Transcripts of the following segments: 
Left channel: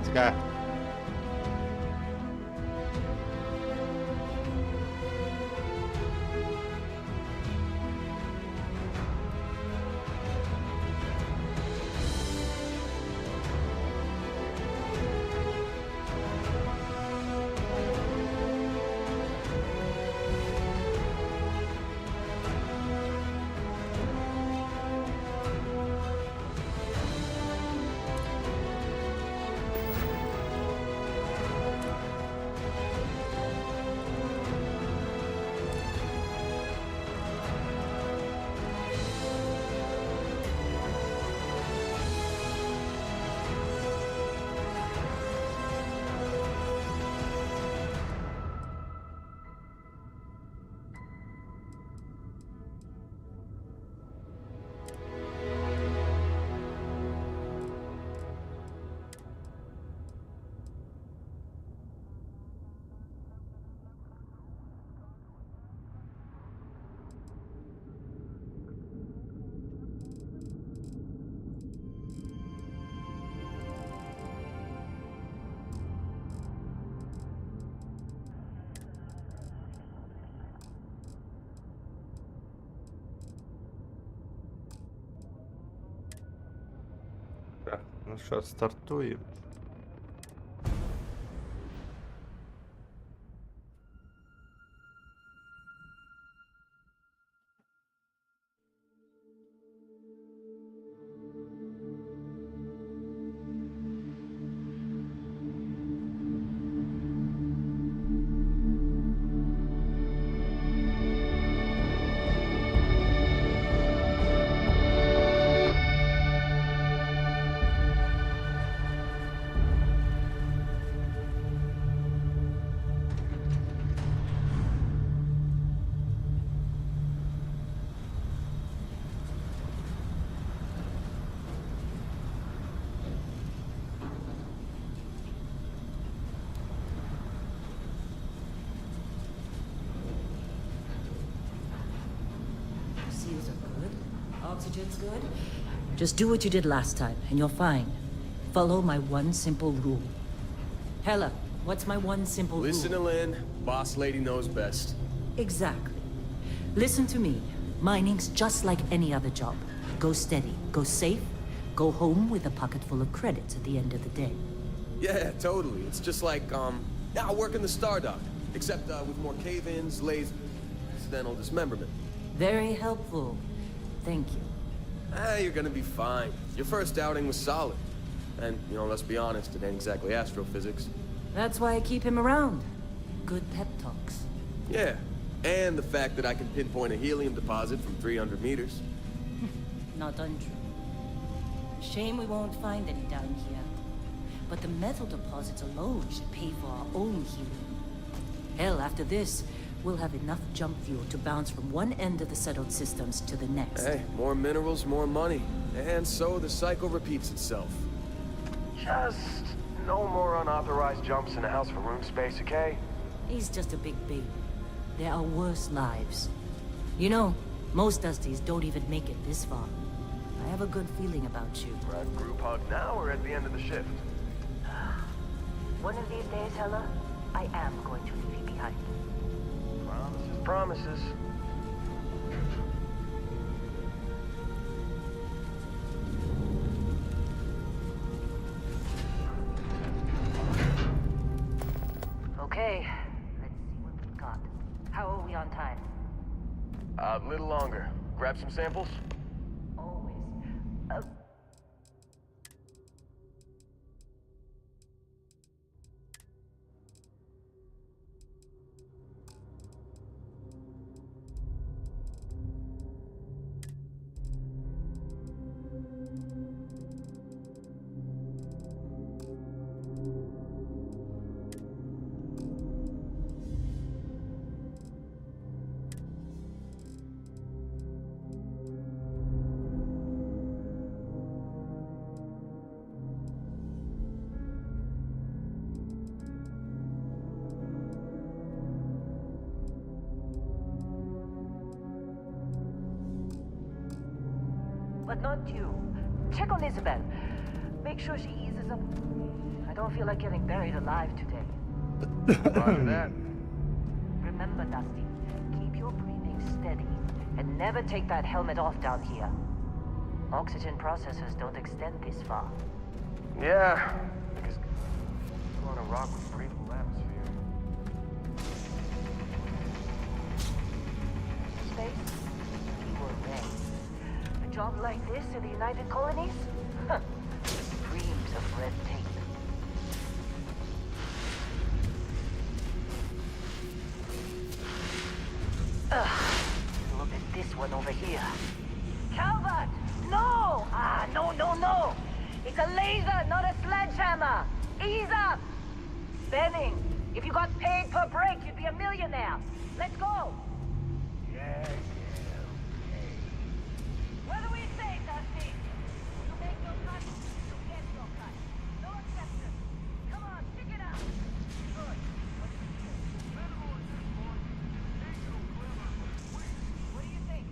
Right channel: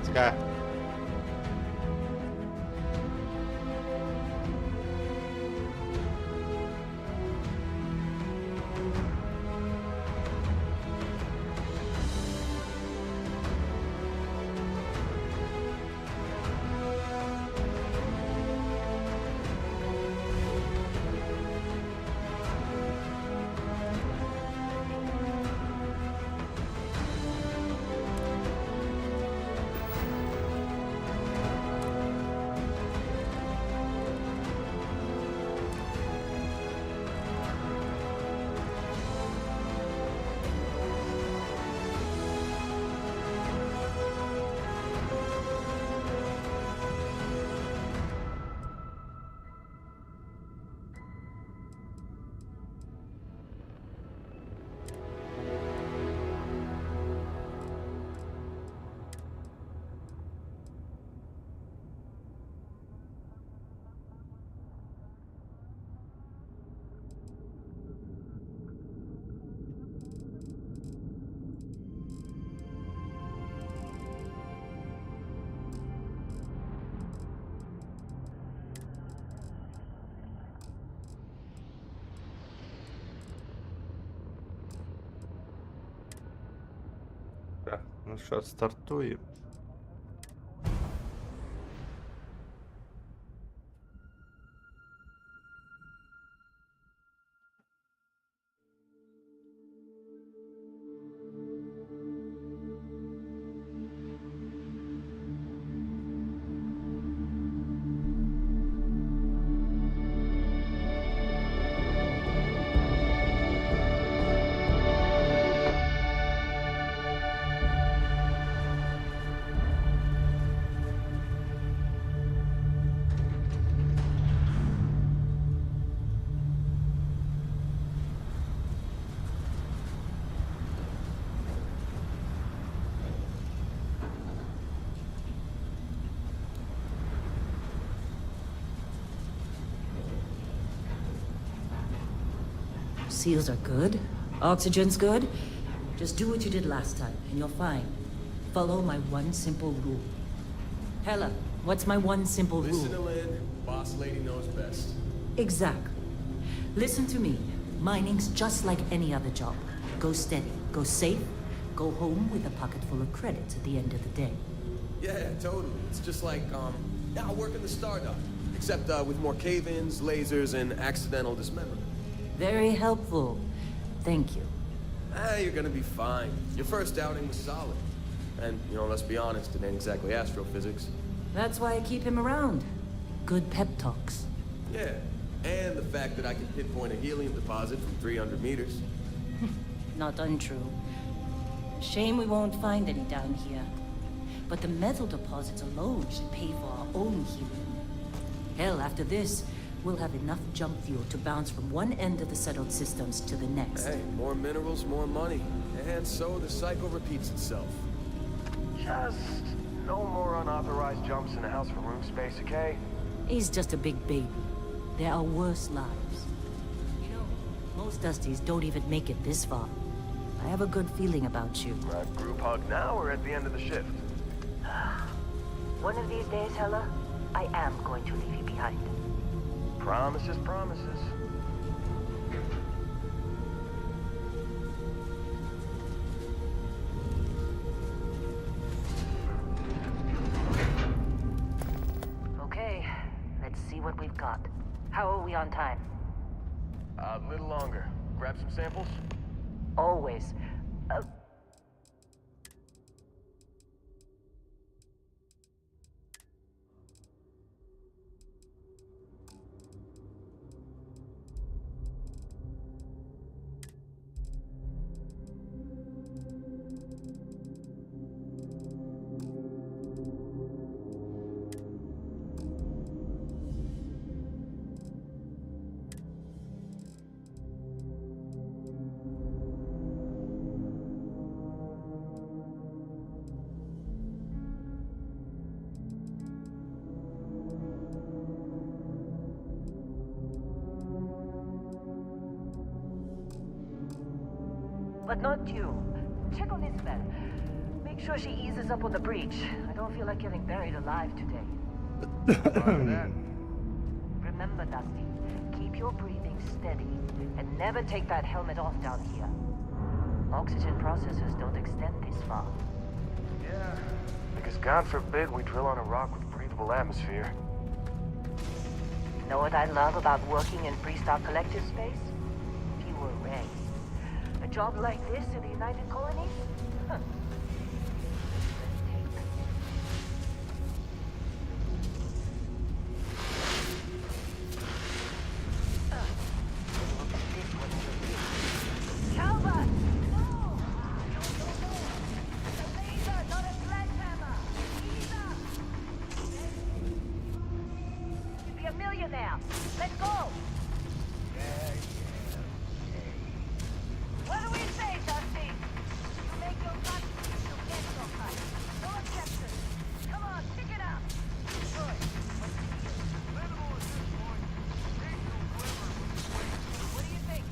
Кіцька. Так, ну що, стартуємо. Seals are good. Oxygen's good. Just do what you did last time, and you're fine. Follow my one simple rule. Hella, what's my one simple rule? Listen to Lynn. Boss lady knows best. Exactly. Listen to me. Mining's just like any other job. Go steady, go safe, go home with a pocket full of credits at the end of the day. Yeah, totally. It's just like, now working the Stardock. Except, with more cave-ins, lasers, and accidental dismemberment. Very helpful. Thank you. You're gonna be fine. Your first outing was solid. And, you know, let's be honest, it ain't exactly astrophysics. That's why I keep him around. Good pep talks. Yeah, and the fact that I can pinpoint a helium deposit from 300 meters. Not untrue. Shame we won't find any down here. But the metal deposits alone should pay for our own helium. Hell, after this, we'll have enough jump fuel to bounce from one end of the settled systems to the next. Hey, more minerals, more money. And so the cycle repeats itself. Just no more unauthorized jumps in the house for room space, okay? He's just a big baby. There are worse lives. You know, most Dusties don't even make it this far. I have a good feeling about you. Group hug now or at the end of the shift? One of these days, Hella, I am going to leave you behind. Promises, promises. Okay, let's see what we've got. How are we on time? A little longer. Grab some samples? Always. But not you. Check on Isabel. Make sure she eases up on the breach. I don't feel like getting buried alive today. Roger that. Remember, Dusty, keep your breathing steady and never take that helmet off down here. Oxygen processors don't extend this far. Yeah, because God forbid we drill on a rock with breathable atmosphere. Know what I love about working in Freestar Collective space? Pure rain. A job like this in the United Colonies? Huh. Dreams of red tape. Look at this one over here. Calvert! No! No. It's a laser, not a sledgehammer. Ease up! Benning, if you got paid per break, you'd be a millionaire. Let's go! Okay. What do we say, Dusty? You make your cut, you get your cut. No exceptions. Come on, pick it up. Good. What's the deal? Minimal at this point. Occasional glimmer, but it's weak. What do you think?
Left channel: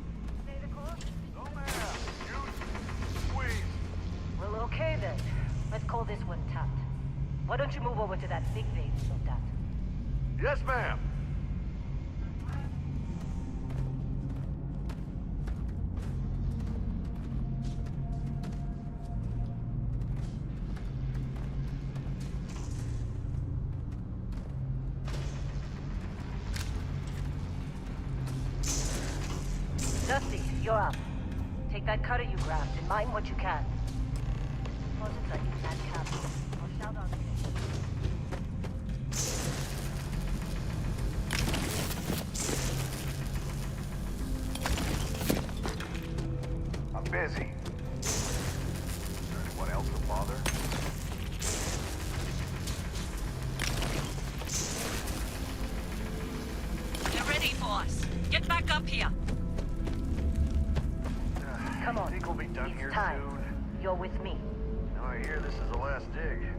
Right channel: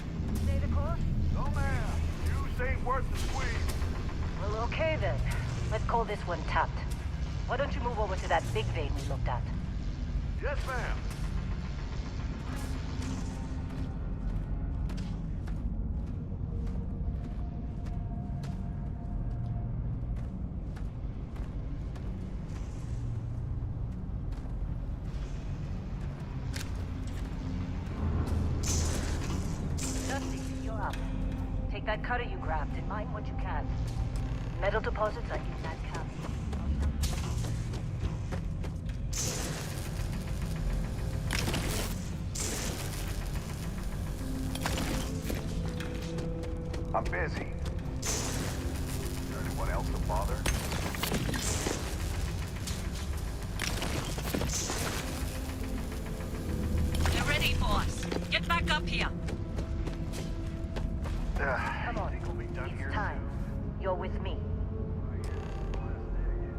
Stay the course? No, ma'am. Use ain't worth the squeeze. Well, okay then. Let's call this one tapped. Why don't you move over to that big vein we looked at? Yes, ma'am. Dusty, you're up. Take that cutter you grabbed and mine what you can. Metal deposits are in that cabin. I'll shout out. I'm busy. Is there anyone else to bother? They're ready for us. Get back up here. Come on. Think we'll be done It's here time. soon? You're with me. No, I hear this is the last dig.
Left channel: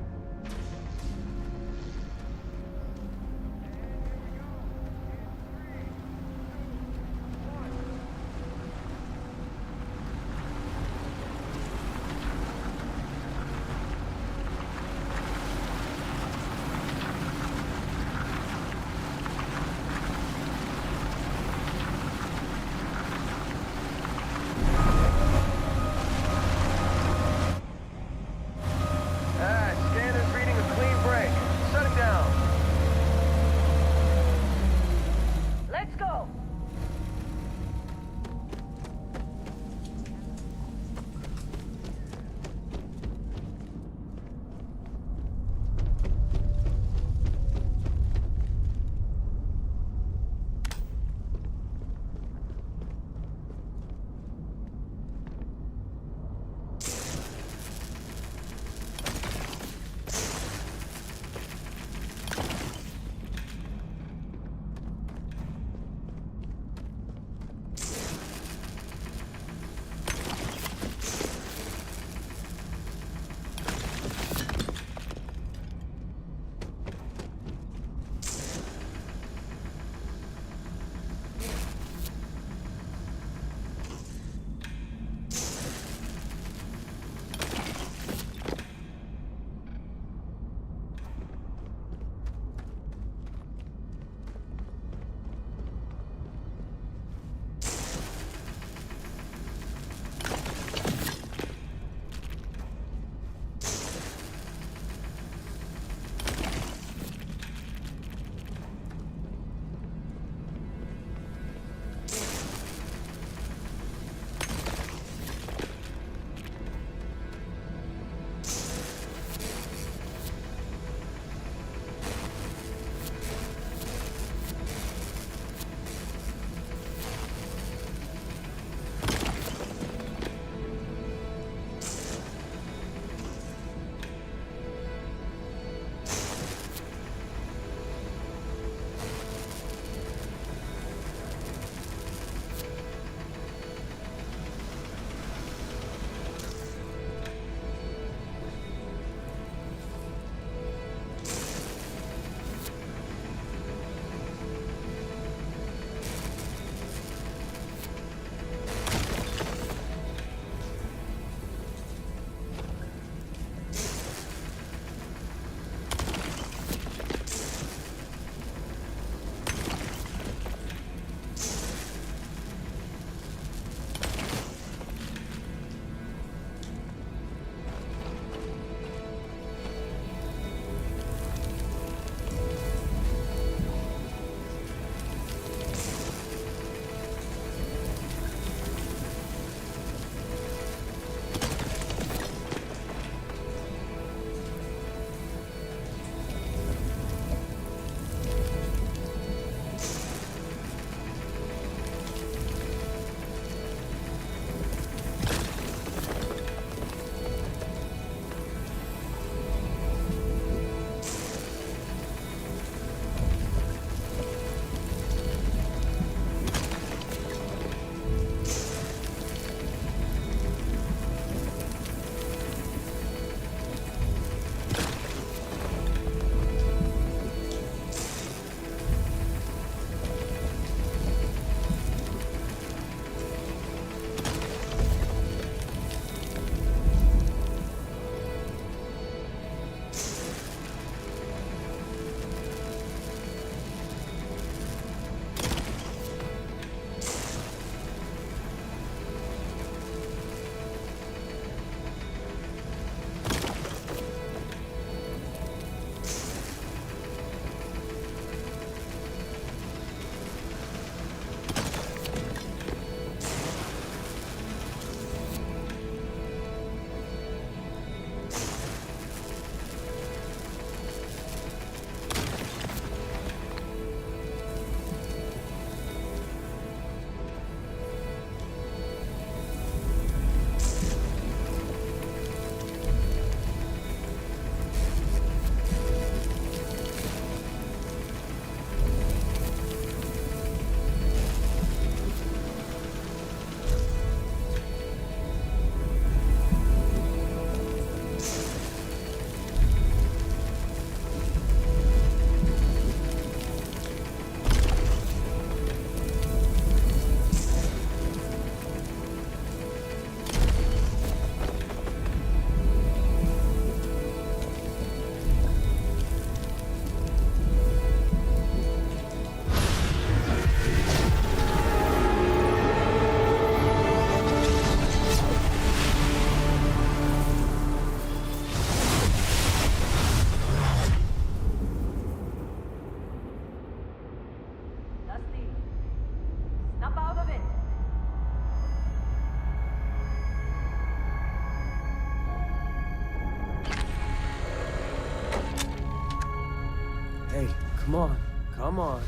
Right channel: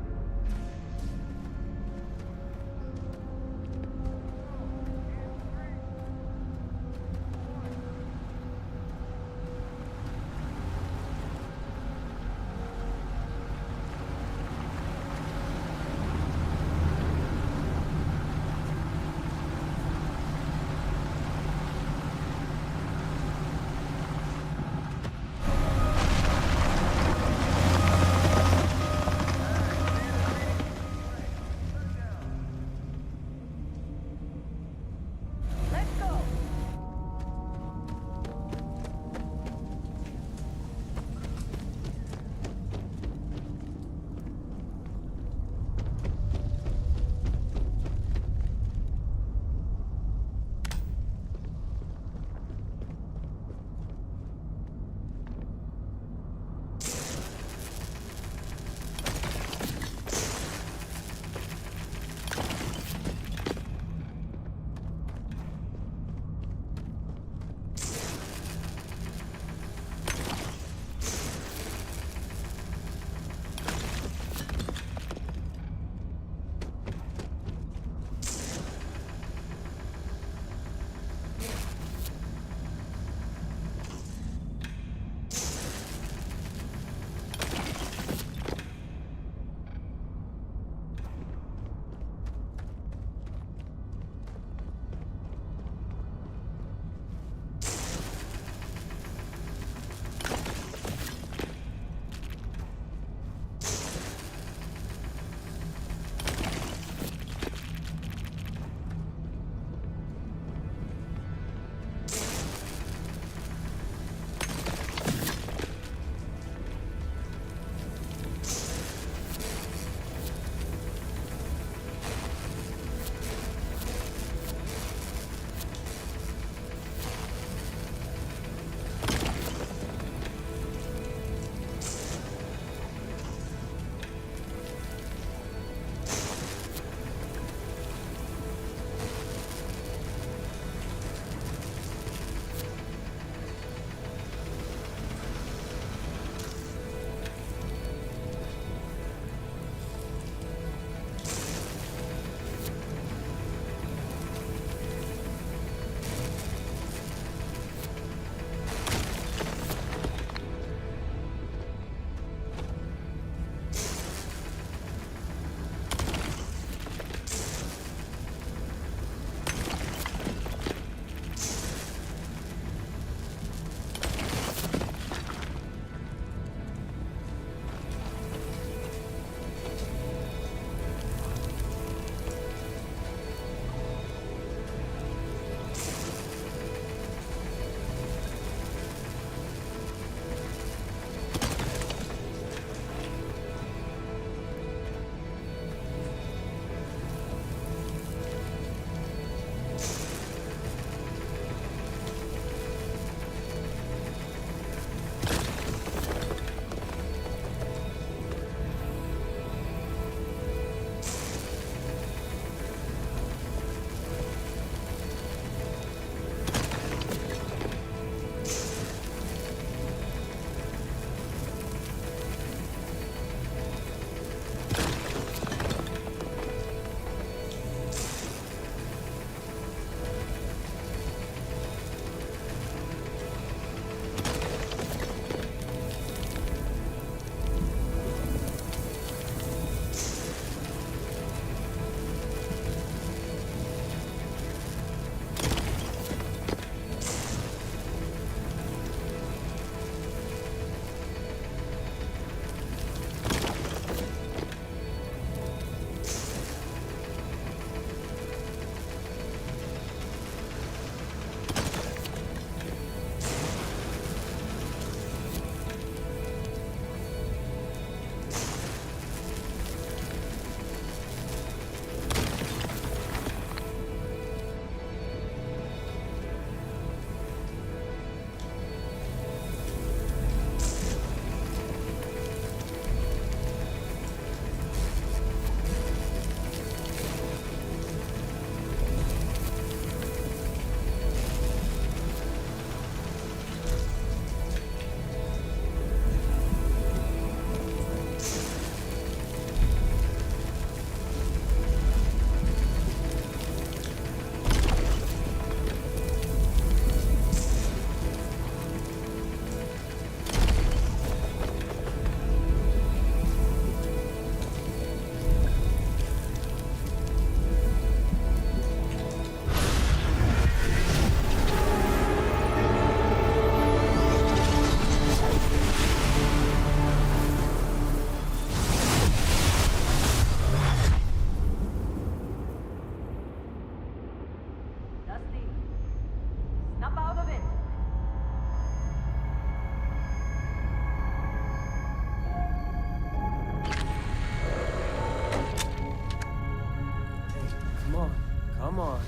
Come on.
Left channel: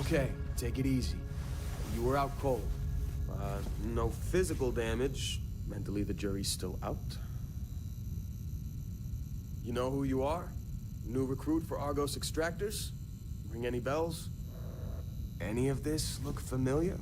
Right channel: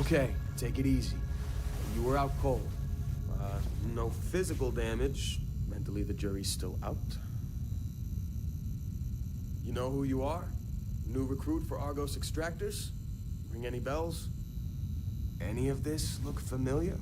Okay, take it easy. You were out cold. No physical damage. Mentally, the jury's still out. You know who you are? New recruit for Argos Extractors? Ring any bells? Any of this look familiar?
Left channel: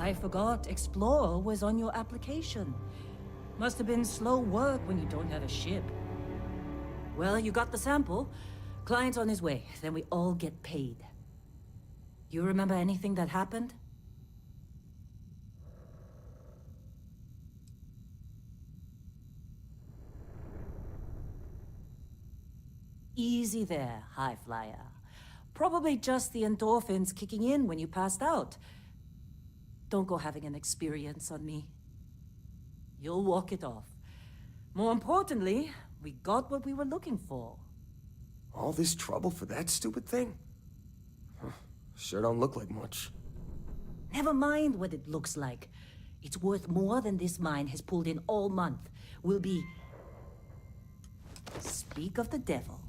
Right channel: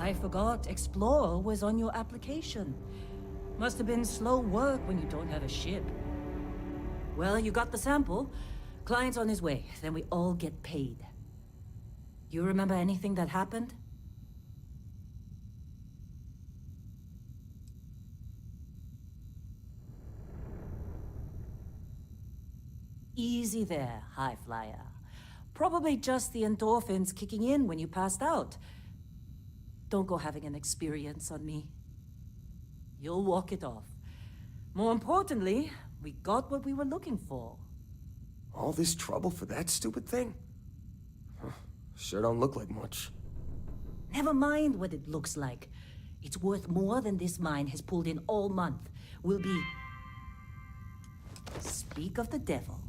I forgot Explorer was on your application. Must have been slow work when you don't have a ship. Well, you got the sample. Client's on his way, then we all get paid. You remember anything that happened? Easy there, high flyer. Probably just the endorphins kicking in when you passed out. Don't go having an experience on me. You'll walk it off. More importantly, we got what we were looking for. All this trouble for that stupid thing? Huh, sure don't look like much. Never mind what it looks like. It's worth more than this mine has pulled in all month. Will be... Speak of the devil.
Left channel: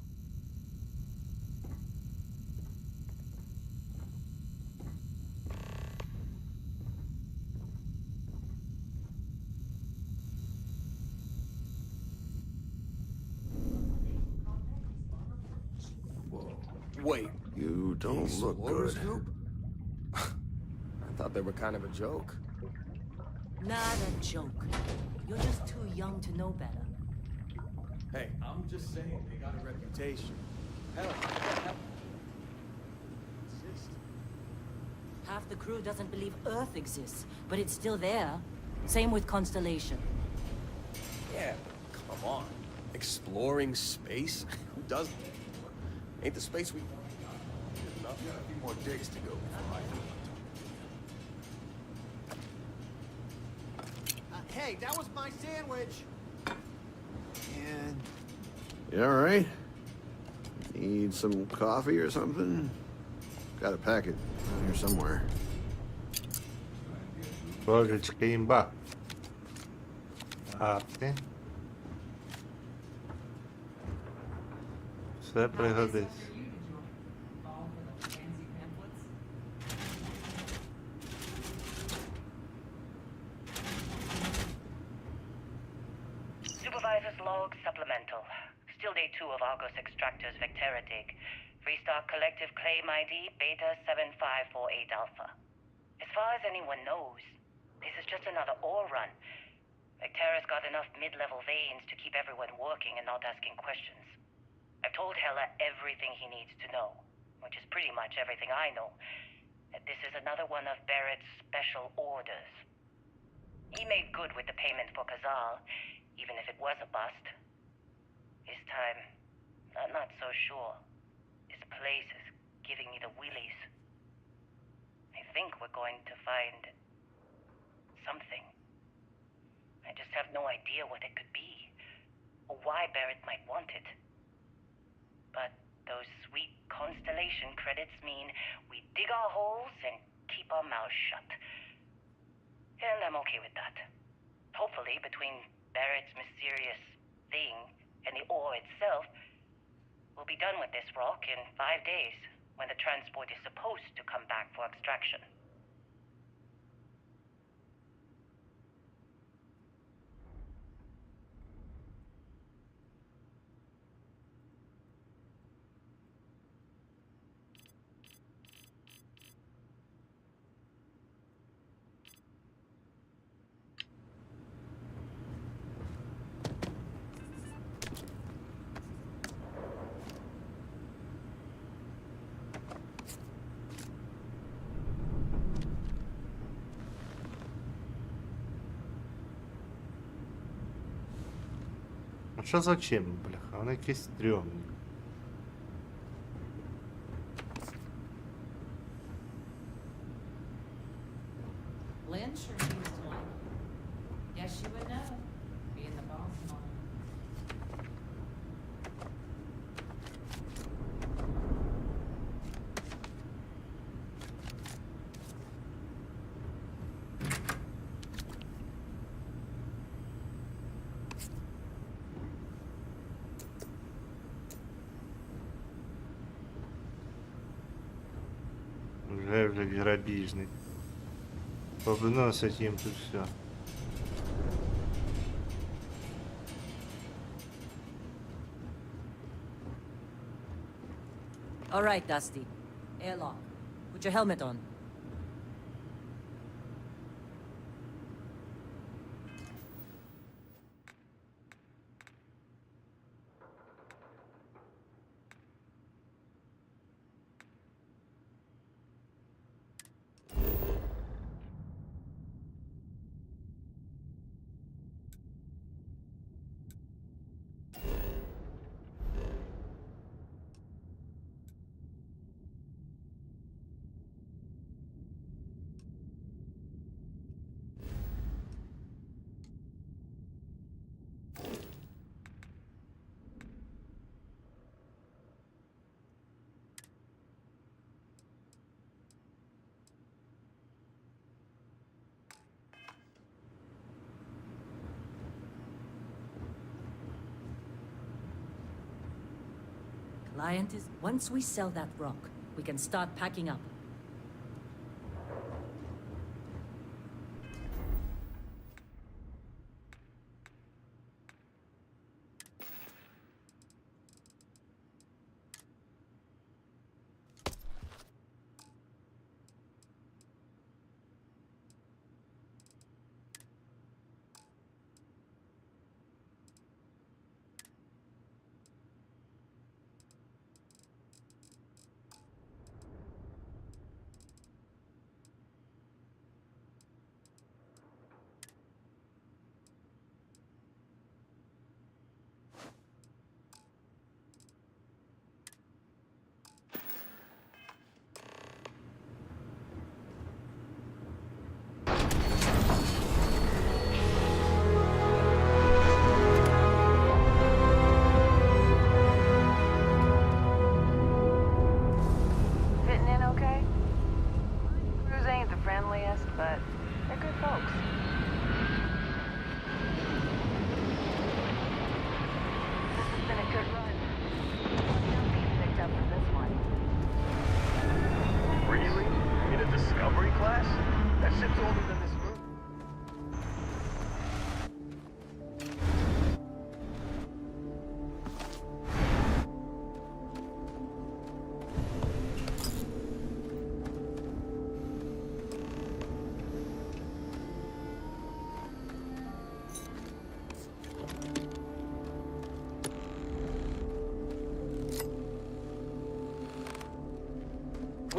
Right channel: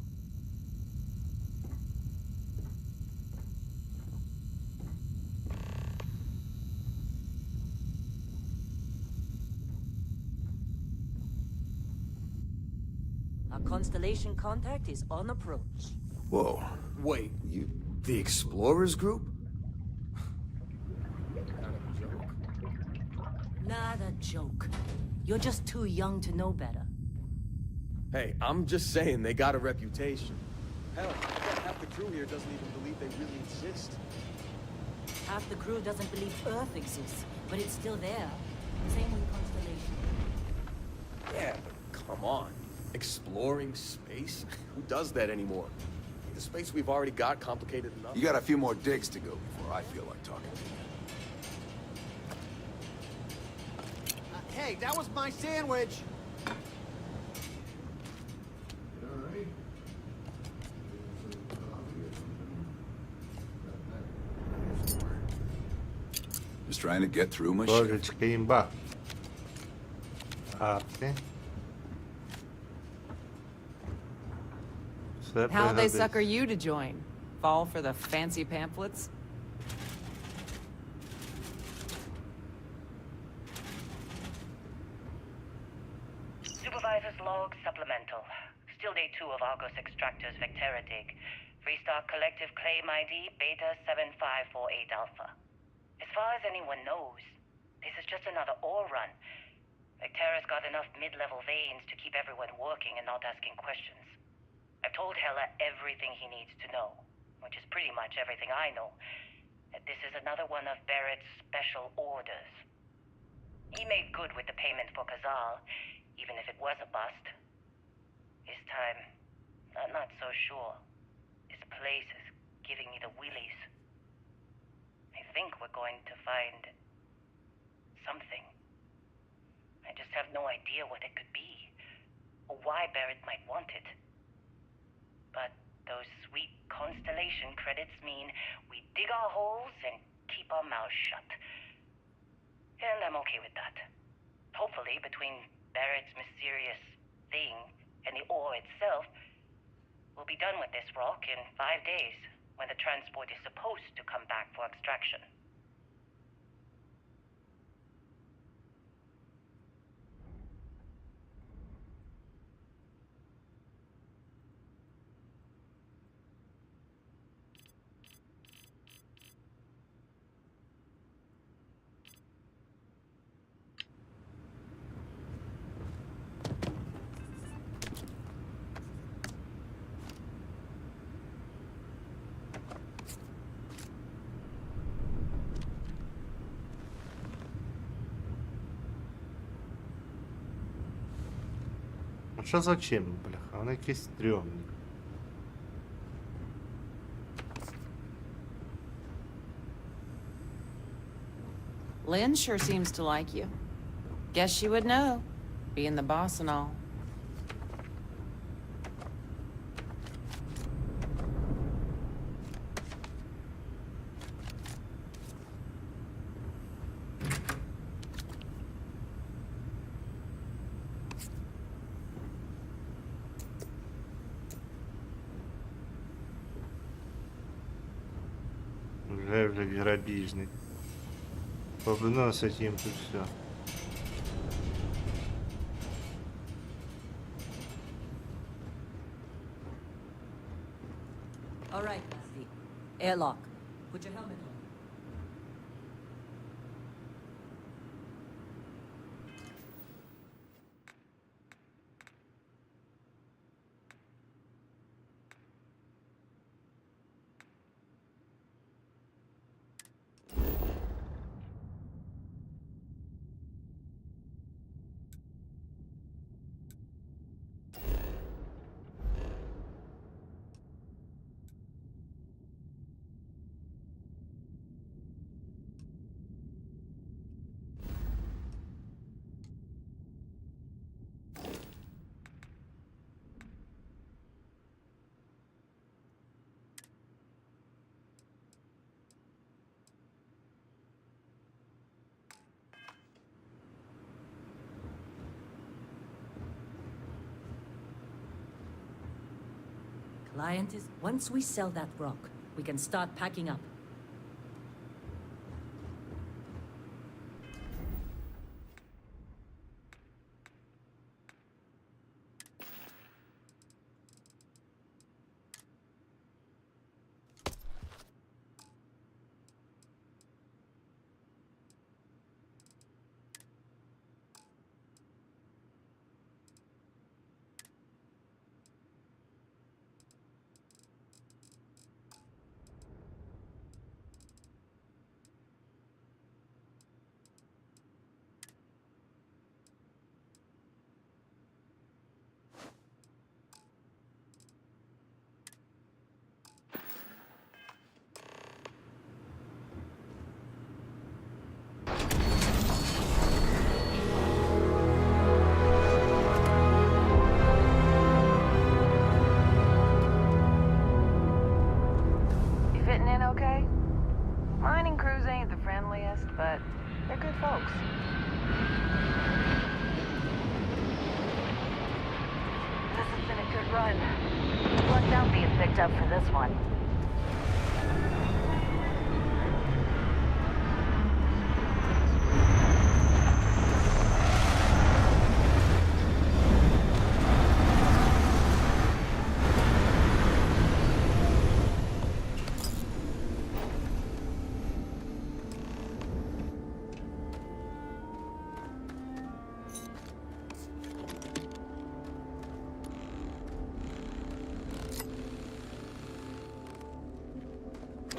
Constellation contact is on approach. Whoa. Wait, You don't the Explorers group? I thought they were kind of a joke. Not a joke. You're just too young to know better. Hey, I'm just saying they got a reputation. Hell, I bet half the crew here doesn't even believe they really exist. Half the crew doesn't believe Earth exists, but it's still there. Same with Constellation. Yeah, but come on. Exploring space? Who does that anymore? Ain't the space we've already got complicated enough? You got a few more digs to go before I feel like talking to you. Hey, that was my sandwich! You alright? Need some coffee or something? Got a packet around here somewhere. Just trying to get through my shit. Божечки имба. Окей. Все How'd they пригодиться. sucker you to join? Fall for the fancy pamphlets? Supervisor's log supplemental. Still day 2 of Argos Extractors Vectera dig. Restart collective claim ID Beta 7548 Alpha. As far as anyone knows, this is just another ore run. Vectera's got enough mid-level veins to keep everyone working and not asking questions. I've told Hella everything he needs to know. which is pretty much everything I know. This is another one of Barrett's special orders. He made good with the payment for Kazal, even if it was a bust. This time, I'm not so sure. This place is giving me the willies. I think we're going to find something. I just have no idea what it could be, or why Barrett might want it. But those sweet constellation credits mean we dig our holes and keep our mouths shut. And I'm okay with that. Hopefully, between Barrett's mysterious thing and the ore itself, we'll be done with this rock in 5 days, when the transport is supposed to come back for extraction. А що за чим, бляха? Вони якісь стрьомні. Lynn sure seems to like you. Guess she would know, being the boss and all. Вже грабіжник. Повиносить їм тут все. All right, Dusty. Airlock. Put your helmet on. Client is... Once we sell that rock, we can start packing up. But they're good folks. This has been a good run. Watch out being picked up for this one. Really? In the discovery class? That shit's older than this room.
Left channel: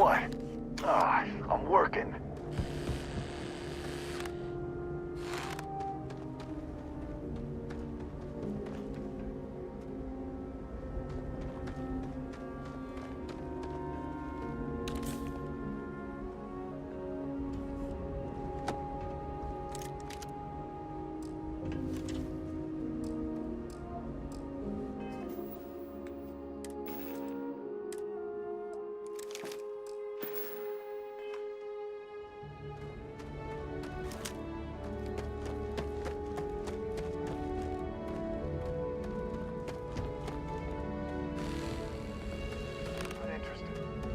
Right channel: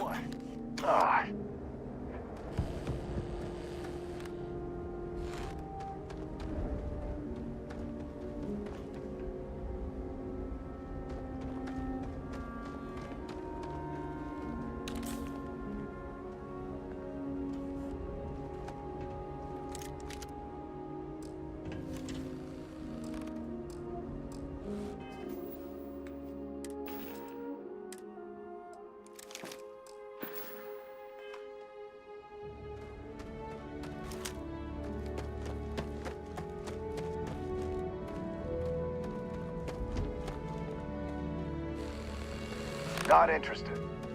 What? Ah, I'm working. Not interested,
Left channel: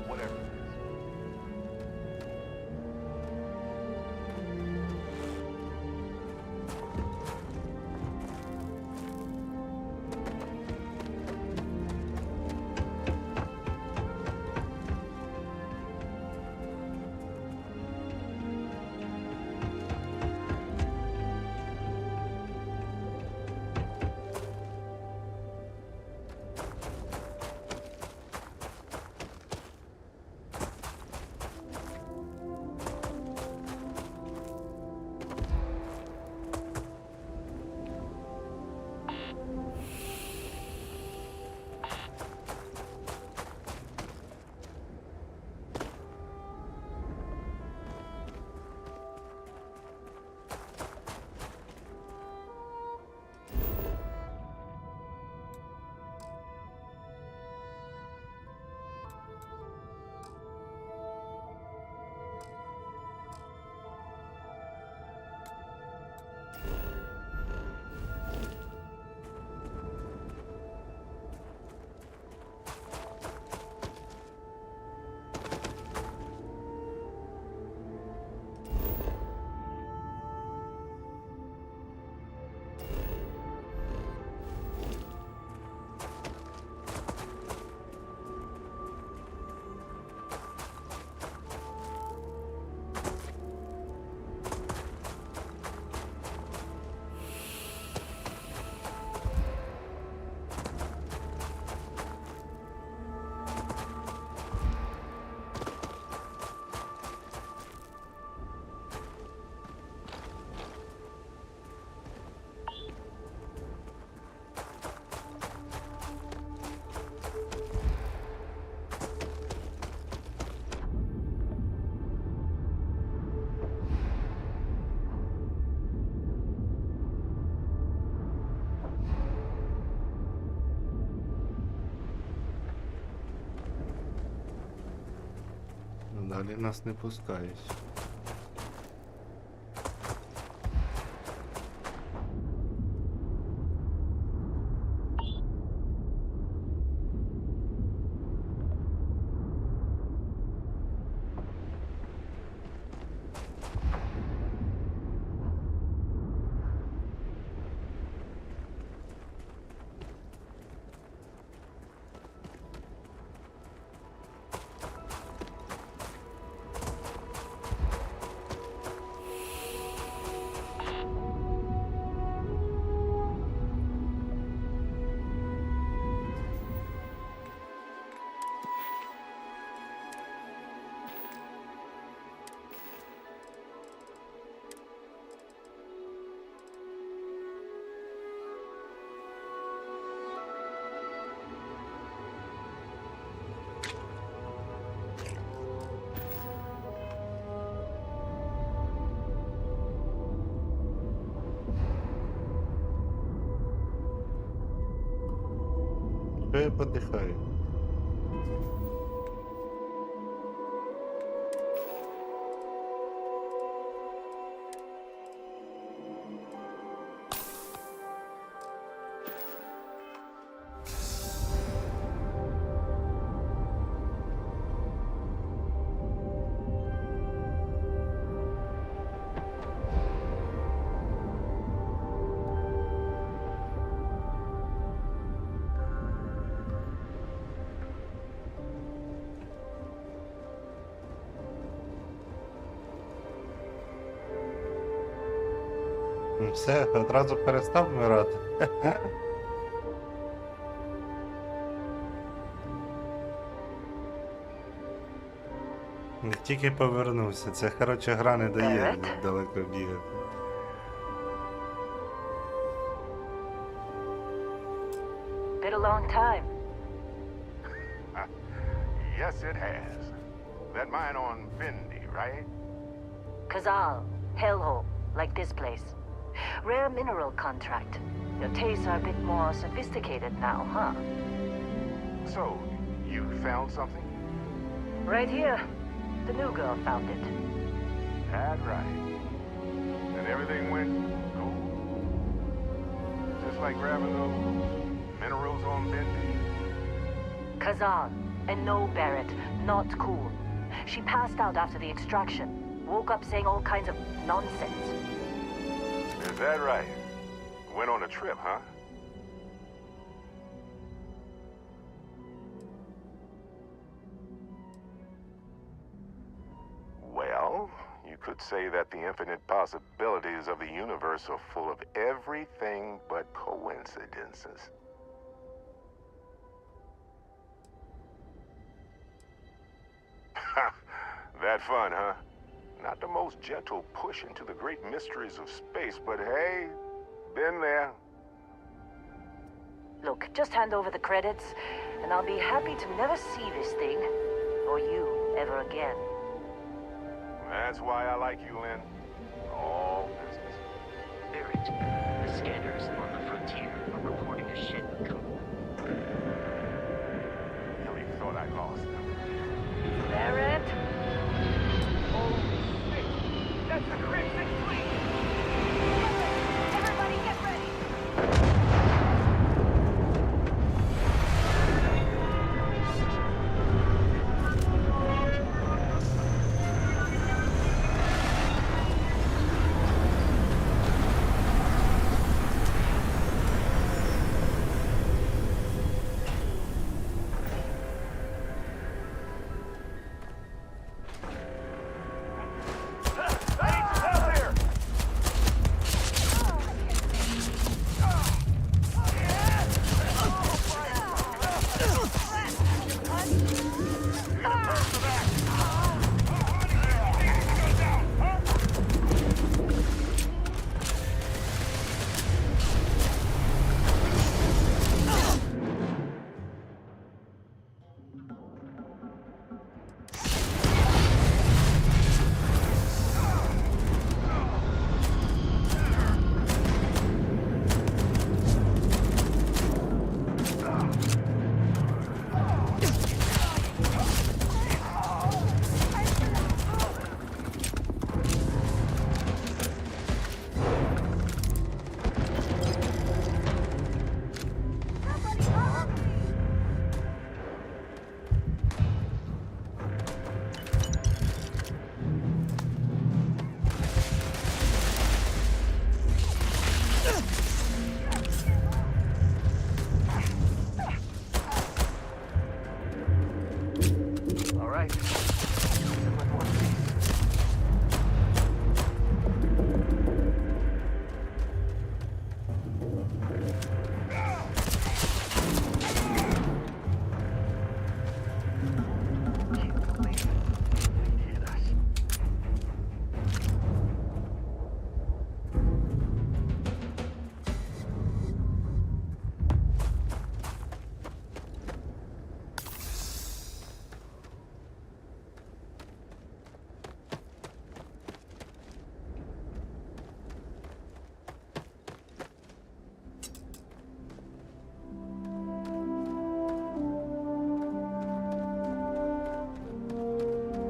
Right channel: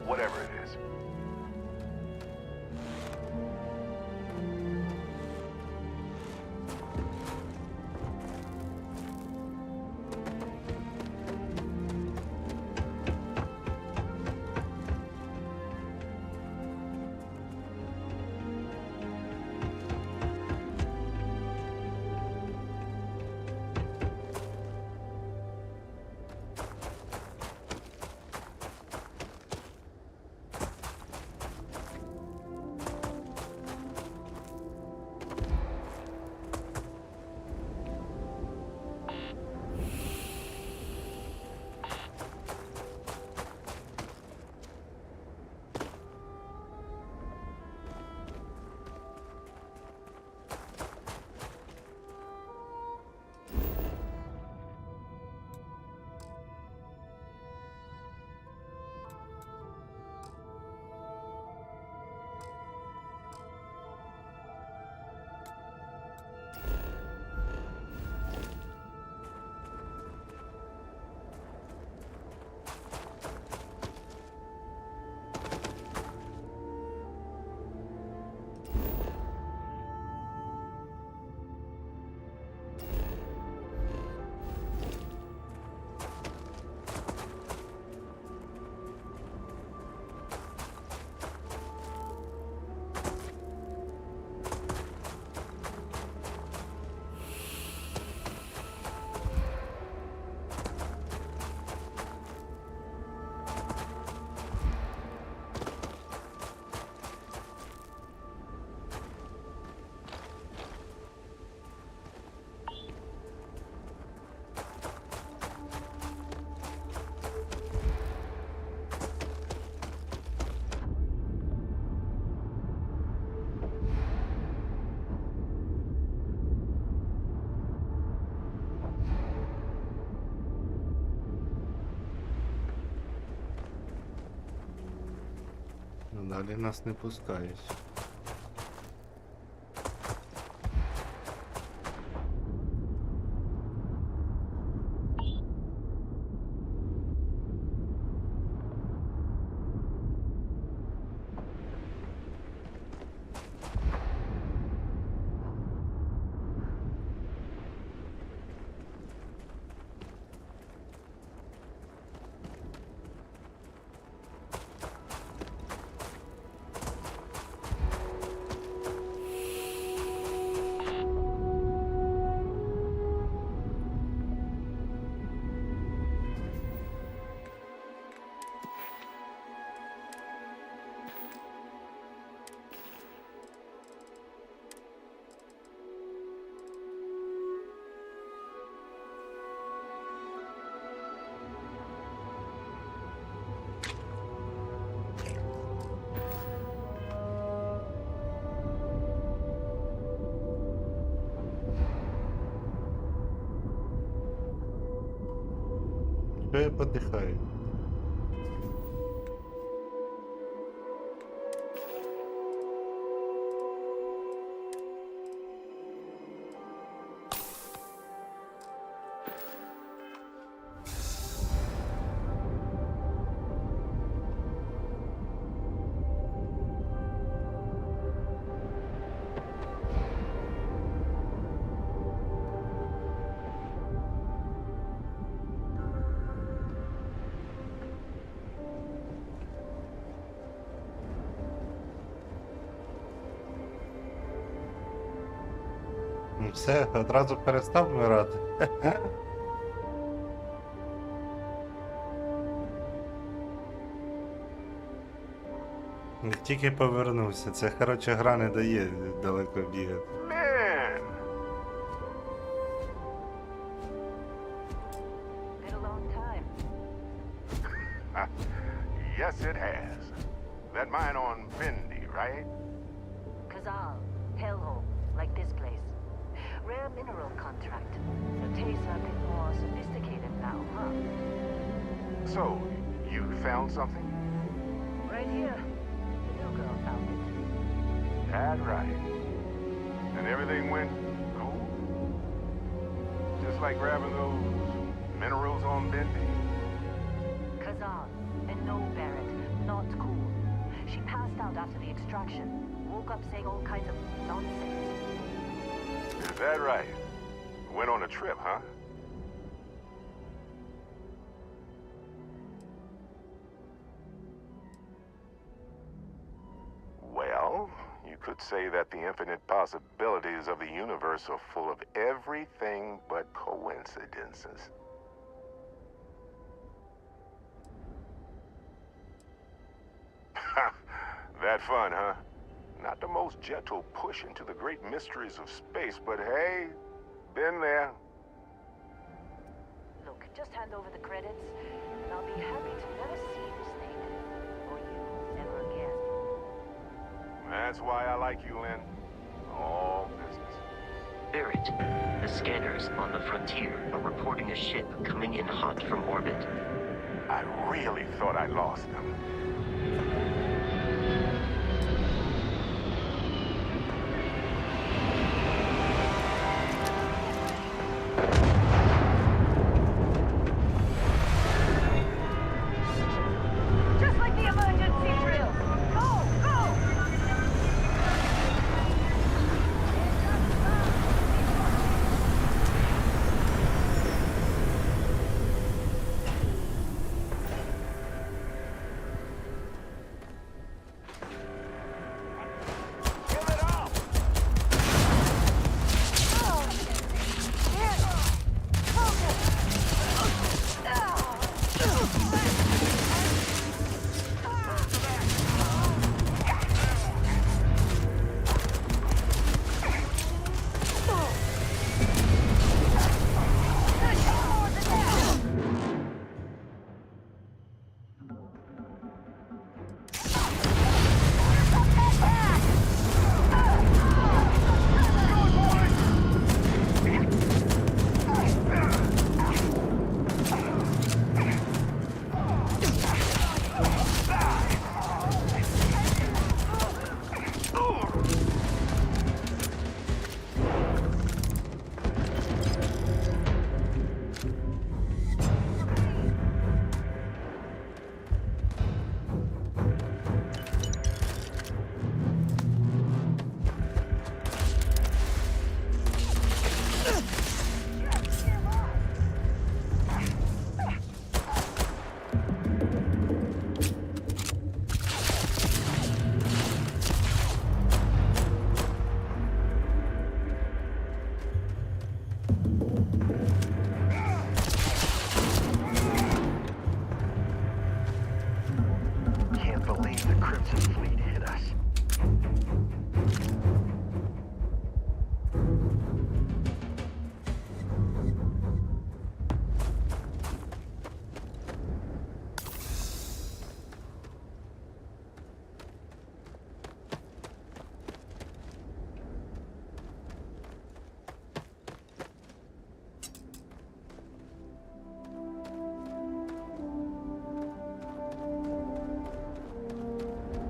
whatever it is. Далі нас не пускають. Що я подихаю? Ну все, одразу перестав вмирати. Тільки повернувся. Це, коротше, гра не дає далеко бігати. Man, Been a long time. yes it has. That mine on Bendy, right? Kazal, hellhole, like this place. Rare mineral contract. Your tastes are a bit more sophisticated now, huh? So, you found something? Right here. The new girl found it. That's right. And everything went cool? Just like grabbing those minerals on Bendy? Kazal, and no, Barrett, not cool. She passed out after the extraction. Woke up saying all kinds of nonsense. Is that right? Went on a trip, huh? Well, you could say that the infinite possibilities of the universe are full of everything but coincidences. That fun, huh? Not the most gentle push into the great mysteries of space, but hey, been there. Look, just hand over the credits, and I'll be happy to never see this thing, or you, ever again. That's why I like you, Lynn. All business. Barrett, the scanners on the frontier are reporting a ship coming in hot from orbit. I really thought I lost them. Barrett? Everybody get ready! Just like the emergency drill! Go!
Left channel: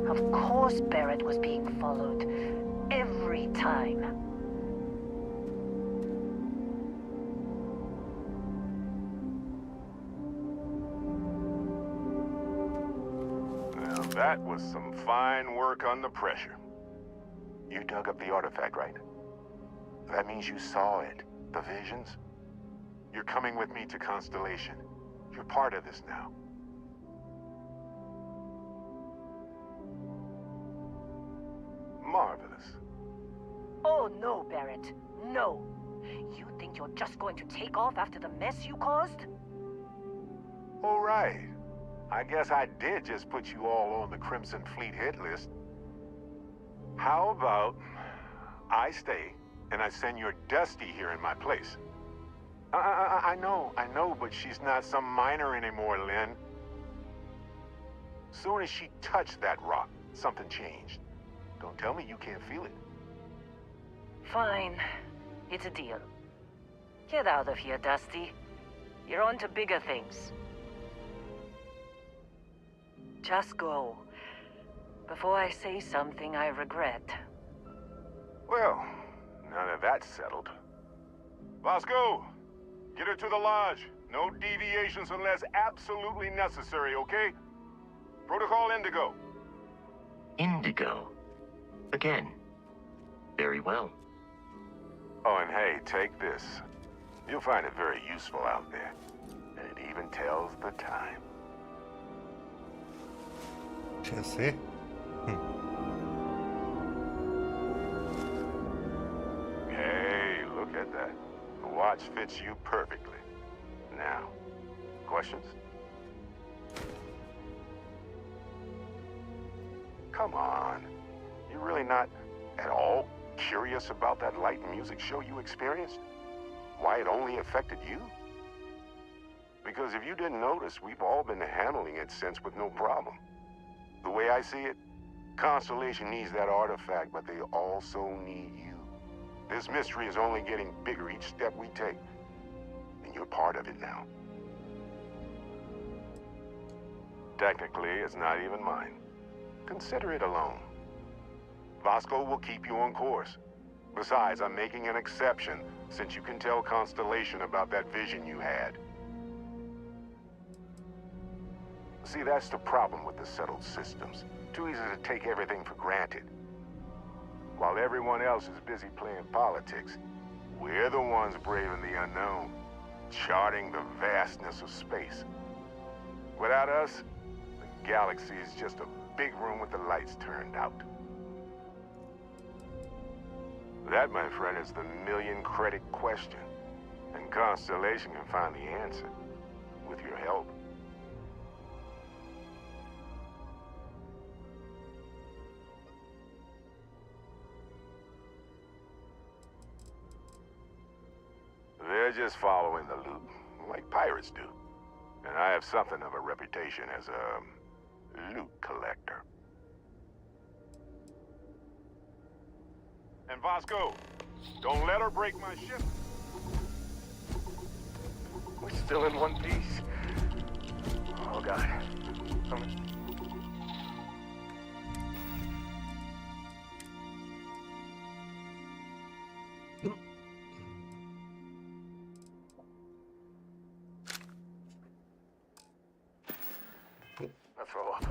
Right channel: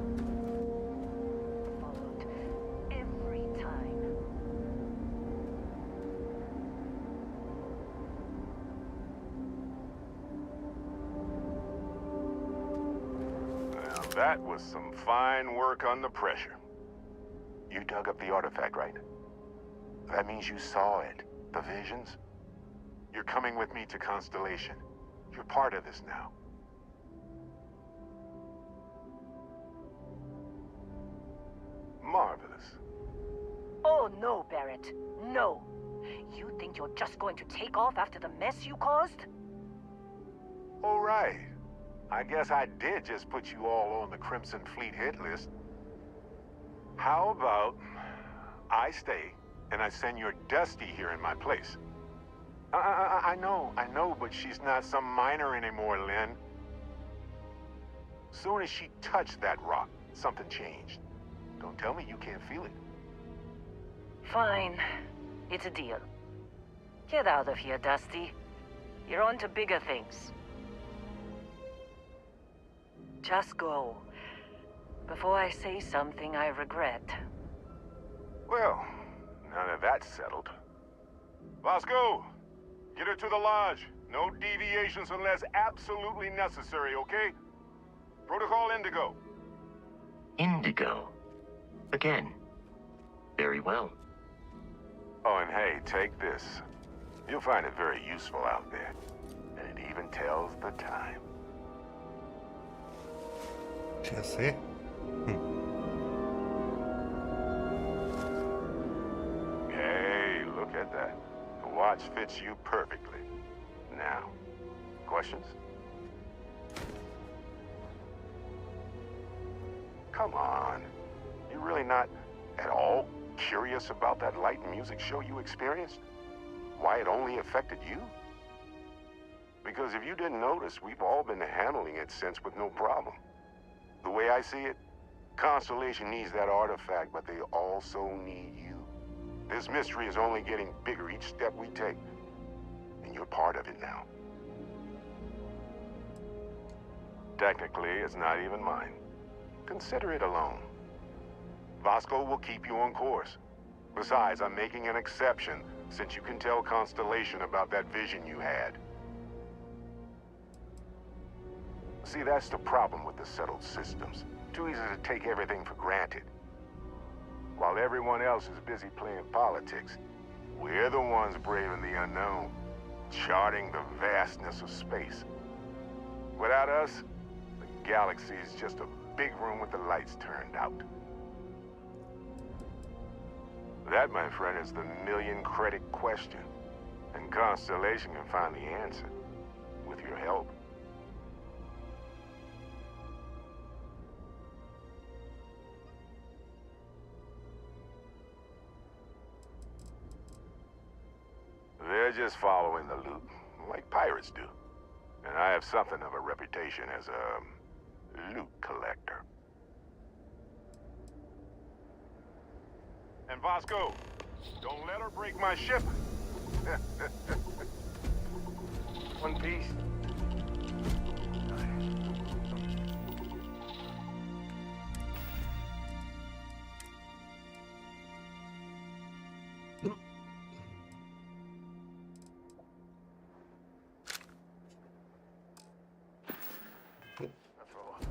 Of course Barrett was being followed. Every time. Well, that was some fine work under pressure. You dug up the artifact, right? That means you saw it. The visions? You're coming with me to Constellation. You're part of this now. Marvelous. Oh no, Barrett. No. You think you're just going to take off after the mess you caused? All right. I guess I did just put you all on the Crimson Fleet hit list. How about I stay and I send your Dusty here in my place? I know, but she's not some miner anymore, Lynn. Soon as she touched that rock, something changed. Don't tell me you can't feel it. Fine. It's a deal. Get out of here, Dusty. You're on to bigger things. Just go. Before I say something I regret. Well, now that that's settled. Bosco, get her to the lodge. No deviations unless absolutely necessary, okay? Protocol Indigo. Indigo. Again. Very well. Oh, and hey, take this. You'll find it very useful out there. And it even tells the time. Часи. Hey, look at that. The watch fits you perfectly. Now, questions? Come on. You're really not at all curious about that light and music show you experienced? Why it only affected you? Because if you didn't notice, we've all been handling it since with no problem. The way I see it, Constellation needs that artifact, but they also need you. This mystery is only getting bigger each step we take, and you're part of it now. Technically, it's not even mine. Consider it alone. Vasco will keep you on course. Besides, I'm making an exception since you can tell Constellation about that vision you had. See, that's the problem with the settled systems. Too easy to take everything for granted. While everyone else is busy playing politics, we're the ones braving the unknown, charting the vastness of space. Without us, the galaxy is just a big room with the lights turned out. That, my friend, is the million-credit question. And Constellation can find the answer, with your help. They're just following the loot, like pirates do. And I have something of a reputation as a loot collector. And Vasco, don't let her break my ship. We're still in one piece. Oh, God. Throw up.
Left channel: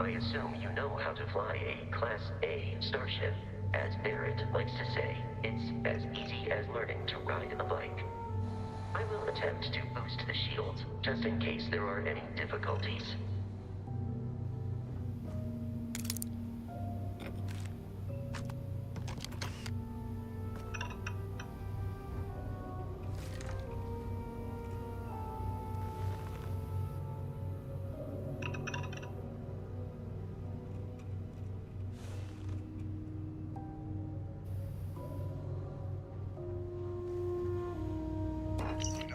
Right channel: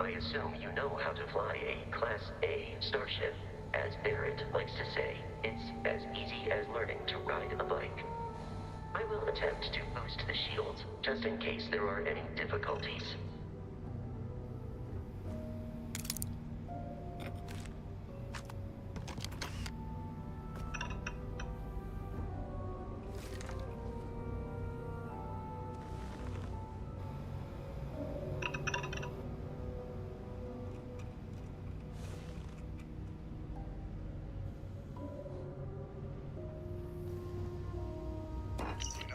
I assume you know how to fly a Class A starship. As Barrett likes to say, it's as easy as learning to ride a bike. I will attempt to boost the shields, just in case there are any difficulties.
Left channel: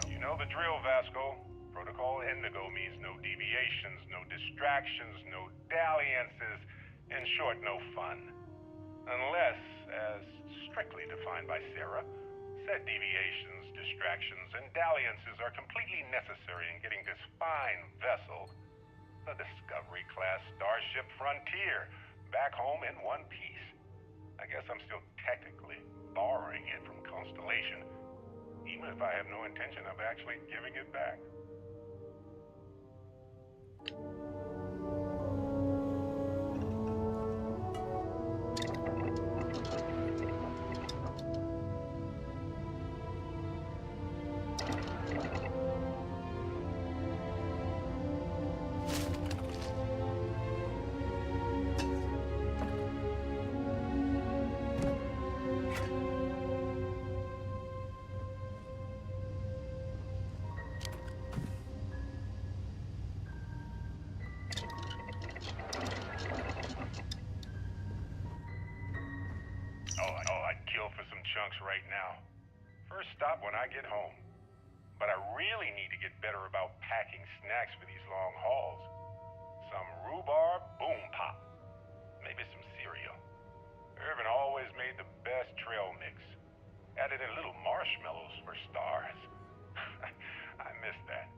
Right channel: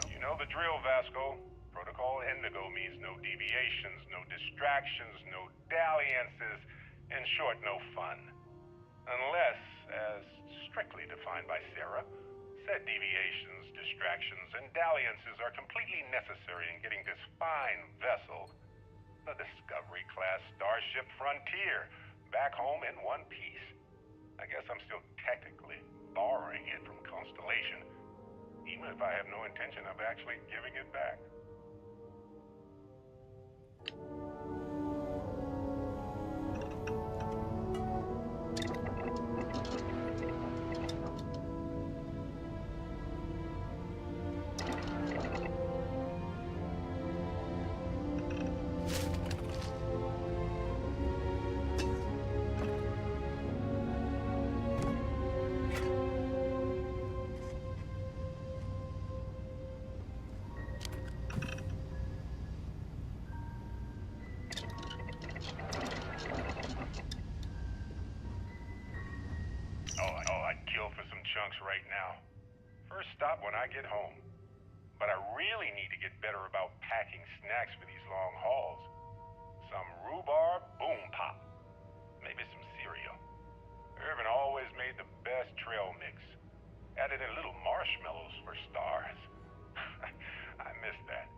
You know the drill, Vasco. Protocol Indigo means no deviations, no distractions, no dalliances, in short, no fun. Unless, as strictly defined by Sarah, said deviations, distractions, and dalliances are completely necessary in getting this fine vessel, the Discovery-class Starship Frontier, back home in one piece. I guess I'm still technically borrowing it from Constellation, even if I have no intention of actually giving it back. I get home. But I really need to get better about packing snacks for these long hauls. Some rhubarb boom pop. Maybe some cereal. Irvin always made the best trail mix. Added in little marshmallows for stars. I miss that.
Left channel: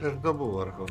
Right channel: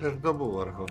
Де ж добув аргон?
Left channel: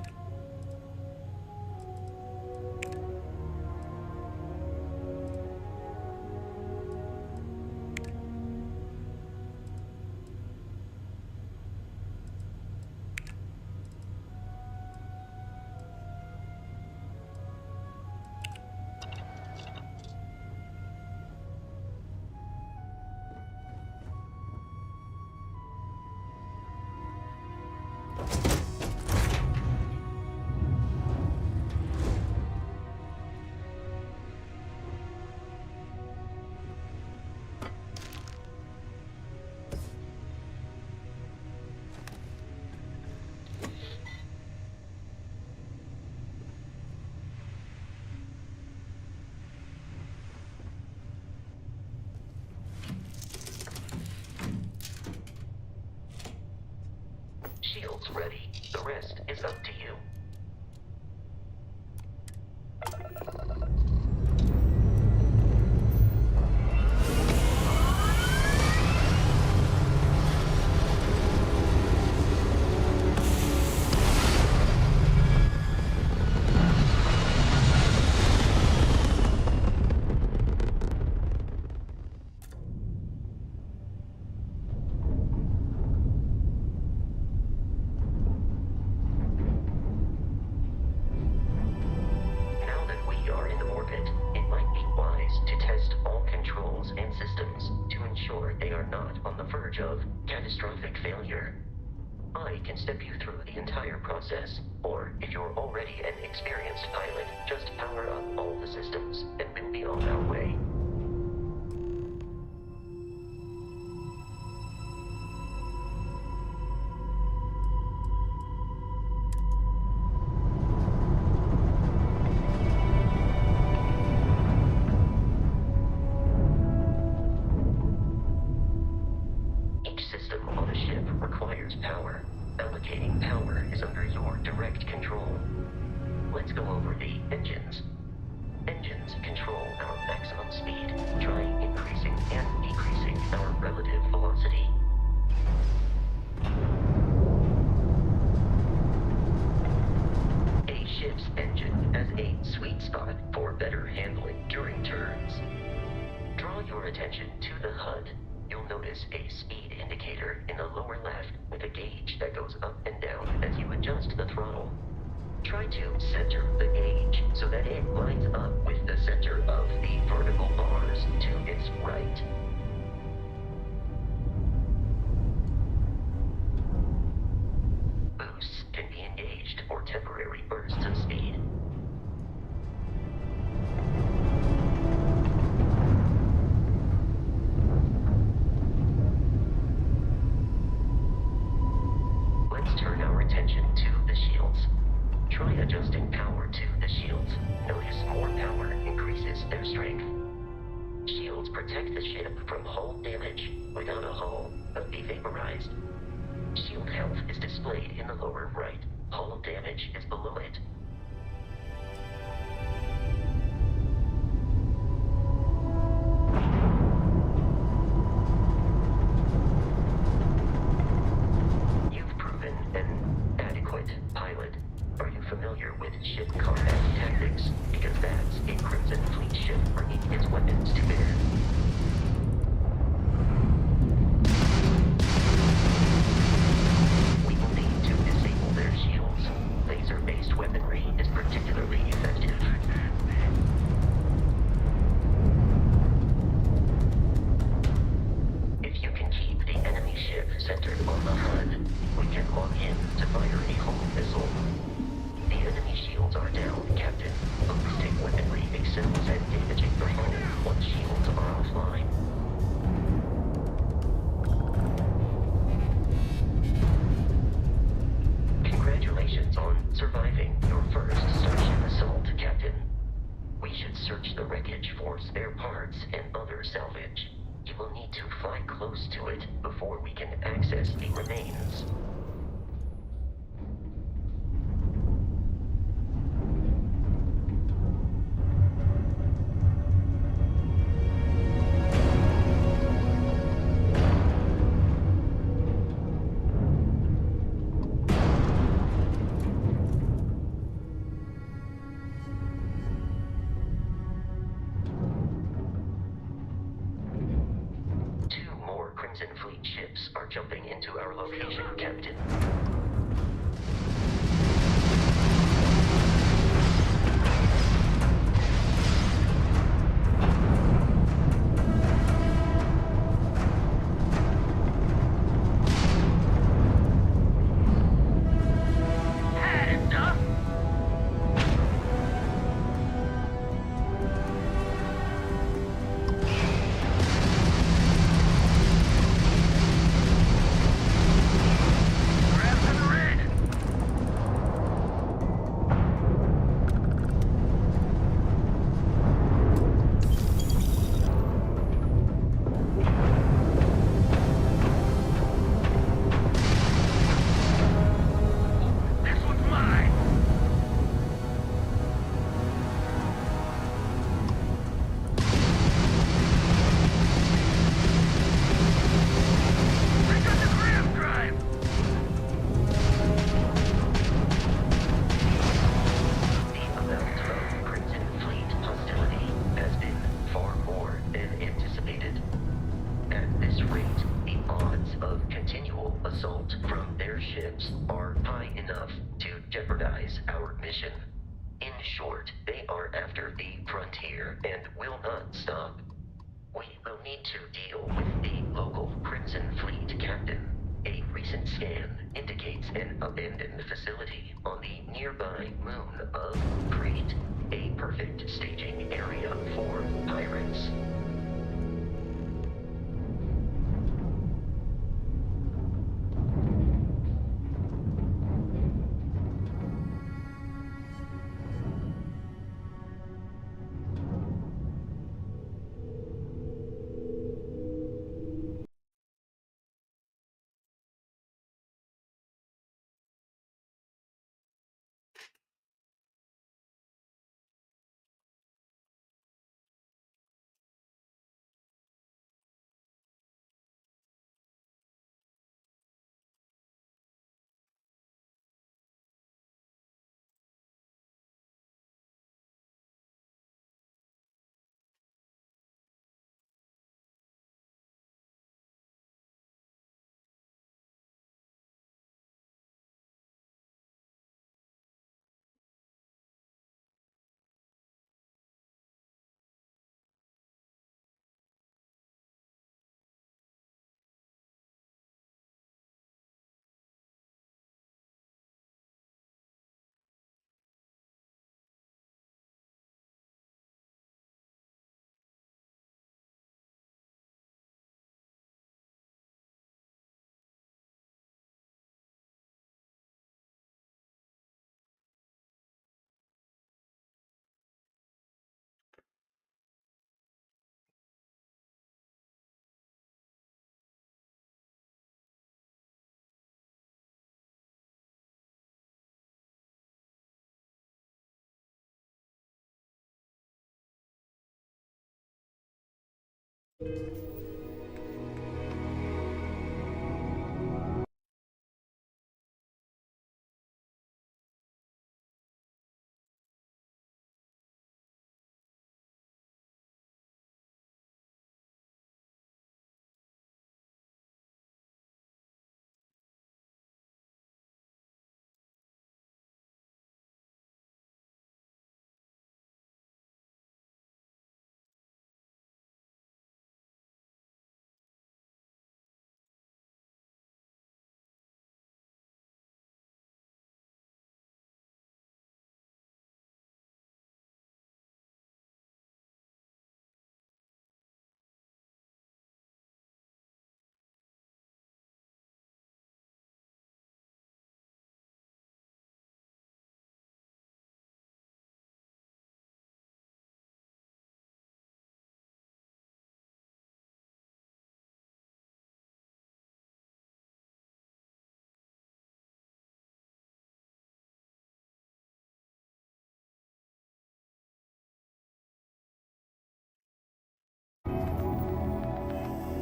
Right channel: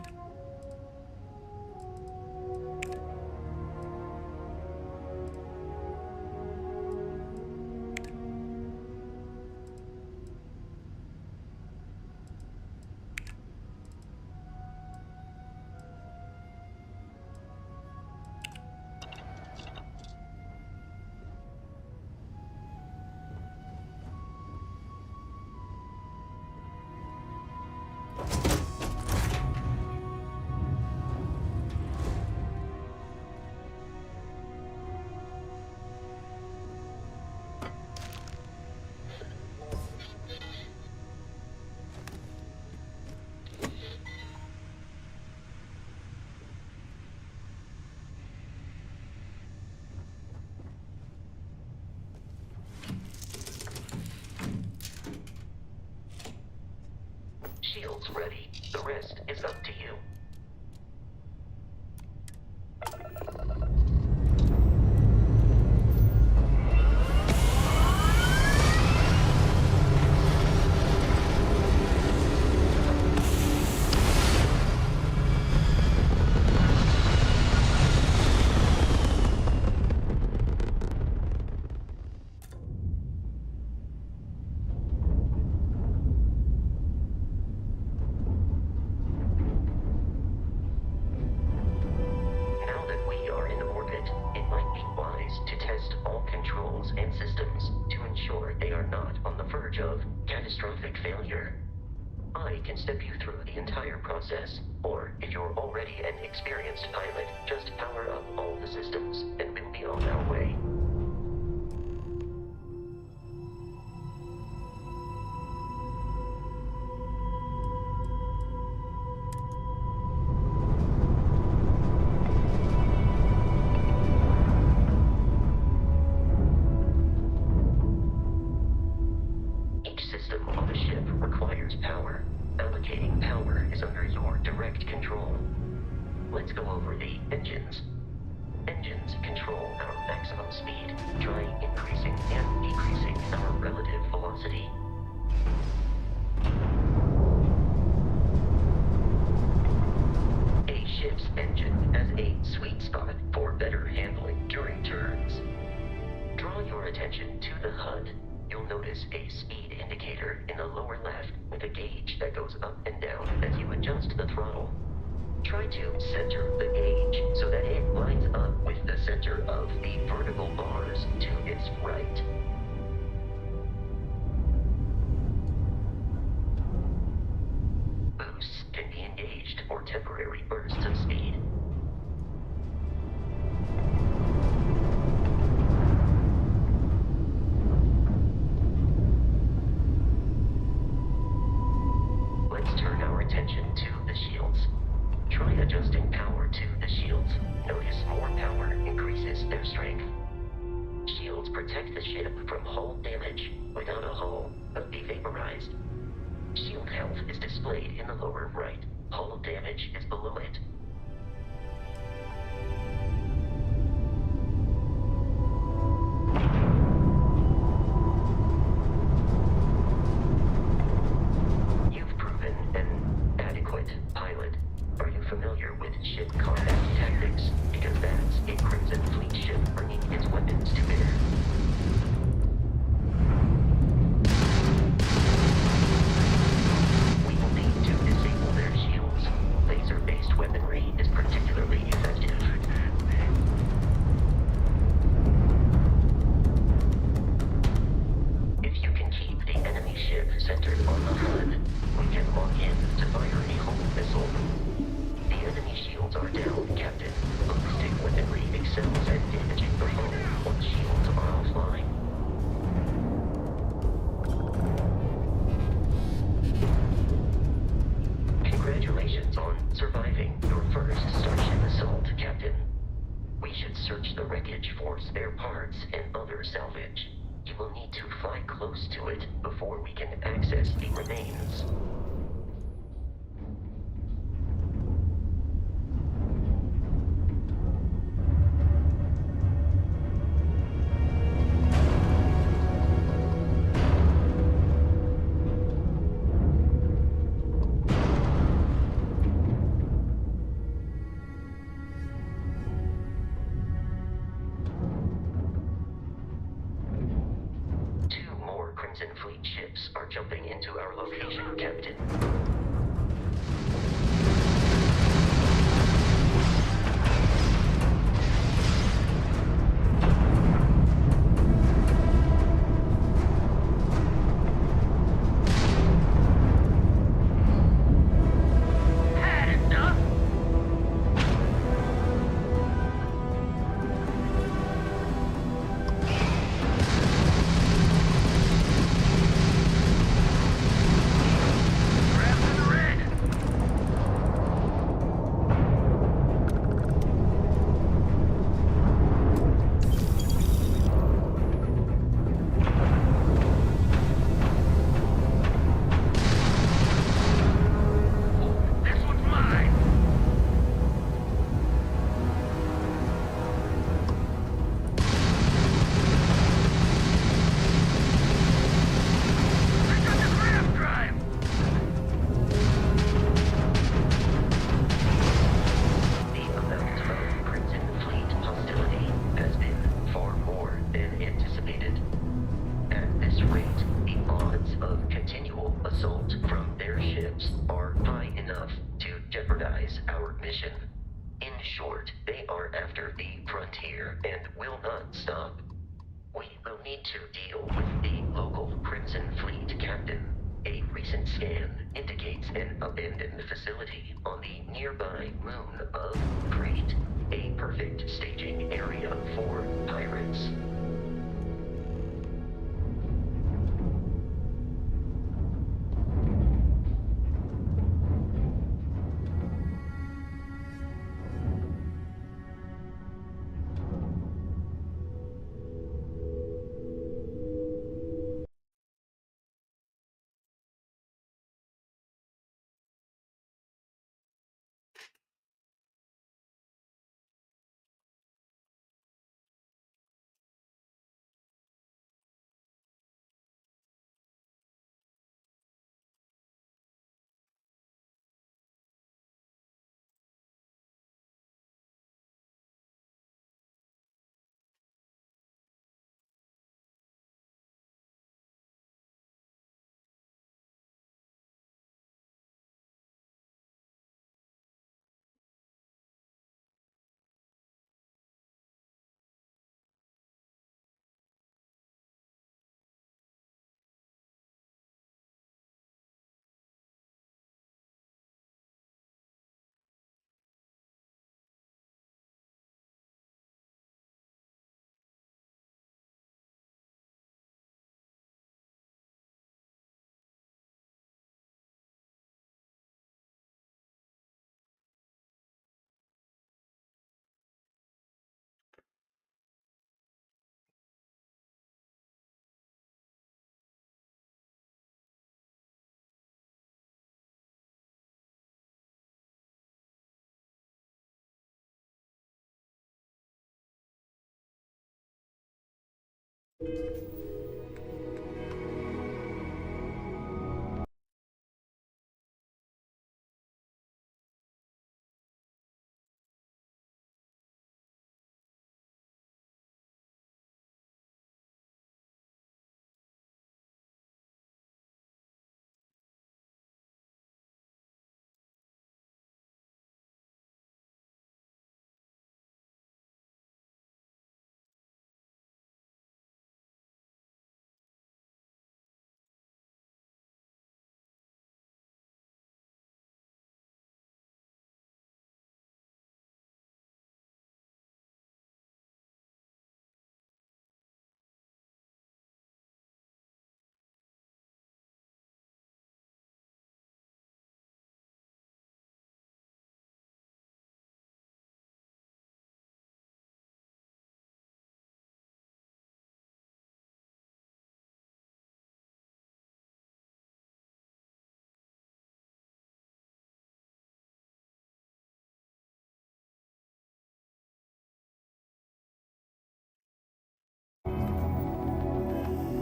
Shield's ready. The rest is up to you. Catastrophic failure. I can step you through the entire process, or if you're already an experienced pilot, just power up all the systems, and we'll be on our way. Power. Allocating power is under your direct control. Let's go over the engines. Engines control our maximum speed, try increasing and decreasing our relative velocity. A ship's engine has a sweet spot for better handling during turns. Draw your attention to the HUD. You'll notice a speed indicator in the lower left with a gauge that goes up and down as you adjust the throttle. Try to center the gauge so that it lines up with the center of the vertical bars to its right. Boosts can be engaged for temporary bursts of speed. Let's turn our attention to the shields. Try adjusting power to the shields. Notice more power increases their strength. Shields protect the ship from hull damage. Without a hull, but be vaporized. Shield health is displayed in the lower right. Hull damage is below it. chip centered on the HUD. We can log in to fire a home missile. The enemy shields are down, Captain. Ballistic weaponry excels at damaging the hull once shields are offline. Congratulations on surviving your first Starship assault, Captain. We should search the wreckage for spare parts and other salvage. You will need to fly close to it before we can access the remains. Crimson Fleet ships are jumping into our location, Captain.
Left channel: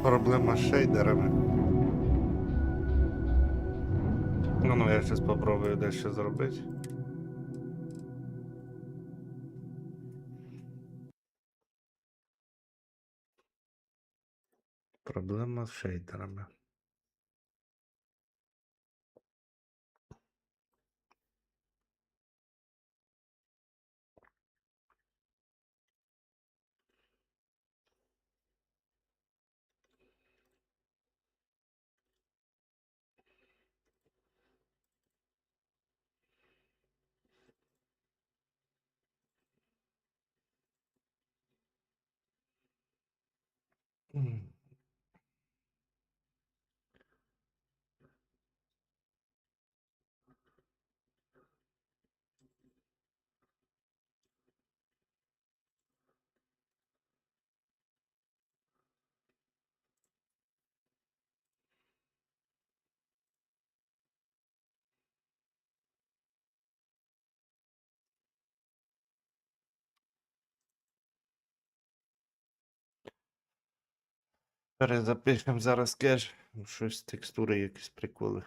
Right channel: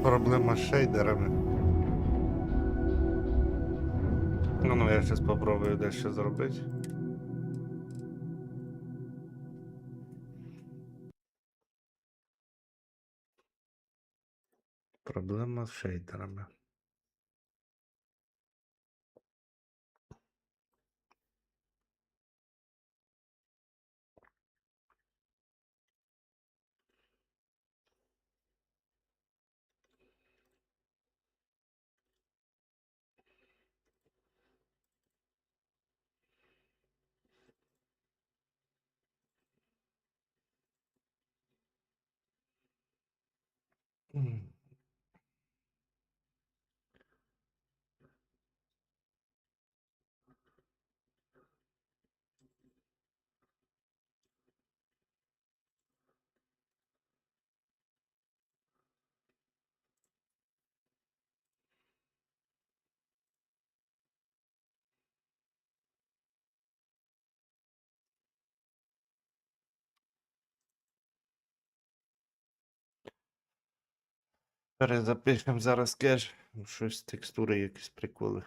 Проблема з шейдерами. Ну, я зараз спробую дещо зробити. Проблема з шейдерами. Перезапишемо зараз кеш. Щось текстури, якісь приколи.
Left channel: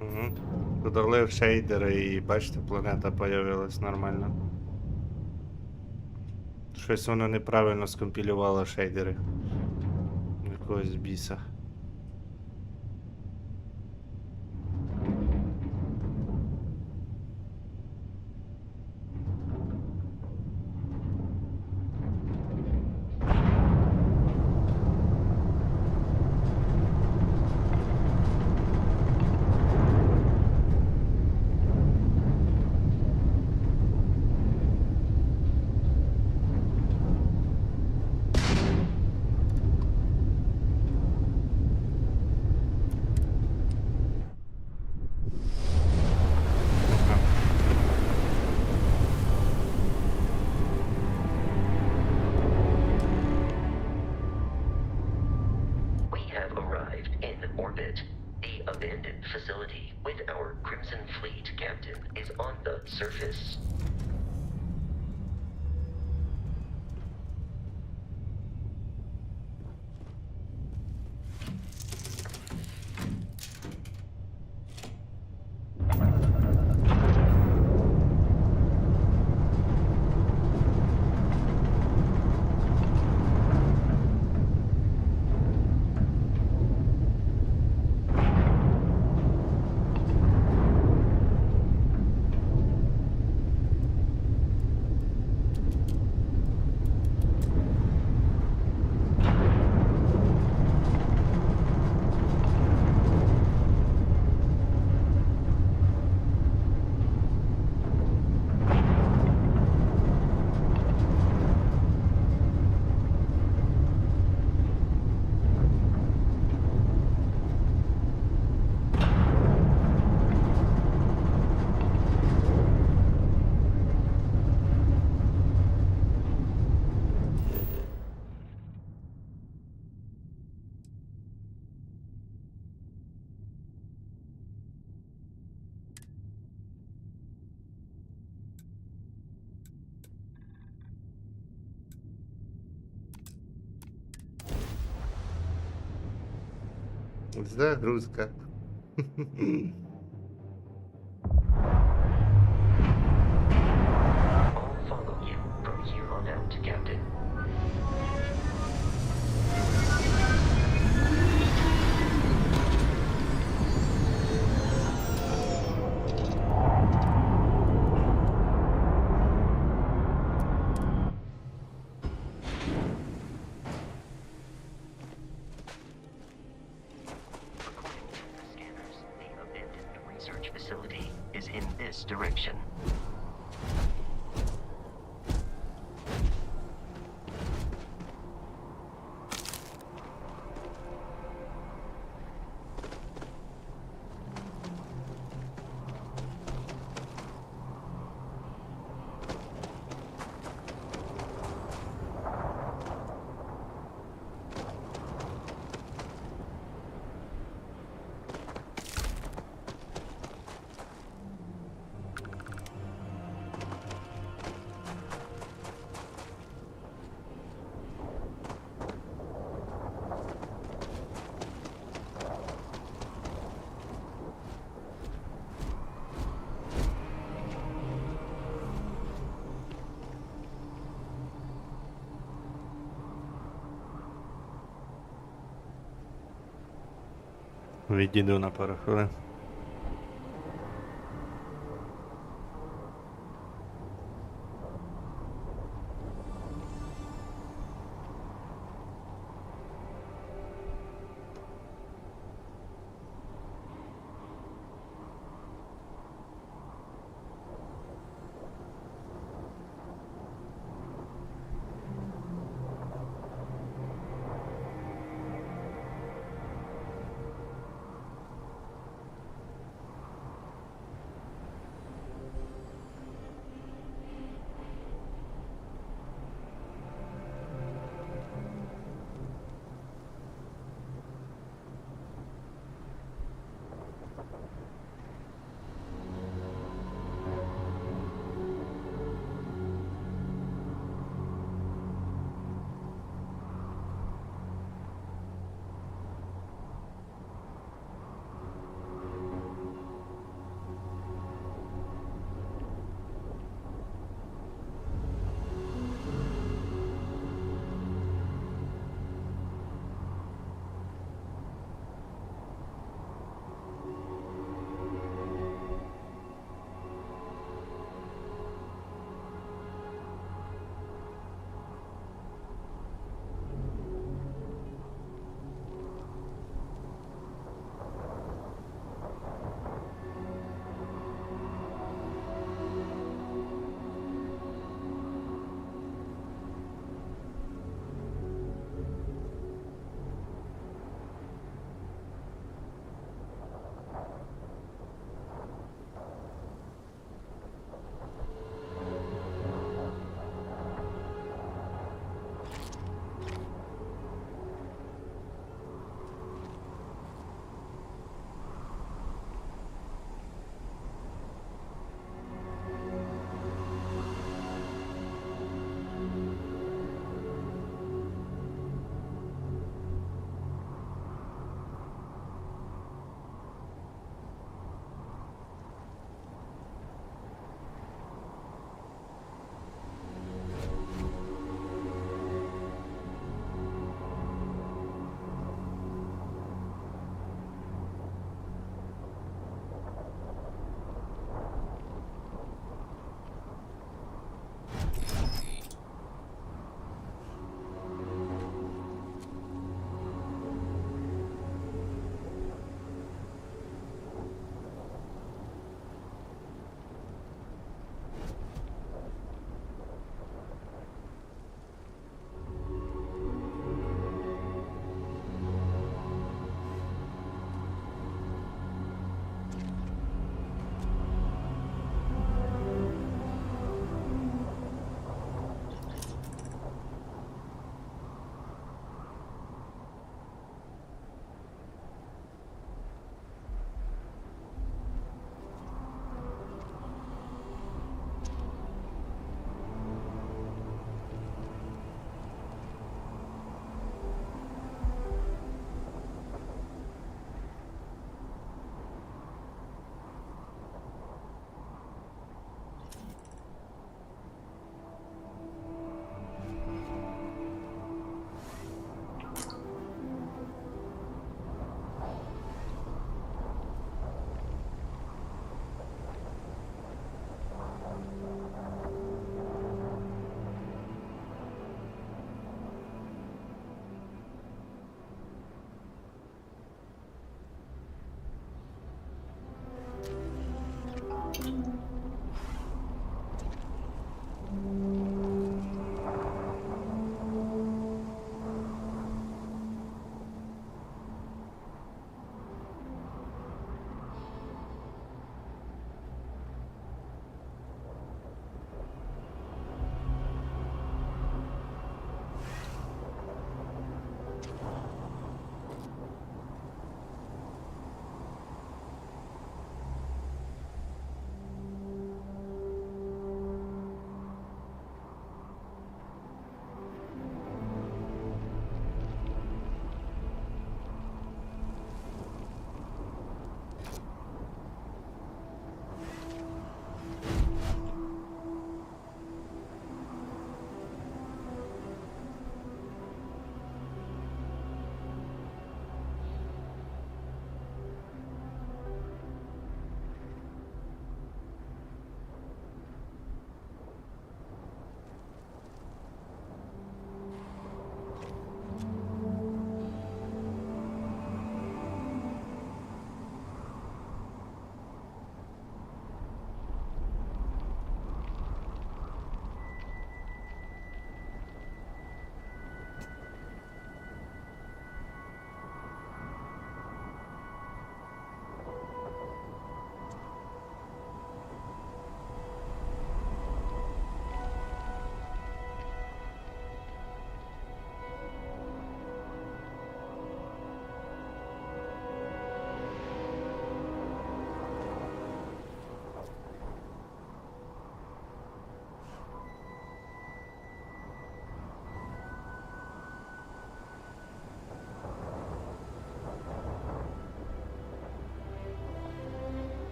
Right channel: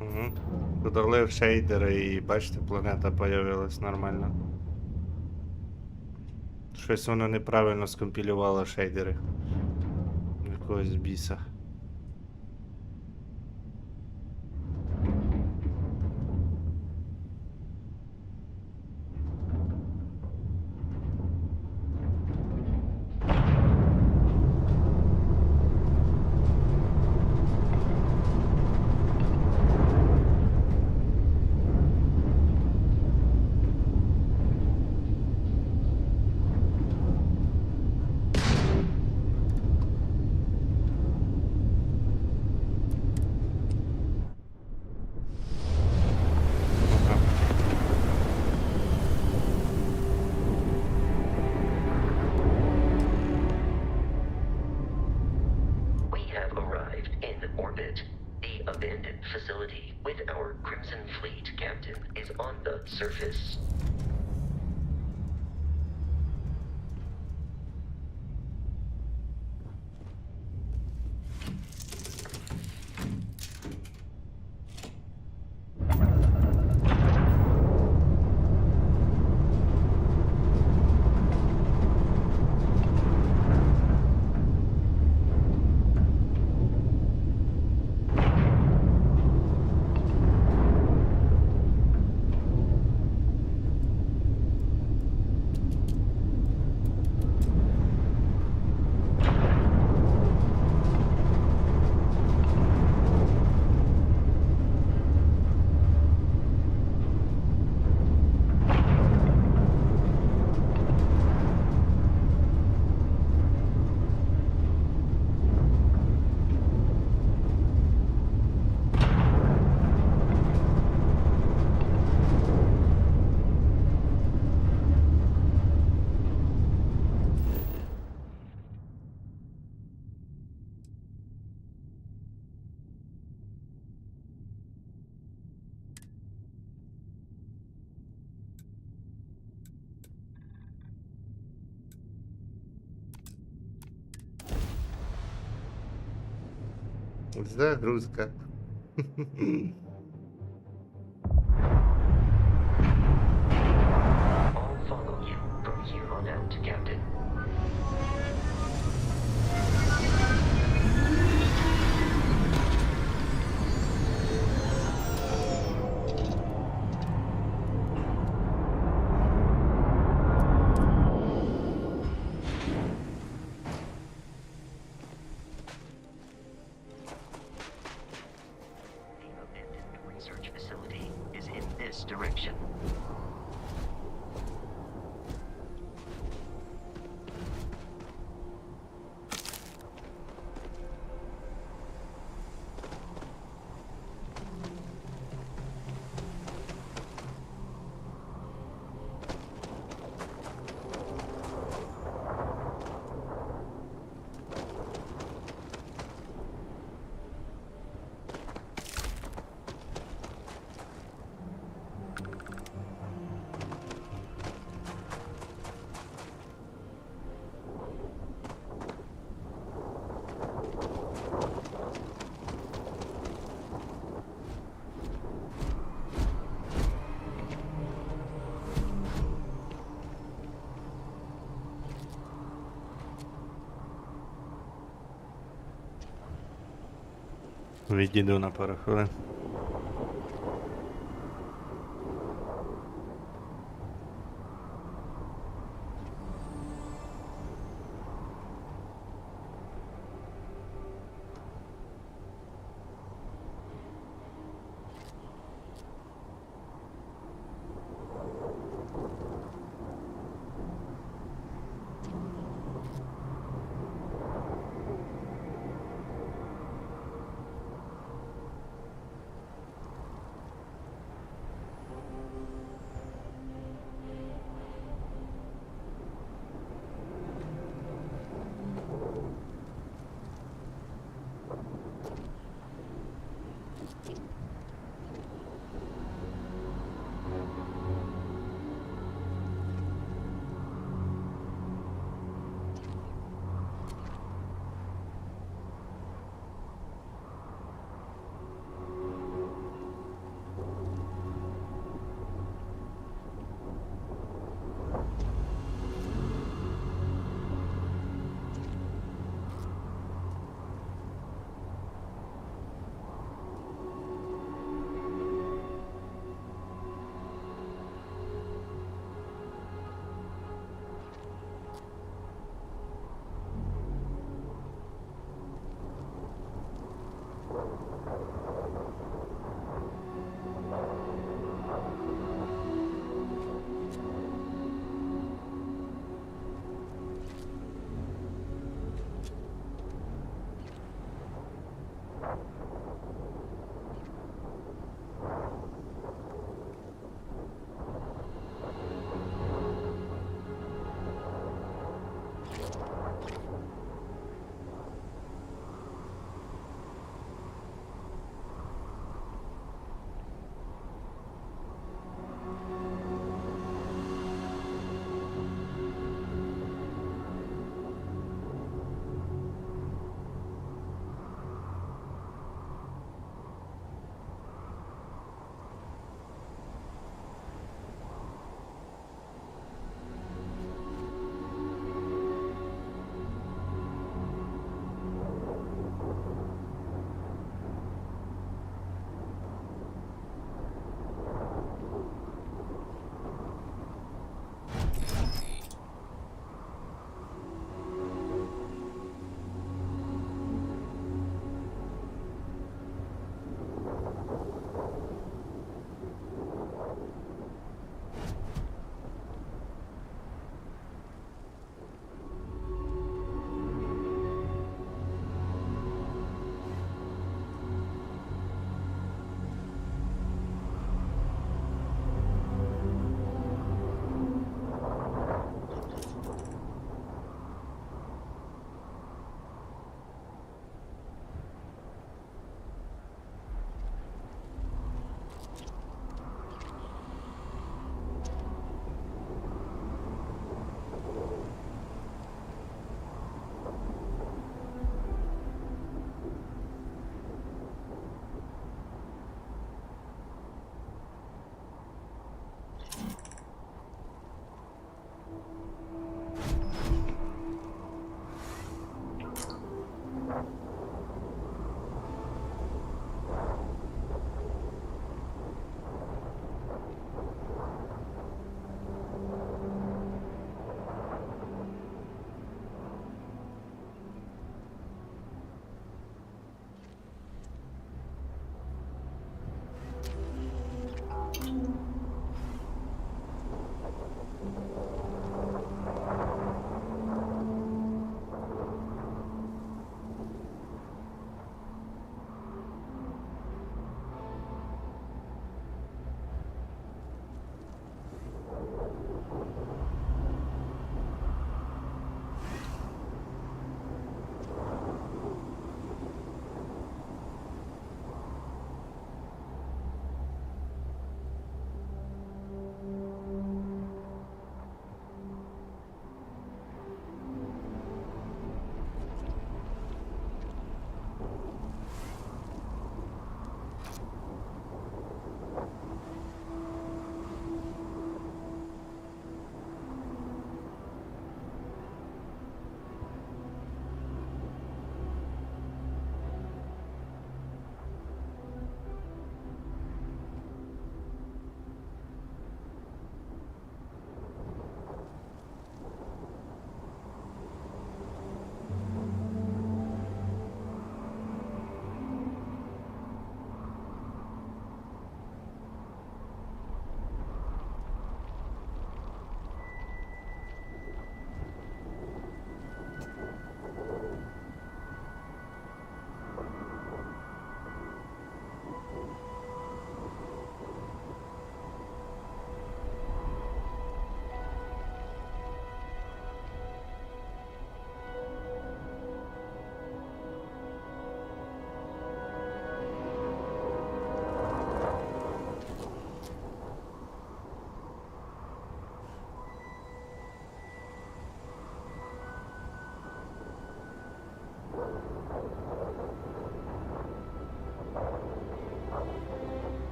Угу. Додали шейдери і бачите, планета появилась нормально. Щось воно неправильно скомпілювало шейдери. Якогось біса. We have arrived in orbit. The abandoned facility with our Crimson Fleet captain is on the surface. Загрузка. I'll follow you from here on out, Captain. Research facility is in this direction. Відійду на пару хвилин.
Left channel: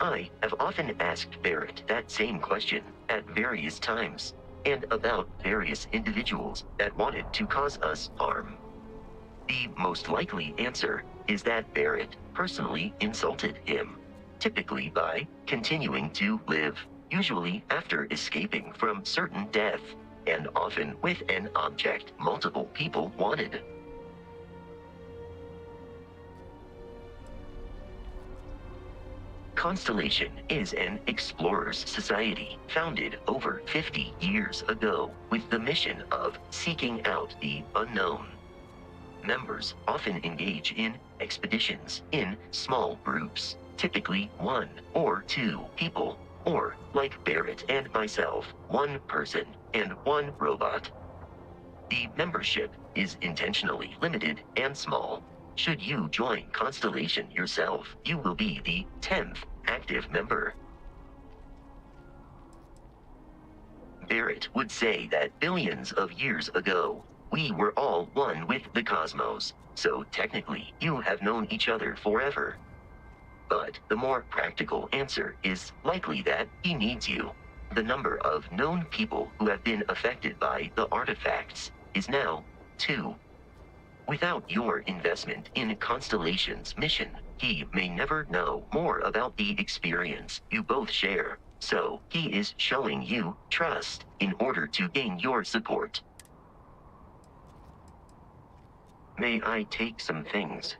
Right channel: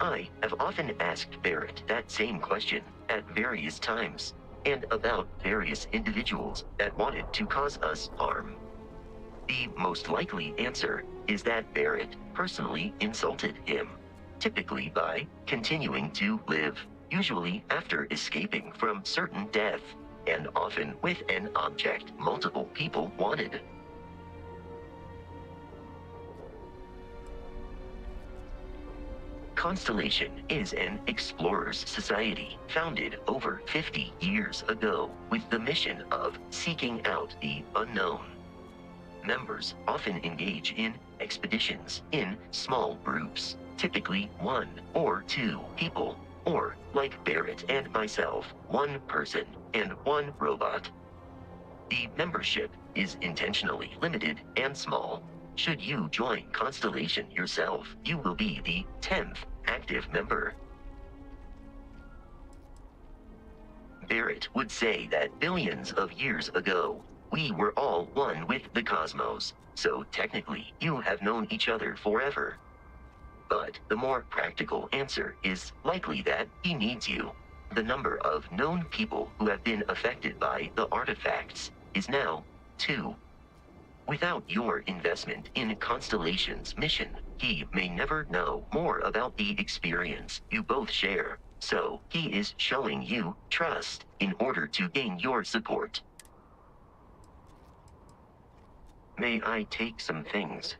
I have often asked Barrett that same question at various times, and about various individuals that wanted to cause us harm. The most likely answer is that Barrett personally insulted him, typically by continuing to live, usually after escaping from certain death, and often with an object multiple people wanted. Constellation is an explorers society founded over 50 years ago with the mission of seeking out the unknown. Members often engage in expeditions in small groups, typically 1 or 2 people, or, like Barrett and myself, 1 person and 1 robot. The membership is intentionally limited and small. Should you join Constellation yourself, you will be the 10th active member. Barrett would say that billions of years ago, we were all one with the cosmos, so technically you have known each other forever. But the more practical answer is likely that he needs you. The number of known people who have been affected by the artifacts is now 2. Without your investment in Constellation's mission, he may never know more about the experience you both share. So he is showing you trust in order to gain your support. May I take some things?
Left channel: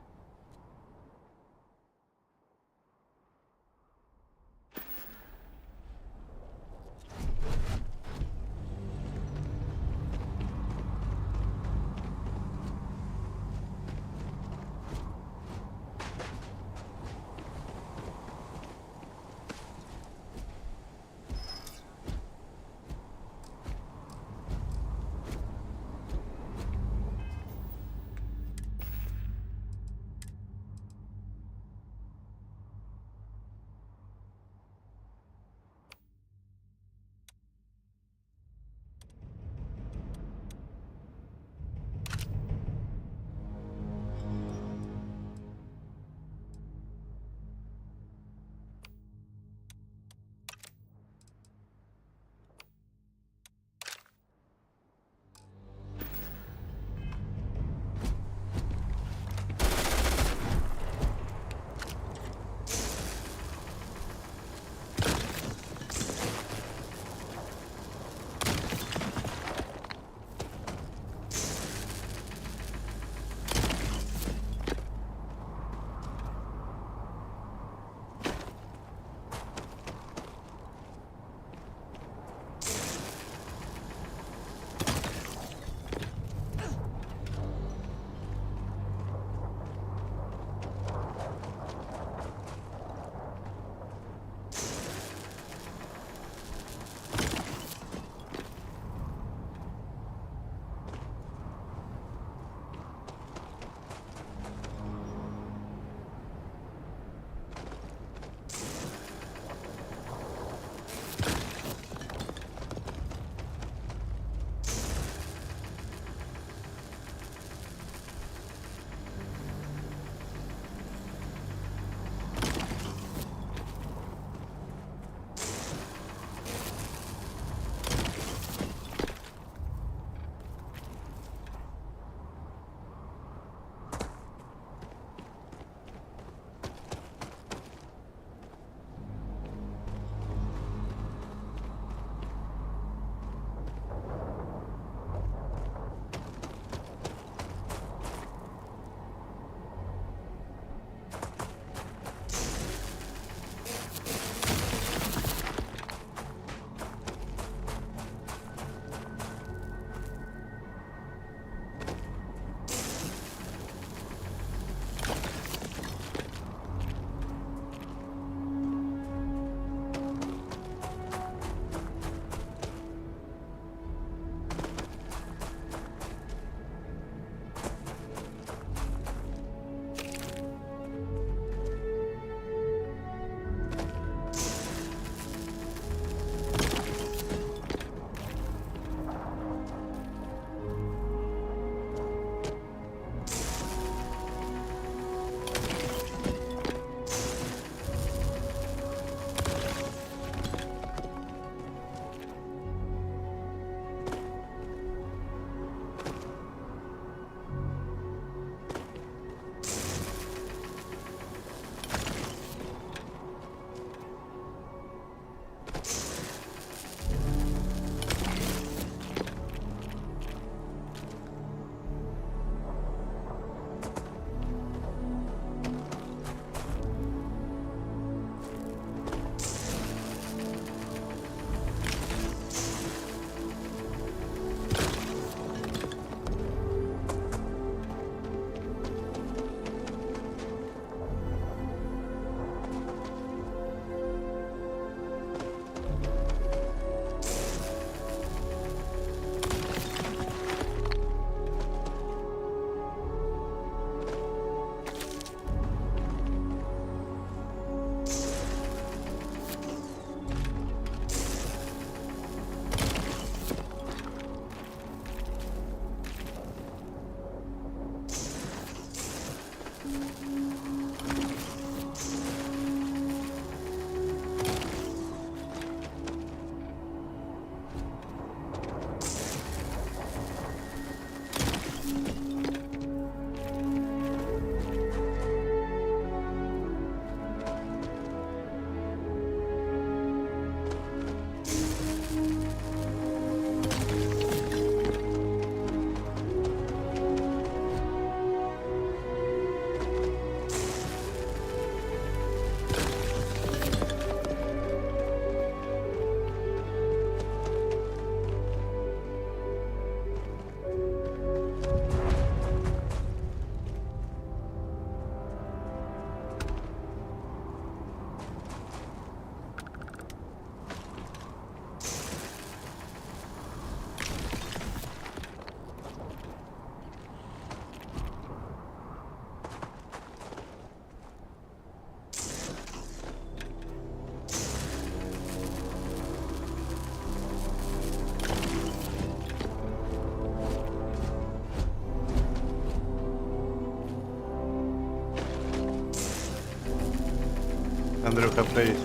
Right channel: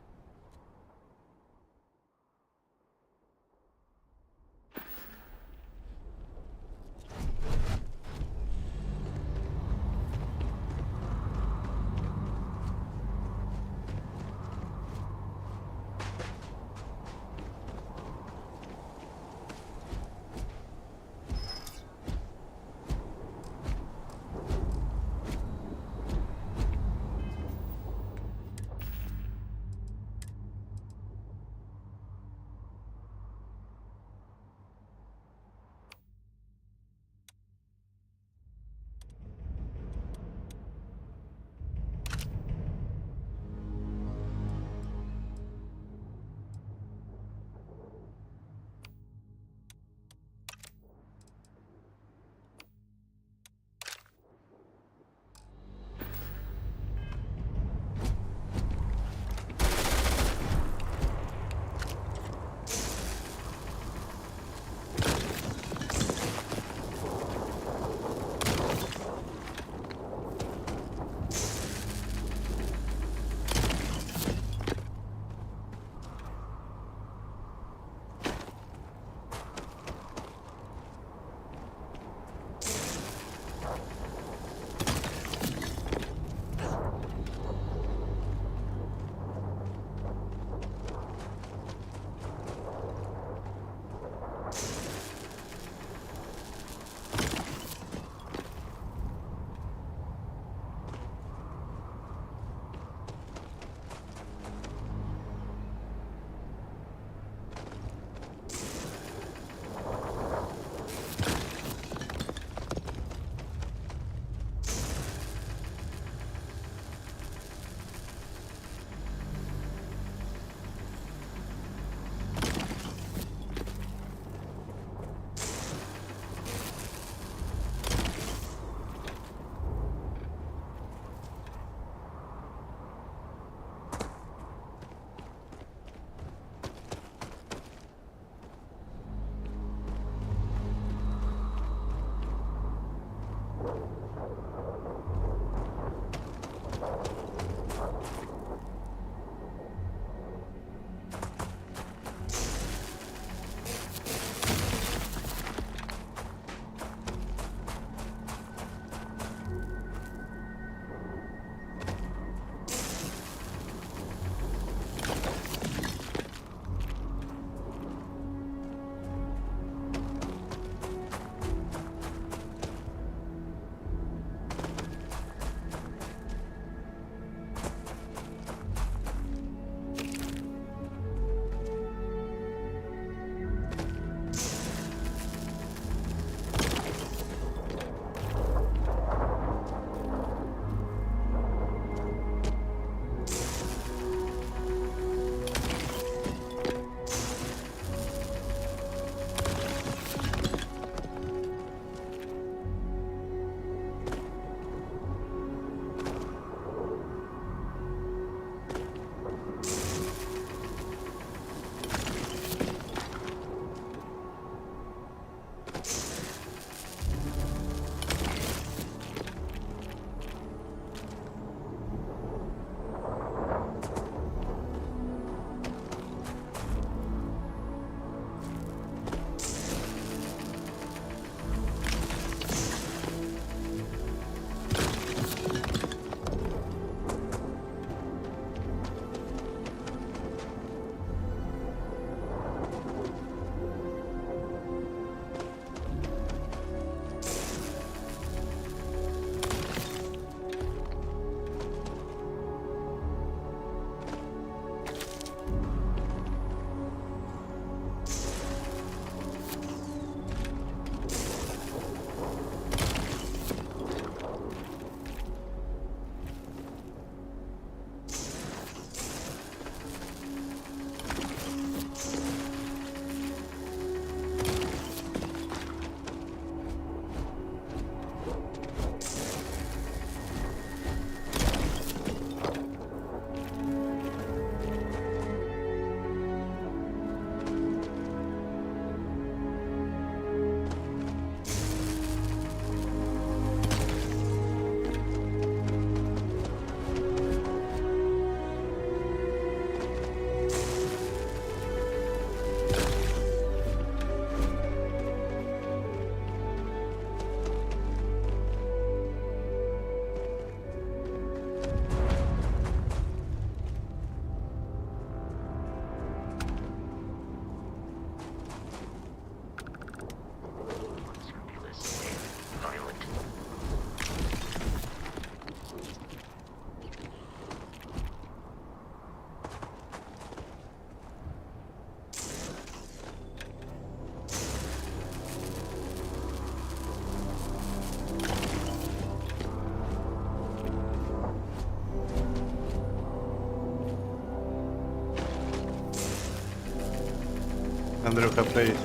Андрюха, привіт.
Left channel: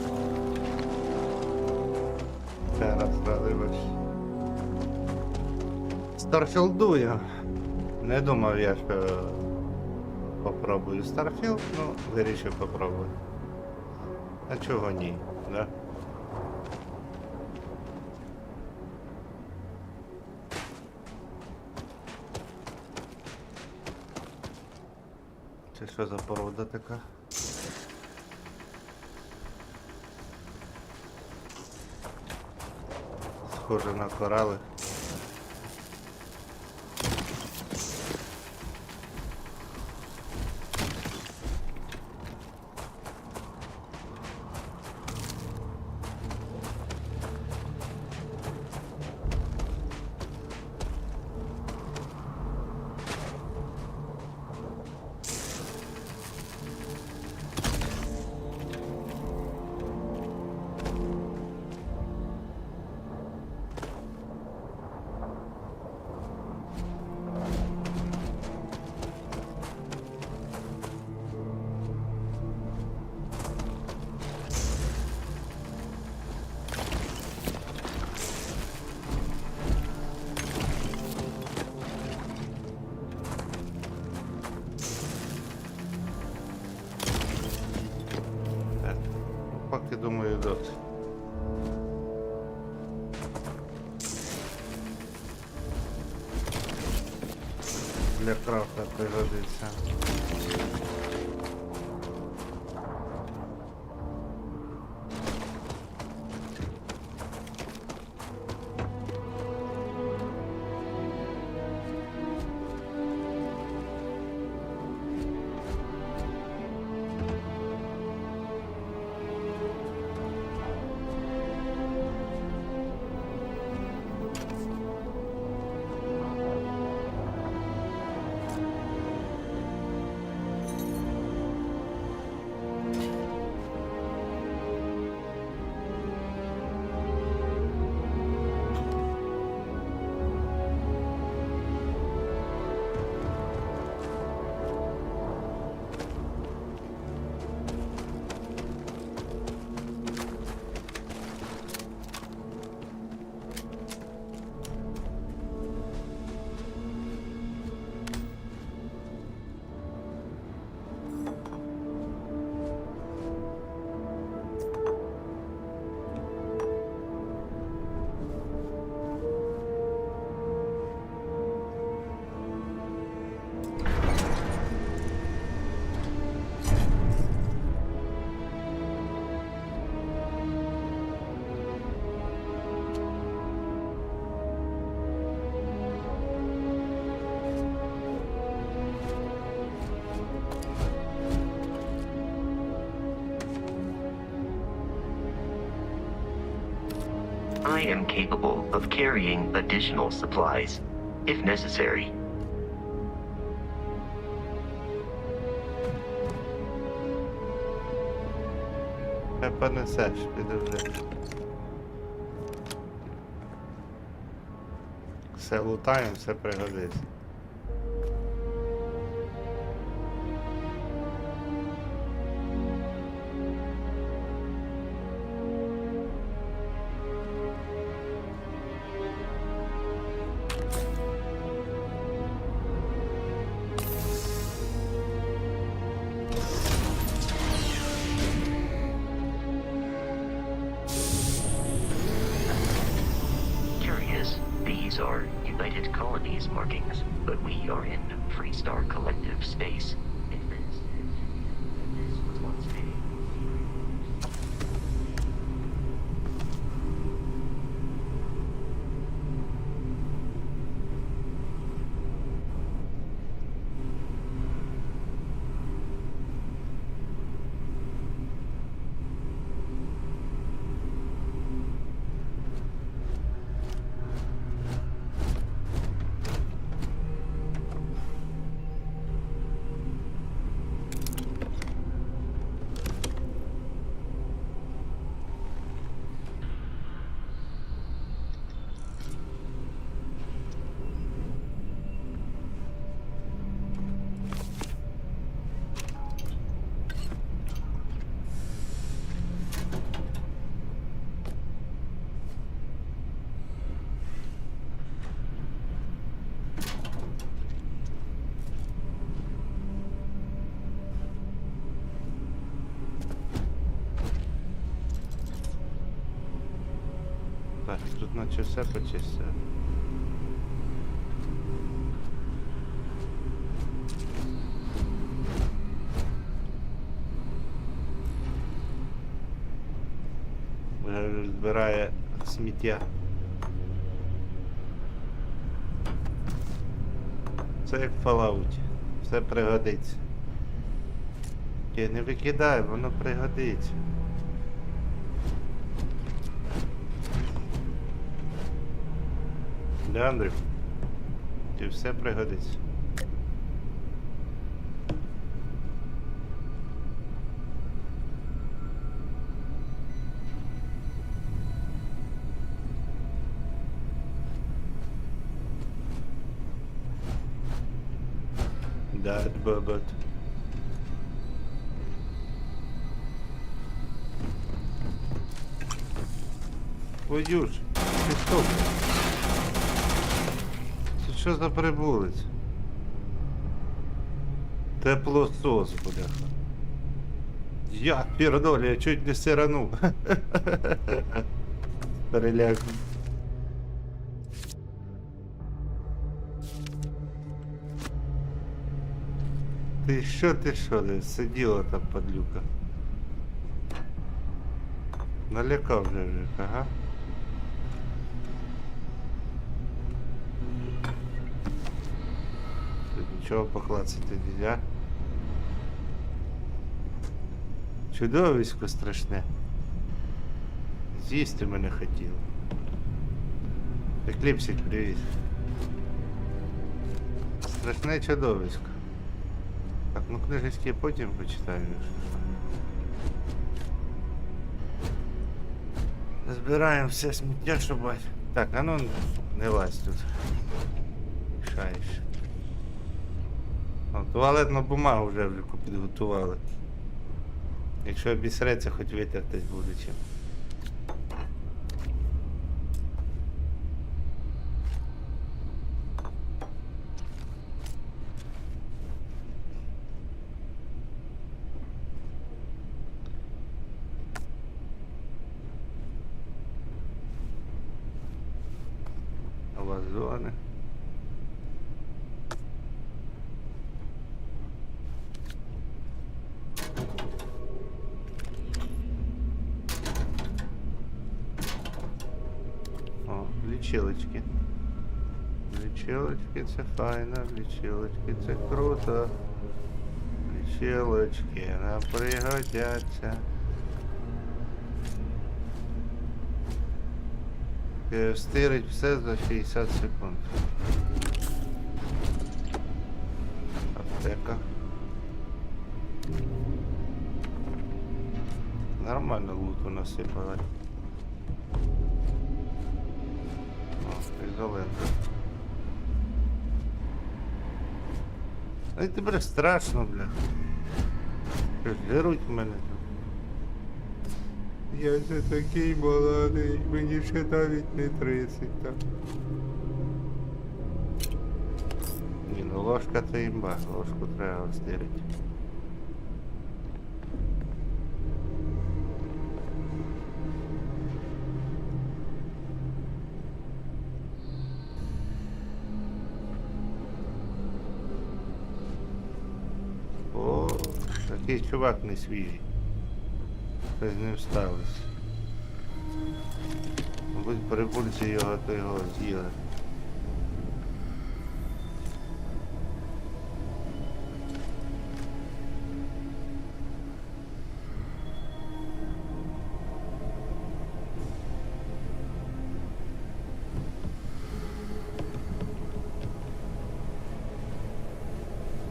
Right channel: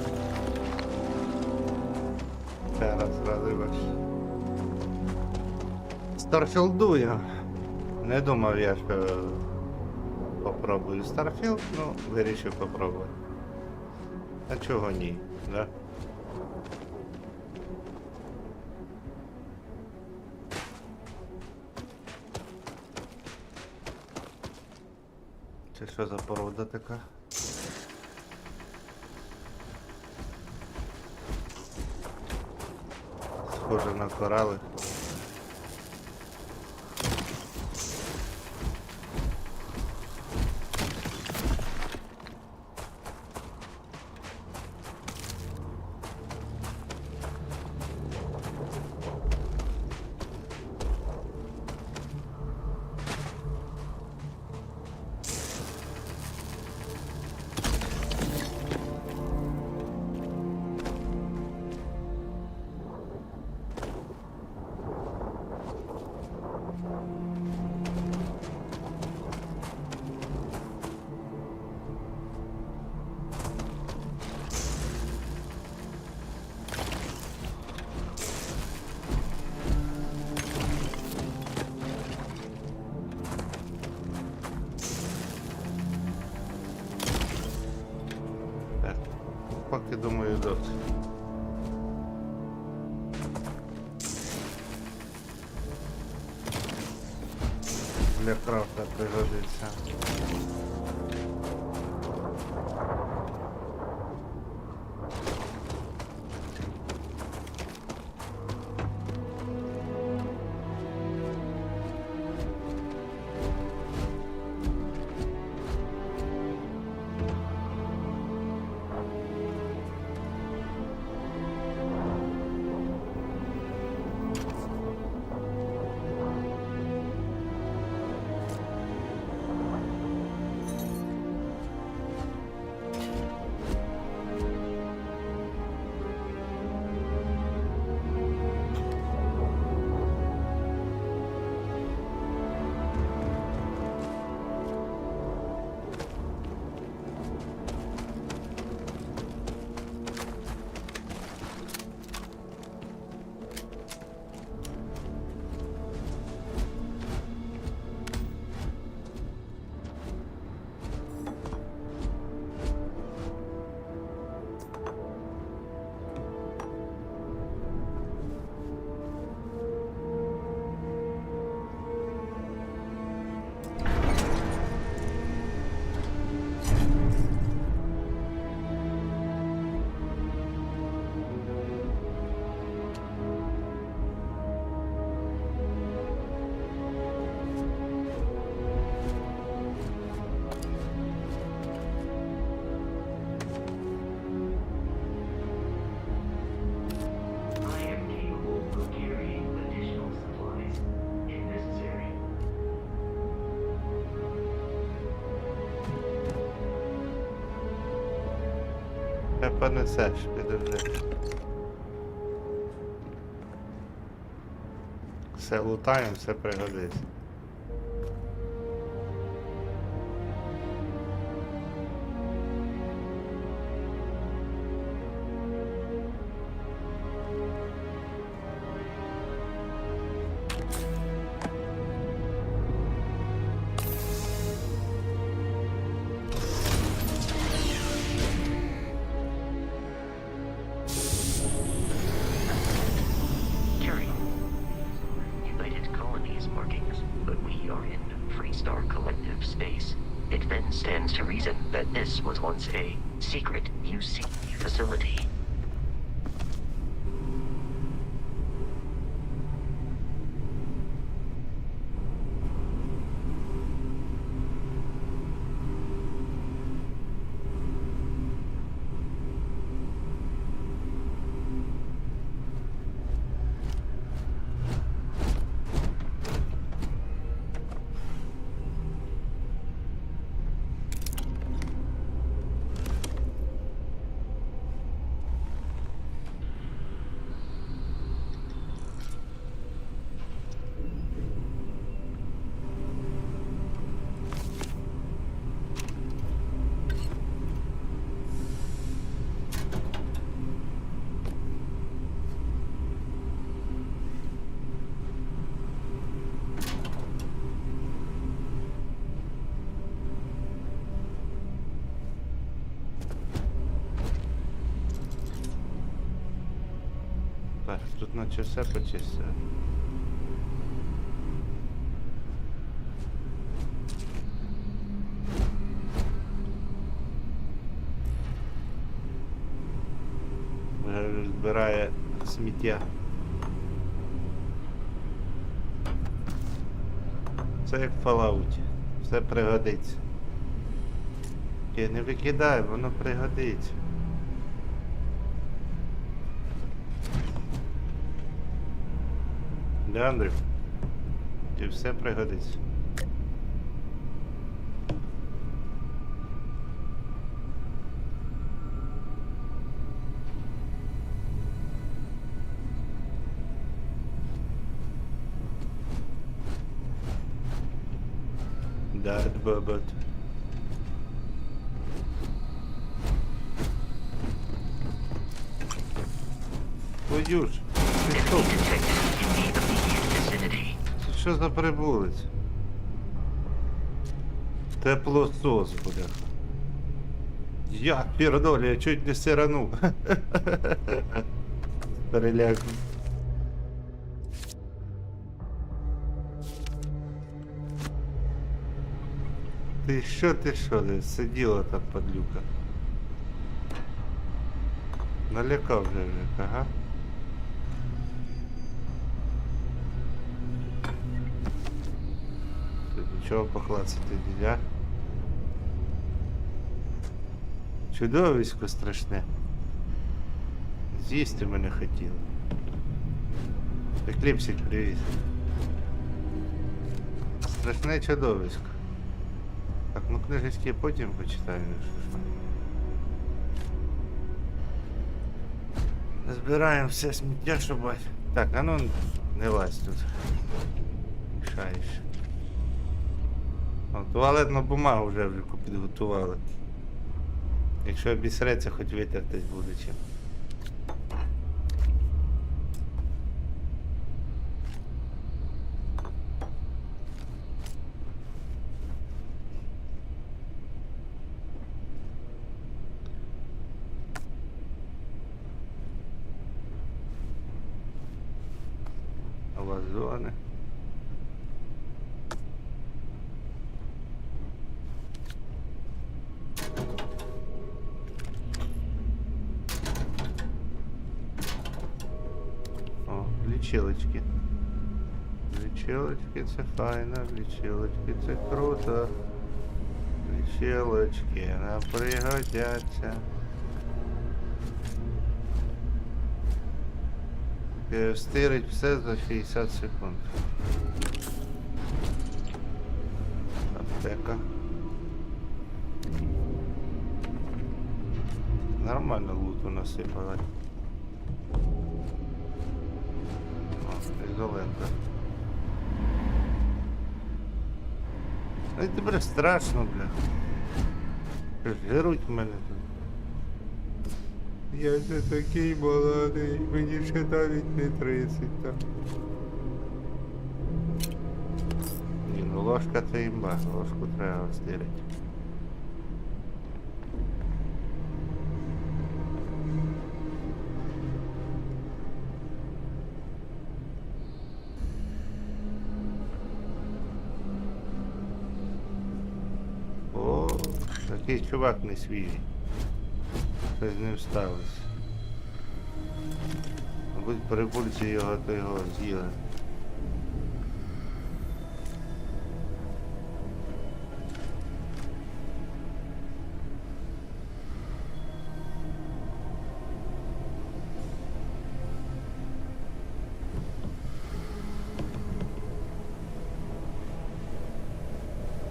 Ще раз радий бачити. Старфілдую. Не думав я, що попробую Starfield, ну, вирішив попробувати. А чого ні, да? Це що за порода така? Схоже на корали. Поки думаю, досить. Для крафта пригодиться. I am capable of carrying additional supplies, if necessary. Не понесеш, підожди. Все лутаємо, все пригодиться. we are in Freestar Collective space, it then stands to reason that this was once a secret UC facility. Так, тут наче все почистили. Вже збирає сміття. Це як в Fallout. Все пригодиться. Не викидай, воно пригодиться. Да, Андрій? Ті все пригодиться. Да, бабат. Твою ж, ти що? Це що за прибулець? Теплосос, бляха. Я пірдолі, я чуть не сиранув. Переляк. Ти що, не сиділа там, падлюка? Налякав вже, ага. Тут нічого поклацати нельзя. Чудовисько страшне. З'їсти мене хотіло. Екліпсик, привіт. Страшне чудовисько. Так, ну книжечки я потім почитаю, якщо що. Збираємо все сміття, щоб... Так, а ну не лазь тут. Мішаєш. О, туалетну бумагу вже підготували. Якщо обісреться, хоч витертись буде чим. Вазони. О, лічилочки. Лічилочки це файно, лічилочки це круто. Лічилочки нам пригодяться. Стирить все за 60 секунд. Аптека. Нормально луту насипали. О, ізолента. Ай, тебе страшно, бля. Жируть мене тут. Я це такий молодий, мені ще навіть не 30, так. Ні, ну ложка це імба, ложку треба стирити. що якийсь чувак не свіжий. Щось з ним сталося. Мабуть, прибульці його з'їли.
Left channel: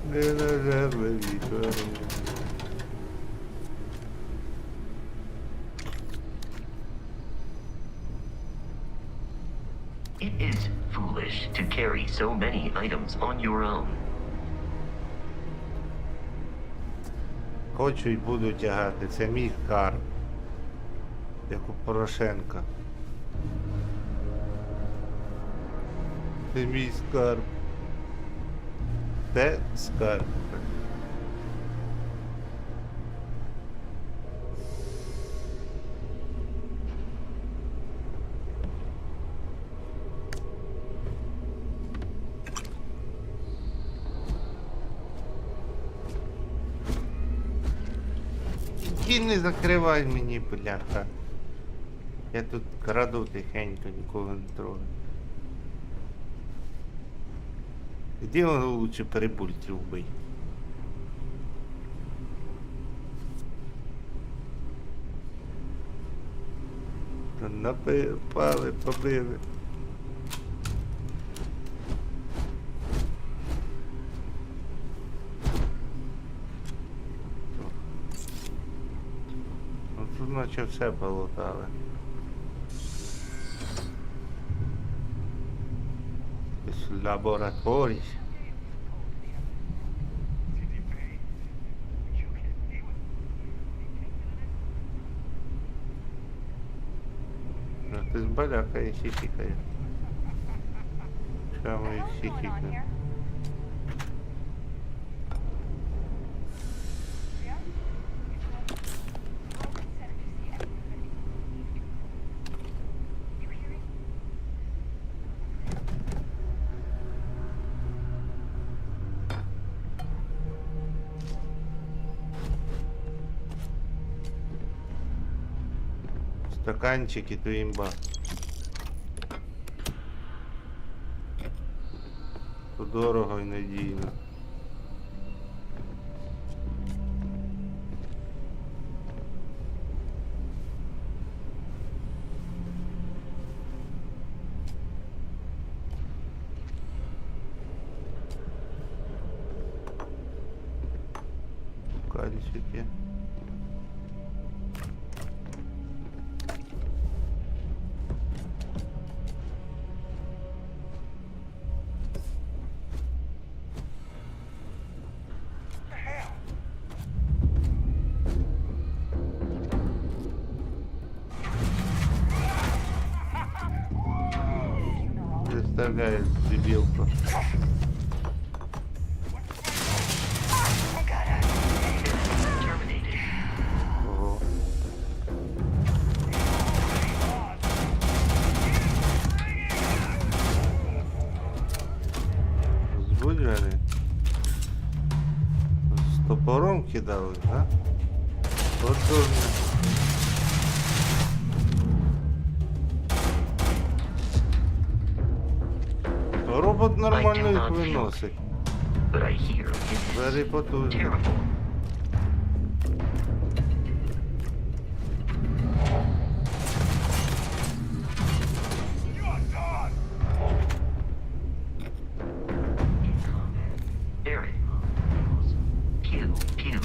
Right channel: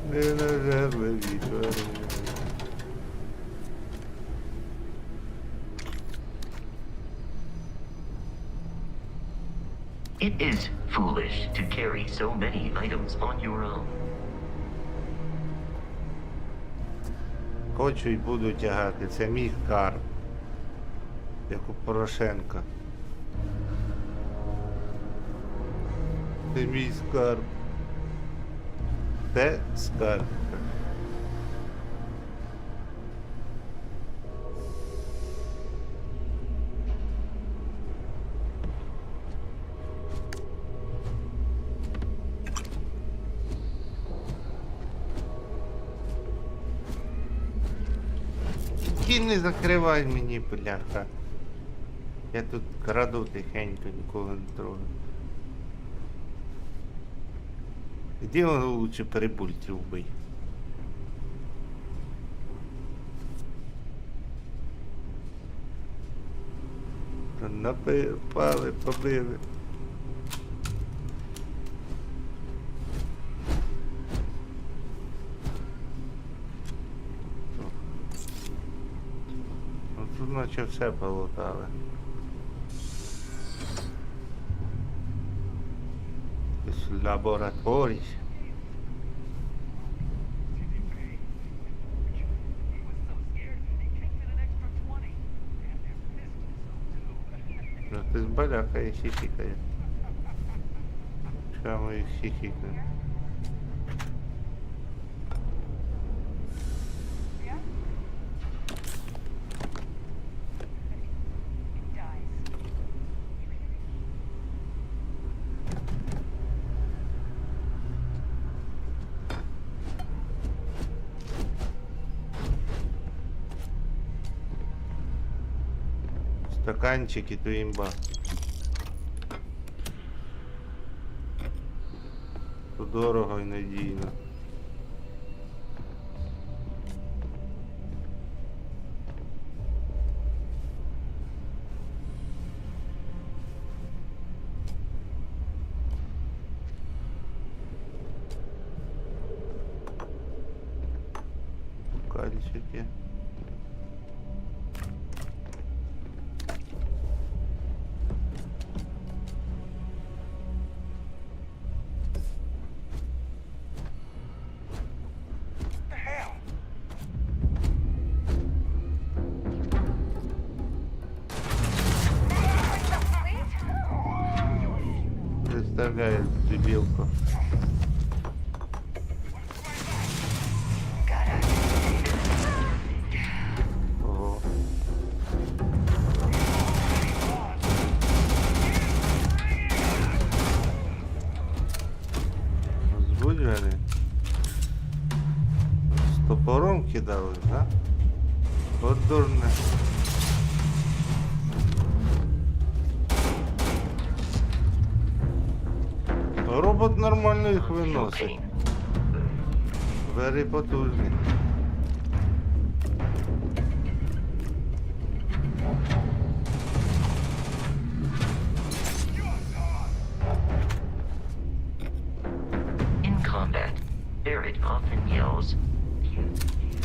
Ненажерливі тварини. It is foolish to carry so many items on your own. Хочу і буду тягати. Це мій скарб. Як у Порошенка. Це мій скарб. Це скарб. Ти не закривай мені, бляха. Я тут краду тихенько, нікого не трогаю. Іди воно лучше перебульців вбий. Напали, побили. Ну тут наче все полутали. Лабораторій. Ну ти збалякає, хихикає. Чому їх хихикне? Стаканчики, то імба. То дорого і надійно. Кальчики. Представляешь, дебилку. Ого. Збуджені. З топором кидали, да? От дурне. Робот нормально їх виносить. Бери потужно.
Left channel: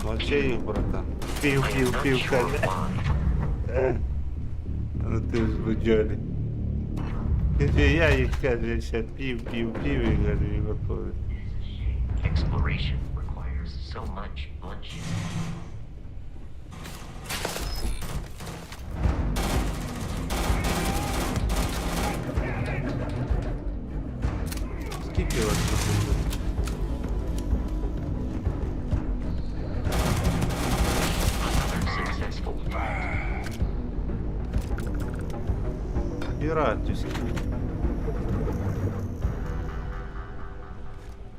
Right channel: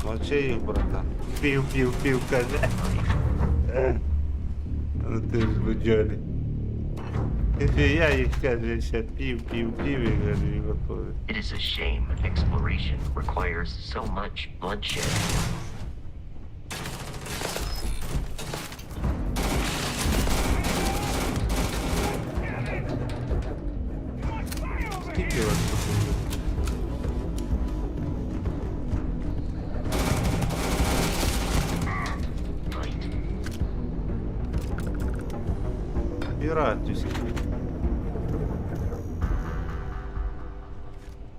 Мовчи їх, братан. Пів, каже. Ну ти ж буджолі. Я їх кажу, ще пів, і кажу, і готові. It is a shame exploration requires so much bloodshed. Скільки вас тут? Піратівські.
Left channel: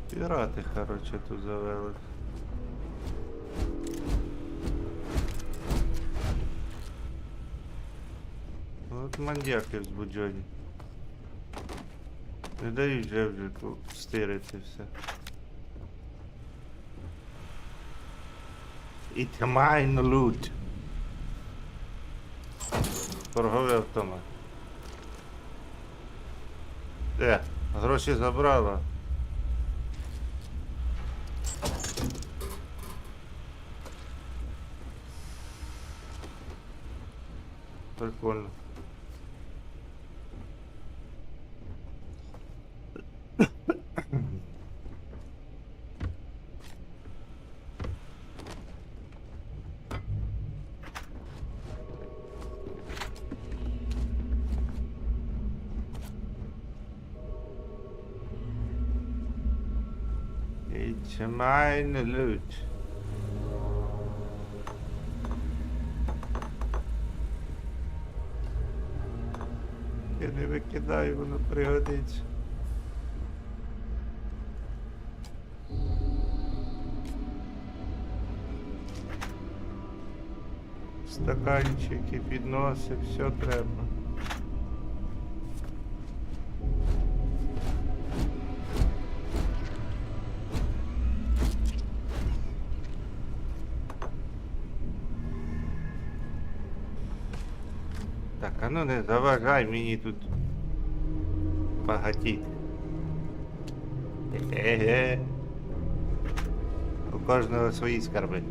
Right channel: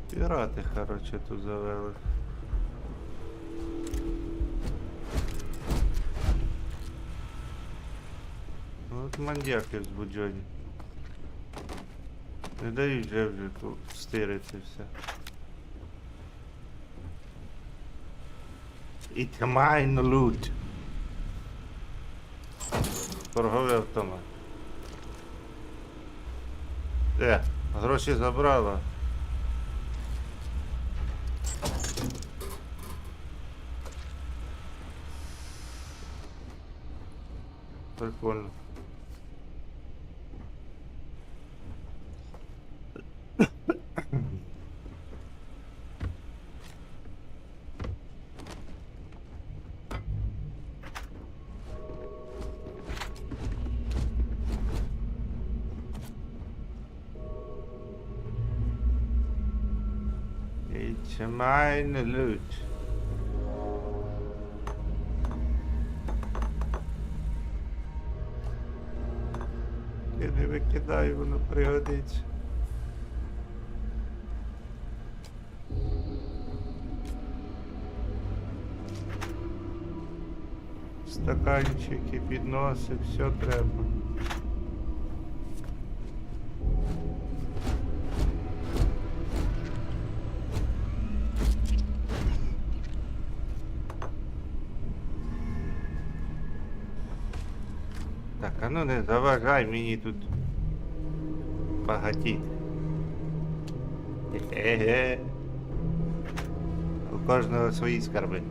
Пірати, короче, тут завели. От мандяки взбуджені. Не дають вже стирити все. It's mine loot. Торговий автомат. Гроші забрала. Прикольно. It's mine loot. Я не викидаю, воно пригодиться. Стаканчики, підноси, все треба. Так, а ну не заважай мені тут багатіти. Хе-хе-хе. У кожного свої скарби.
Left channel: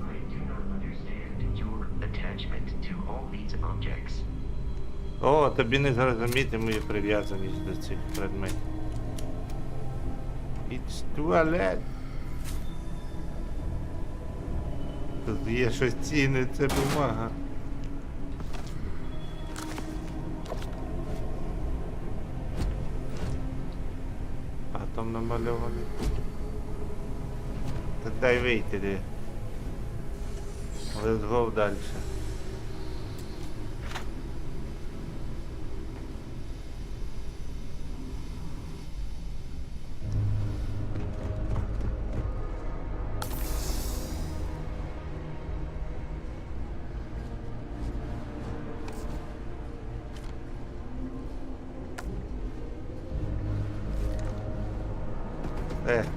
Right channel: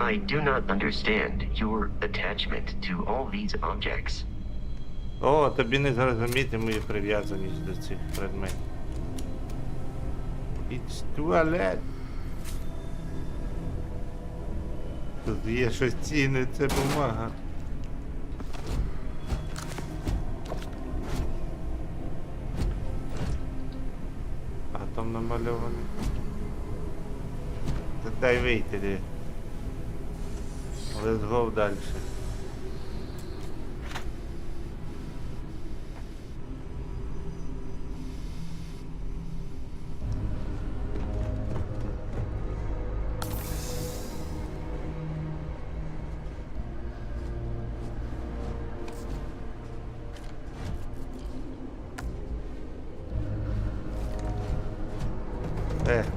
I do not understand your attachment to all these objects. О, тобі не зрозуміти мою прив'язаність до цих предметів. It's toilet. Тут є щось цінне, це бумага. А там намальований. Та дай вийти де. Let's go дальше.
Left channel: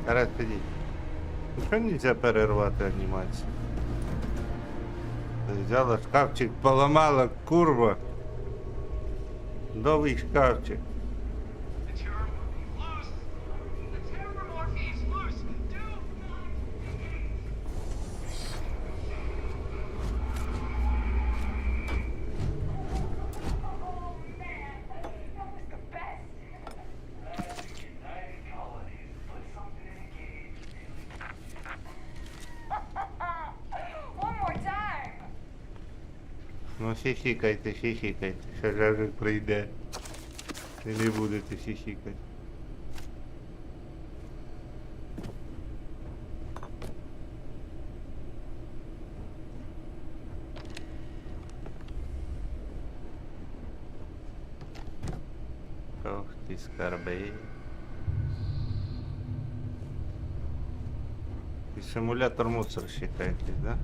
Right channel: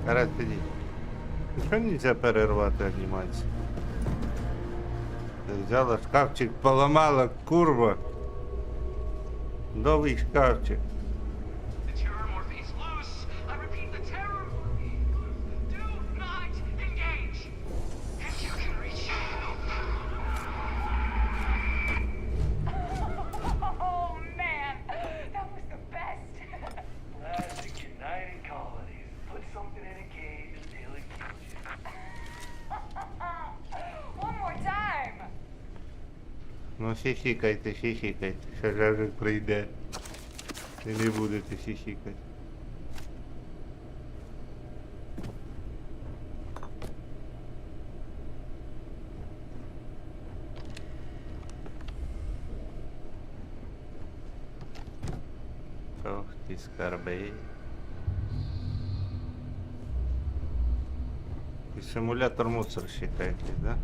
Гаразд, підіть. Нічого нельзя перервати анімацію. Взяла шкафчик, поламала, курва. Новий шкафчик. Ну хихикайте, хихикайте, що ж прийде. І не будете хихикати. Ох ти скарби. І симулятор мусорщика якийсь, да?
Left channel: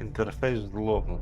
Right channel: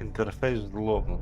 Інтерфейс злому.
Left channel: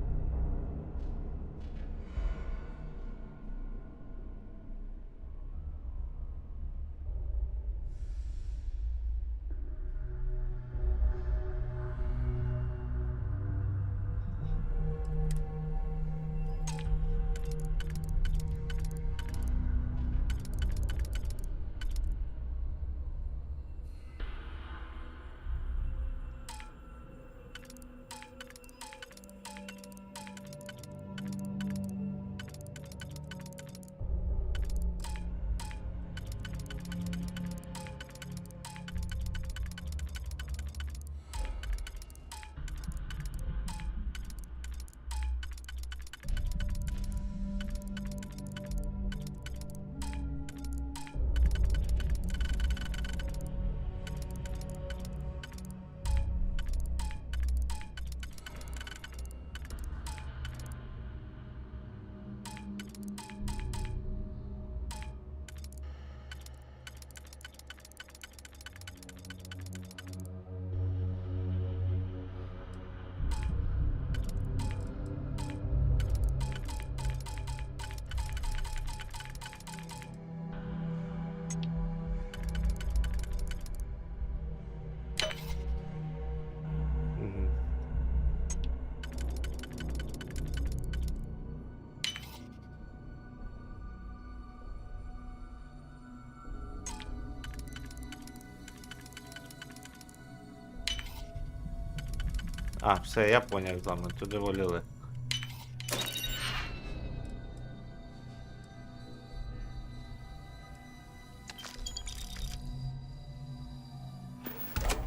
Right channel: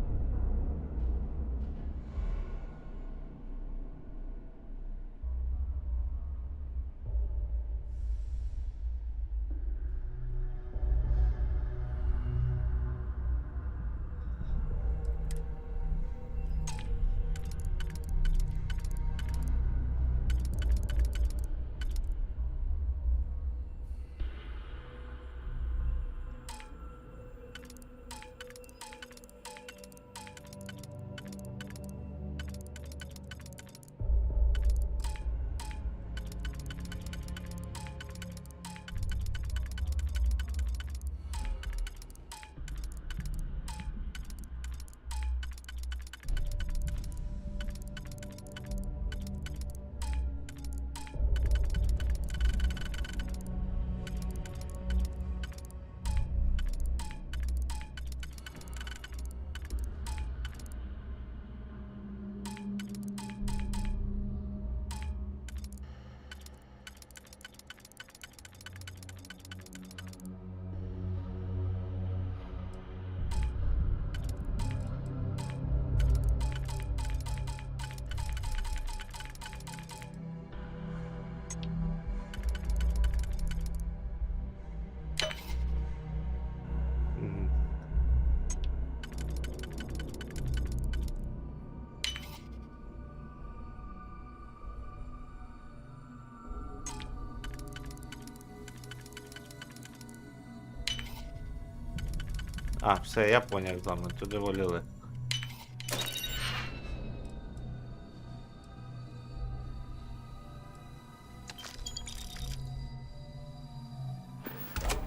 А, все, я поняв з вами, туди воліли.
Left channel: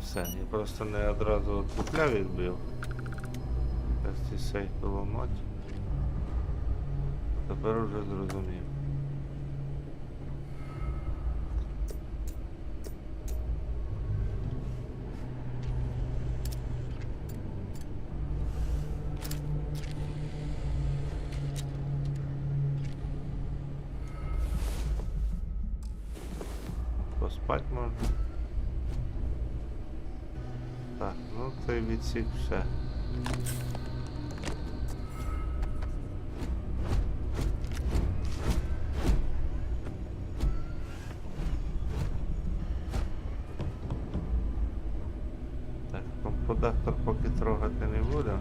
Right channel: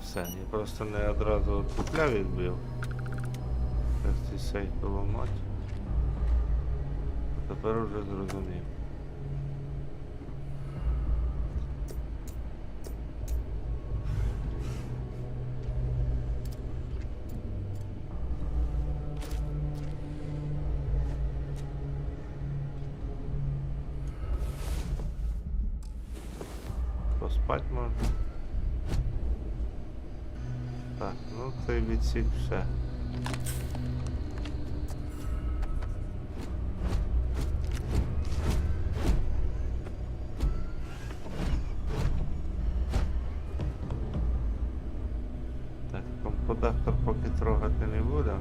Все, я просто не одразу купляв і відбив. Зараз цей сейф поламати. Тепер уже зрозумів. Поспать можна. Так, ну цей відсік все. Так, компудактор поки трогати не буду.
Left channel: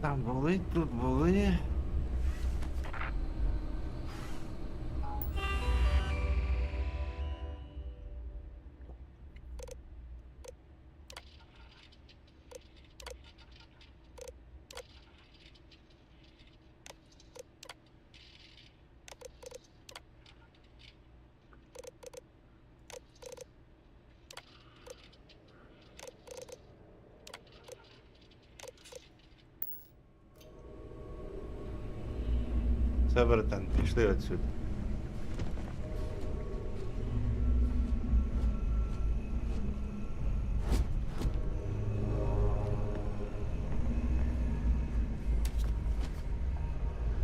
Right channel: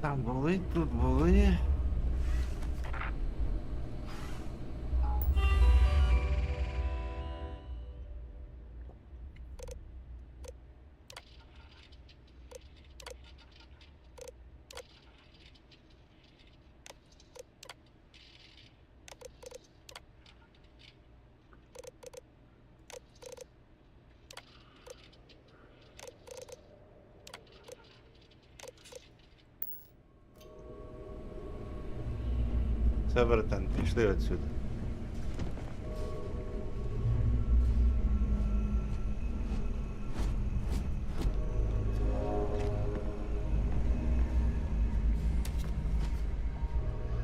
Там були, тут були. Все, братан, пішли отсюди.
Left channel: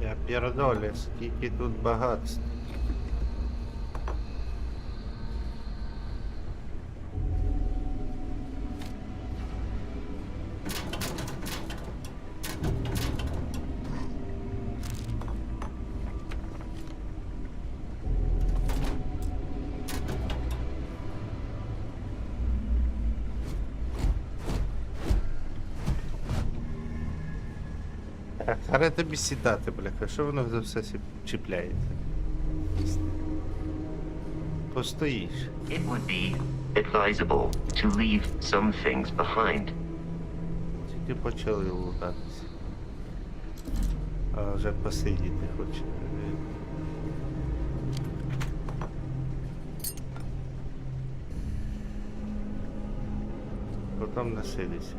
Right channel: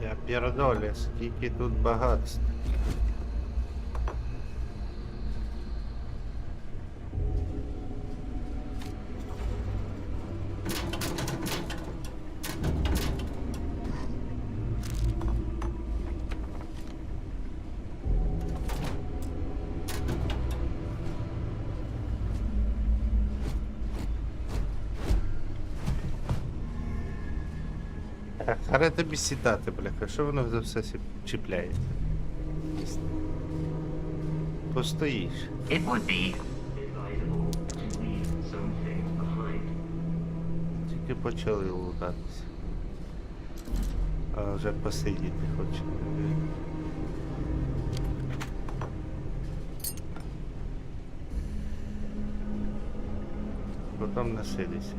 Я пердолю, скільки тут багатств. Харе тобі сідати, бляха, що воно за все чіпляється? Постоїш. It would be advisable to leave some things behind. Тільки почали лутатися. А вже посидіти хочете. Потім насидися.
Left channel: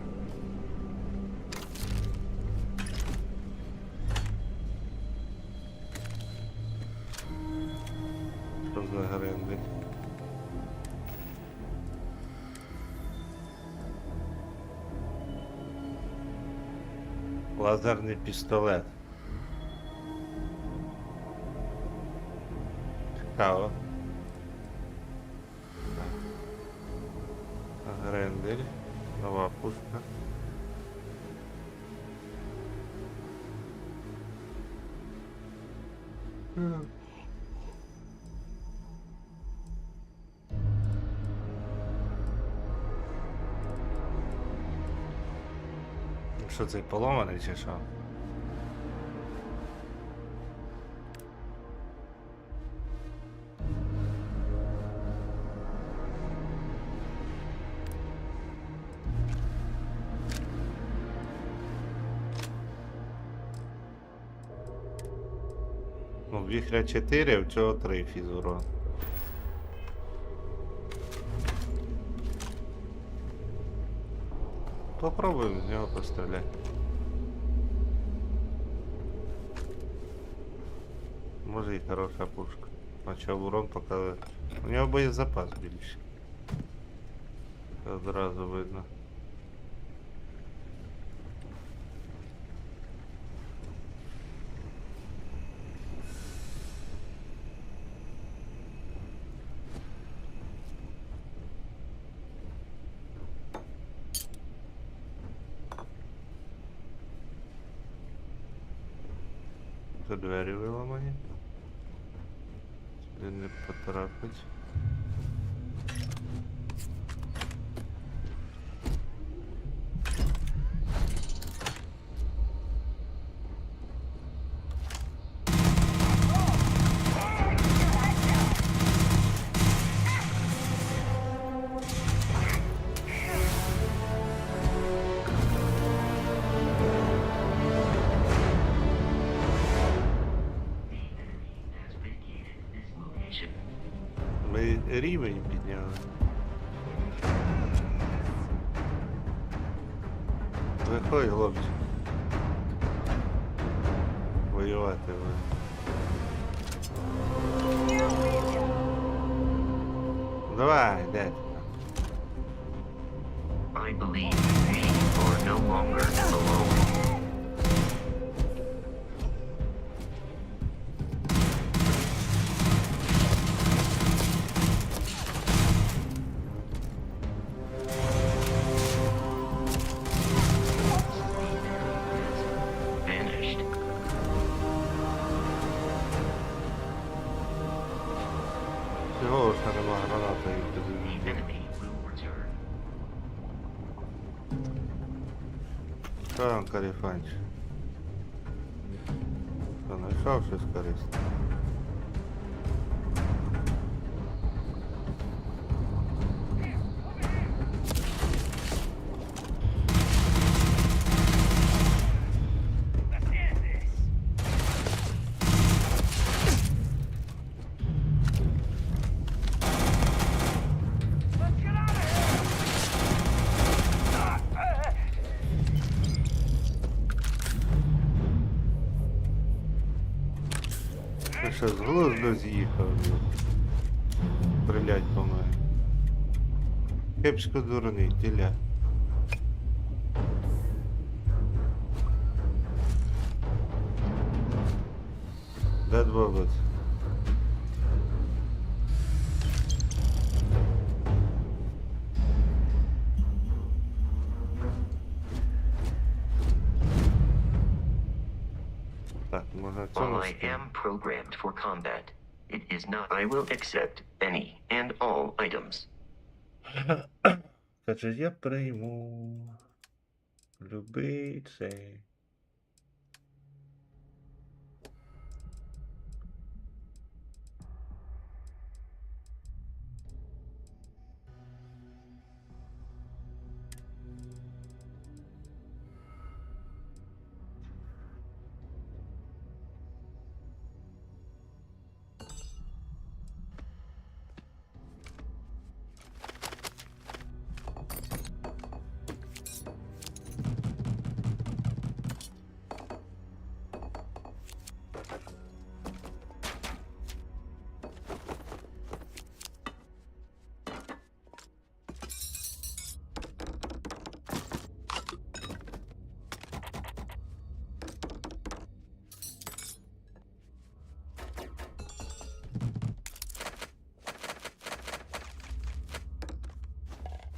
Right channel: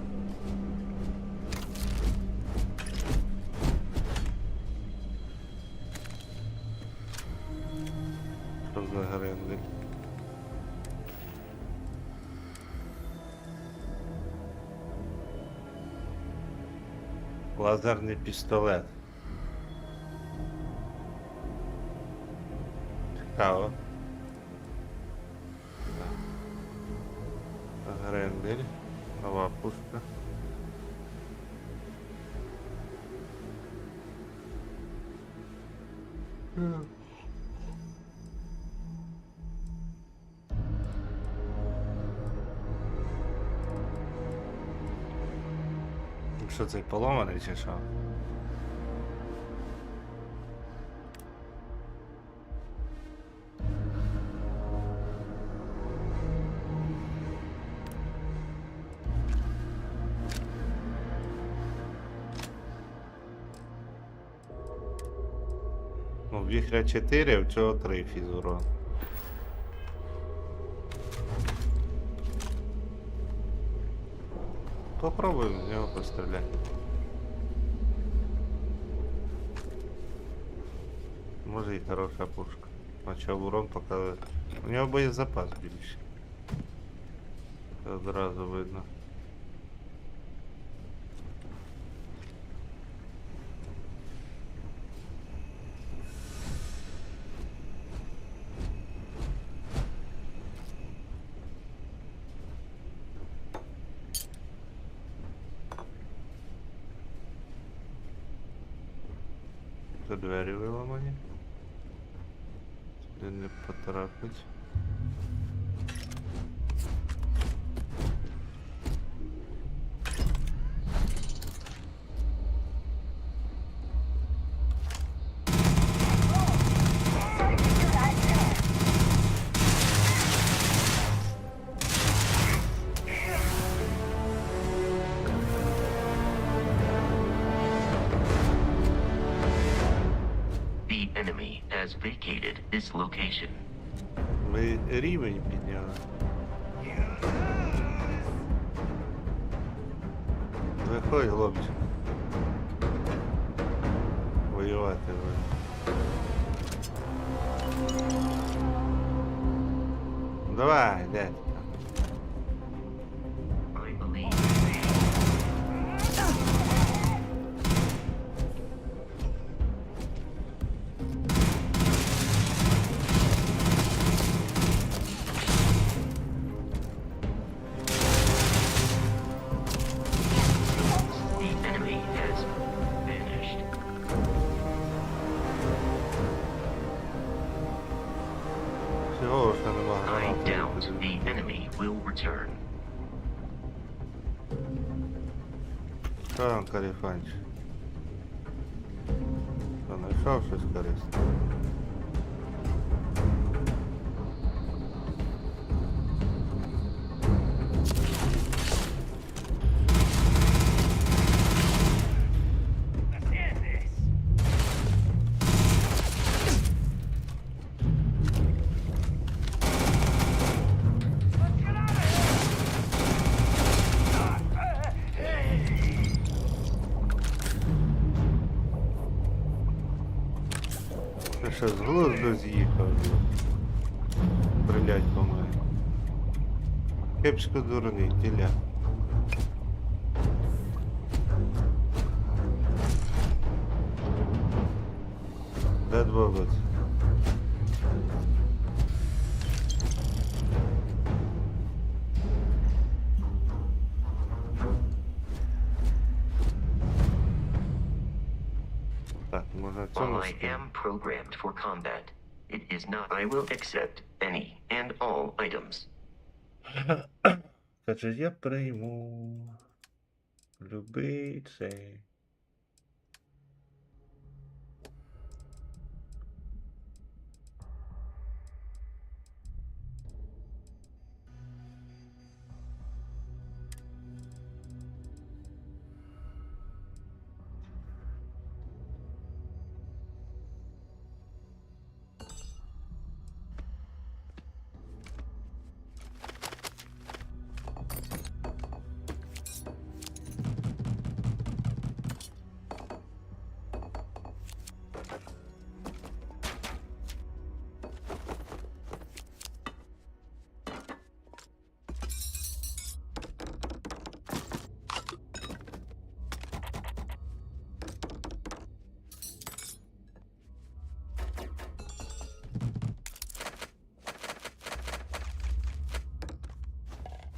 Що за грендель? Лазерний пістолет. Цікаво. Так. Грендель. Нова пушка. Що це, поломаний чи що? Ну, віхря 4, а в цього 3 фізурон. Попробуємо з нього постріляти. Може і хороша пушка. Хоча урон показує. У нього боєзапас більше. Це одразу видно. Це двері виламані. Сюди не потрапить. location. Ми рівень підняли. Виходь, хлопчик. Воювати ви. Давай, дядь. I believe you are no longer alone. The enemy has vanished. Всього ж нема I гранати. doubt the enemy will return. Що там, каріфанч? Що, знайшов щось корисне? Ти що, з глузду з'їхав? Стрілять по мене. Кепсько дурний, тіля. Де бобот? Так, може в цьому While I am programmed for combat, it is not. I will accept any and all items. Каже, я прийму любий цей.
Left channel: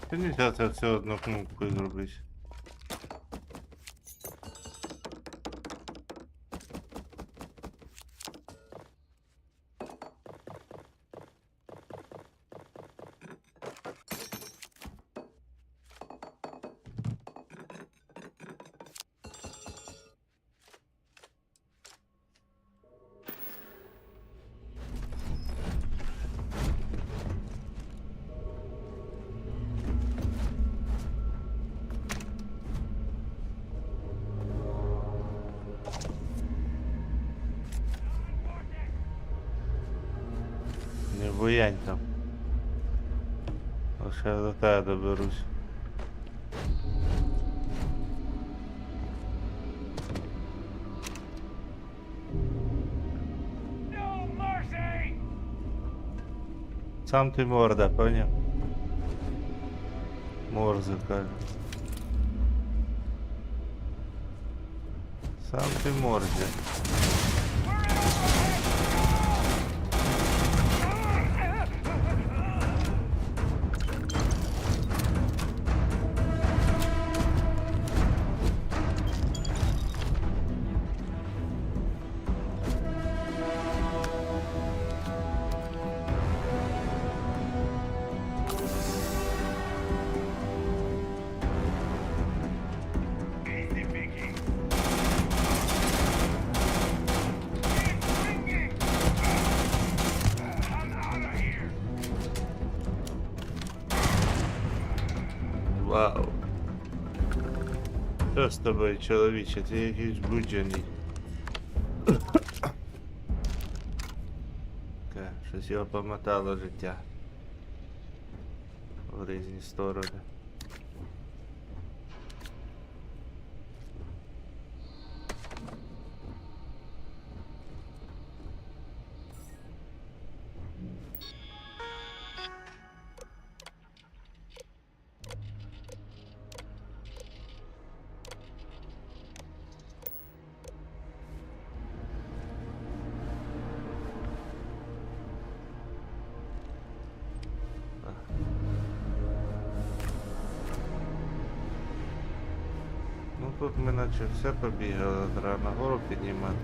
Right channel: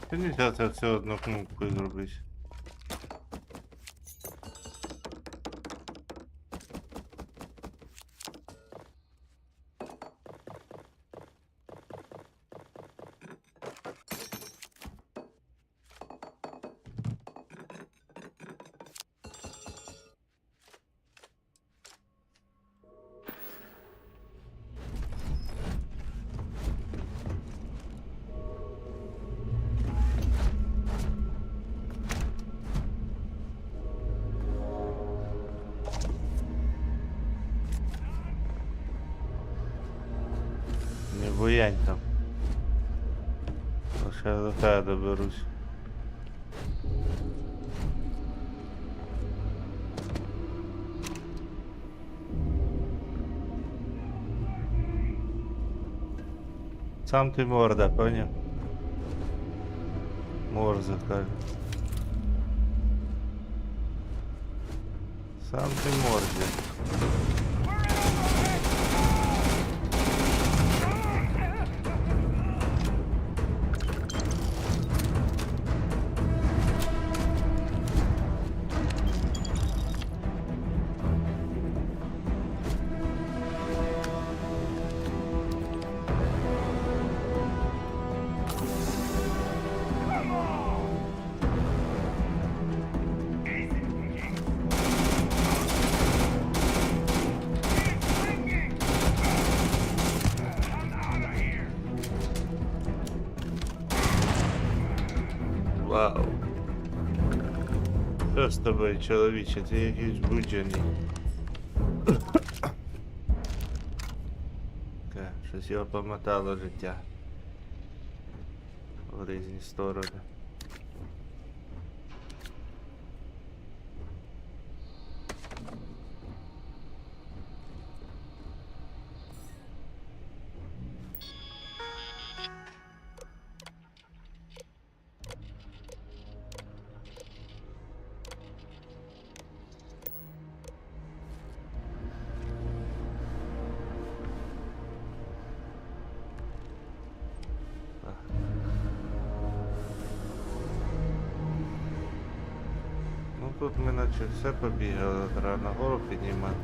Ти нельзя це все одну кнопкою зробити. Не буянь там. Лише до тебе доберусь. Сам ти морда, поняв? Морзе каже. Сам ти морзе. Вау. Що з тобою, чоловіче? Ти якийсь буджений. Щось Щось його помотало життя в різні сторони. Ну тут ми наче все побігали, треба нагору підніматися.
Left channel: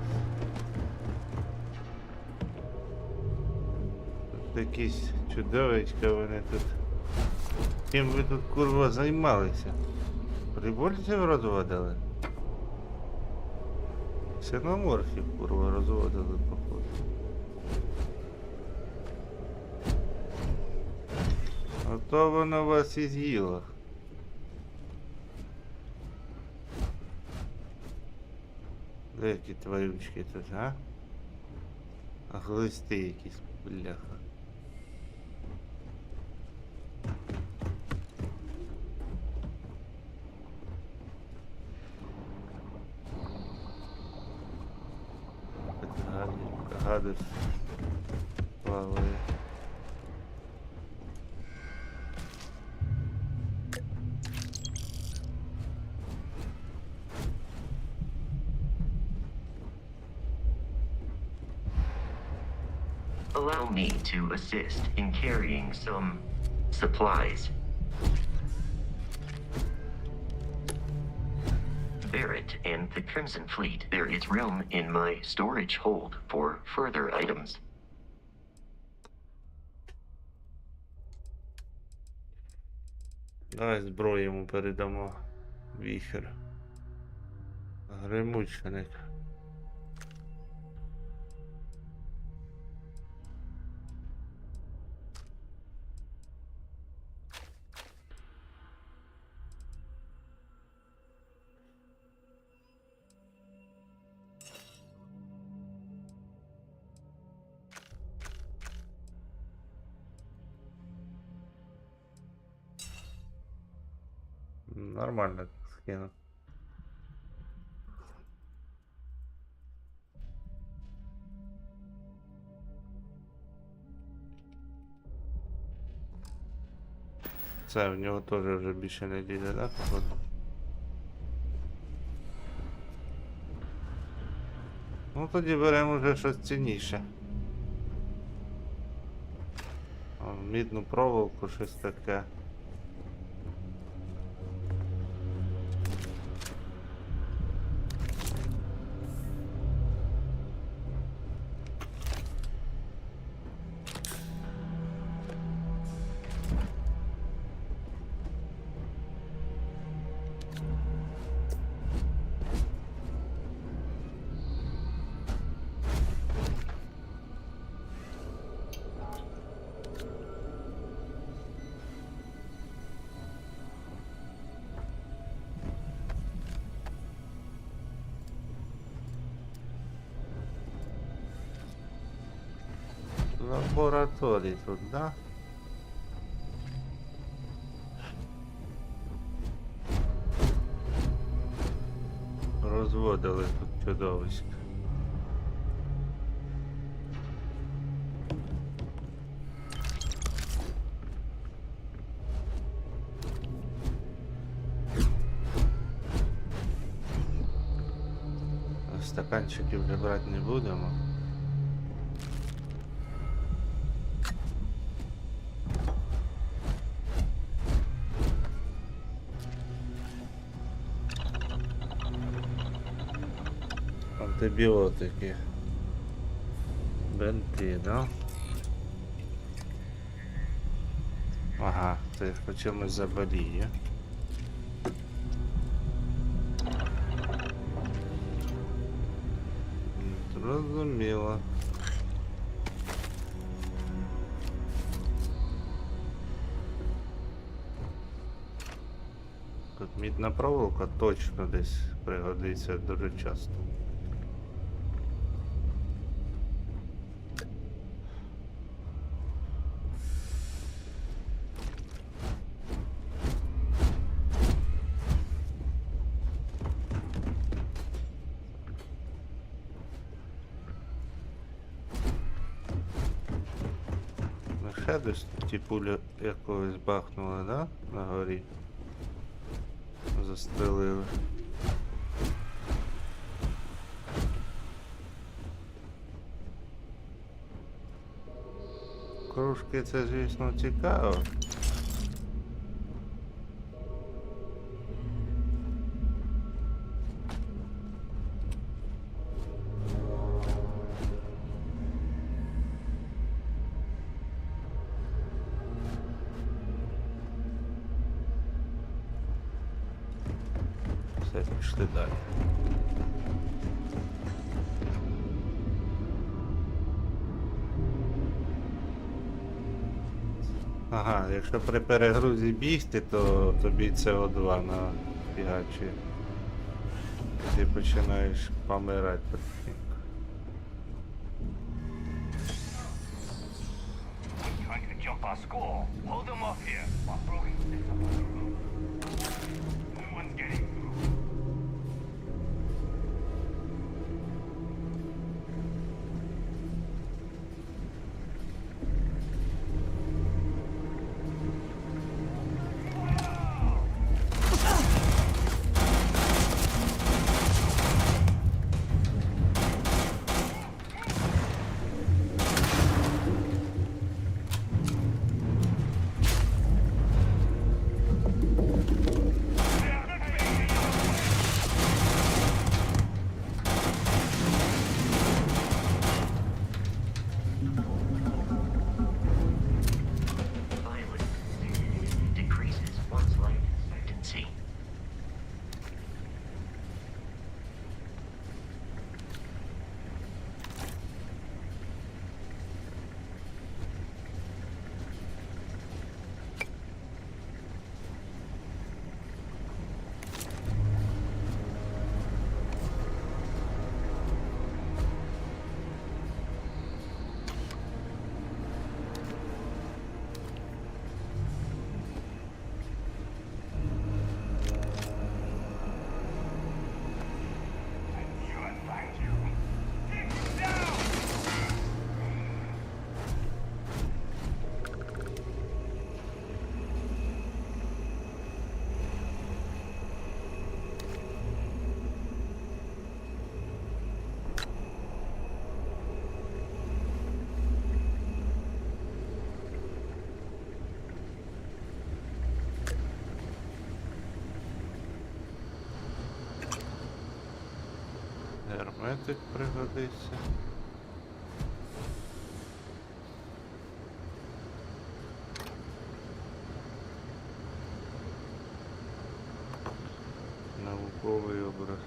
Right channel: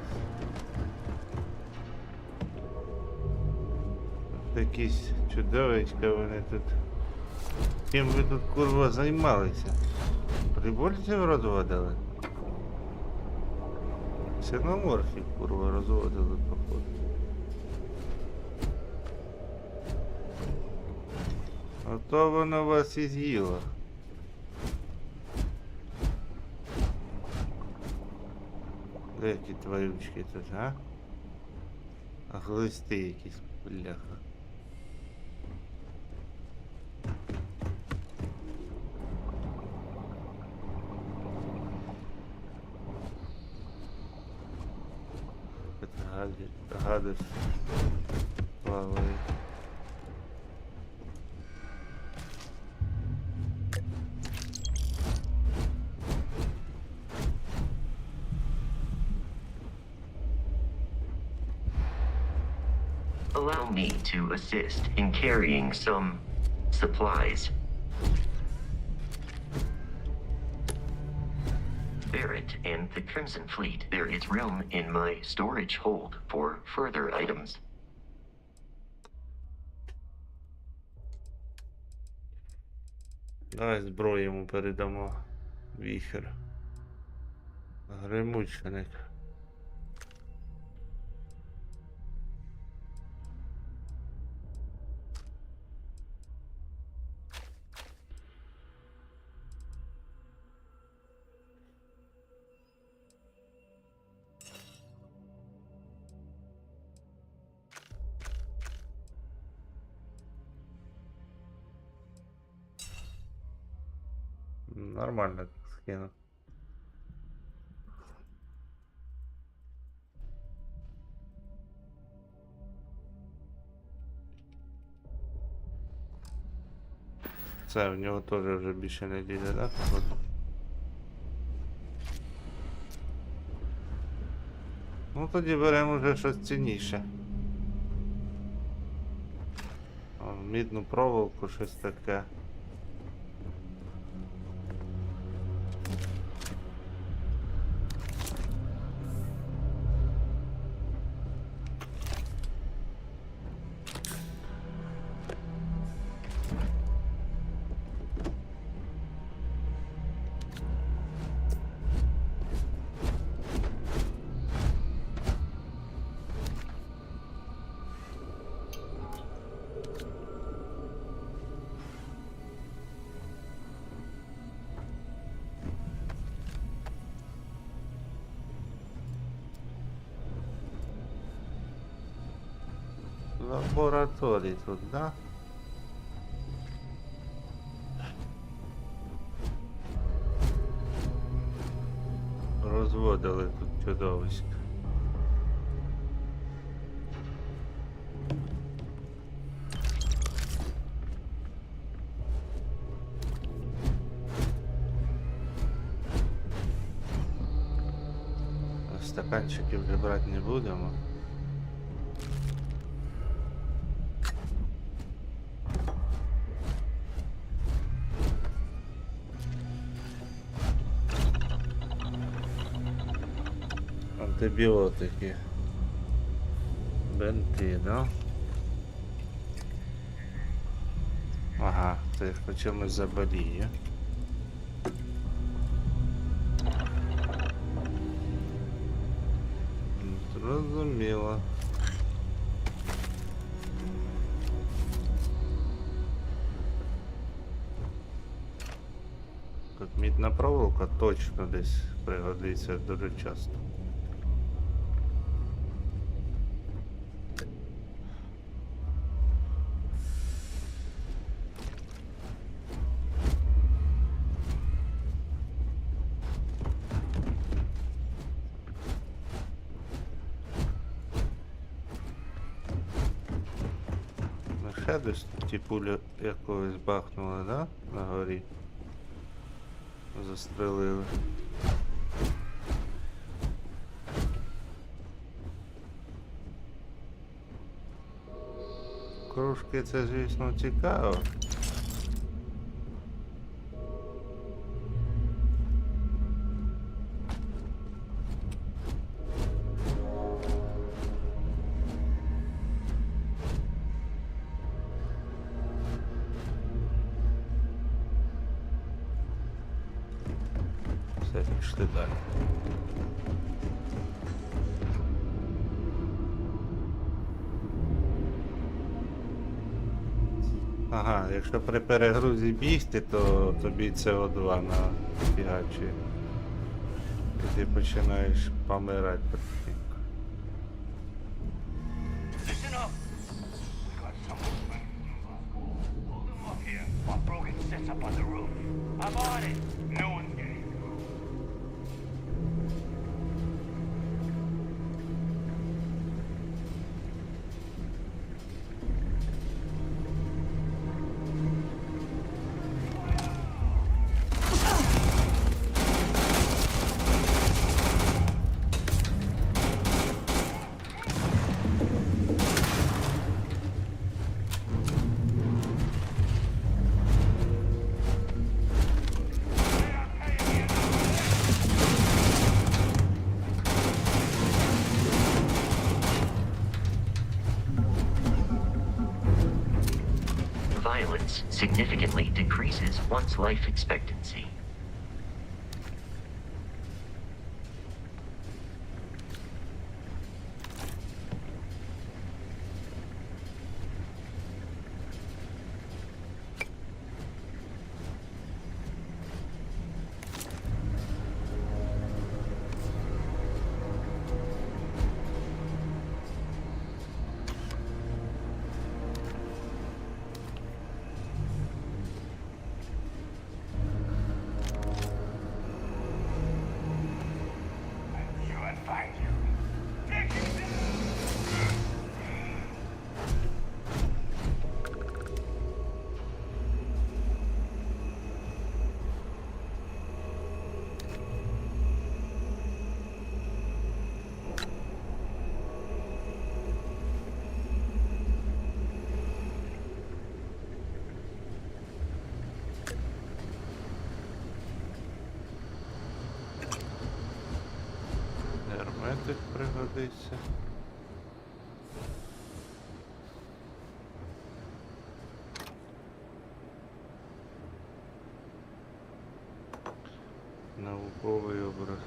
Тут якісь чудовичка вони тут. Чим ви тут, курва, займалися? Прибульців розводили? Ксеноморфів, курва, розводили, походу. Ото воно вас і з'їло. Де які тварючки тут, а? А глисти якісь, бляха. Гадиш плаває. Allow me to assist in carrying some supplies. Barrett and the Crimson Fleet, there is room in my storage hold for further items. Давай зброю йому передамо. Віхер. Гримучник. Нормально скину. Це в нього теж вже більше не лізе, так? Ну тоді беремо вже щось цінніше. Мідну проволоку, щось таке. Лабораторії тут, да? Розводили тут чудовисько. Стаканчики вже брати не будемо. Антибіотики. Бенти, да? Ага, це по чомусь заболіє. Зрозуміло. Тут мідна проволока точно десь пригодиться дуже часто. ще десь ті пулі якогось бахнули, да? На горі. Застрелили. Кружки це, звісно, цікаво. Все, пішли далі. Ага, якщо при перегрузі бігти, то тобі СО2 нафігачує. І ти починаєш помирати потихеньку. Violence significantly decreases one's life expectancy. Герметик пригодиться. Науковий образ.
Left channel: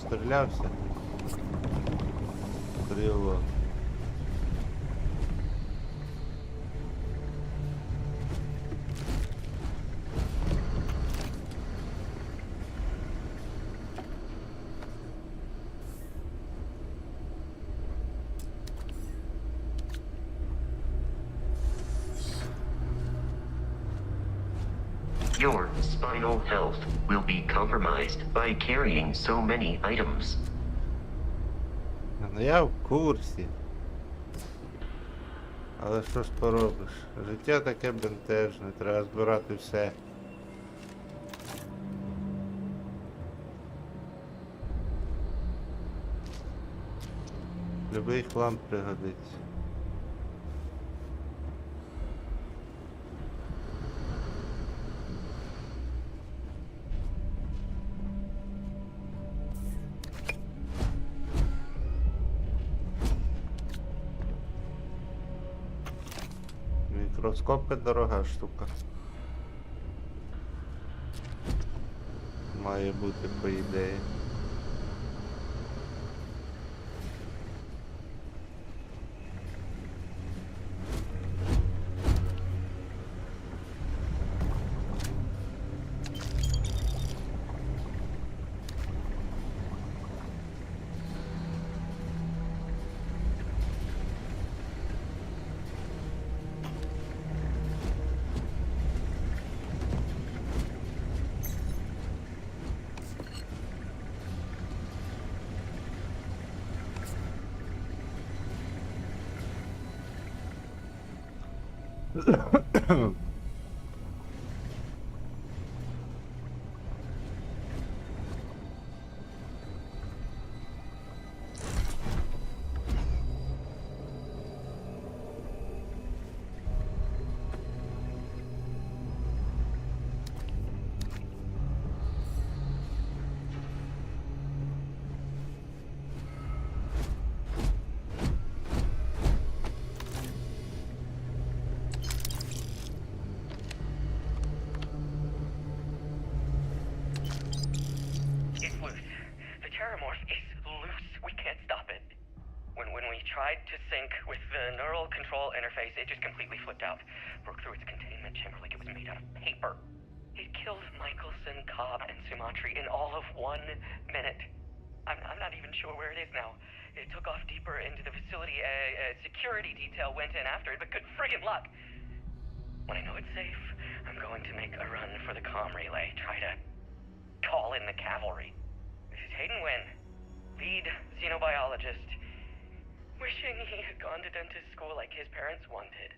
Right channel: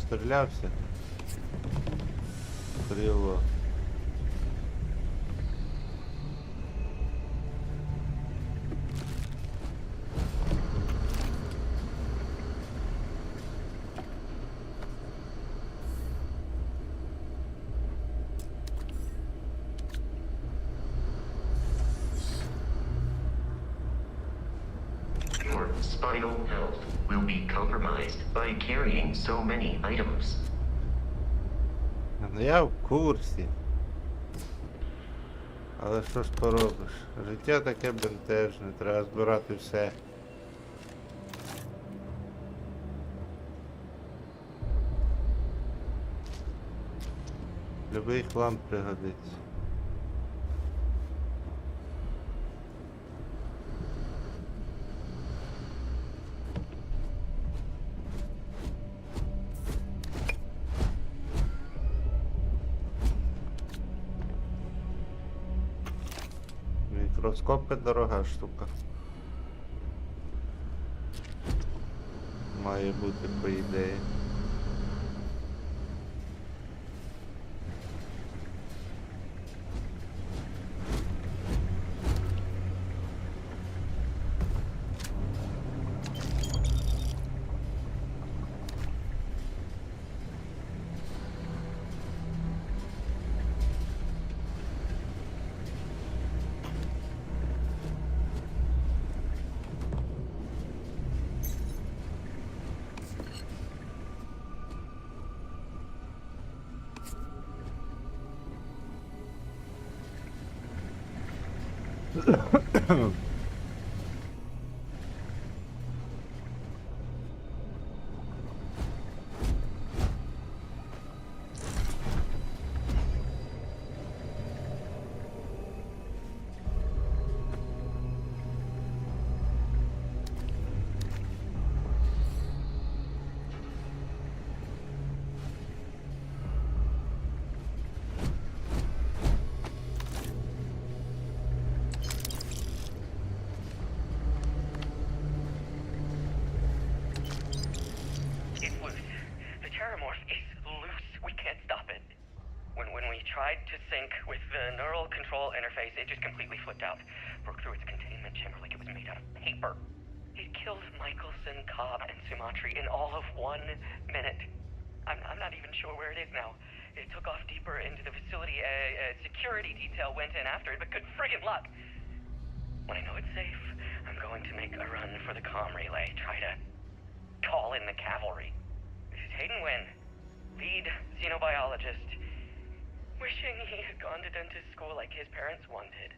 Стрілявся. Крило. Your spinal health will be compromised by carrying so many items. Ну я в курсі. Але що ж поробиш? Життя таке бентежне, треба збирати все. Любий хлам пригодиться. Мікроскопи дорога штука. Має бути, по ідеї. It's loose. The terramorph is loose. We can't stop it. When we tried to sync with the neural control interface, it just completely flipped out. Broke through its containment chamber like it was made out of paper. It killed Michelson, Cobb, and Sumatri in all of 1 minute. I'm not even sure where it is now. It took off deeper into the facility. A security detail went in after it, but good friggin' luck. When I know it's safe, I'm going to make a run for the comm relay. Try to call in the cavalry. This is Hayden Wynn, lead xenobiologist. Wishing he had gone to dentist school like his parents wanted.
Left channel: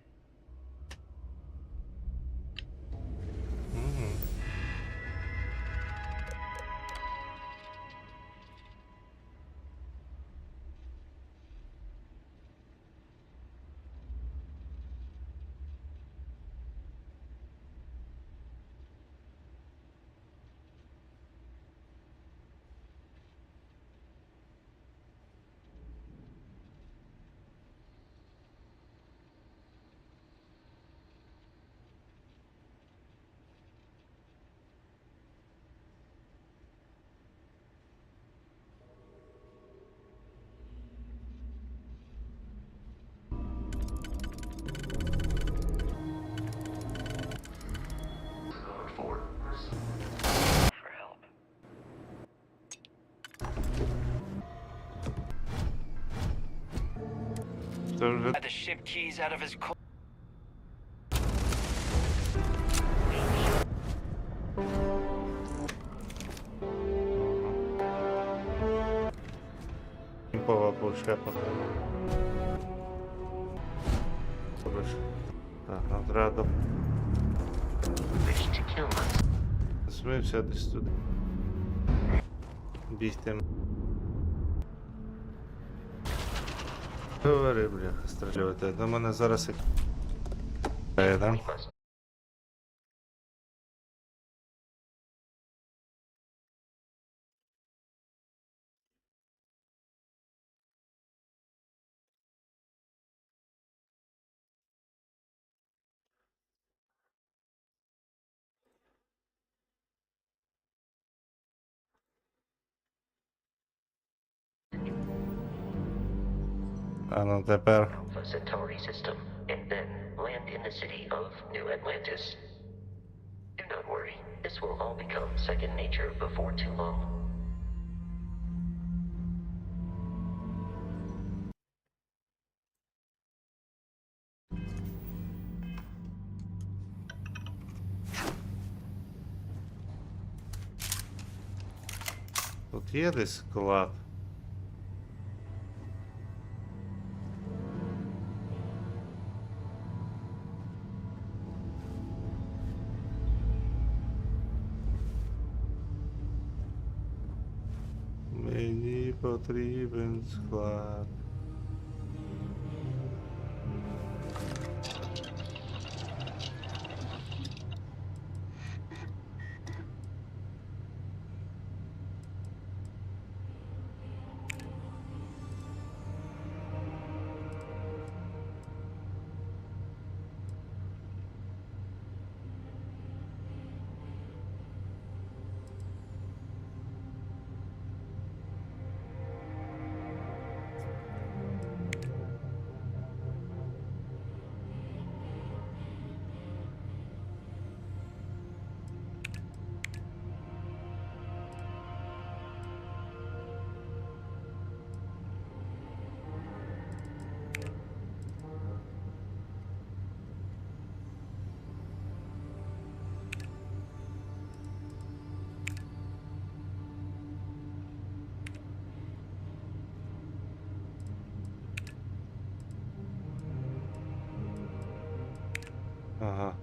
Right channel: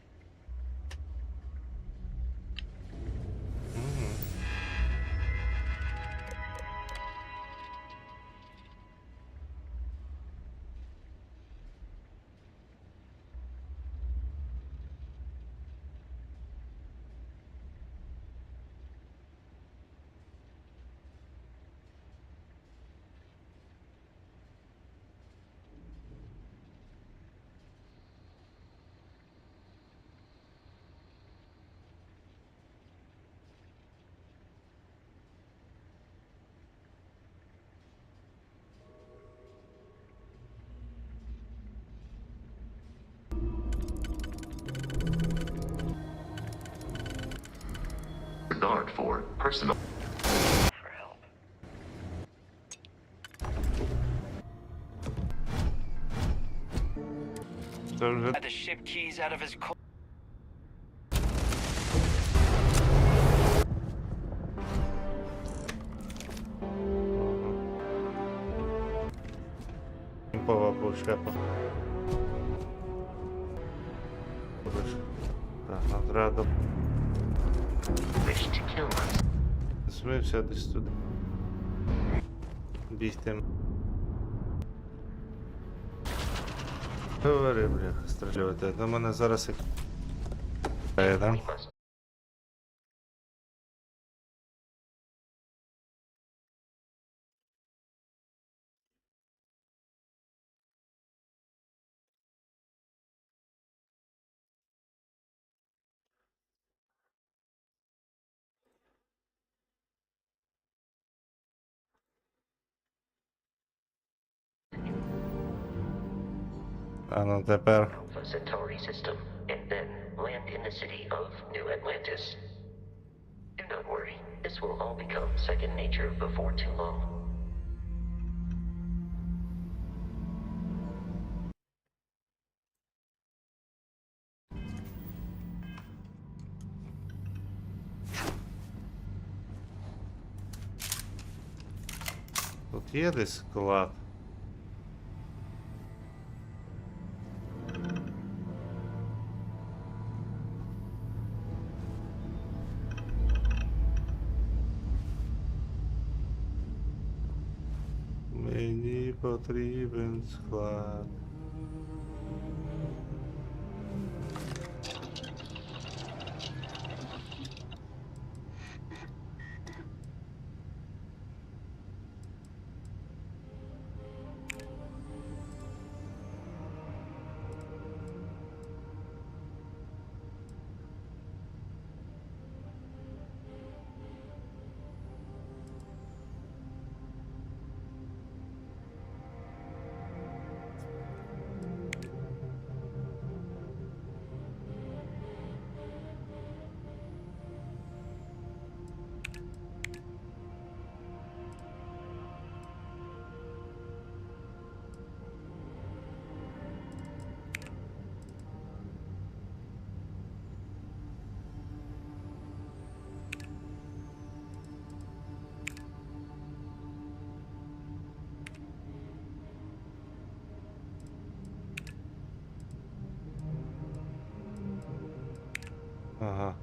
Regard for personal. For help. Це вже Had the ship keys out of his car. імпова пушка. Так, отряду. Wish to kill us. Смився десь туди. Бігти. Говори, бляха, стрілювати. До мене зараз як... да? We must. А ну тепер. Alpha Centauri system, and then land in the city of New Atlantis. Do not worry, this will all become second nature before too long. Тут є десь склад. Мені потрібен склад. Ага.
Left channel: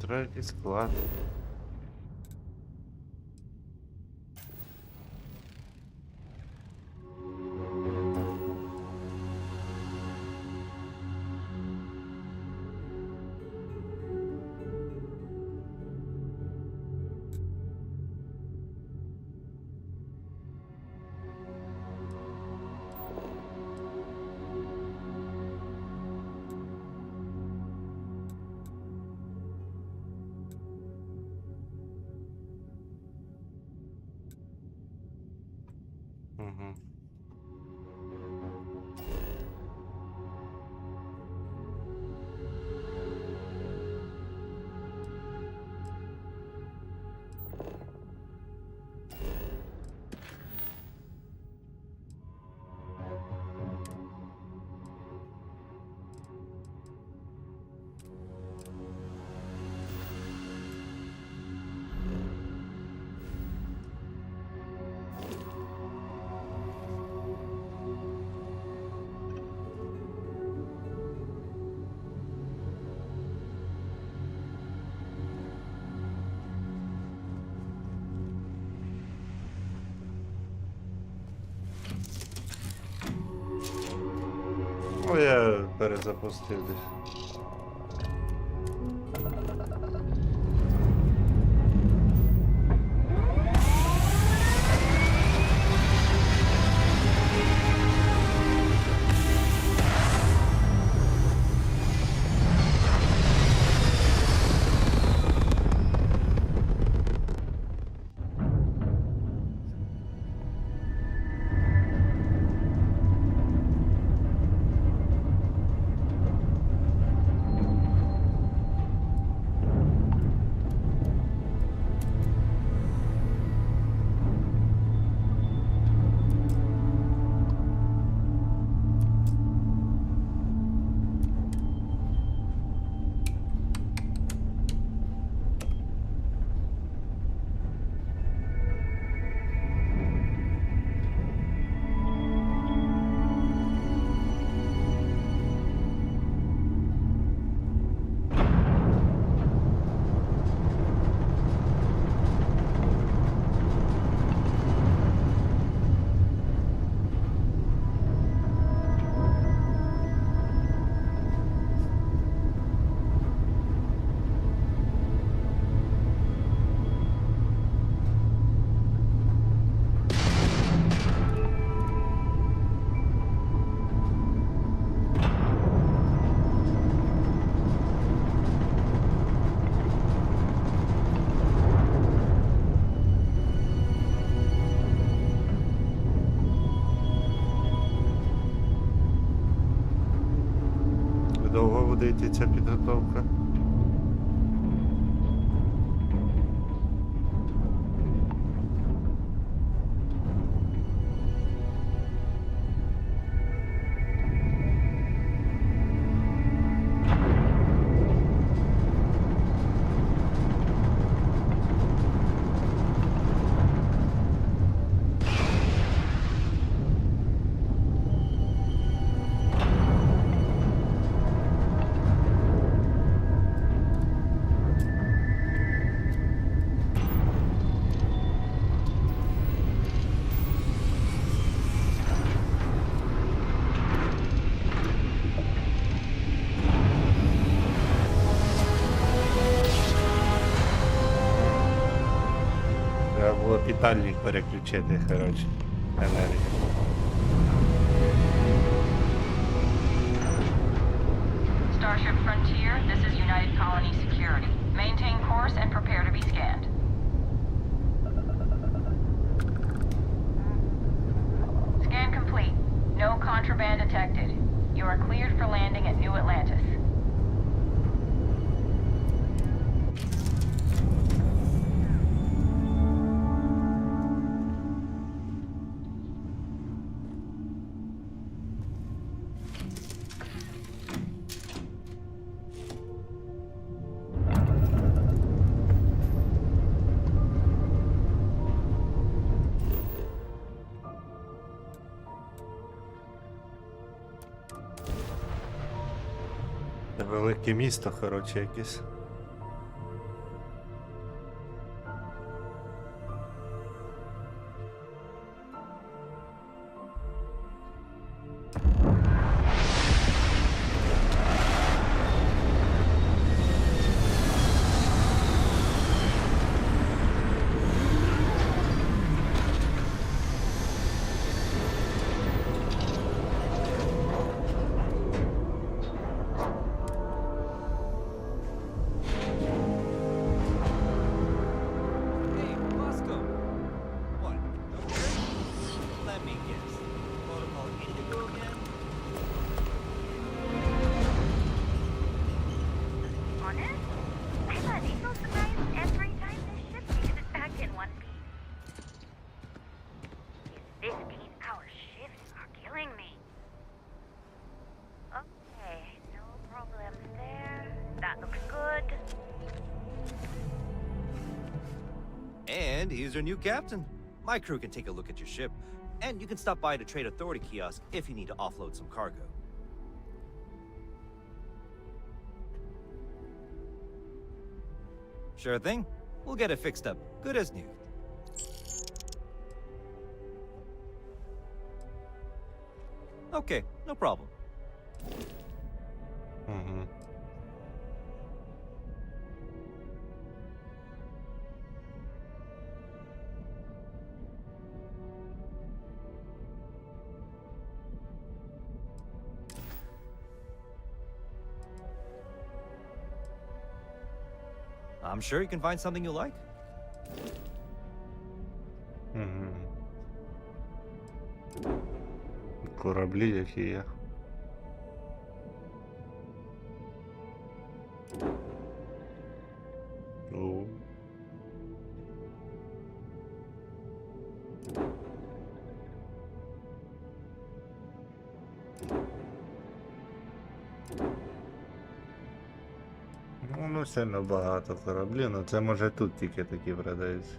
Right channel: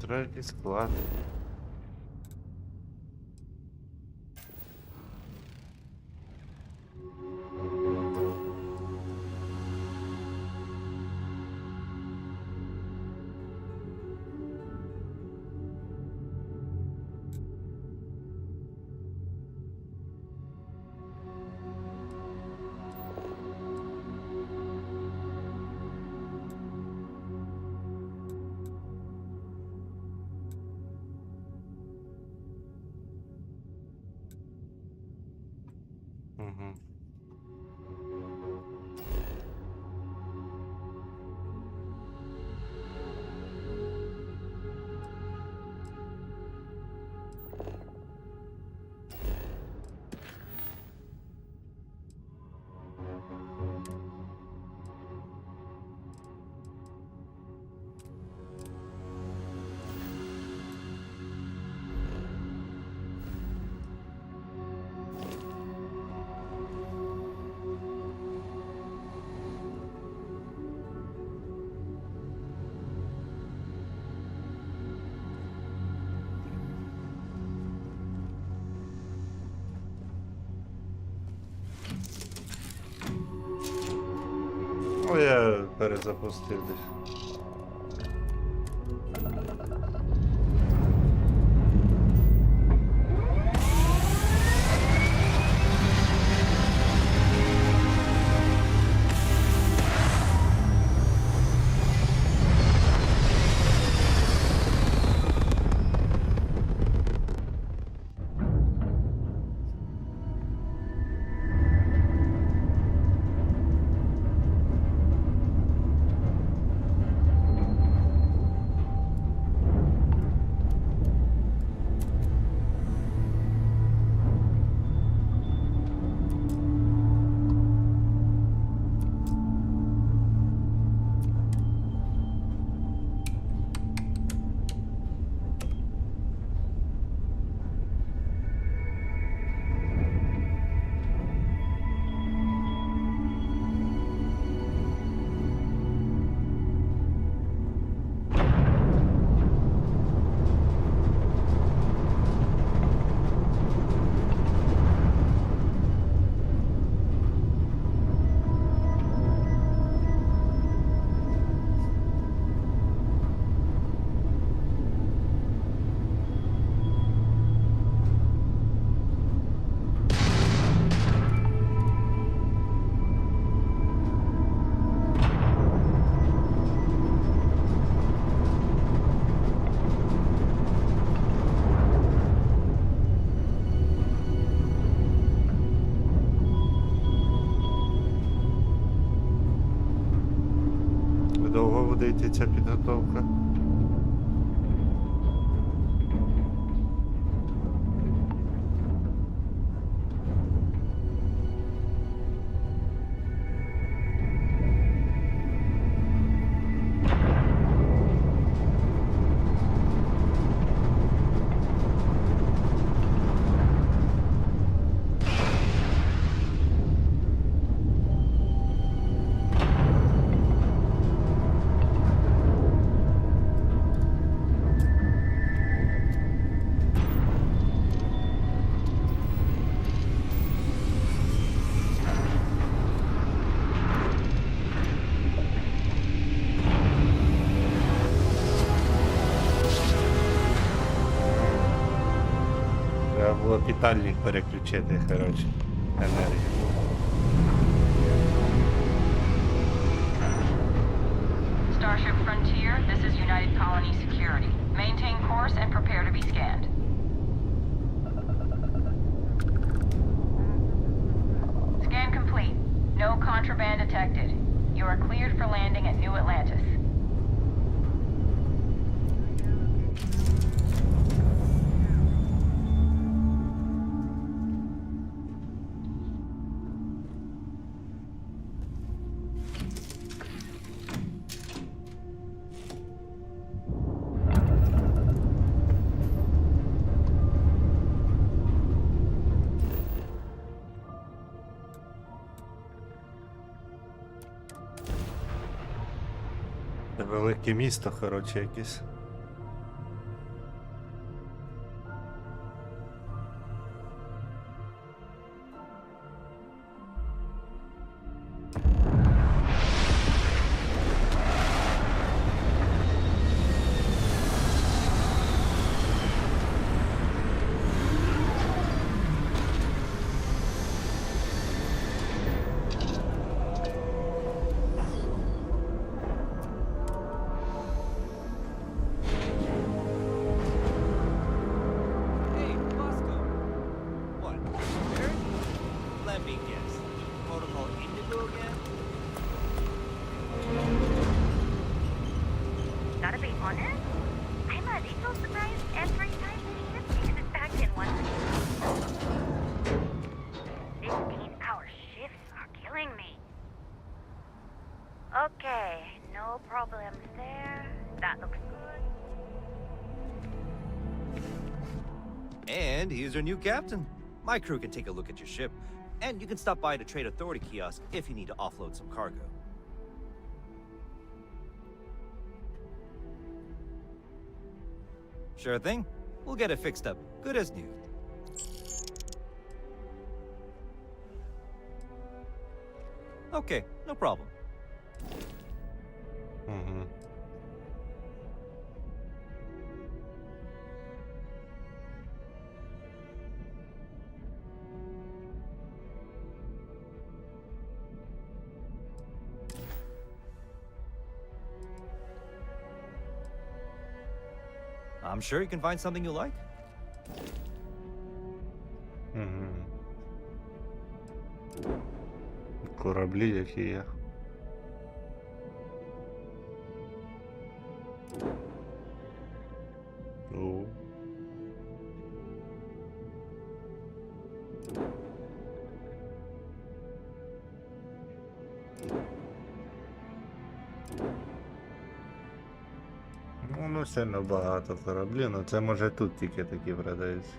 Третій склад. Угу. О, я перезапустив десь. Довго буде йти ця підготовка? літальник переключити, коротше, енергію. Starship Frontier, this is United Colony Security. Maintain course and prepare to be scanned. Scan complete. No contraband detected. You are cleared for landing at New Atlantis. Це велике місто, коротше, якесь. Gotta be honest, I'm a little surprised every time this ship makes it back in one piece. 15-hour shifts are killing me. Okay, no problems there. That looks good. And here's your new captain. My crew can take a look at your ship, and you can stop by the Trade Authority kiosk if you need to offload some cargo. Sure thing. We'll get it fixed up, good as new. Okay, no problem. Угу. I'm sure you can find something you like. Угу. Кораблі, які є. О. Ну, сильно багато кораблів, ну це може тут тільки такі продаються.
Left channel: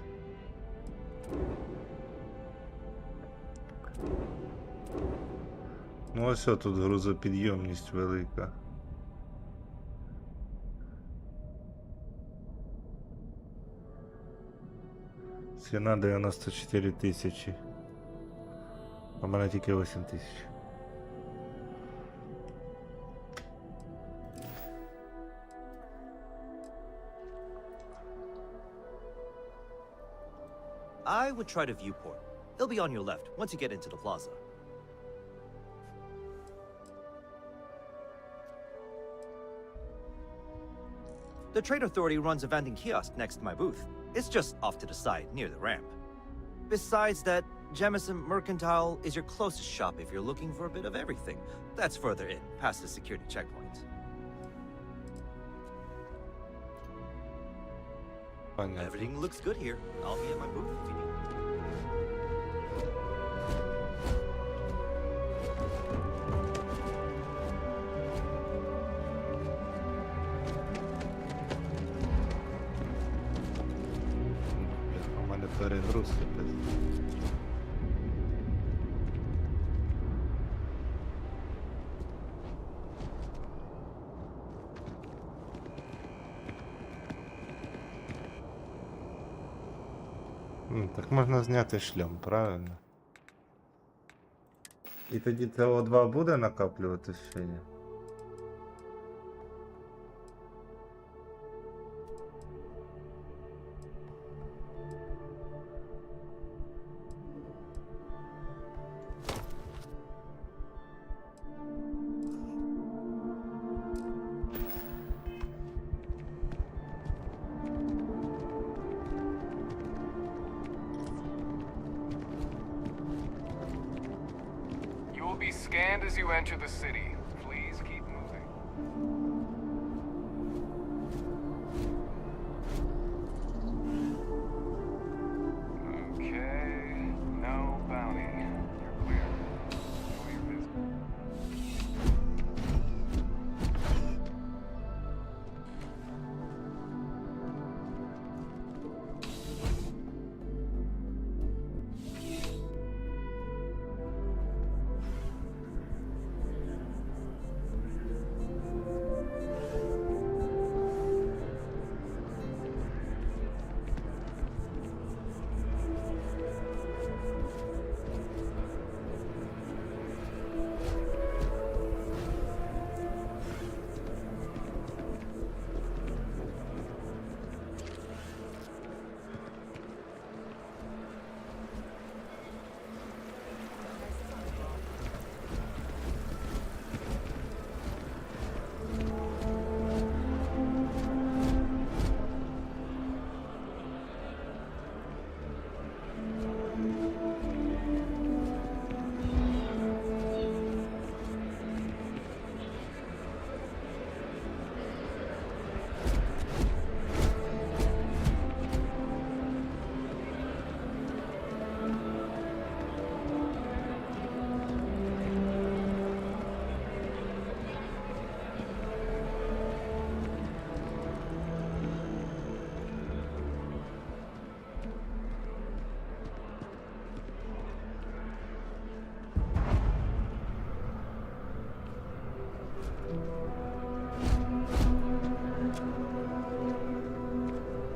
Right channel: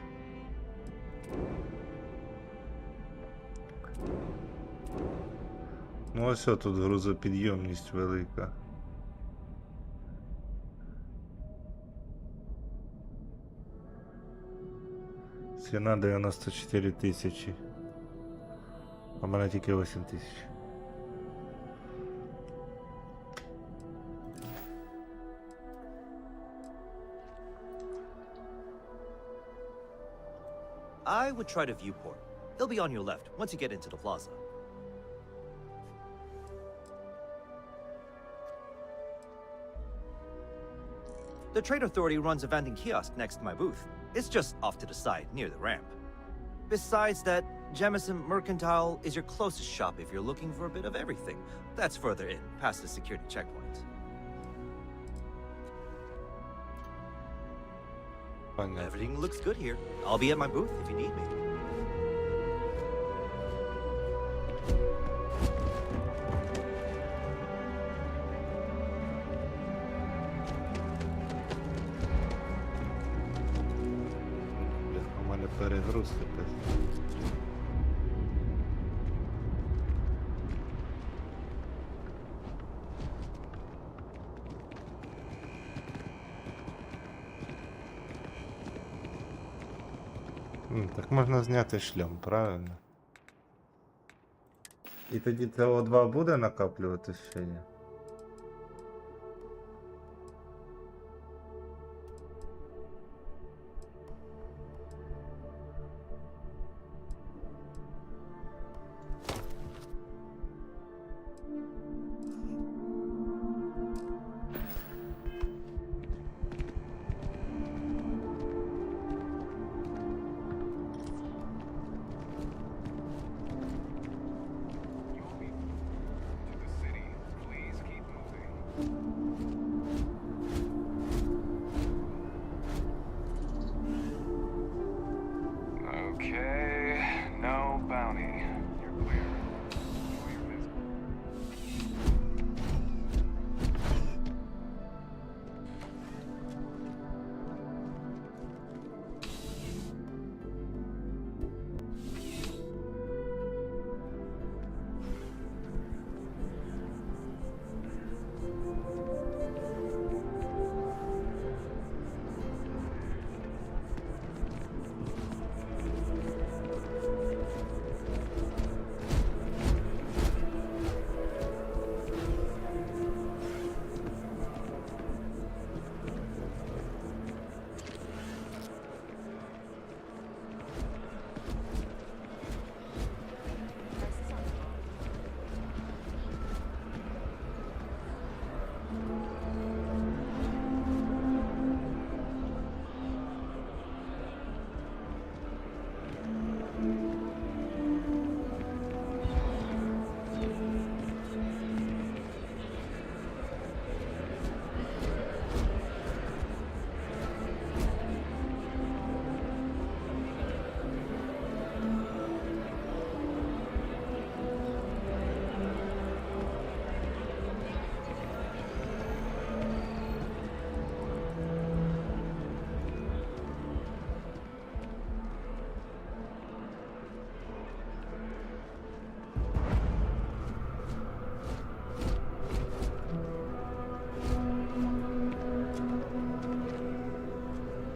Ну ось тут грузопідйомність велика. Ціна 94 тисячі. А в мене тільки 8 тисяч. I would try the viewport. It'll be on your left once you get into the plaza. The Trade Authority runs a vending kiosk next to my booth. It's just off to the side, near the ramp. Besides that, Jemison Mercantile is your closest shop if you're looking for a bit of everything. That's further in, past the security checkpoint. Everything looks good here. I'll be at my booth if you need me. У мене перегруз якось. Так можна зняти шлем, правильно? І тоді СО2 буде накоплюватись ще ні? will be scanned as you enter the city. Please keep moving. Okay, no bounty. You're clear. Enjoy your visit.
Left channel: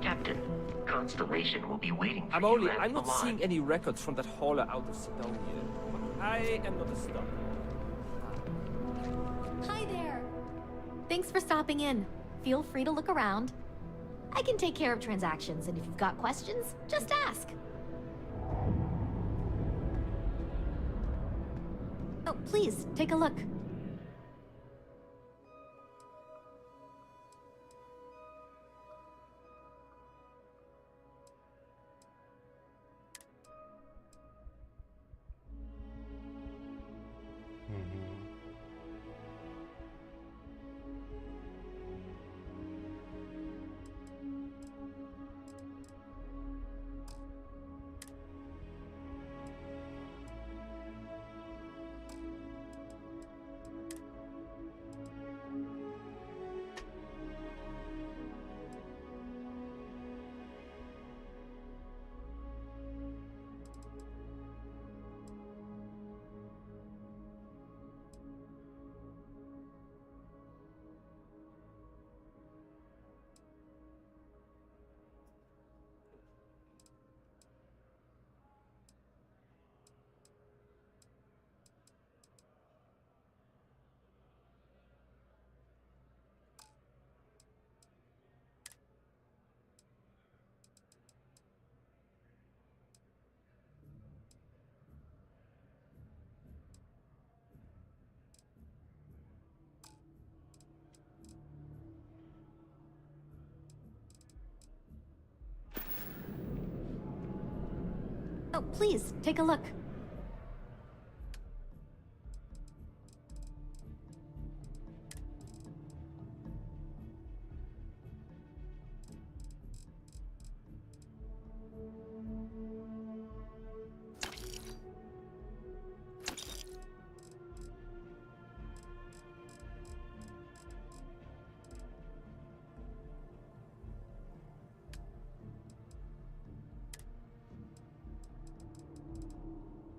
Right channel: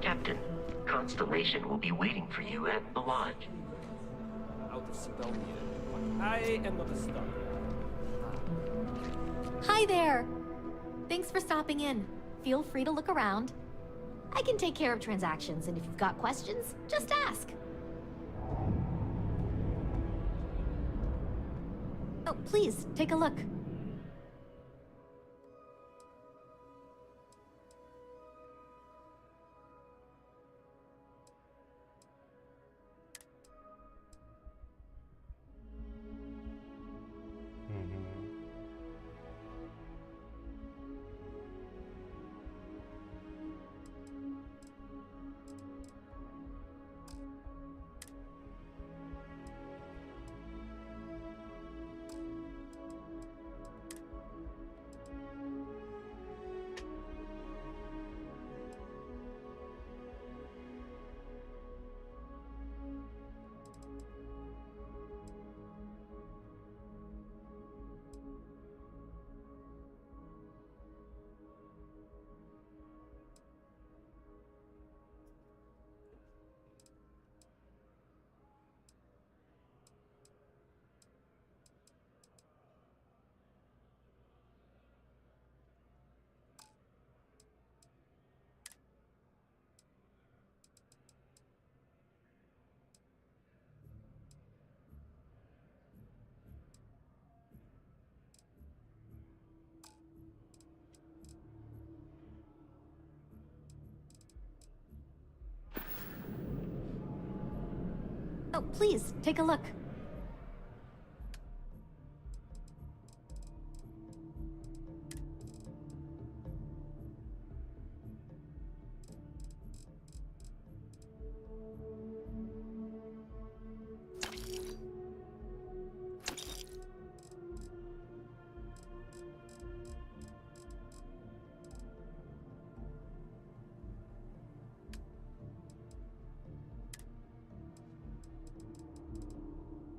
Captain, Constellation will be waiting for you at I'm the not line. seeing any records from that hauler out of Sidonia. I am not a star. Hi there! Thanks for stopping in. Feel free to look around. I can take care of transactions, and if you've got questions, just ask. Oh, please, take a look. Oh, please, take a look.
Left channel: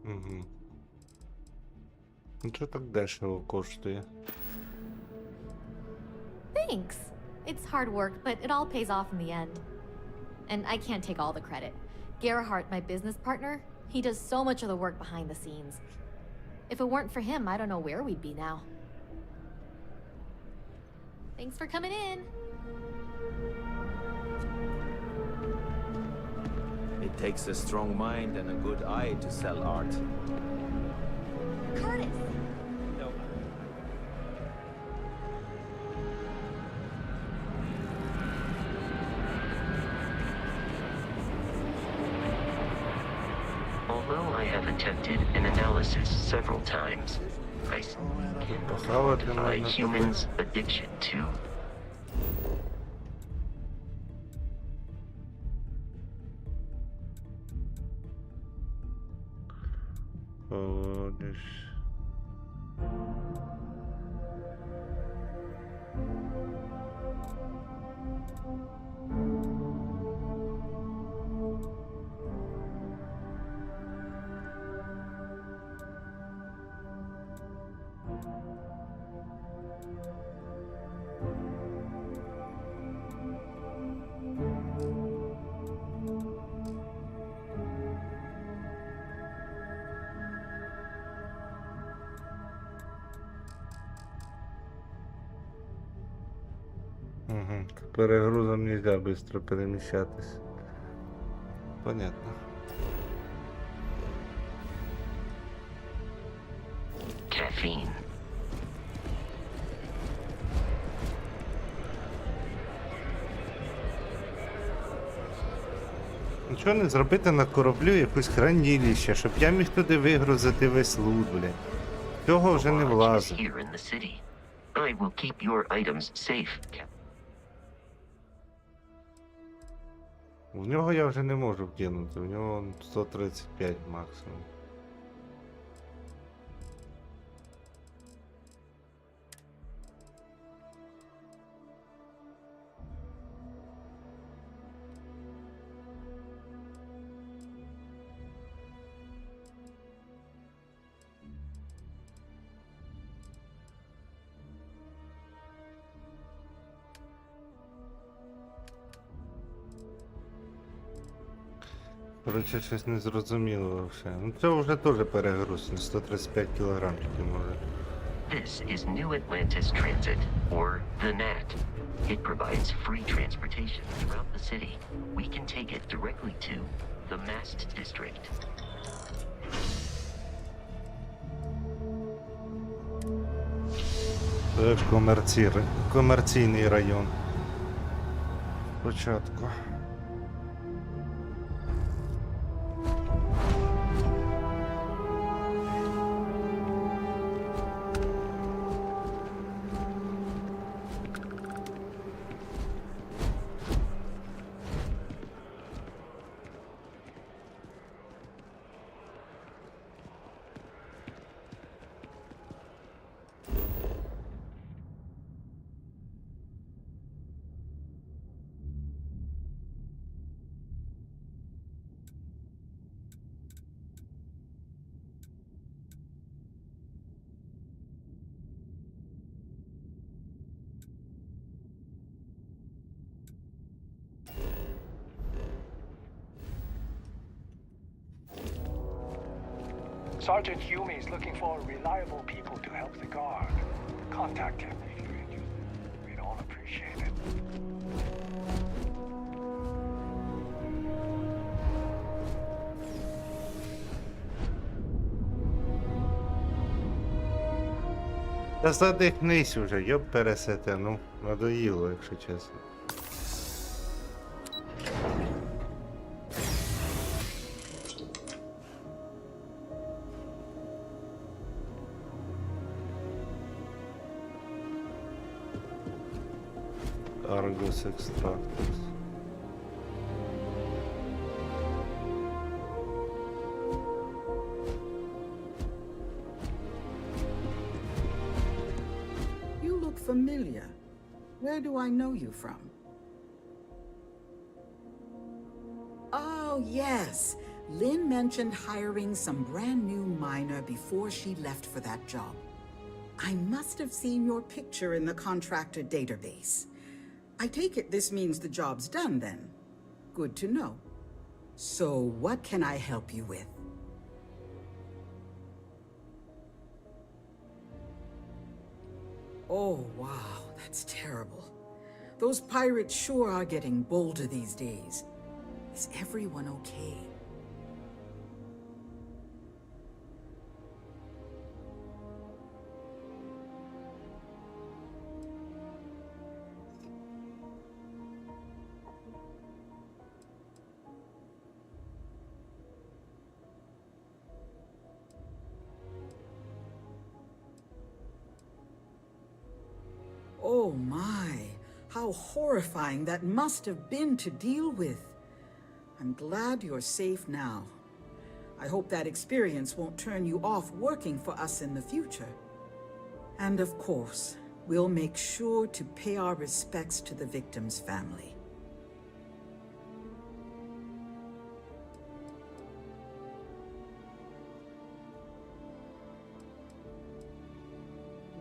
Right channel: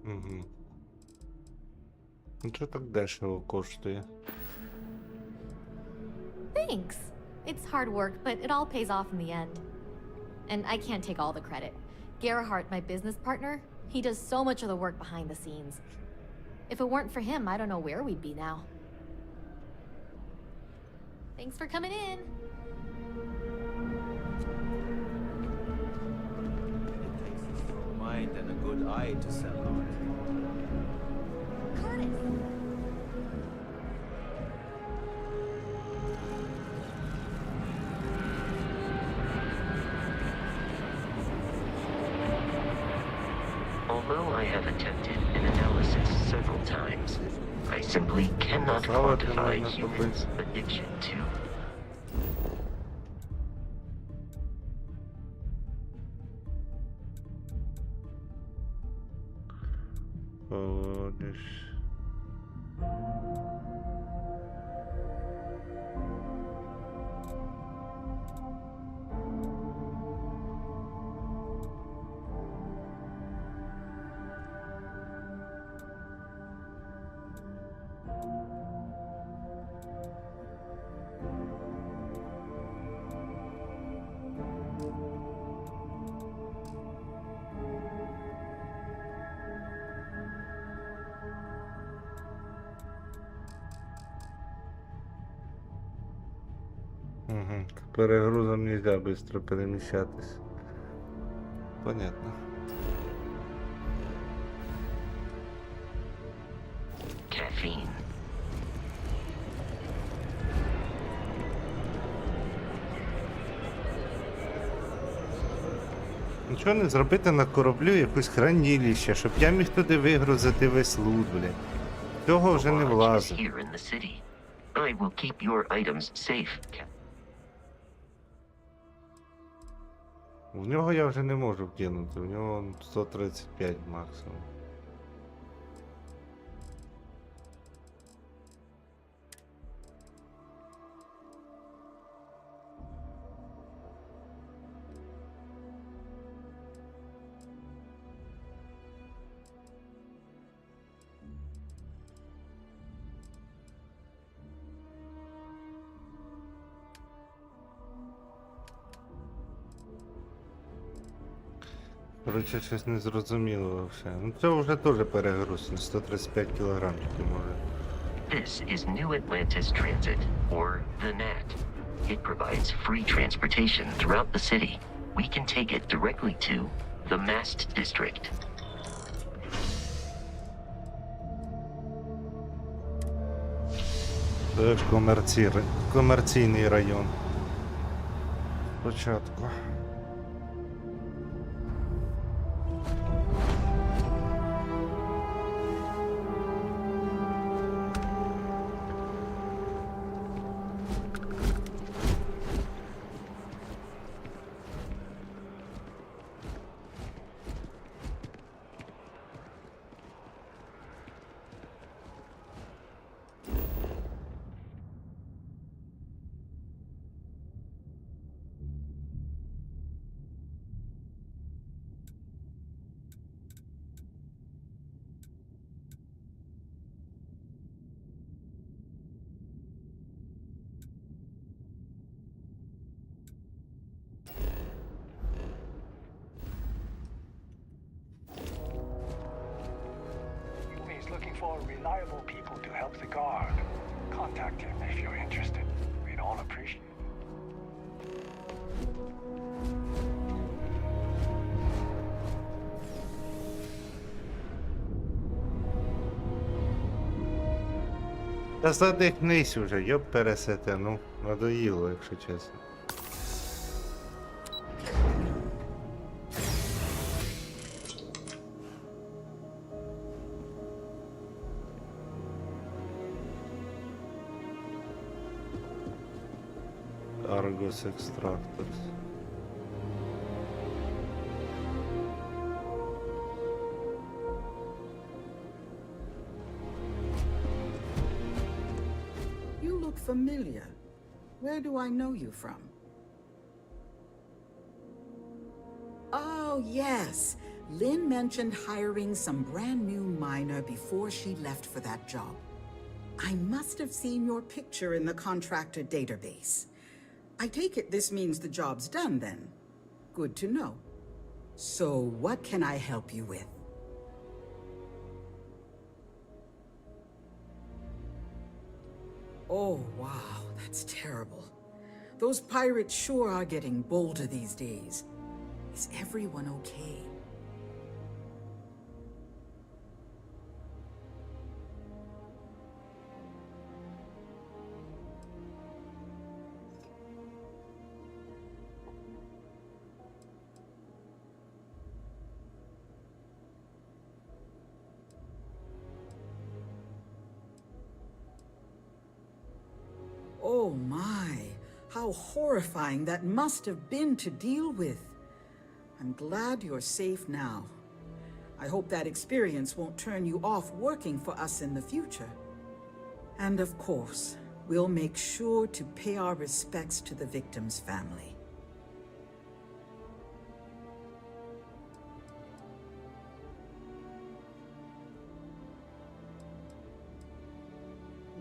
Угу. Ну що так дешево коштує? Thanks. It's hard work, but it all pays off in the end. And I can't take all the credit. Gerhardt, my business partner, he does so much of the work behind the scenes. If it weren't for him, I don't know where we'd be now. Thanks for coming in. It takes a strong mind and a good eye to sell art. Curtis! Although I have attempted an analysis several times. I simply cannot Слава ти quantify мене humans' addiction to. Поводиш. Угу. Перегрузом нельзя быстро перемещатись. Понятно. Caffeine. Нічого не зробити на кораблю якусь хранилище, щоб я міг туди вигрузити весь лут, блядь. Цього вже не Lodge is влазить. here in the city. I will keep your items safe. В нього я вже не можу вкинути, в нього 135 максимум. Короче, щось не зрозуміло вообще. Ну це вже теж перегруз, на 135 кг тільки може. This is New Atlantis Transit, or the NAT. It provides free transportation throughout the city. We can take it directly to the Mast District. Це комерційний район. Спочатку. Sergeant Yumi is looking for reliable people to help the guard. Contact him if you're interested. We'd all appreciate it. Та задихнись уже, йоп пересете, ну, надоїло, якщо чесно. Argos Extractors. You look familiar. Where do I know you from? Oh, yes. Lynn mentioned hiring some brand new miner before she left for that job. I must have seen your picture in the contractor database. I take it this means the job's done then. Good to know. So what can I help you with? Oh, wow, that's terrible. Those pirates sure are getting bolder these days. Is everyone okay? Oh my, how horrifying that must have been to deal with. I'm glad you're safe now. I hope that experience won't turn you off working for us in the future. And of course, we'll make sure to pay our respects to the victim's family.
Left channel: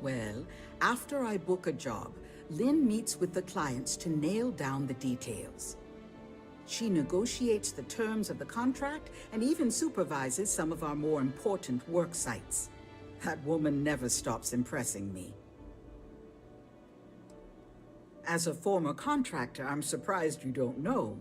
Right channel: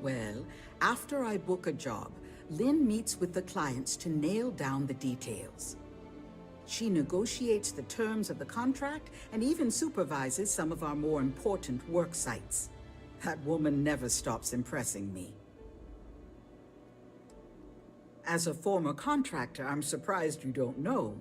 Well, after I book a job, Lynn meets with the clients to nail down the details. She negotiates the terms of the contract and even supervises some of our more important work sites. That woman never stops impressing me. As a former contractor, I'm surprised you don't know.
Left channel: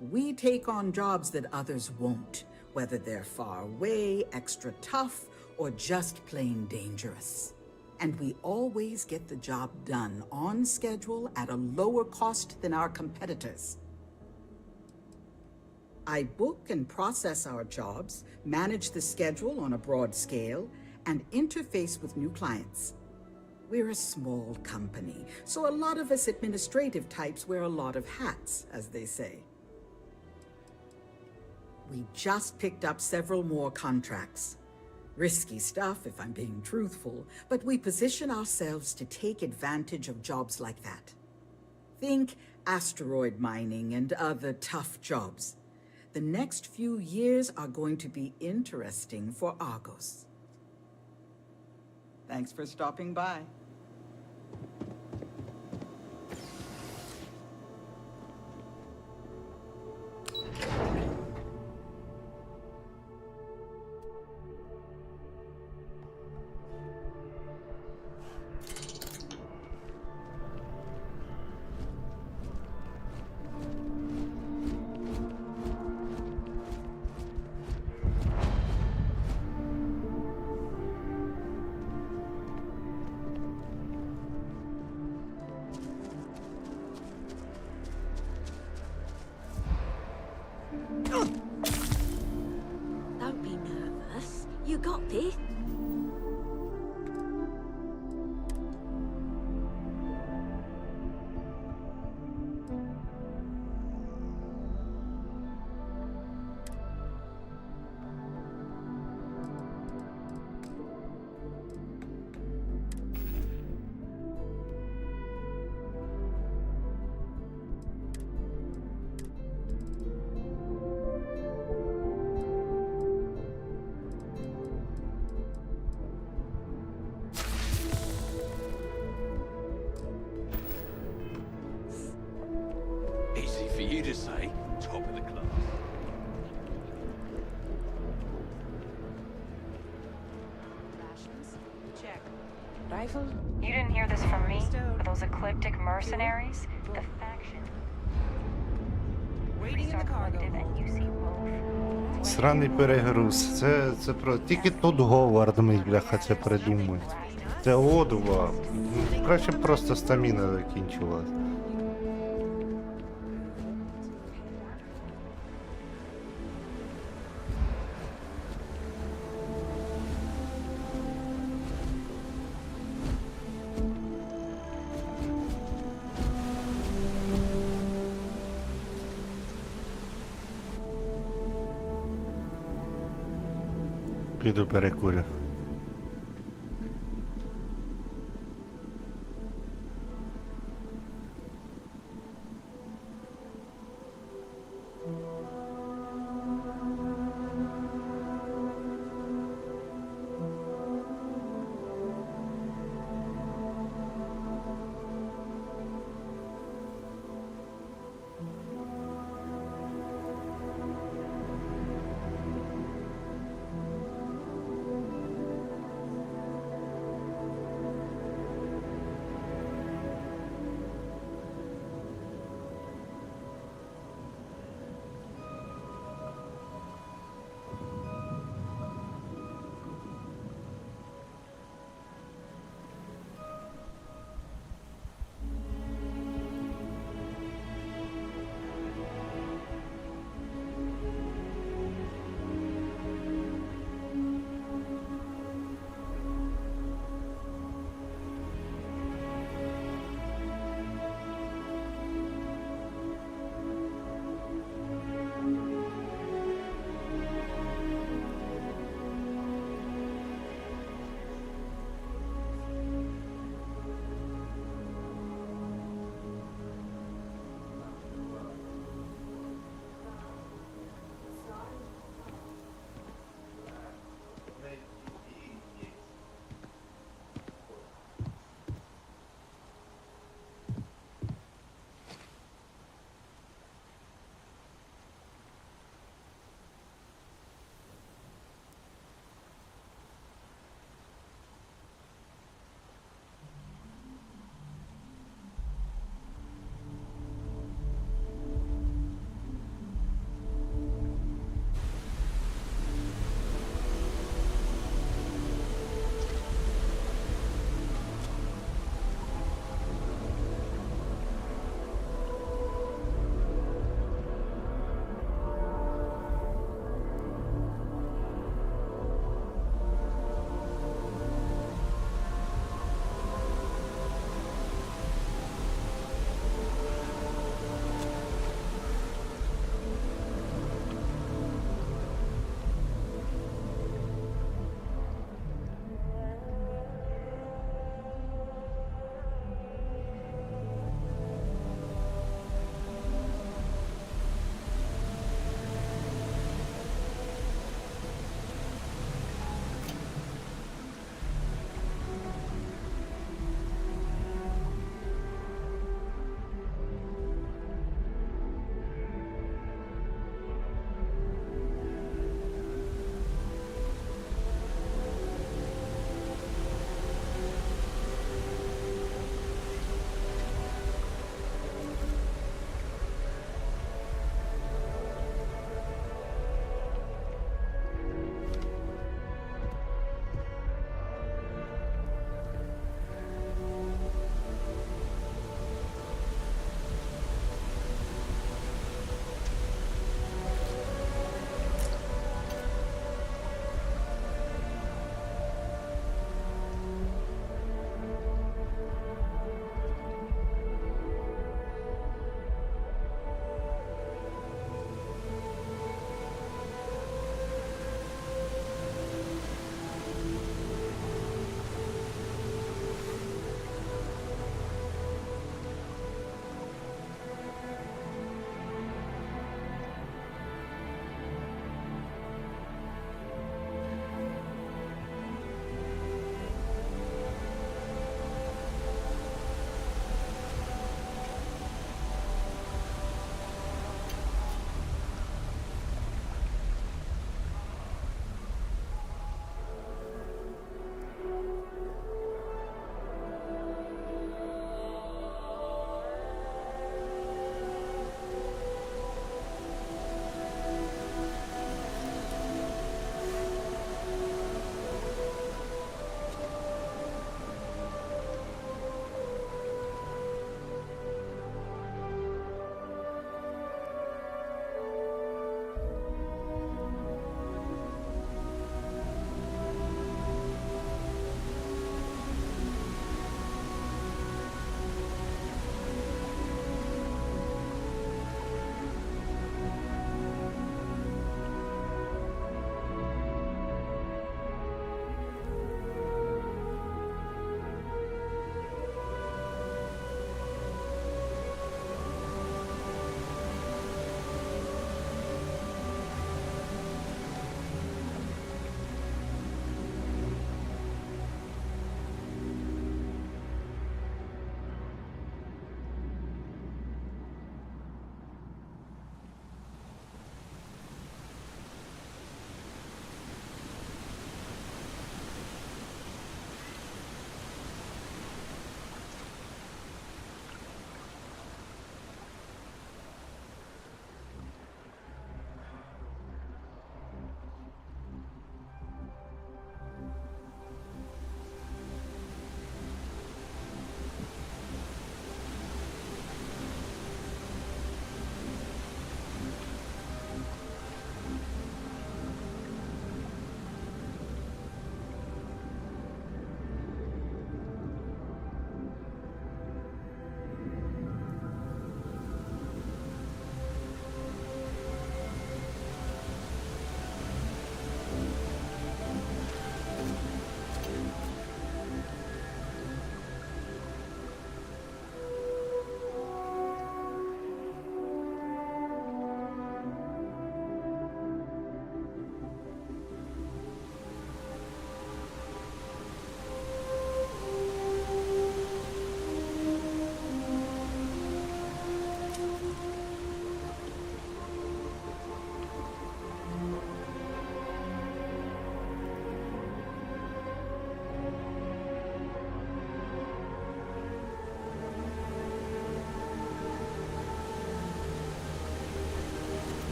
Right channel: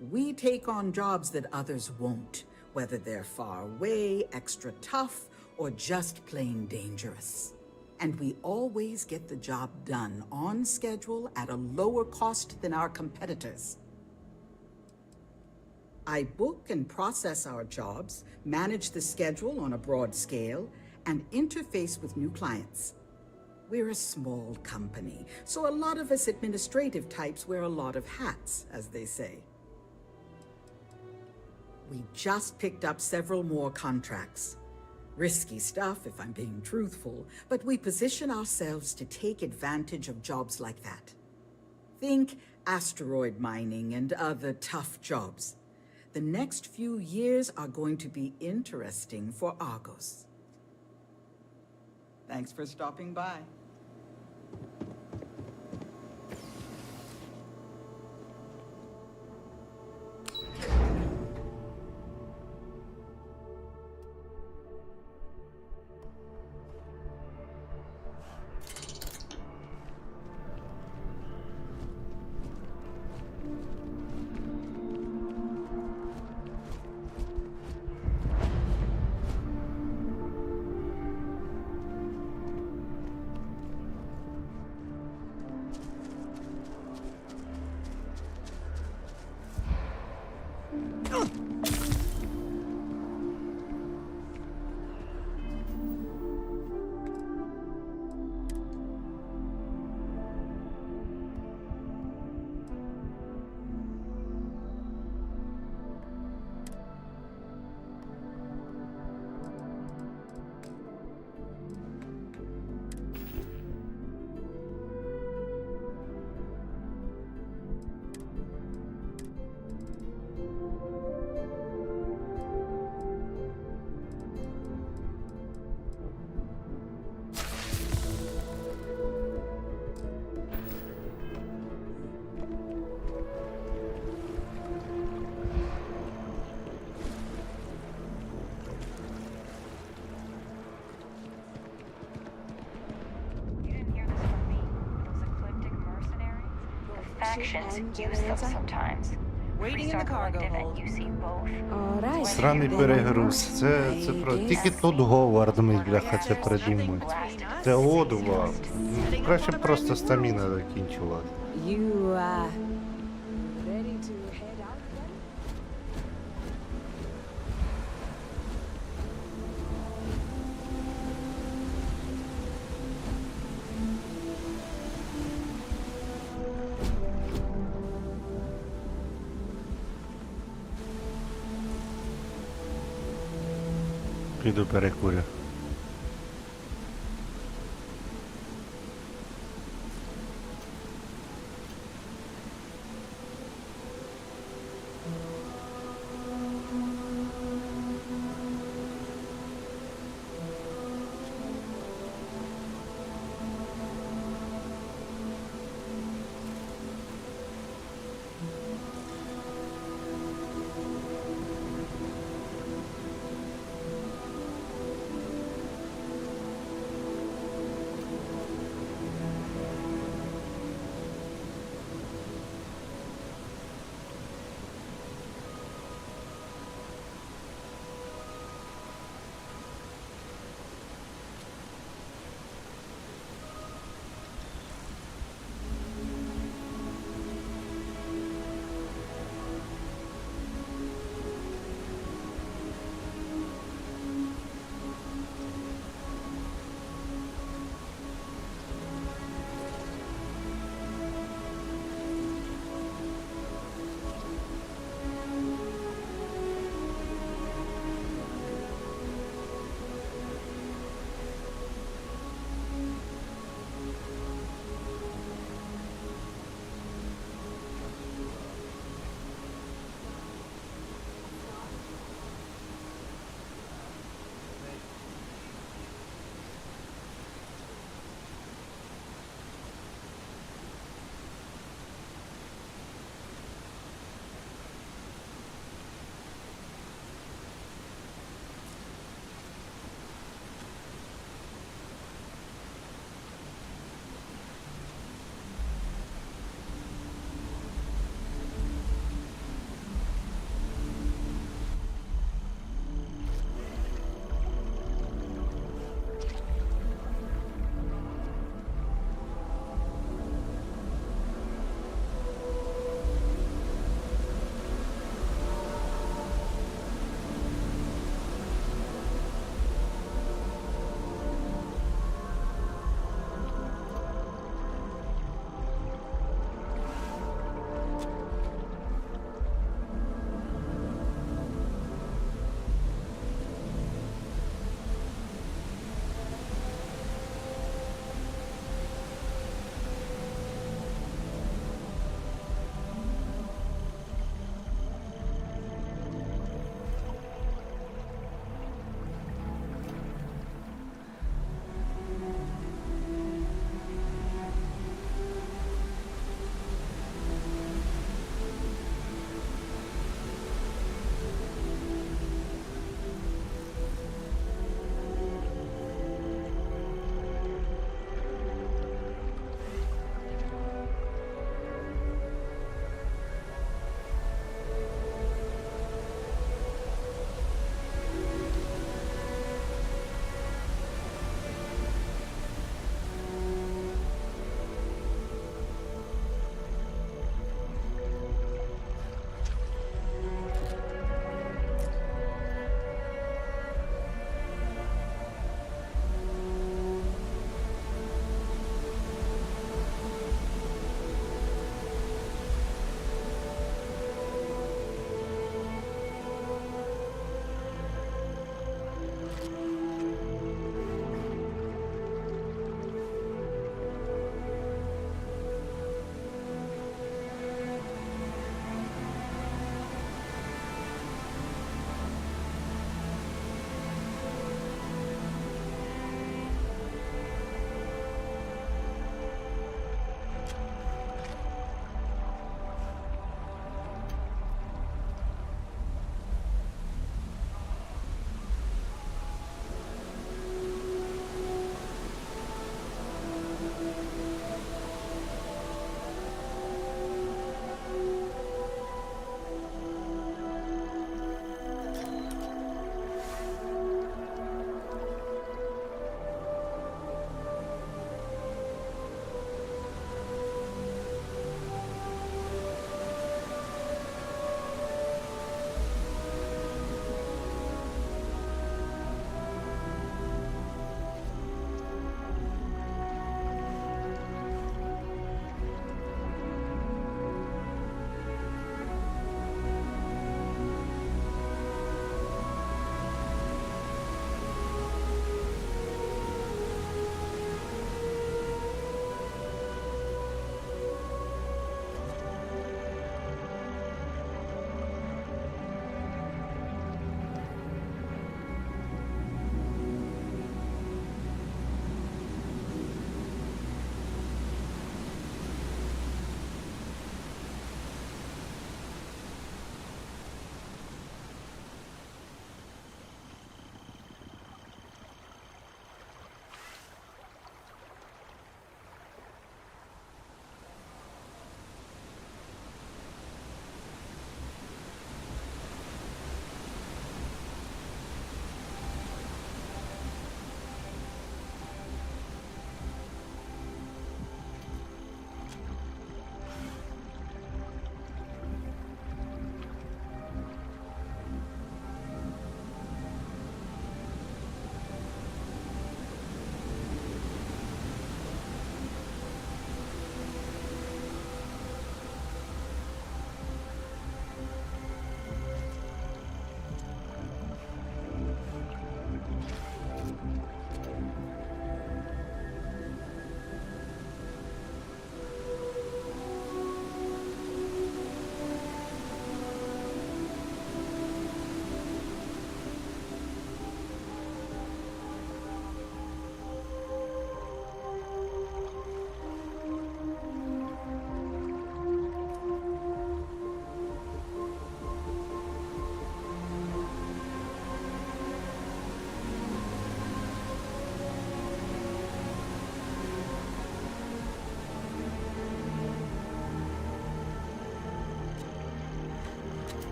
We take on jobs that others won't, whether they're far away, extra tough, or just plain dangerous. And we always get the job done on schedule at a lower cost than our competitors. I book and process our jobs, manage the schedule on a broad scale, and interface with new clients. We're a small company, so a lot of us administrative types wear a lot of hats, as they say. We just picked up several more contracts. Risky stuff, if I'm being truthful, but we position ourselves to take advantage of jobs like that. Think asteroid mining and other tough jobs. The next few years are going to be interesting for Argos. Thanks for stopping by. Don't be nervous. You got this. Easy for you to say, top of the class. You didn't hear this from me, but those ecliptic mercenaries, the factions use them sometimes. Waiting in the cargo hold. You see both. Сраний перегруз. Це про... Тільки тут Говард ми, бляха, це придумують. Це одува. Ну, краще б просто стаміна закінчилась. Піду перекурю.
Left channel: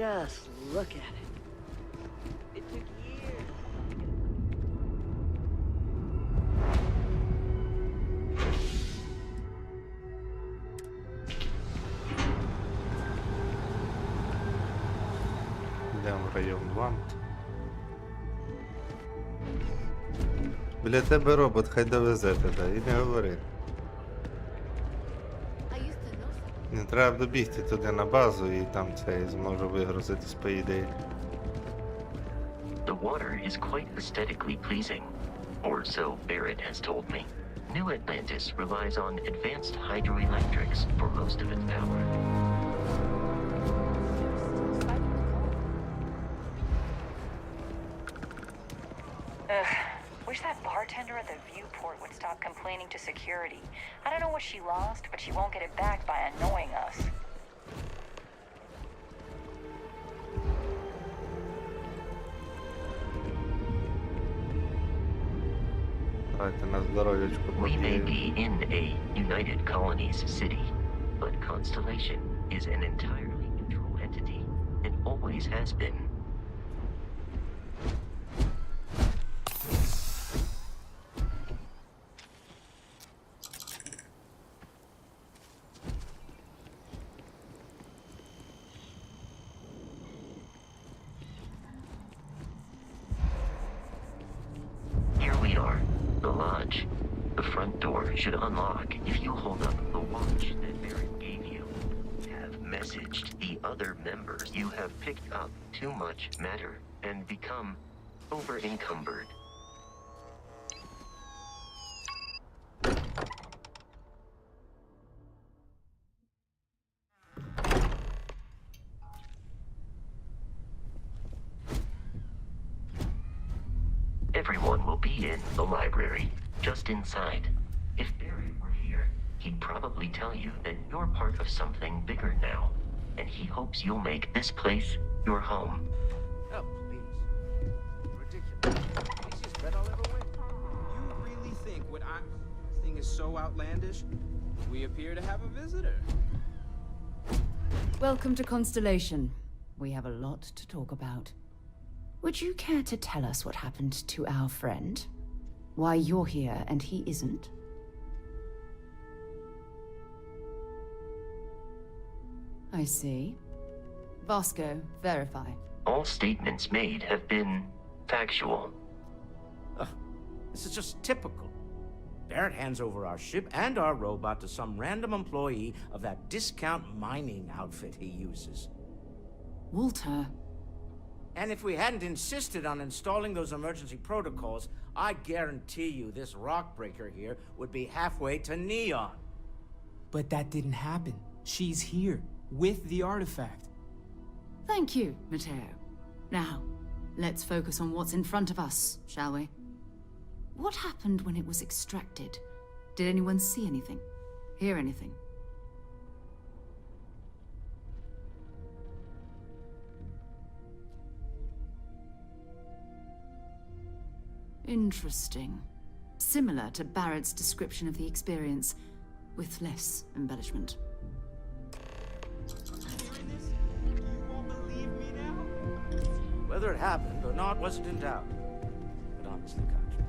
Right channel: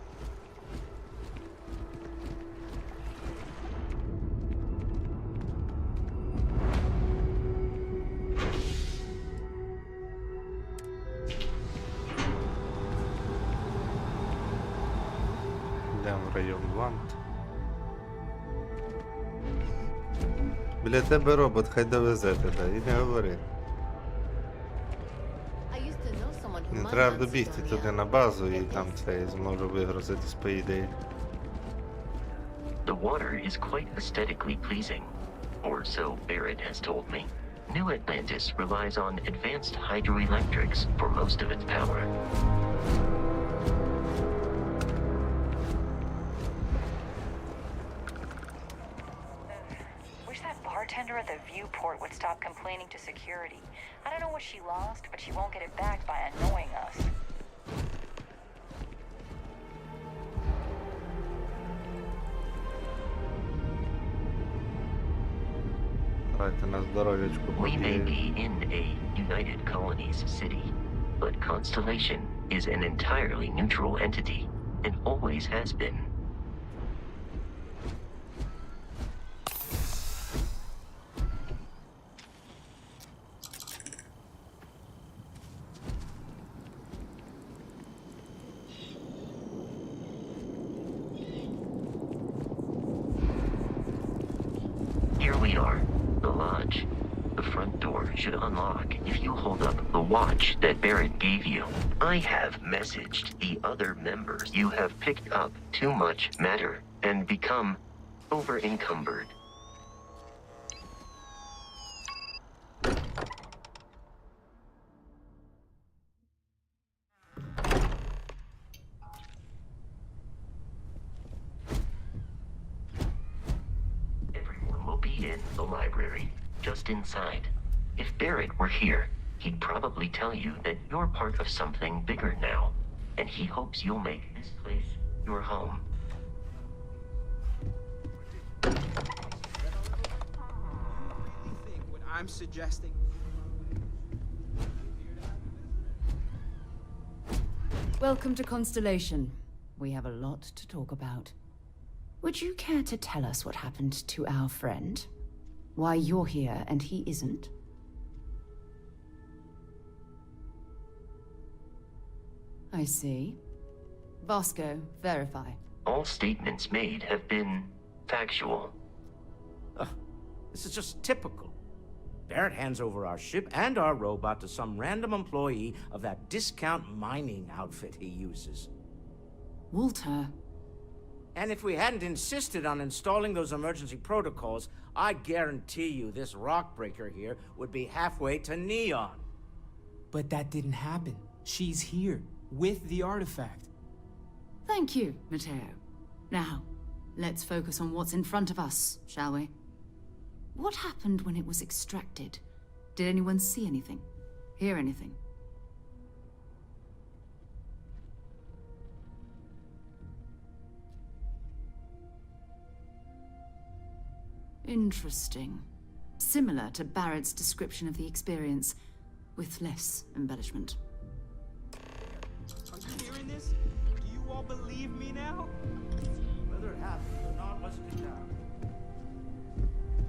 Just look at it. It took years. Йдемо в район Вант. Біля тебе робот, хай довезе тебе, і не говори. Не треба добігти туди на базу і там це зможу вигрузитись по ідеї. The water is quite aesthetically pleasing, or so Barrett has told me. New Atlantis relies on advanced hydroelectrics for most of its power. Wish that bartender at the viewport would stop complaining to security. I don't know what she lost, but she won't get it back by annoying us. Давайте на здоров'ячку We may побігаємо. be in a United Colonies city, but Constellation is an entirely neutral entity, and always has been. Here we are, the lodge. The front door should unlock if you hold up the watch that Barrett gave you. I have messaged the other members. You have picked up too much matter and become over-encumbered. Everyone will be in the library, just inside. If Barrett were here, he'd probably tell you that you're part of something bigger now, and he hopes you'll make this place your home. Oh, please. Ridiculous. You really think what I'm suggesting is so outlandish? We appear to have a visitor. Welcome to Constellation. We have a lot to talk about. Would you care to tell us what happened to our friend? Why you're here and he isn't? I see. Vasco, verify. All statements made have been factual. This is just typical. Barrett hands over our ship and our robot to some random employee of that discount mining outfit he uses. Walter. And if we hadn't insisted on installing those emergency protocols, I guarantee you this rock breaker here would be halfway to Neon. But that didn't happen. She's here, with the artifact. Thank you, Matteo. Now, let's focus on what's in front of us, shall we? What happened when it was extracted? Did anyone see anything? Hear anything? Interesting. Similar to Barrett's description of the experience, with less embellishment. Are you hearing this? Do you all believe me now? Whether it happened or not wasn't in doubt. But honestly, Contra,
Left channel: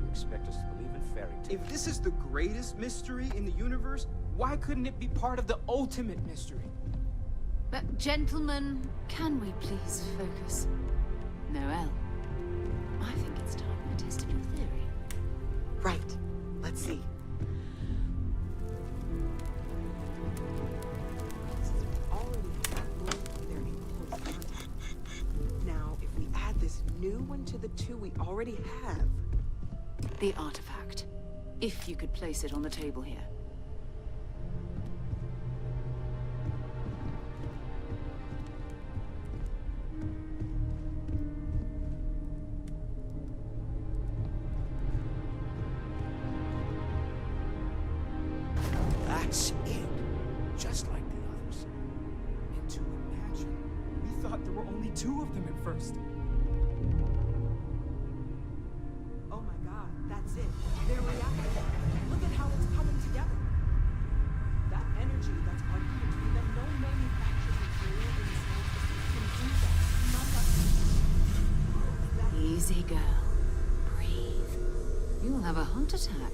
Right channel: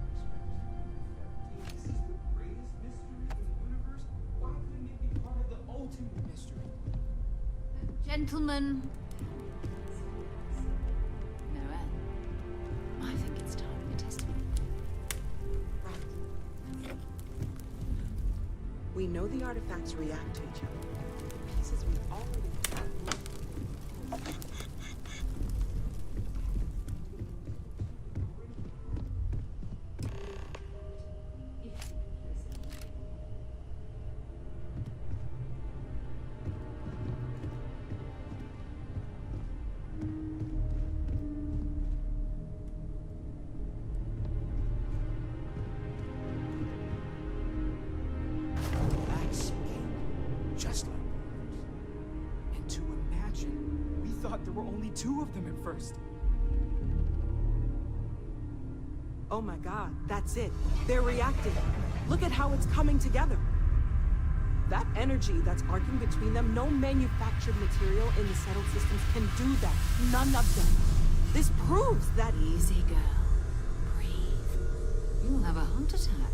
you expect us to believe in fairy tales? If this is the greatest mystery in the universe, why couldn't it be part of the ultimate mystery? But gentlemen, can we please focus? Noel, I think it's time we're testing a theory. Right. Let's see. We know the artifacts react to each other. The pieces we already have move their enclosed content. Now, if we add this new one to the two we already have... The artifact. If you could place it on the table here. That's it. Just like the others. And to imagine, we thought there were only 2 of them at first. Oh my god, that's it. They're reacting. Look at how it's coming together. That energy that's arcing between them, no manufactured material in the settled systems can do that. None of them. This proves that... Easy, girl. Breathe. You'll have a heart attack.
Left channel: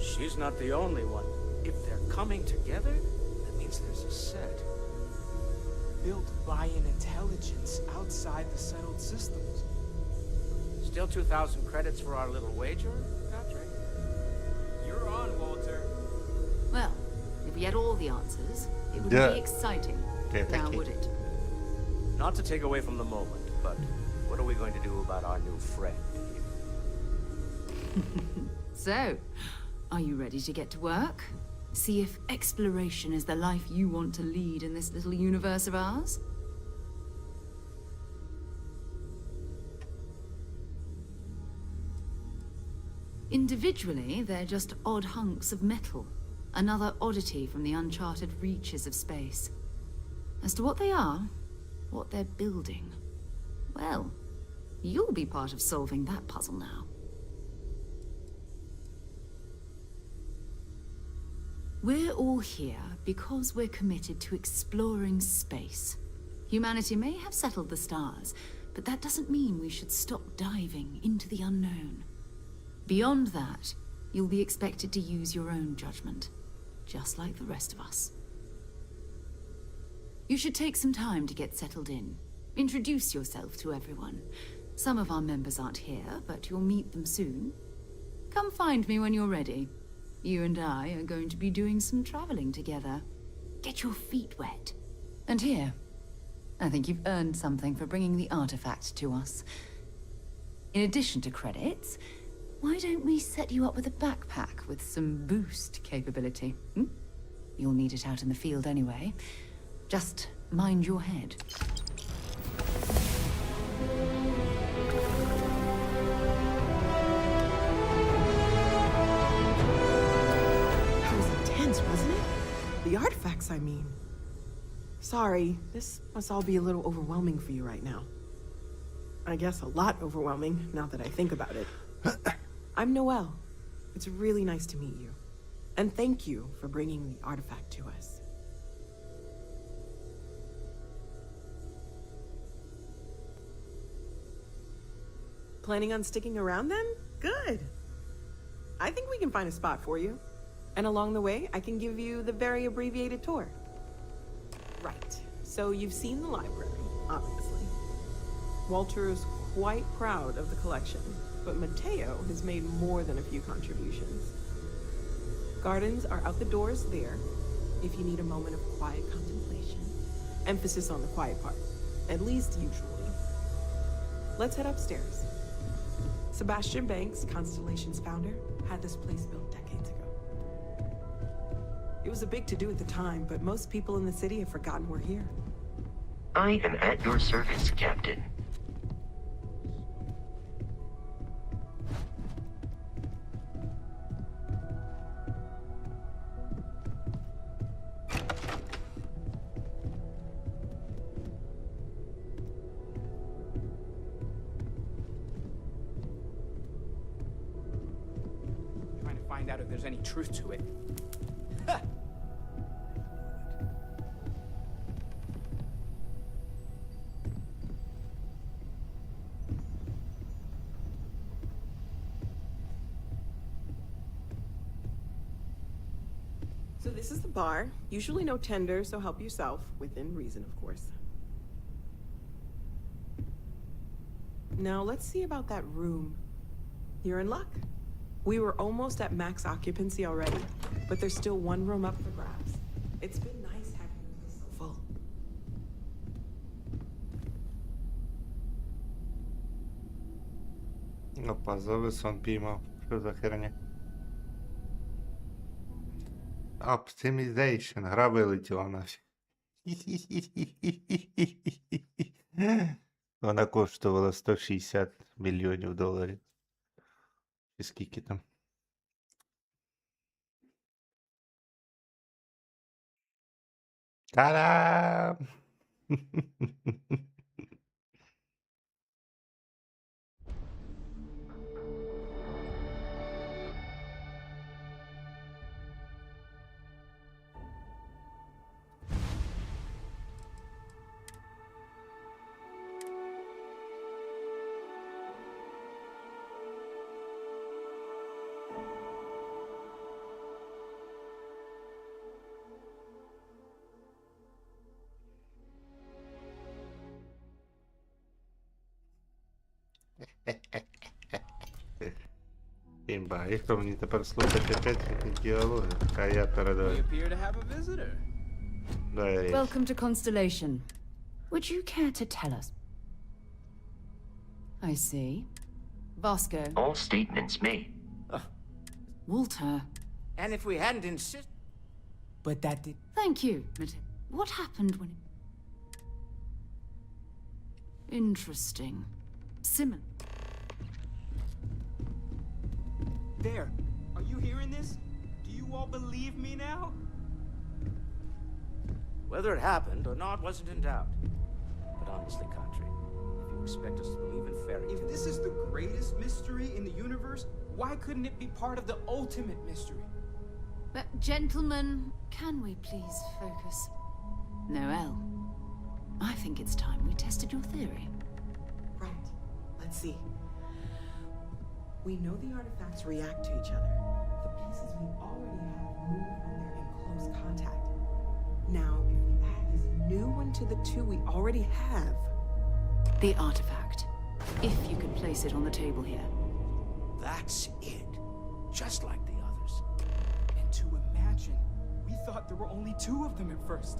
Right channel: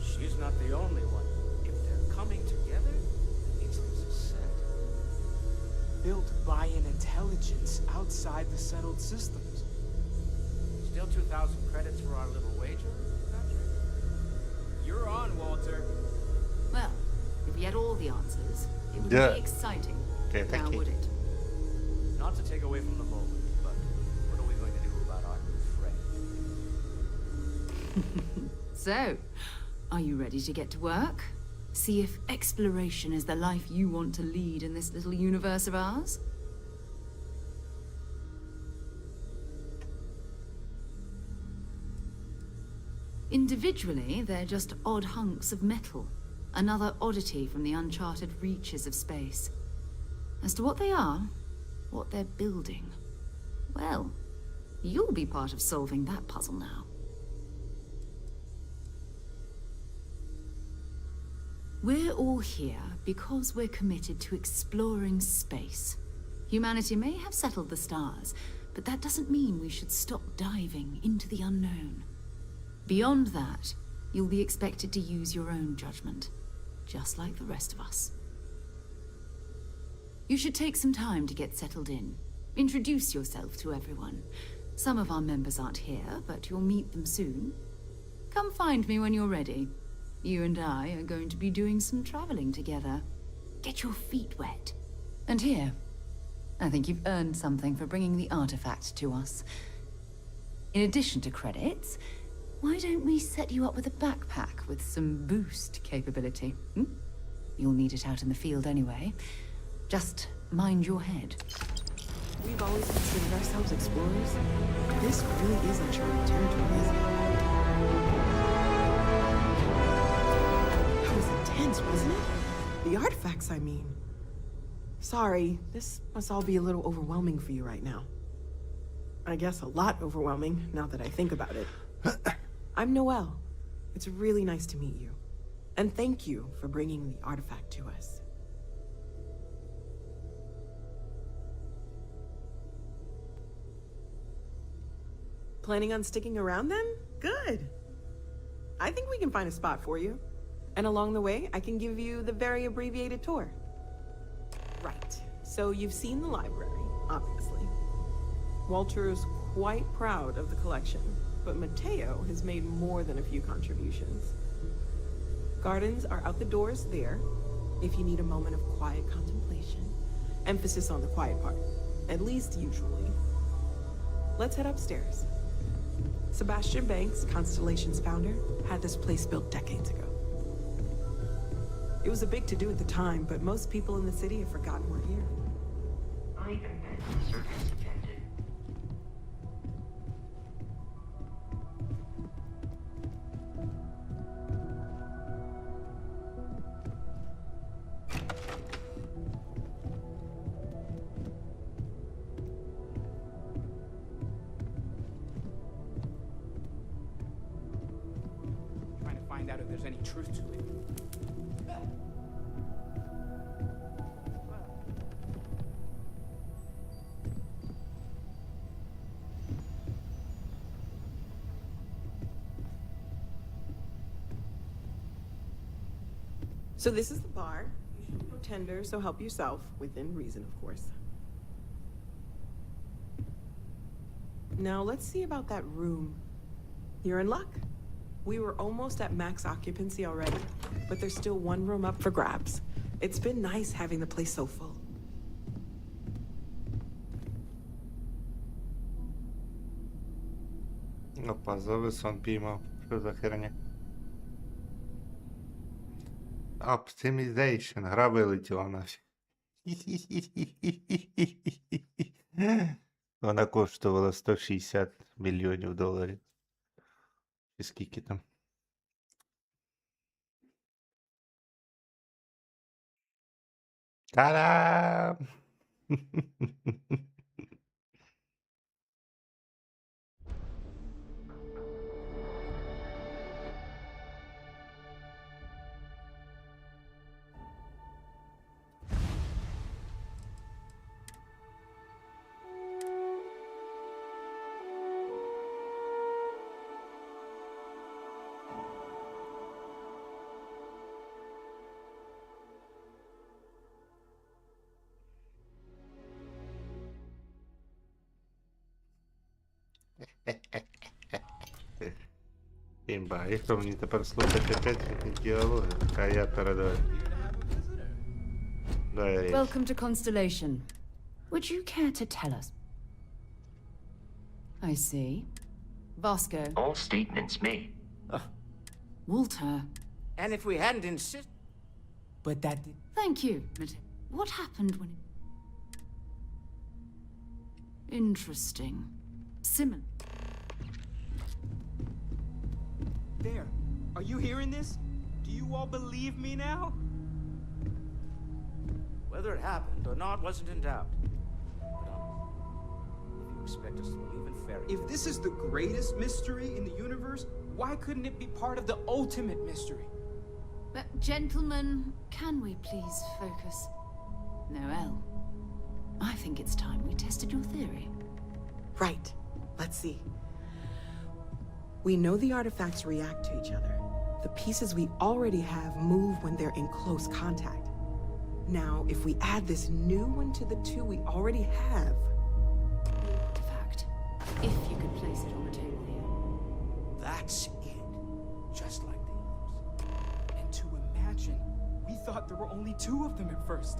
She's not the only one. If they're coming together, that means there's a set. Built by an intelligence outside the settled systems. Still 2,000 credits for our little wager, Patrick? You're on, Walter. Well, if we had all the answers, it would Yeah. be exciting. Now, would it? Not to take away from the moment, but what are we going to do about our new friend? So, are you ready to get to work? See if exploration is the life you want to lead in this little universe of ours? Individually, they're just odd hunks of metal. Another oddity from the uncharted reaches of space. As to what they are, what they're building, well, you'll be part of solving that puzzle now. We're all here because we're committed to exploring space. Humanity may have settled the stars, but that doesn't mean we should stop diving into the unknown. Beyond that, you'll be expected to use your own judgment, just like the rest of us. You should take some time to get settled in. Introduce yourself to everyone. Some of our members aren't here, but you'll meet them soon. Come find me when you're ready. You and I are going to be doing some traveling together. Get your feet wet. And here, I think you've earned something for bringing the artifact to us. In addition to credits, why don't we set you up with a backpack with some boost capability? You'll need it out in the field anyway. Just mind your head. We've always considered ourselves explorers. This really is a journey to be That was intense, wasn't it? The artifacts, I mean. Sorry, this must all be a little overwhelming for you right now. I guess a lot overwhelming, now that I think about it. I'm Noelle. It's really nice to meet you. And thank you for bringing the artifact to us. Planning on sticking around then? Good. I think we can find a spot for you. And along the way, I can give you the very abbreviated tour. Right. So you've seen the library, obviously. Walter is quite proud of the collection, but Mateo has made more than a few contributions. Gardens are out the doors there, if you need a moment of quiet contemplation. Emphasis on the quiet part, at least usually. Let's head upstairs. Sebastian Banks, Constellation's founder, had this place built decades ago. It was a big to-do at the time, but most people in the city have forgotten we're here. I am at your service, Captain. Trying to find out if there's any truth to it. So this is the bar. Usually no tender, so help yourself, within reason, of course. Now let's see about that room. You're in luck. We were almost at max occupancy already, but there's still one room up for grabs. It's been nice having the place so full. Опа, завис піймав. Що за херня? Optimization. Гра вилетіла нафіг. Вона коштувала 160 мільйонів доларів. І скільки там? Та-дам! Імба, і що мені тепер слухати опять їхні діалоги? А я передаю. Appear to have a visitor. Дай річ. Welcome to Constellation. Would you care to tell us? I see. Vasco. All statements made. Walter. And if we hadn't insisted... But that did... Thank you, Mateo. What happened when... Interesting. Simon. There. Are you hearing this? Do you all believe me now? Whether it happened or not wasn't in doubt. But honestly, Country, if you expect us to believe in fairy tales... If this is the greatest mystery in the universe, why couldn't it be part of the ultimate mystery? But, gentlemen, can we please focus? Noel, I think it's time we tested your theory. Right. Let's see. We know the artifacts react to each other. The pieces we already have move when they're in close contact. Now, if we add this new one to the two we already have... The artifact. If you could place it on the table here. That's it. Just like the others. And to imagine, we thought there were only 2 of them at first.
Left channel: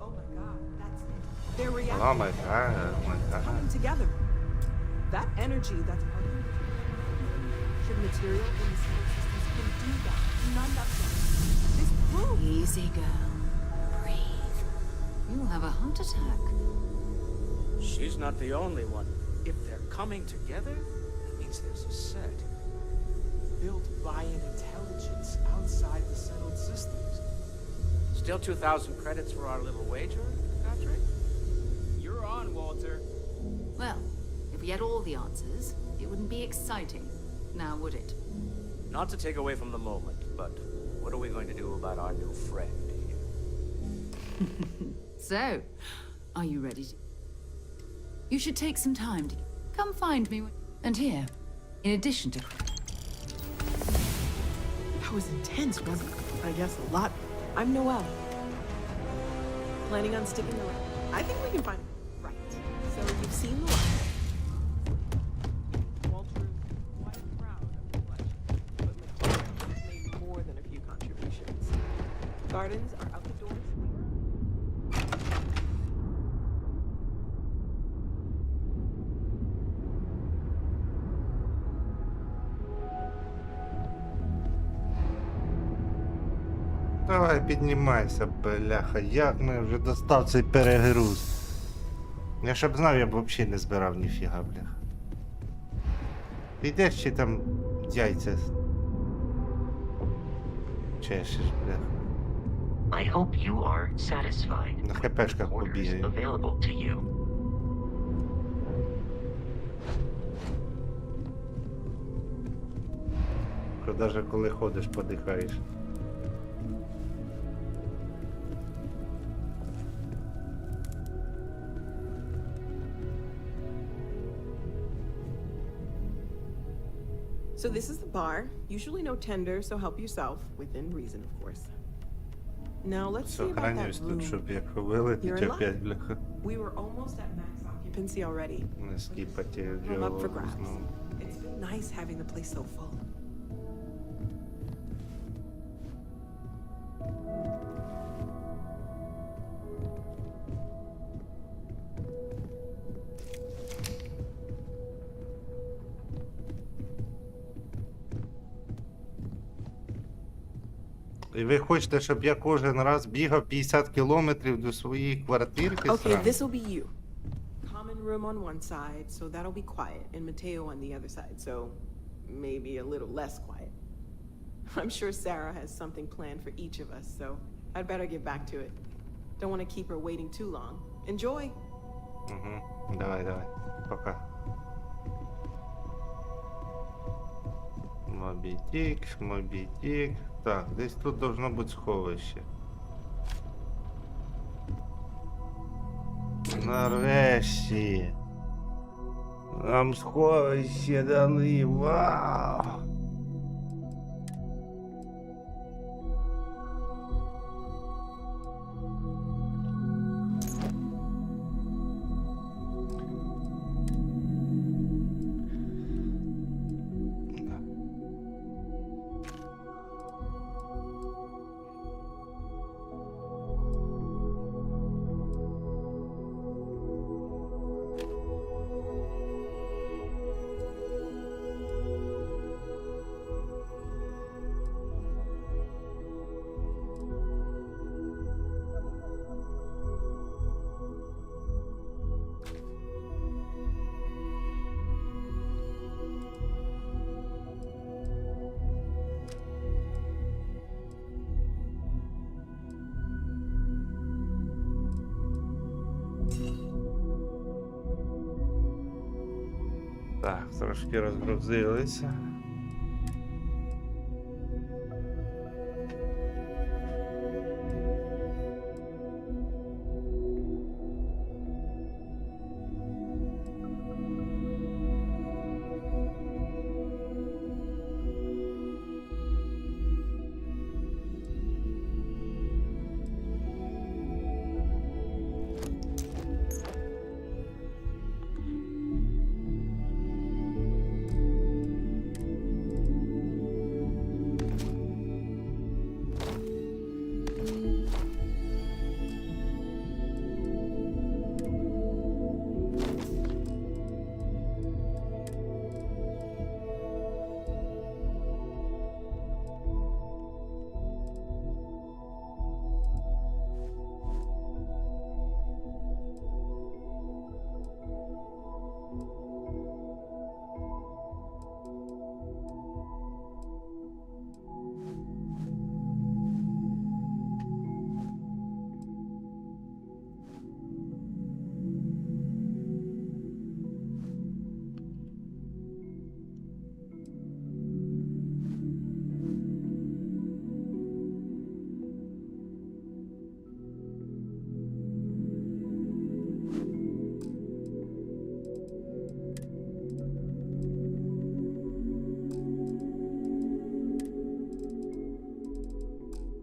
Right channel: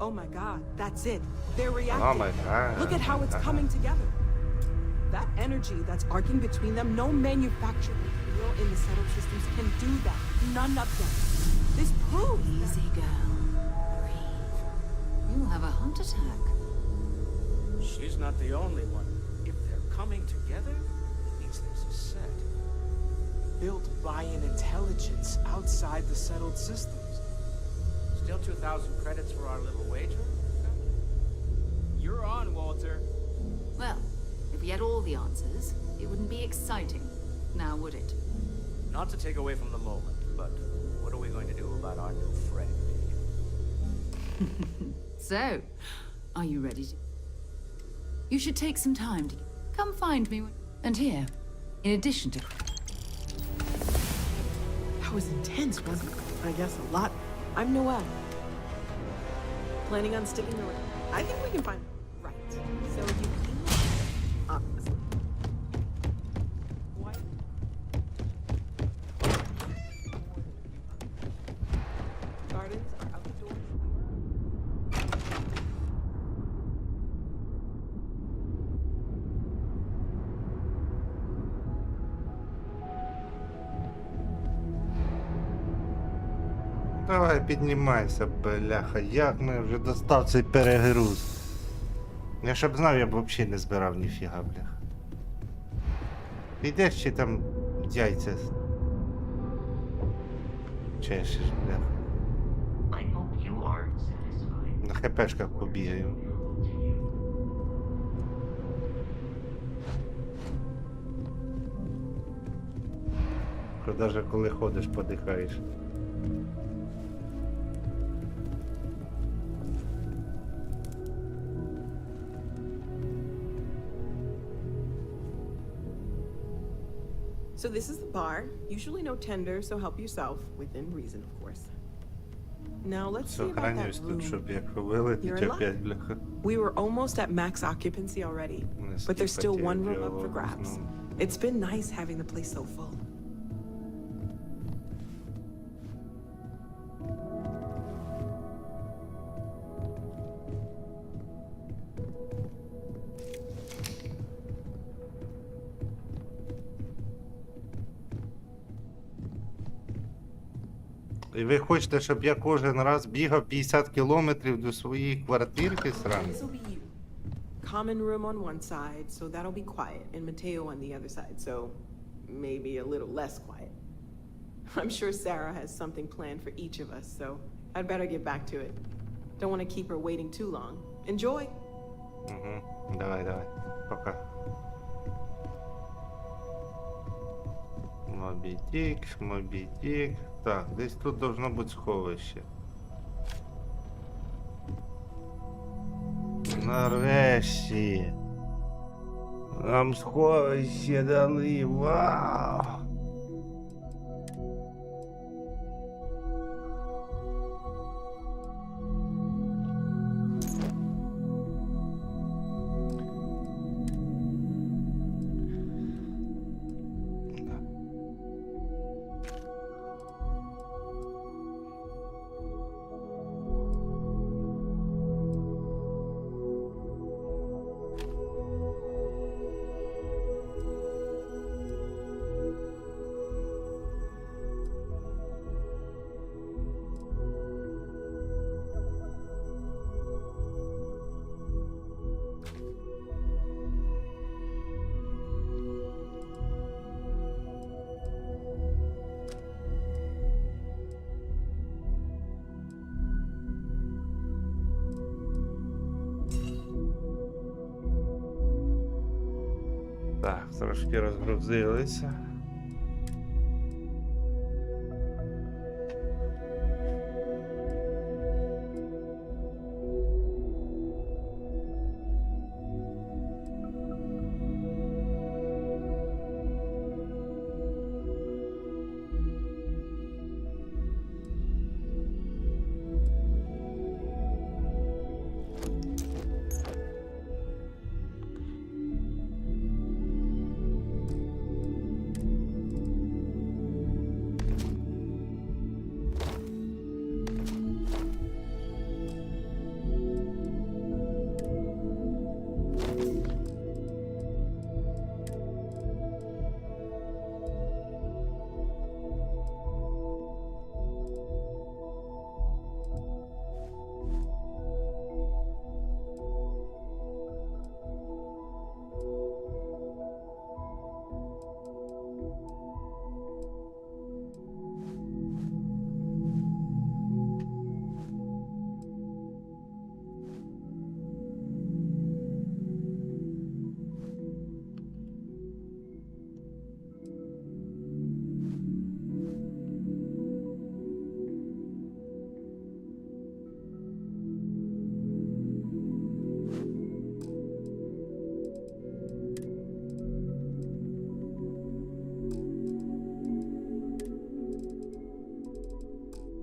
Oh my god, that's it. They're reacting. Oh my god. Look at how it's coming together. That energy that's arcing between them, no manufactured material in the settled systems can do that. None of them. This proves... Easy, girl. Breathe. You'll have a heart attack. She's not the only one. If they're coming together, it means there's a set. Built by an intelligence outside the settled systems. Still 2,000 credits for our little wager, Country? You're on, Walter. Well, if we had all the answers, it wouldn't be exciting. Now, would it? Not to take away from the moment, but what are we going to do about our new friend here? So, are you ready to... You should take some time to... Come find me. And here, in addition to... That was intense, wasn't it? I guess a lot. I'm Noel. Planning on sticking around? I think we can find... Right. So you've seen the line, obviously. Walter's quite proud of but made more than a few contributions. Gardens are out the doors. Давай, піднімайся, бляха. Як ми вже достав цей перегруз? Я щоб знав, я б взагалі не збирав ніфіга, бляха. Ти йдеш чи там яйця чешеш, бляха? I hope you are satisfied. На хпшках Orders побігаю. available to you. Що навіть коли ходиш, подихаєш. So this is the bar. Usually no tender, so help yourself. Within reason, of course. Now let's see about that Сохранюсь тут, room. щоб якщо вилетить You're in опять, luck. бляха. We were almost at max occupancy already, but there's still one room up for grabs. It's been nice having the place so full. І ви хочете, щоб я кожен раз бігав 50 кілометрів до своєї квартирки Okay, сраної? this will be you. Common room on one side, so that'll be quiet, and Mateo on the other side, so maybe a little less quiet. I'm sure Sarah has something planned for each of us, so I'd better get back to it. Don't want to keep her waiting too long. Enjoy! Угу. Давай, давай. Пока. Мобітік, мобітік. Так, десь тут должно бути сховище. Нарешті. Нам сховище дали. Вау! Так, трошки розгрузилися.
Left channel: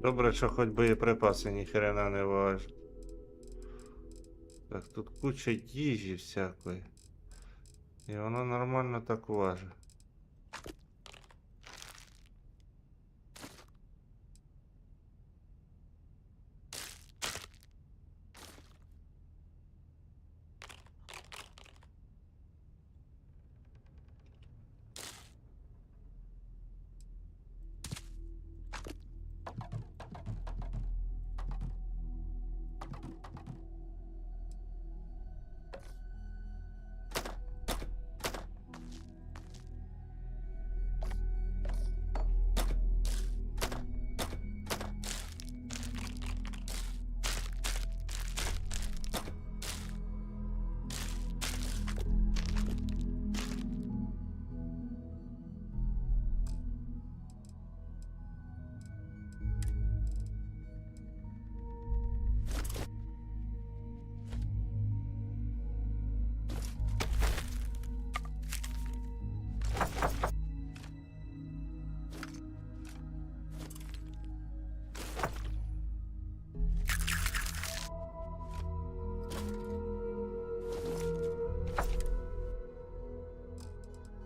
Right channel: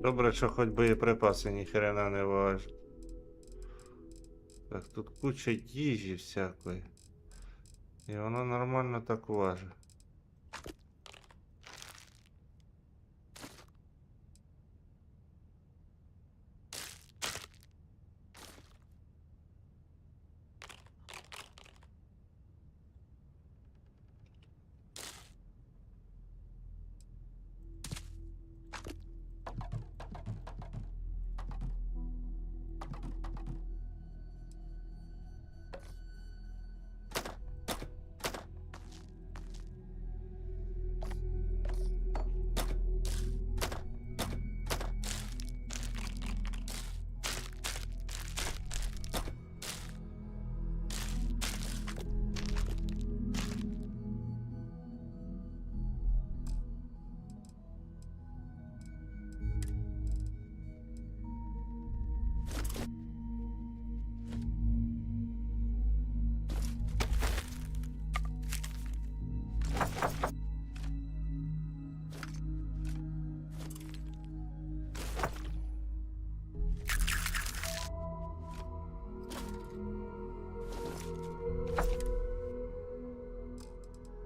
Добре, що хоч боєприпаси ніхрена не важать. Так, тут куча їжі всякої. І воно нормально так важить.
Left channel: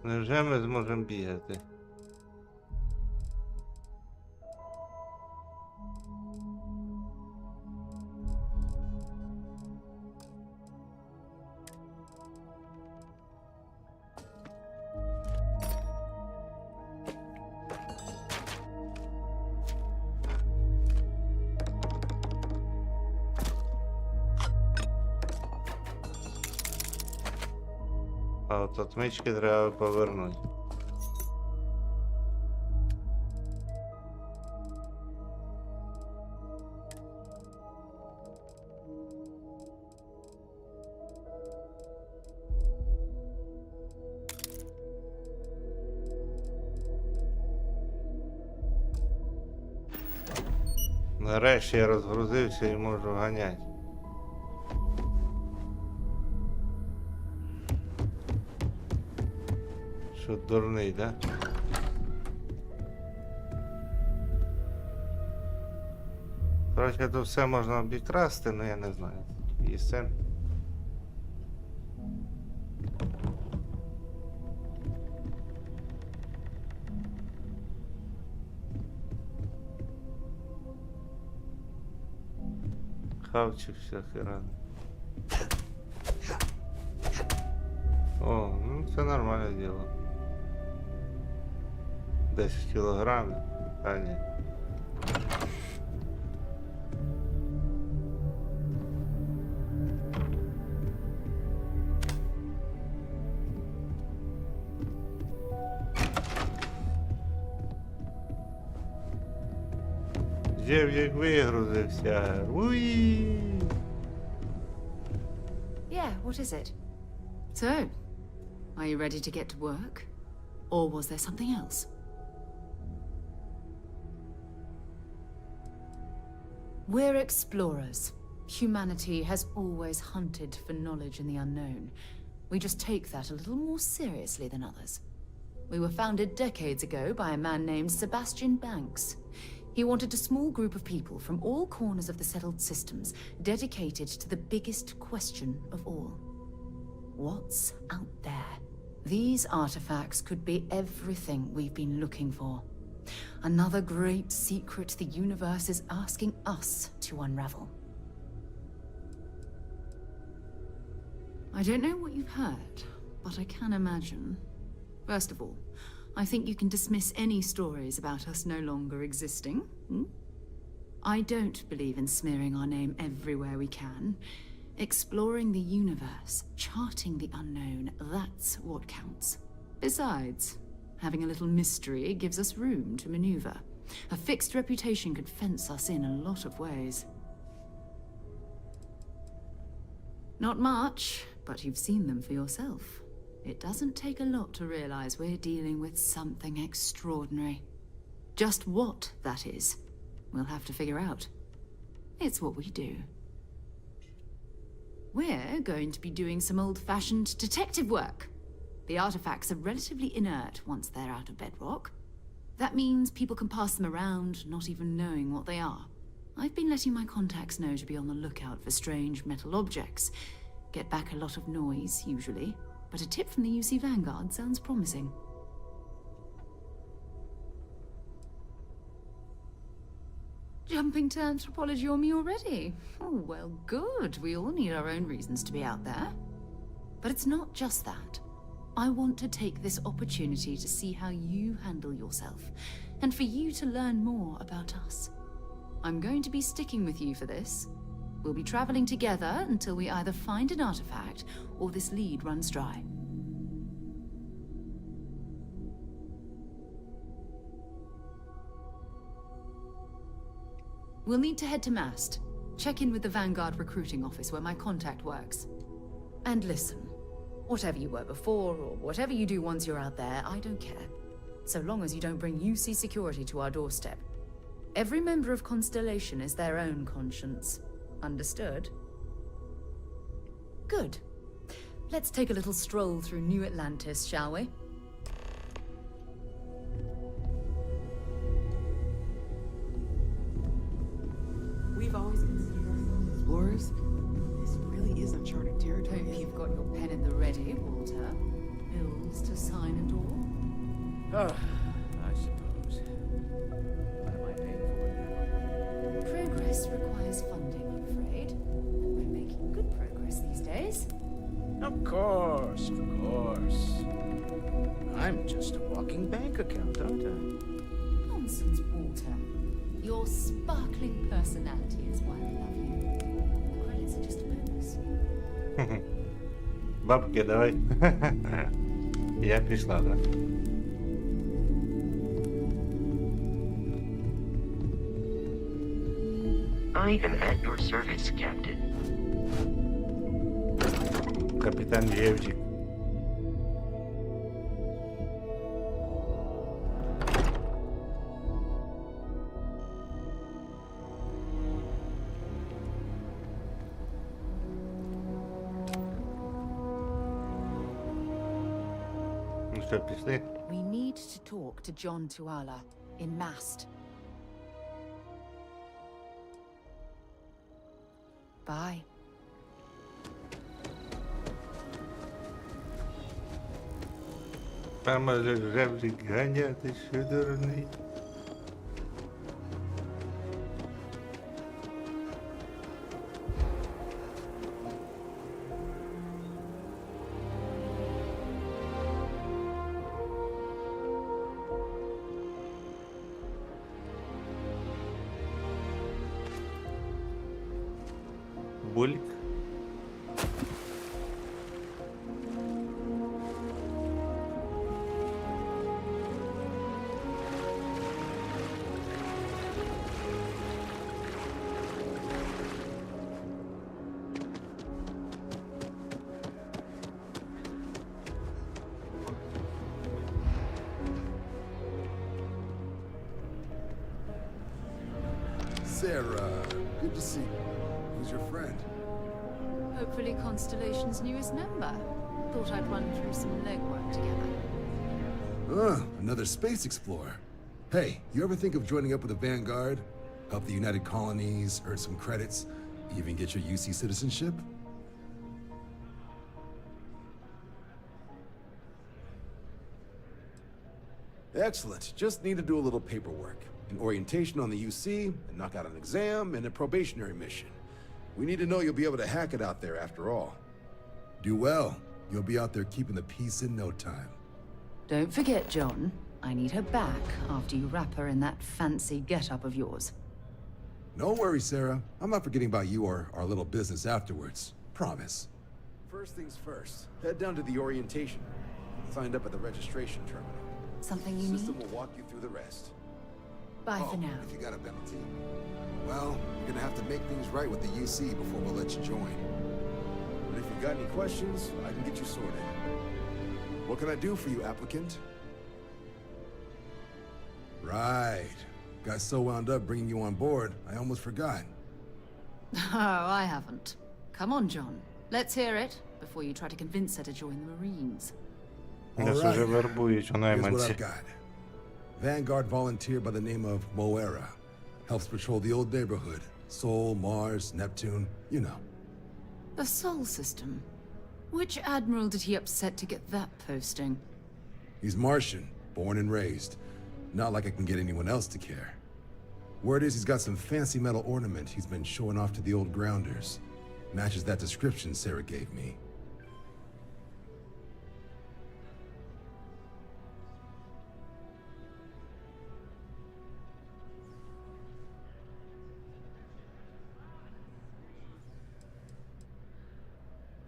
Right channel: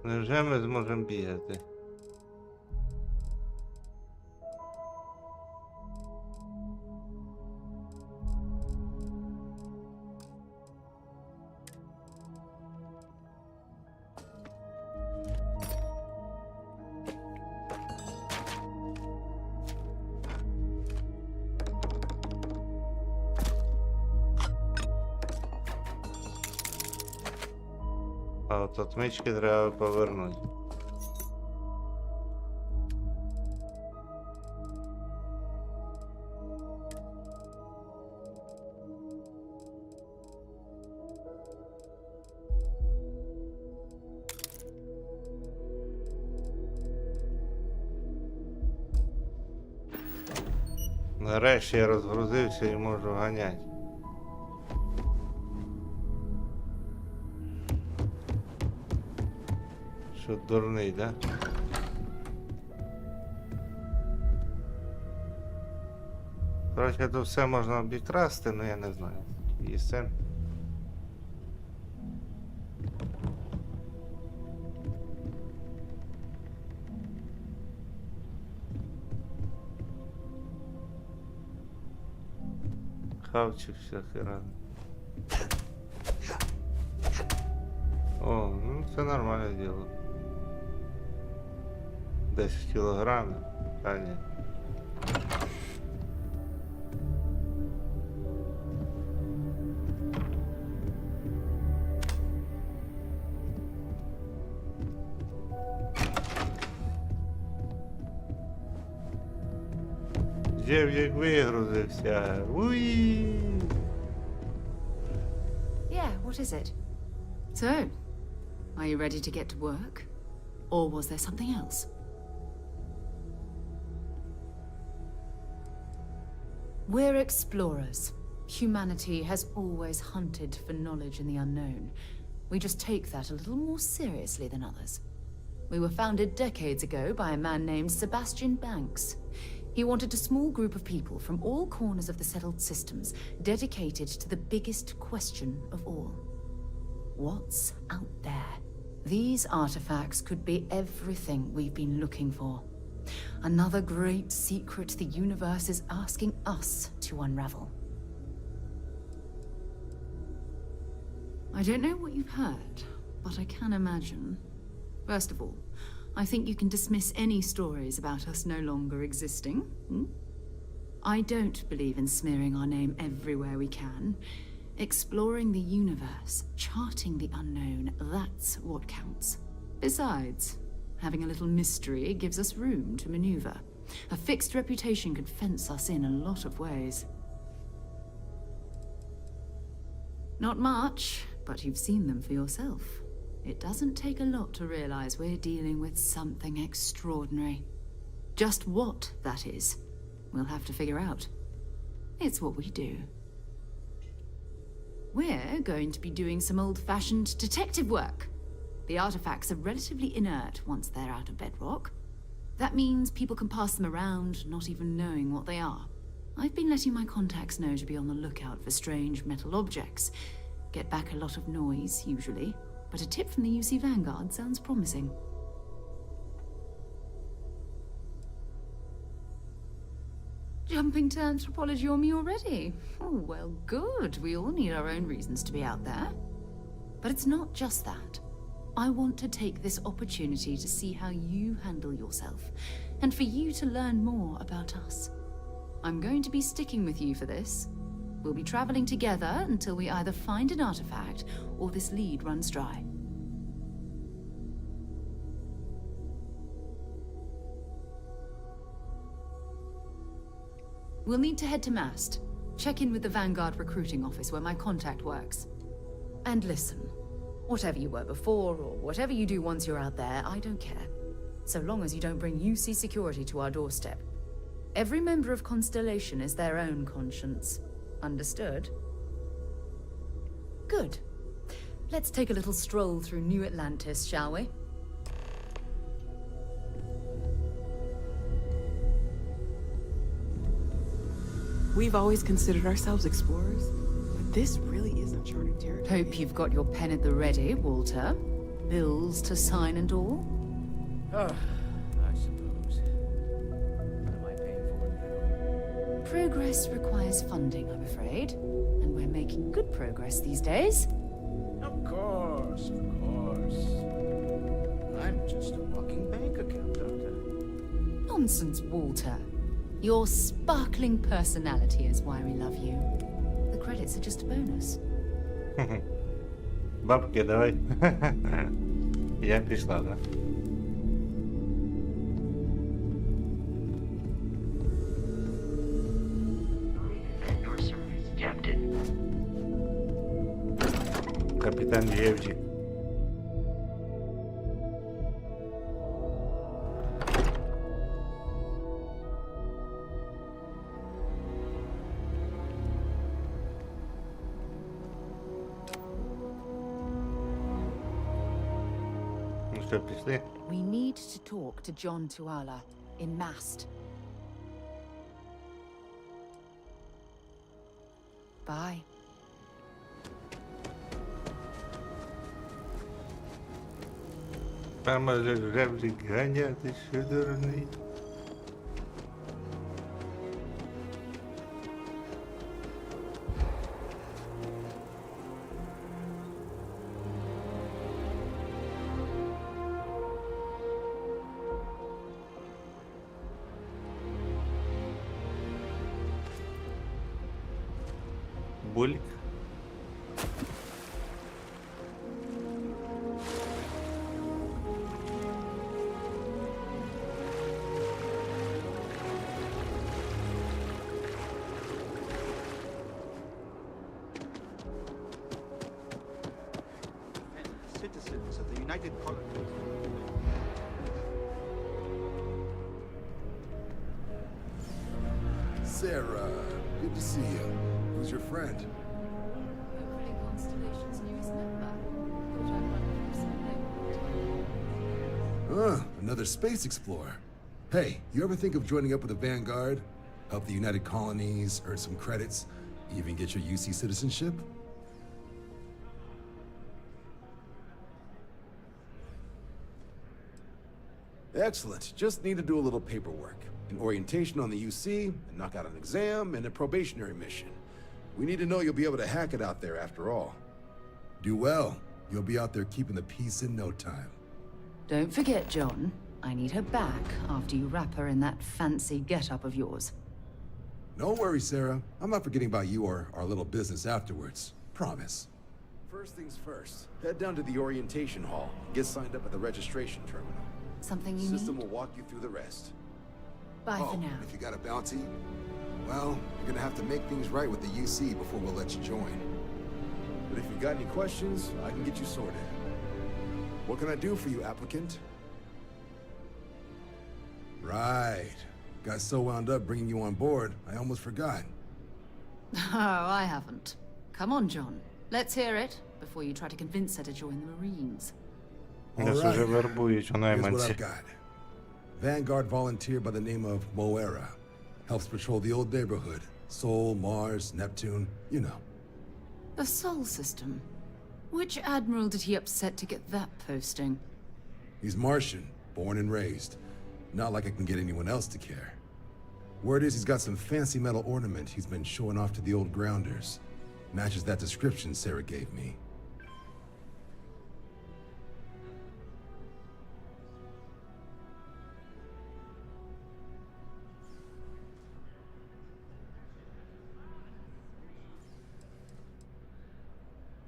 Невже ми зможемо бігати? А от отмички треба повернути. Нарешті я розгрузився і можу ганяти. Що дурний, да? Короче, тут все можна обікрасти, але я не знаю. І все. Хавчик всякий разний. О, ну це нормальне діло. 10 кілограмів, а ні. Джев'як вигрузився. Уї! Yeah, what is it? So, Are you ready to get to work? Or was there something else? We're explorers. Humanity has always hunted for knowledge in the unknown. We just take that a little more seriously than others. We were founded decades ago by a man named Sebastian Banks. He wanted a small group of people from all corners of the settled systems dedicated to the biggest question of all. What's out there? These artifacts could be everything we've been looking for. Another great secret the universe is asking us to unravel. I don't know what you've heard, but I can imagine. First of all, I think you can dismiss any stories about us no longer existing. I don't believe in smearing our name everywhere we can. Exploring the universe, charting the unknown, that's what counts. Besides, having a little mystery gives us room to maneuver. A fixed reputation could fence us in a lot of ways. Not much, but you've seen them for yourself. It doesn't take a lot to realize we're dealing with something extraordinary. Just what that is, we'll have to figure out. It's what we do. We're going to be doing some old-fashioned detective work. The artifacts are relatively inert once they're out of bedrock. That means people can pass them around, not even knowing what they are. I've been letting my contacts know to be on the lookout for strange metal objects. Get back a lot of noise, usually, but a tip from the UC Vanguard sounds promising. Jumping to anthropology on me already? Oh, well, good. We all need our own reasons to be out there. But it's not just that. I want to take this opportunity to see how you handle yourself, and for you to learn more about us. I'm going to be sticking with you for this. We'll be traveling together until we either find an artifact or this lead runs dry. We'll need to head to Mast. Check in with the Vanguard recruiting office where my contact works. And listen, whatever you were before or whatever you do once you're out there, I don't care. So long as you don't bring UC security to our doorstep. Every member of Constellation is their own conscience. Understood? Good. Let's take a little stroll through New Atlantis, shall we? We've always considered ourselves explorers. This really is uncharted territory. Hope you've got your pen at the ready, Walter. Bills to sign and all. I suppose. What am I paying for now? Progress requires funding, I'm afraid. And we're making good progress these days. Of course, of course. I'm just a walking bank account, aren't I? Nonsense, Walter. Your sparkling personality is why we love you. The credits are just a bonus. Бабки, давай. Я пішла, да? I am at your service, Captain. Капітан Євджик. Ну що, пішли? We need to talk to John Tuala in Mast. Bye. Там може жевлік ганяти, що дурний. Бульк. Sarah. Good to see you. Who's your friend? Hopefully Constellation's newest member. Thought I'd run through some legwork together. Another space explorer. Hey, you ever think of joining up with the Vanguard? Help the United Colonies, earn some credits, even get your UC citizenship? Excellent. Just need to do a little paperwork. An orientation on the UC, and knock out an exam, and a probationary mission. We need to know you'll be able to hack it out there after all. Do well. You'll be out there keeping the peace in no time. Don't forget, John. I need her back after you wrap her in that fancy get-up of yours. No worries, Sarah. I'm not forgetting about you or our little business afterwards. Promise. First things first. Head down to the orientation hall. Get signed up at the registration terminal. Something you System need? will walk you through the rest. Bye for now. If you got a bounty, well, you're gonna have to make things right with the UC before we'll let you join. But if you got any questions, I can get you sorted. What can I do for you, applicant? Right. Got so wound up bringing you on board, I almost forgot. Oh, I haven't. Come on, John. Let's hear it before you try to convince her to join the Marines. Нас уже вербують у Here's what найманці. I've got. Vanguard volunteer by the name of Moera. Helps patrol the old neighborhood. Sol, Mars, Neptune, you know. The Sol system. Which admiral did he upset to get that posting? He's Martian, born and raised. Not like I can get anyone else to care. Word is he's got some fancy metal ornament he's been showing off to the old grounders. Matches that description Sarah gave me.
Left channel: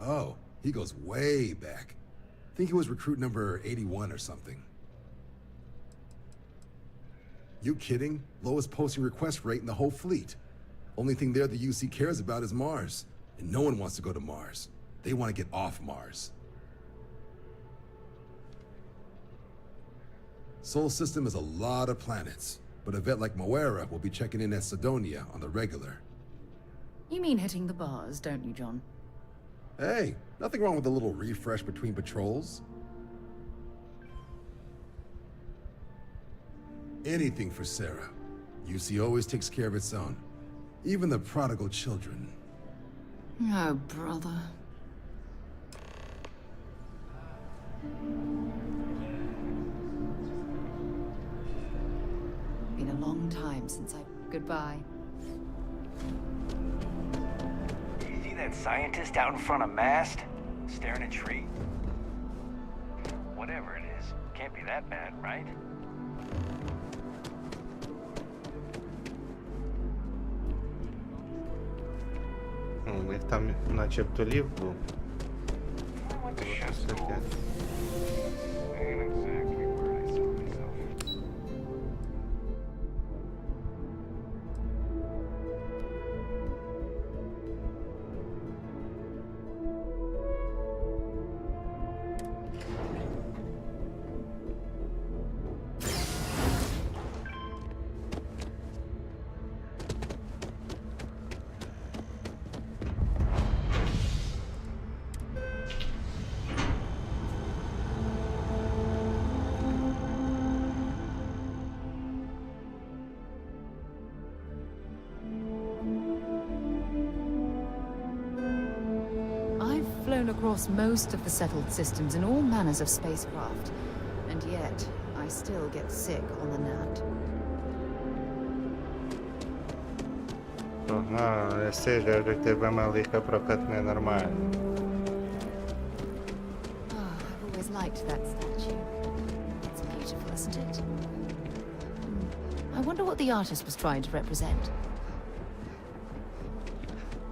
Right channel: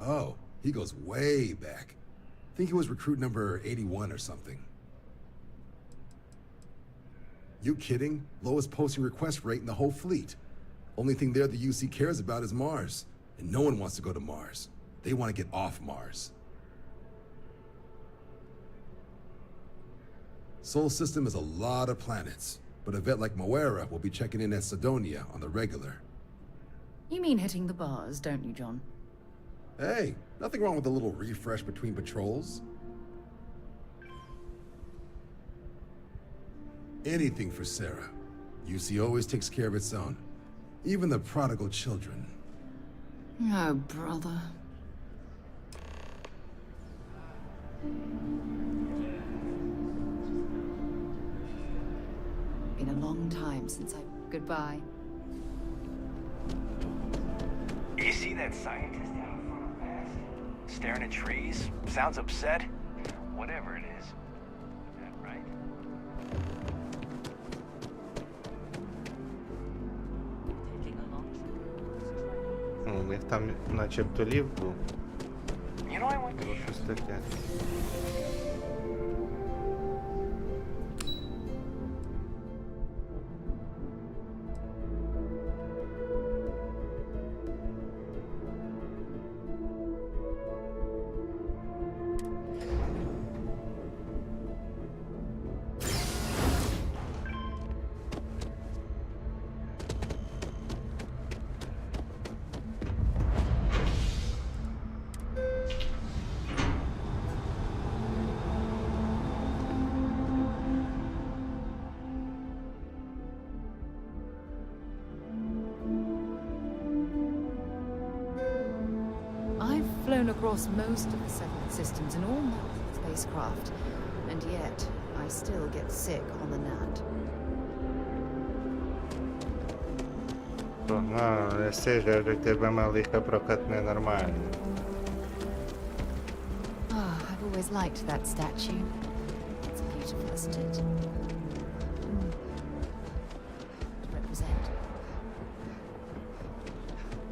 Oh, he goes way back. Think he was recruit number 81 or something. You kidding? Lowest posting request rate in the whole fleet. Only thing there the UC cares about is Mars. And no one wants to go to Mars. They want to get off Mars. Sol system is a lot of planets, but a vet like Moera will be checking in at Sidonia on the regular. You mean hitting the bars, don't you, John? Hey, nothing wrong with a little refresh between patrols. Anything for Sarah. UC always takes care of its own. Even the prodigal children. Oh, brother. Been a long time since I... Goodbye. You see that scientist out in front of mast? Staring at trees? Sounds upset? Whatever it is, can't be that bad, right? У них там начебто лів був. You know, I went to Було chef щось school. таке. I've flown across most of the settled systems in all manners of spacecraft, and yet I still get sick on the gnat. Погнали, сижу, як тебе малиха прокатне нормально. Oh, I've always liked that statue. It's beautiful, isn't it? I wonder what the artist was trying to represent.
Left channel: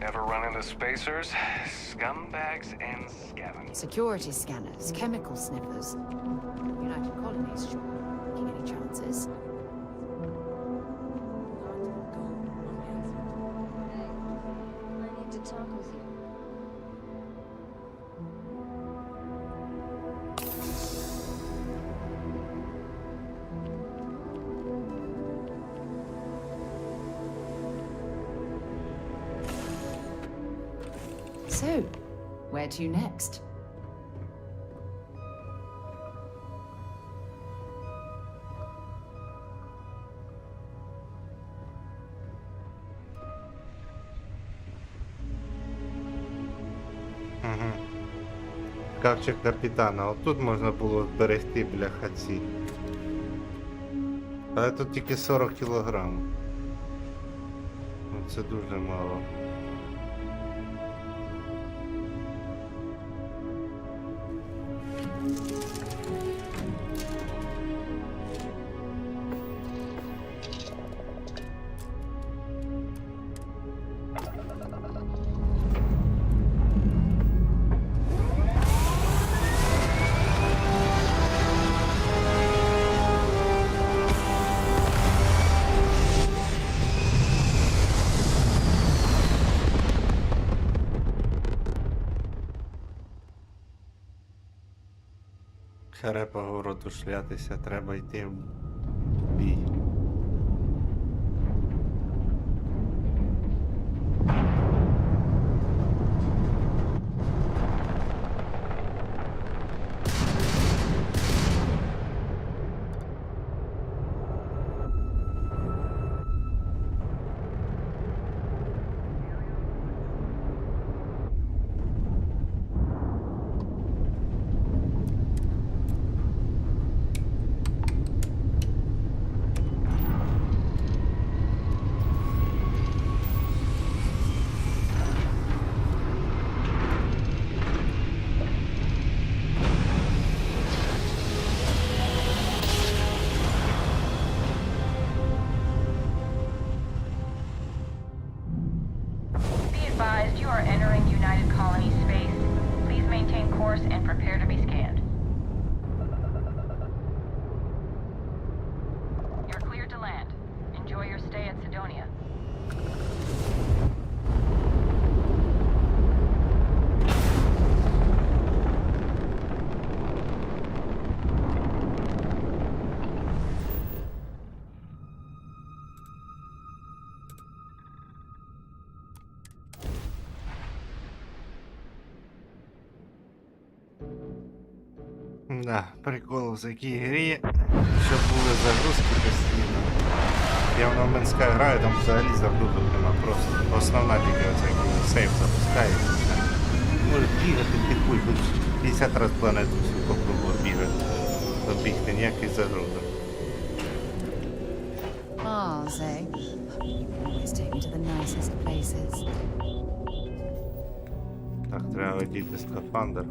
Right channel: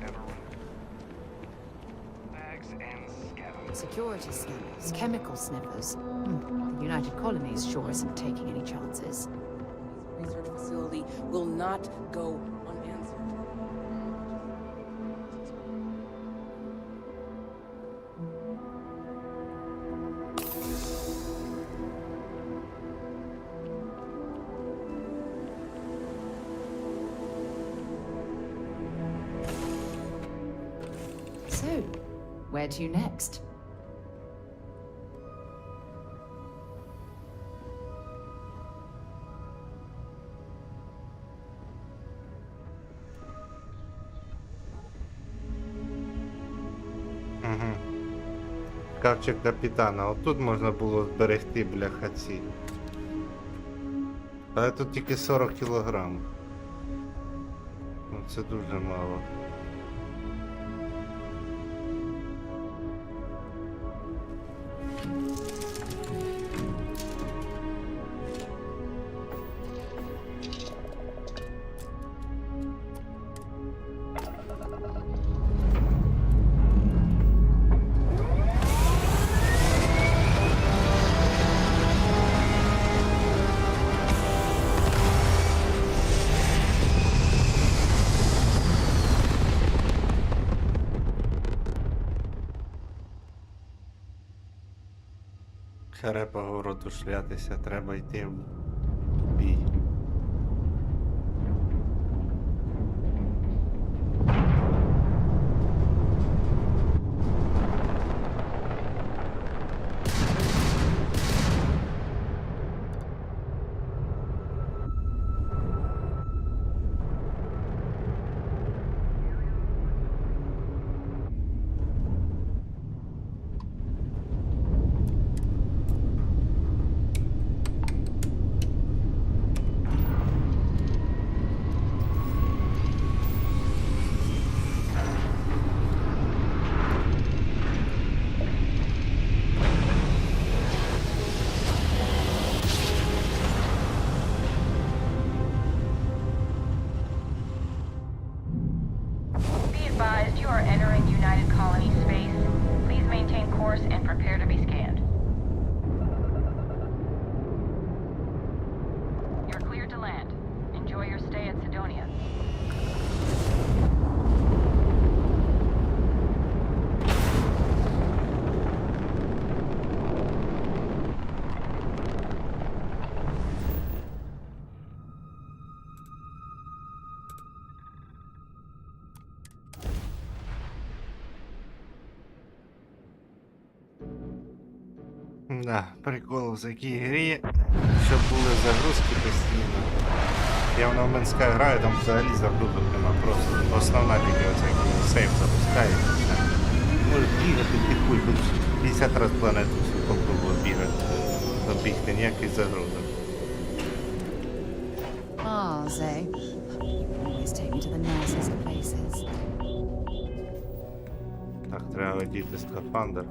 Ever run into spacers? Scumbags and scavengers. Security scanners, chemical sniffers. The United Colonies sure isn't taking any chances. Research facility will not go unanswered. I need to talk with you. So, where to next? Угу. Шкафчик капітана. Отут можна було зберегти, бляха, ці. Але тут тільки 40 кілограм. Ну, це дуже мало. Харе по городу шлятися, треба йти в бій. You are entering United Colony space. Please maintain course and prepare to be scanned. You're cleared to land. Enjoy your stay at Sidonia. Да, прикол в такій грі, щоб були загрузки постійно. Я в Новменська граю, там взагалі загрузок нема, просто основна тільки оця, коли сейф запускається. Можеш бігати під куль, хоч 50 разів планету всю попробував бігати, обігти, ніяких загрузок. Ah, Zay. You always take me to the nicest places. Так, треба одіти скафандр.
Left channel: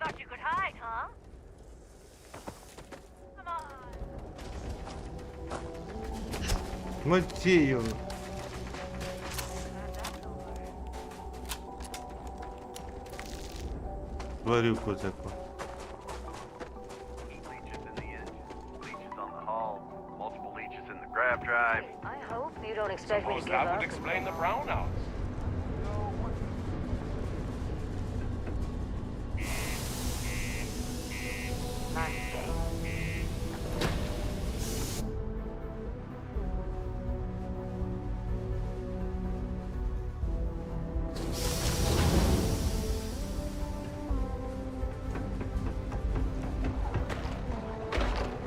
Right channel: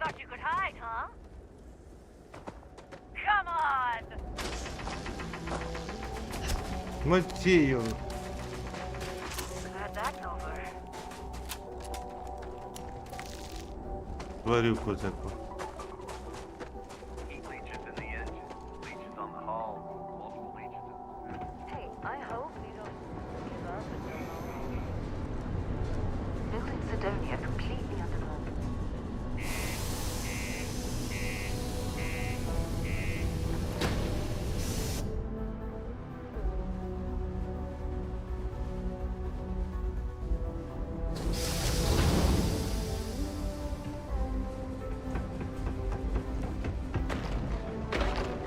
Thought you could hide, huh? Come on! Мотію. Glad that's over. Тварюку таку. Heat leeches in the engine, leeches on the hull, multiple leeches in the grav drive. I hope you don't expect me to give That up. would explain the brownouts. Sidonia complete.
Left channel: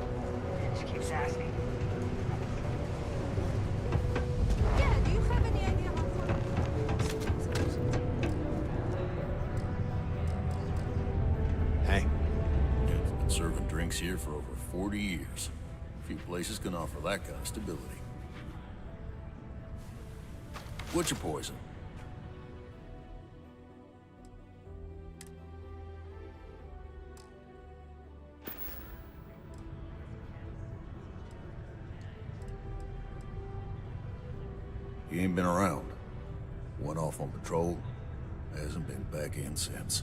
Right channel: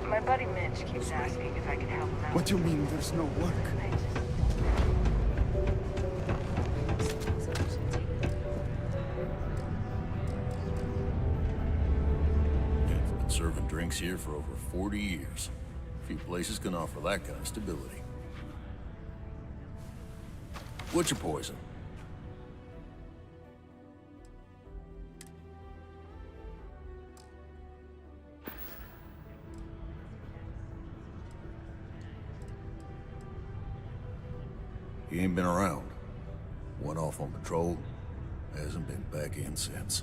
My buddy Mitch keeps asking if I can help him out. What do you mean there's no work? Hank, I've been serving drinks here for over 40 years. Few places can offer that kind of stability. What's your poison? You ain't been around. Went off on patrol. Hasn't been back in since.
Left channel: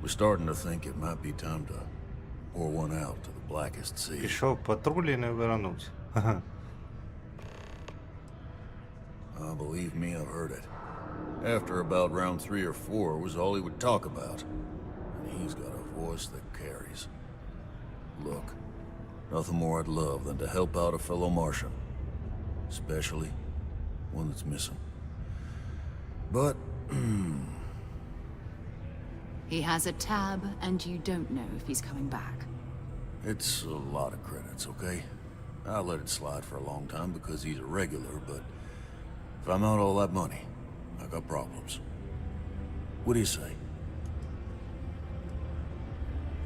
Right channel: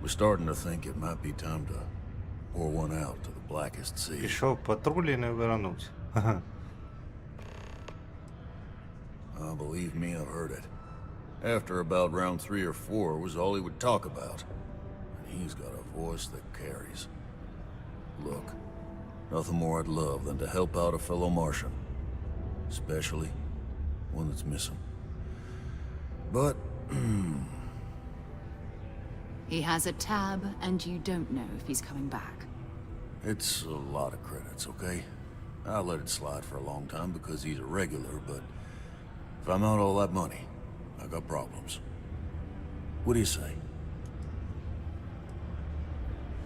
We're starting to think it might be time to pour one out to the blackest sea. Пішов в патруль і не вернувся. Believe me, I've heard it. After about round 3 or 4 was all he would talk about. And he's got a voice that carries. Look, nothing more I'd love than to help out a fellow Martian. Especially one that's missing. But, He has a tab, and you don't know if he's coming back. it's a lot of credits, okay? I let it slide for a long time because he's a regular, but if I'm out all that money, I got problems. What do you say?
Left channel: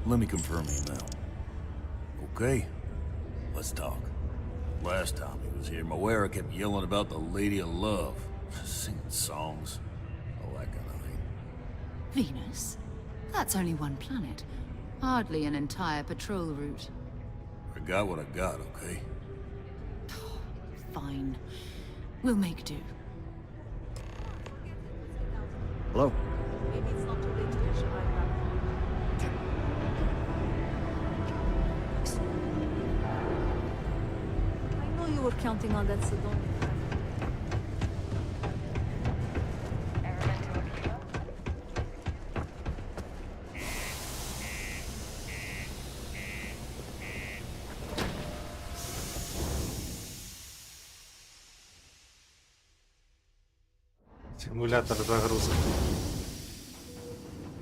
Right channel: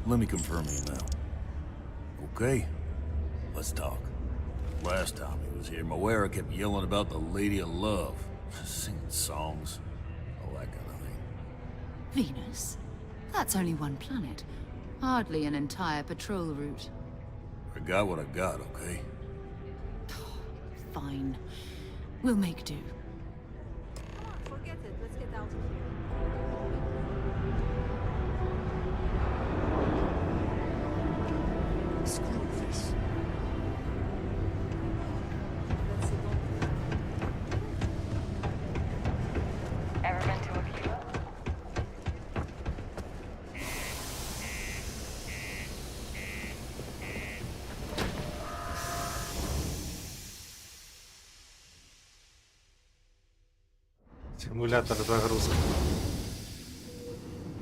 Let me confirm email. Okay, let's talk. Last time he was here, Moira kept yelling about the Lady of Love, singing songs, all that kind of thing. Venus? That's only one planet. Hardly an entire patrol route. I got what I got, okay? Fine. We'll make do. Hello? I know you were counting on that, so don't. Ever been to a Cuba? Симулятор загрузки.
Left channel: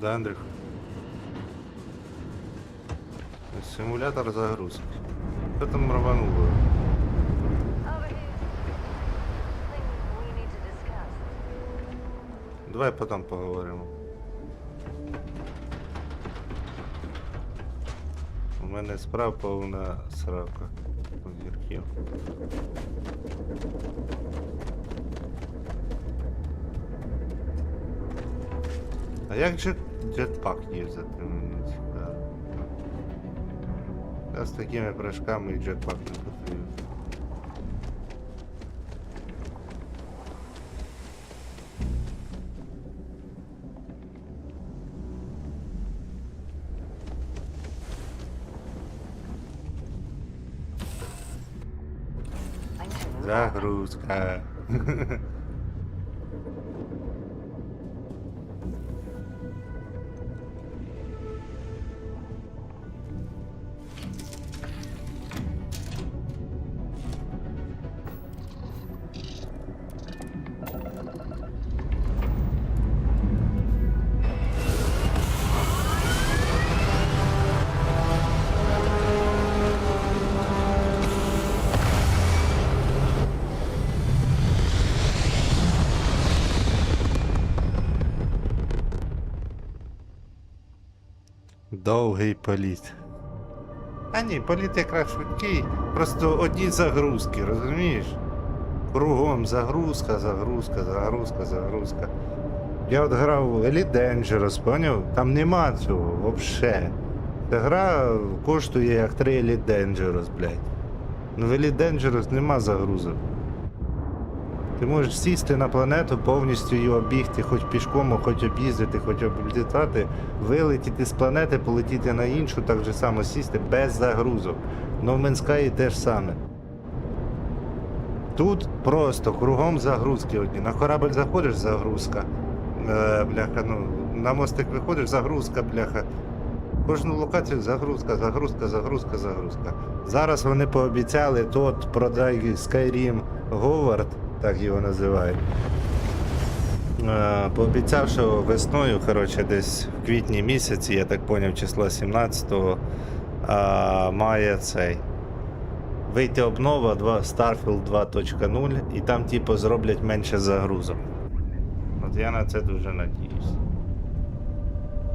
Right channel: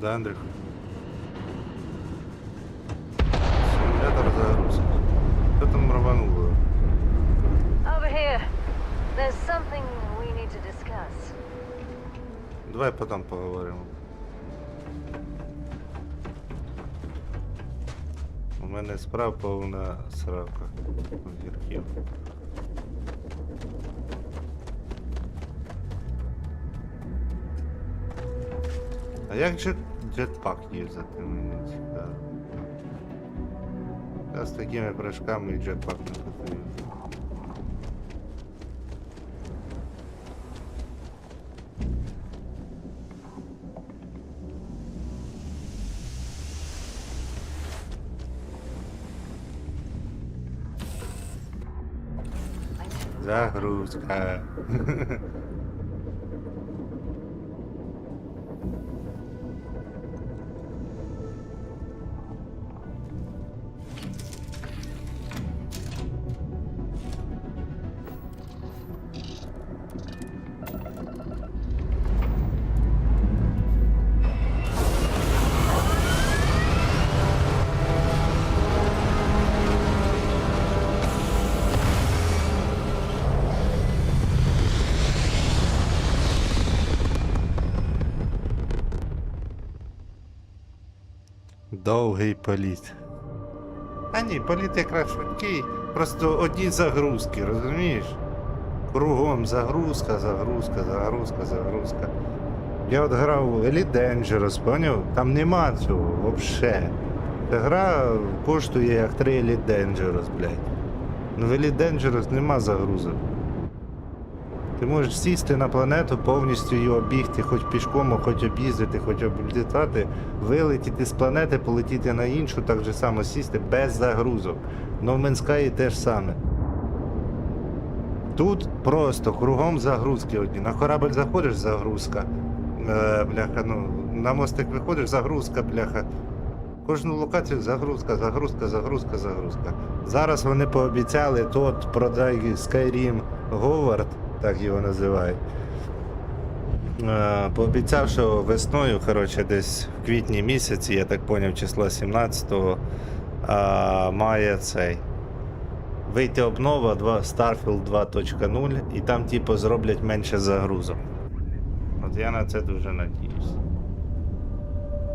Да, Андрюх? Симулятор загрузки. Що там рвануло? Over here. There's something we need to discuss. Давай потім поговоримо. У мене справа повна срака зірків. А як же джетпак юзати, мені цікаво. Я з такими прыжками і джетпак не потрібен. Загрузка. Довгий політ. А ні, політ якраз швидкий. Просто одні загрузки, розумієш? Кругом загрузка, загрузка, загрузка, загрузка. Я от грав в Elite Dangerous, поняв? Там нема цього, взагалі. Ця гра коштує як 3 Elite Dangerous, блядь. Ну в Elite Dangerous нема загрузок. Ти можеш сісти на планету, повністю її обігти, хоч пішком, хоч об'їздити, хоч облітати, вилетіти з планети, полетіти на іншу, так же само сісти без загрузок. No Man's Sky теж саме. Тут просто кругом загрузки одні. На корабль заходиш, загрузка. Бляха, ну, на мостик виходиш, загрузка, бляха. Кожну локацію загрузка, загрузка, загрузка, загрузка. Зараз вони пообіцяли тот продай Skyrim Говард, так його називають. Пообіцяв, що весною, коротше, десь в квітні місяці, я так поняв, числа 17-го, має цей. Вийти обнова Starfield 2.0 і там типу зроблять менше загрузок. От я на це дуже надіюсь.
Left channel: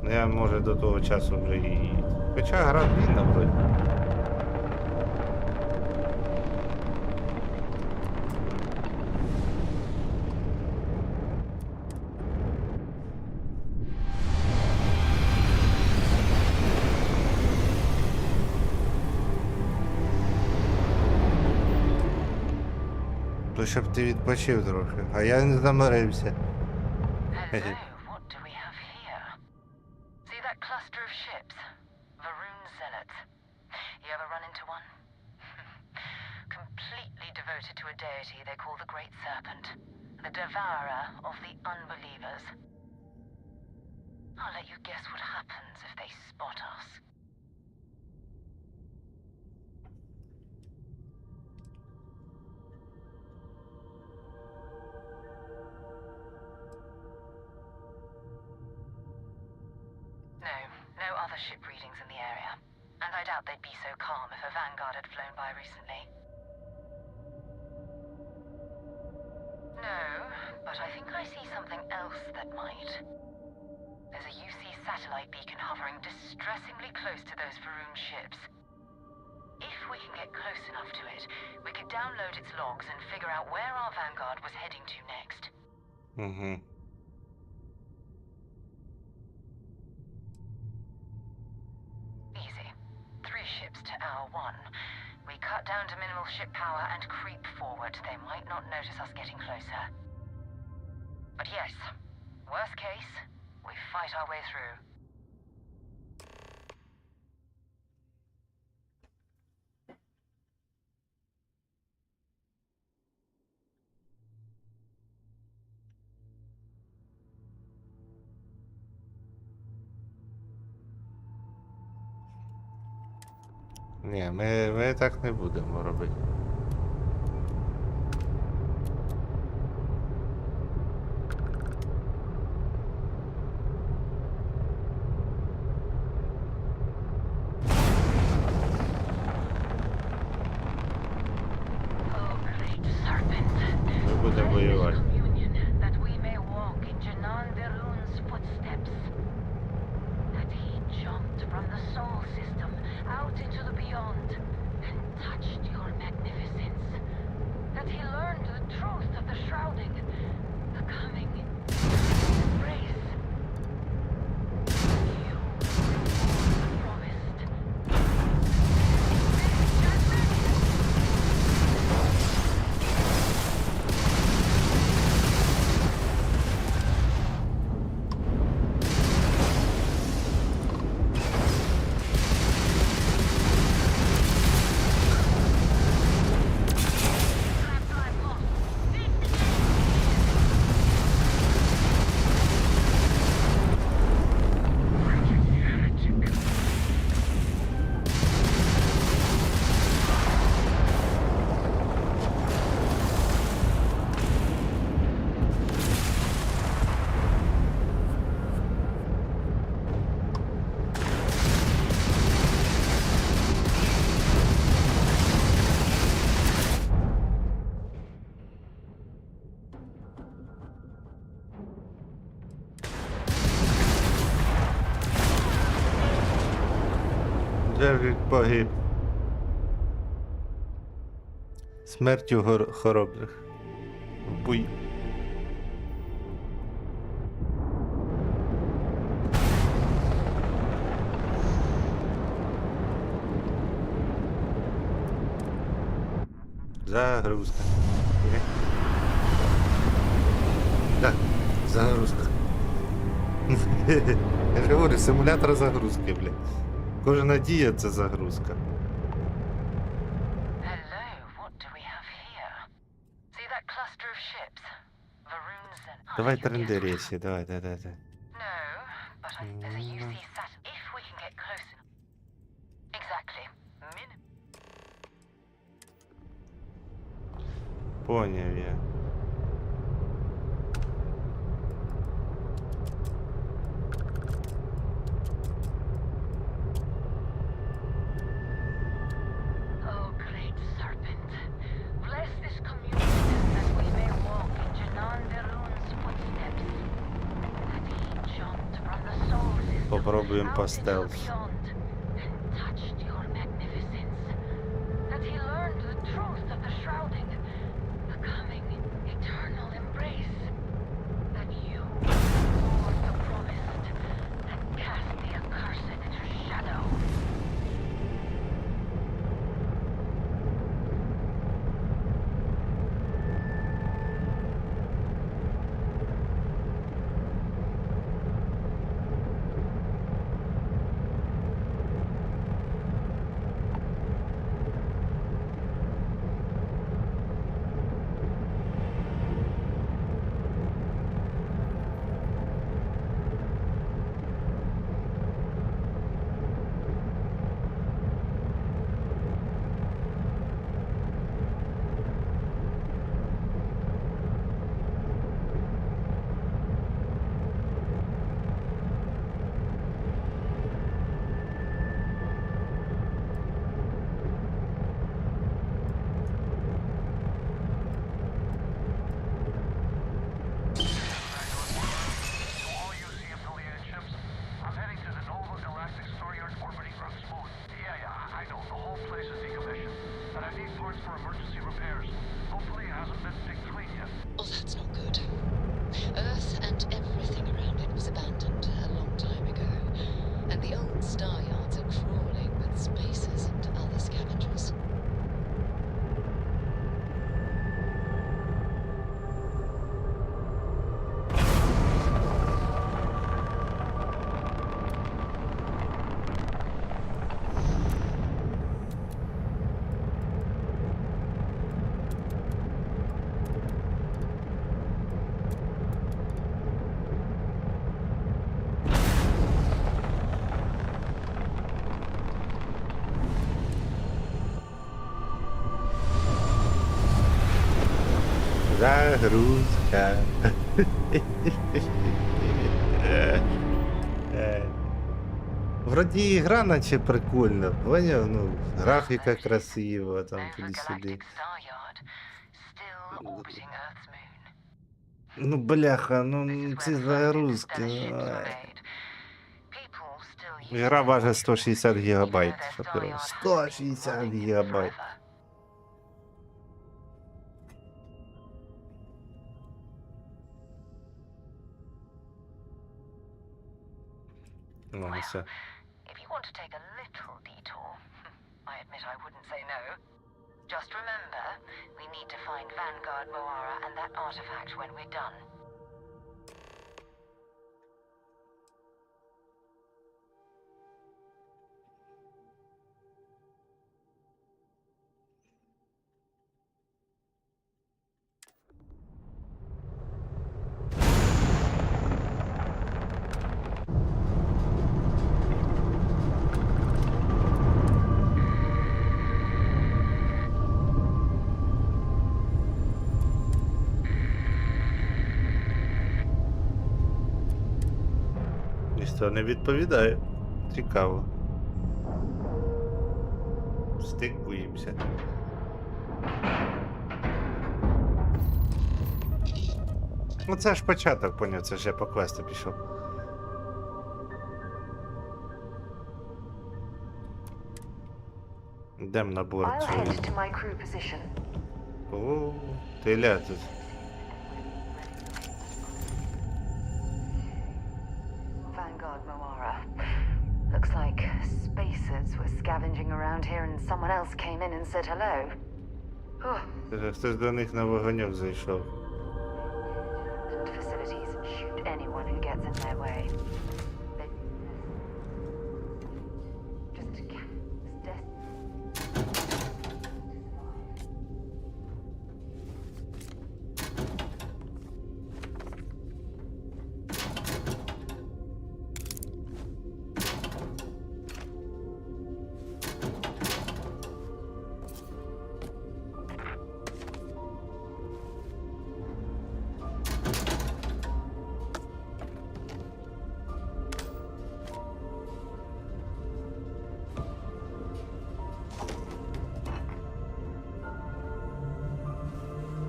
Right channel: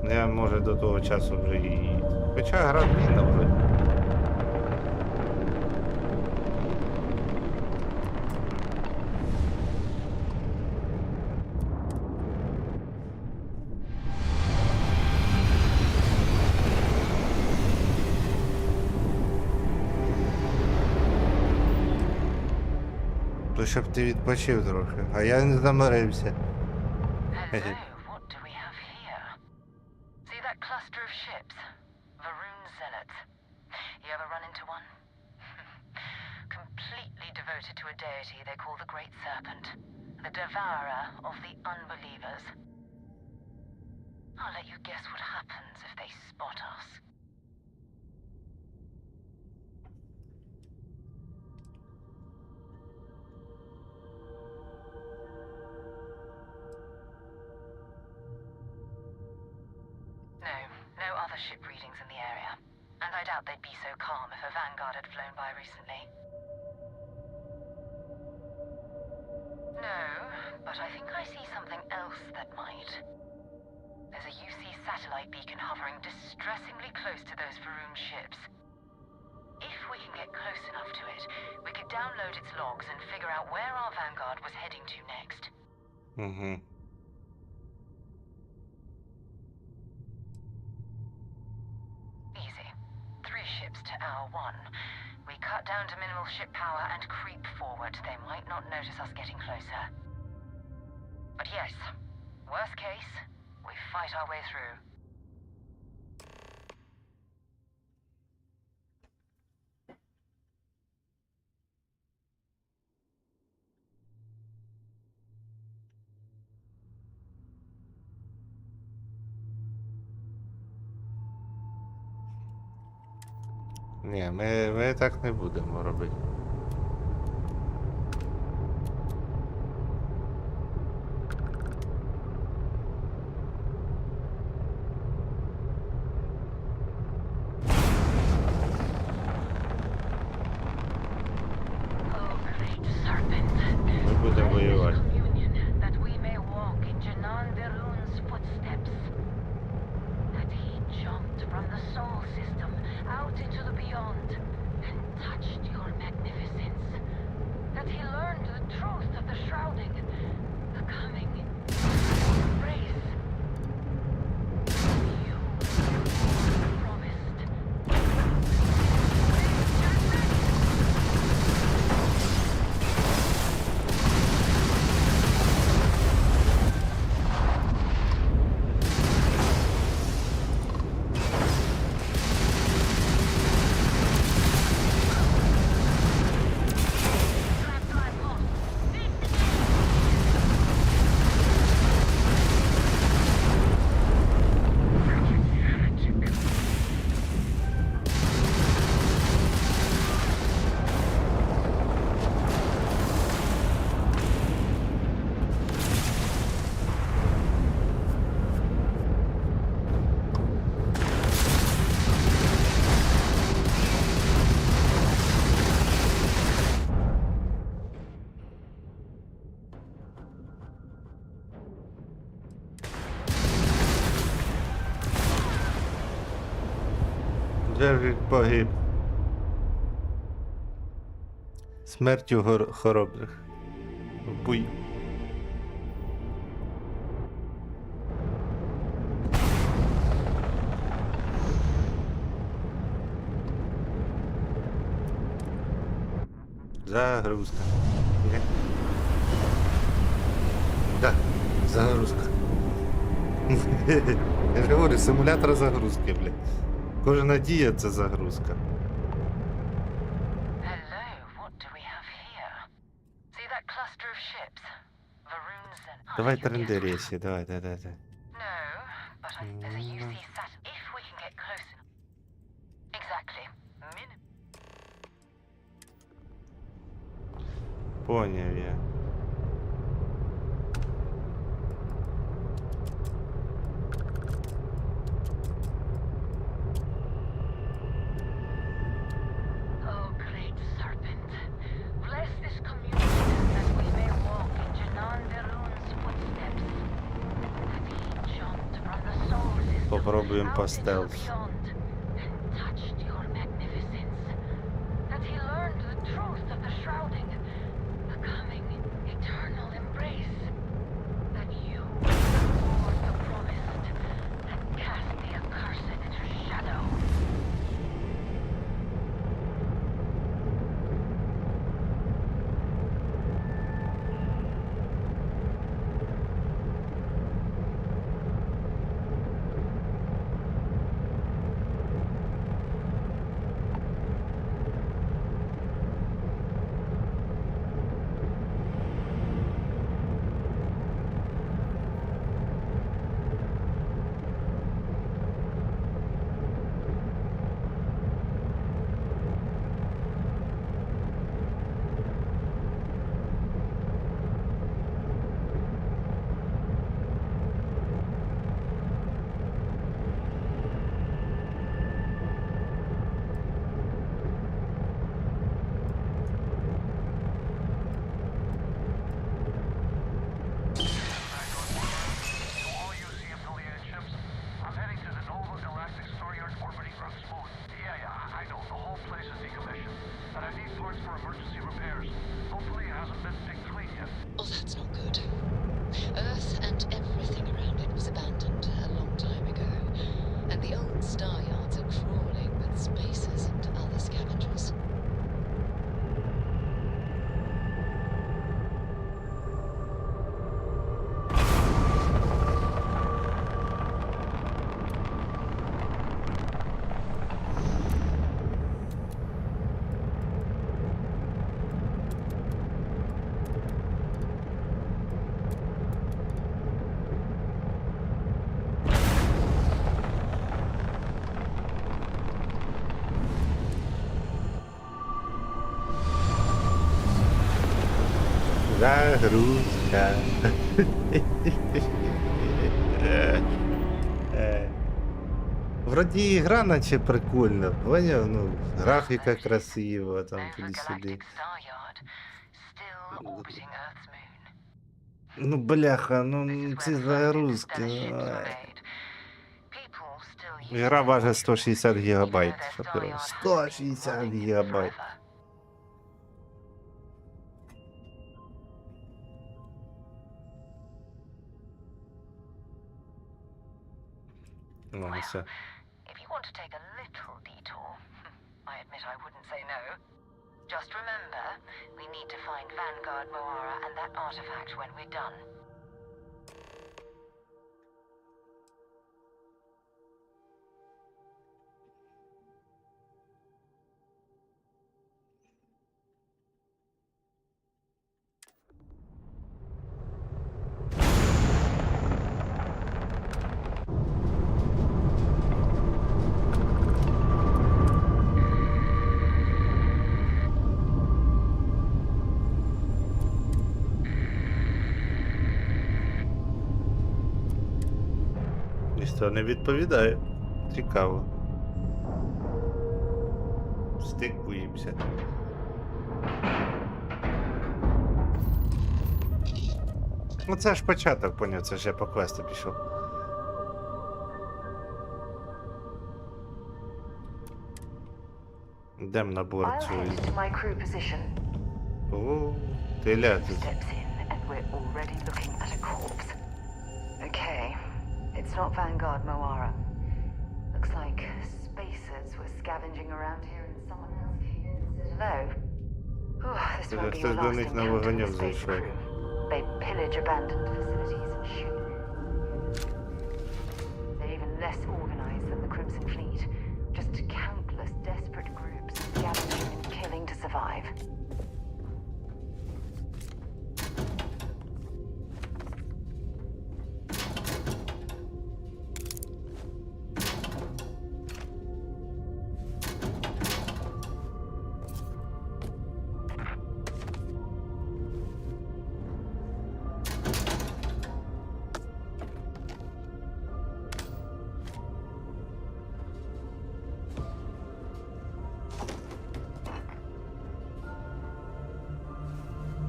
Ну я може до того часу вже і... Хоча гра длинна вроді. То щоб ти відпочив трохи, а я не заморився. Hello, what do we have here? See that cluster of ships? Varun Zealots. You ever run into one? Completely devoted to a deity they call the Great Serpent, the devourer of the unbelievers. I'll let you guess what happens if they spot us. No other ship readings in the area. And I doubt they'd be so calm if a Vanguard had flown by recently. No, but I think I see something else that might. There's a UC satellite beacon hovering distressingly close to those Varun ships. If we can get close enough to it, we could download its logs and figure out where our Vanguard was heading to next. Mm-hmm. Easy. 3 ships to hour 1. We cut down to minimal ship power and creep forward. They might not notice us getting closer. But yes, worst case, we fight our way through. Ні, ми так не будемо робити. Ми будемо воювати. That we may walk in Janan Verun's footsteps. That he jumped from the soul system out into the beyond and touched your magnificence. That he learned the truth of the shrouding, the coming embrace. You were promised. Джеррід погиб. Смертю хоробрих. В бою. Загрузка. Так, загрузка. Я ж говорю, симулятор загрузки, блядь. Кожна дія — це загрузка. Давай трендерісі, давай. Поняв я. Попробуємо по стелсу. Загрузка. Вроді ігра наче прикольна, поняв? Ну, графіка красива, там туди-сюди. Ну, бляха, ну ці загрузки. Ігра важить 160 гігабайт. Що ти робиш? 160 гігабайт. Ну, все. If you want to take a little detour, I admit I wouldn't say no. Just remember, we need to find Vanguard Moara and that artifact when we're done. Ніхто не відповідає. Цікаво. Стикуємося. Ну це ж початок, поняв, це ж я по квесту пішов. Йдем на борт. О, ти ляти. It's not Vanguard Moara. Looks like spacers were scavenging around here and someone else came in and said hello. Oh, this won't be Хтось до них на вогоньок зайшов. They pillage abandoned facilities and shoot anyone who gets in their way. They're even less organized than the Crimson Fleet. Just countless desperate groups gathering and killing to survive.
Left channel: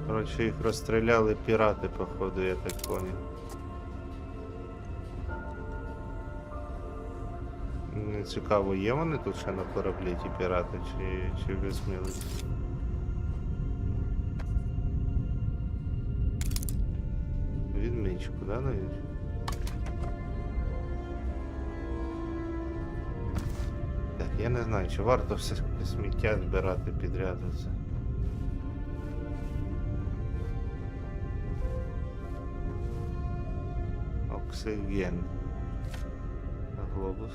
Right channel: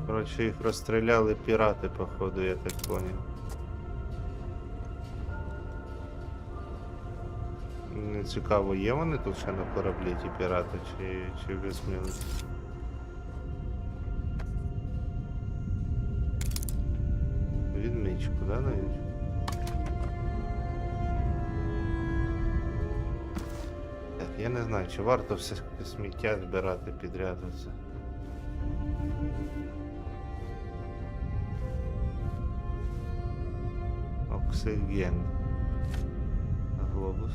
Коротше, їх розстріляли пірати, походу, я так поняв. Не цікаво, є вони тут ще на кораблі, ті пірати, чи вже смілися? Відмічку, да, навіть? Так, я не знаю, чи варто все сміття збирати підряд оце. Оксиген. Глобус.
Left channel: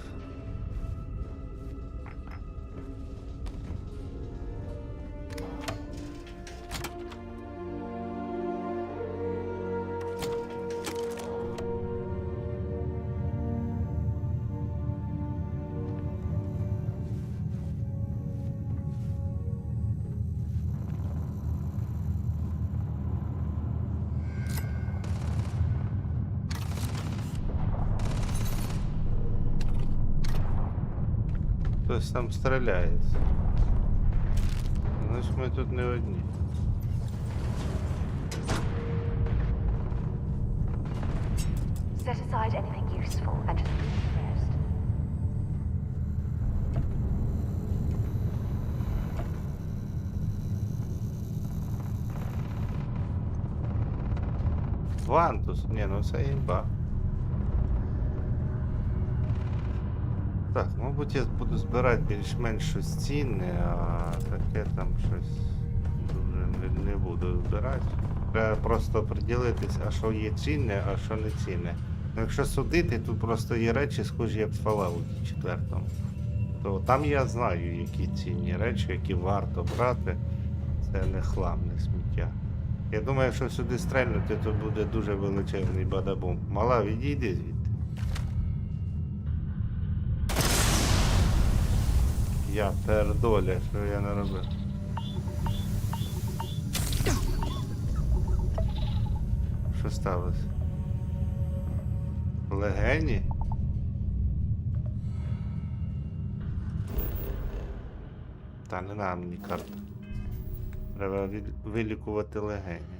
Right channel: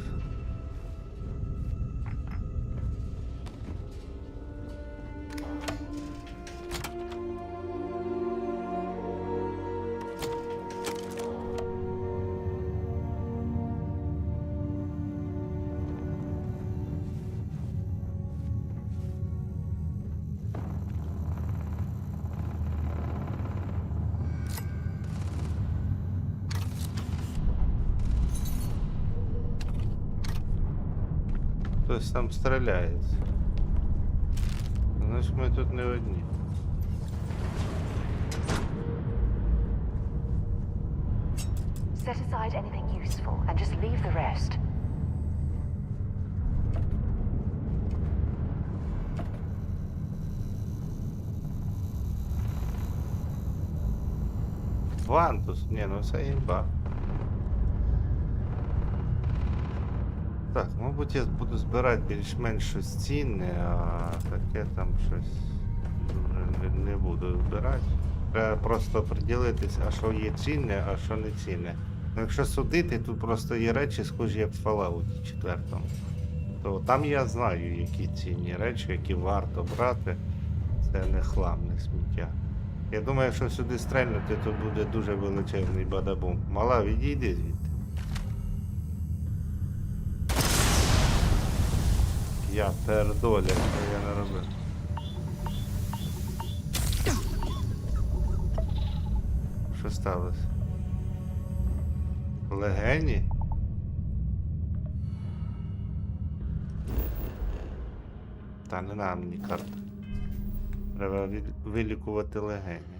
Хтось там стріляється. Значить ми тут не одні. Set aside anything useful and just leave the rest. Вантус? Ні, ну це імба. Так, мабуть, я буду збирати більш-менш щось цінне, а таке там щось дуже не буду збирати. Треба просто приділитись, а що є цінне, а що не цінне. Ну, якщо судити, тут просто є речі, схожі як в Fallout 4. То там я знаю, які цінні речі, які варто брати. Це не хлам, не сміття. Я думаю, якщо сюди стрельнути, то буде дуже величезний бадабум. Мала, відійди звідти. Я пердоля, що я не робив. Що сталося? Легені? Та не нам мені карта. Треба вилікувати легені.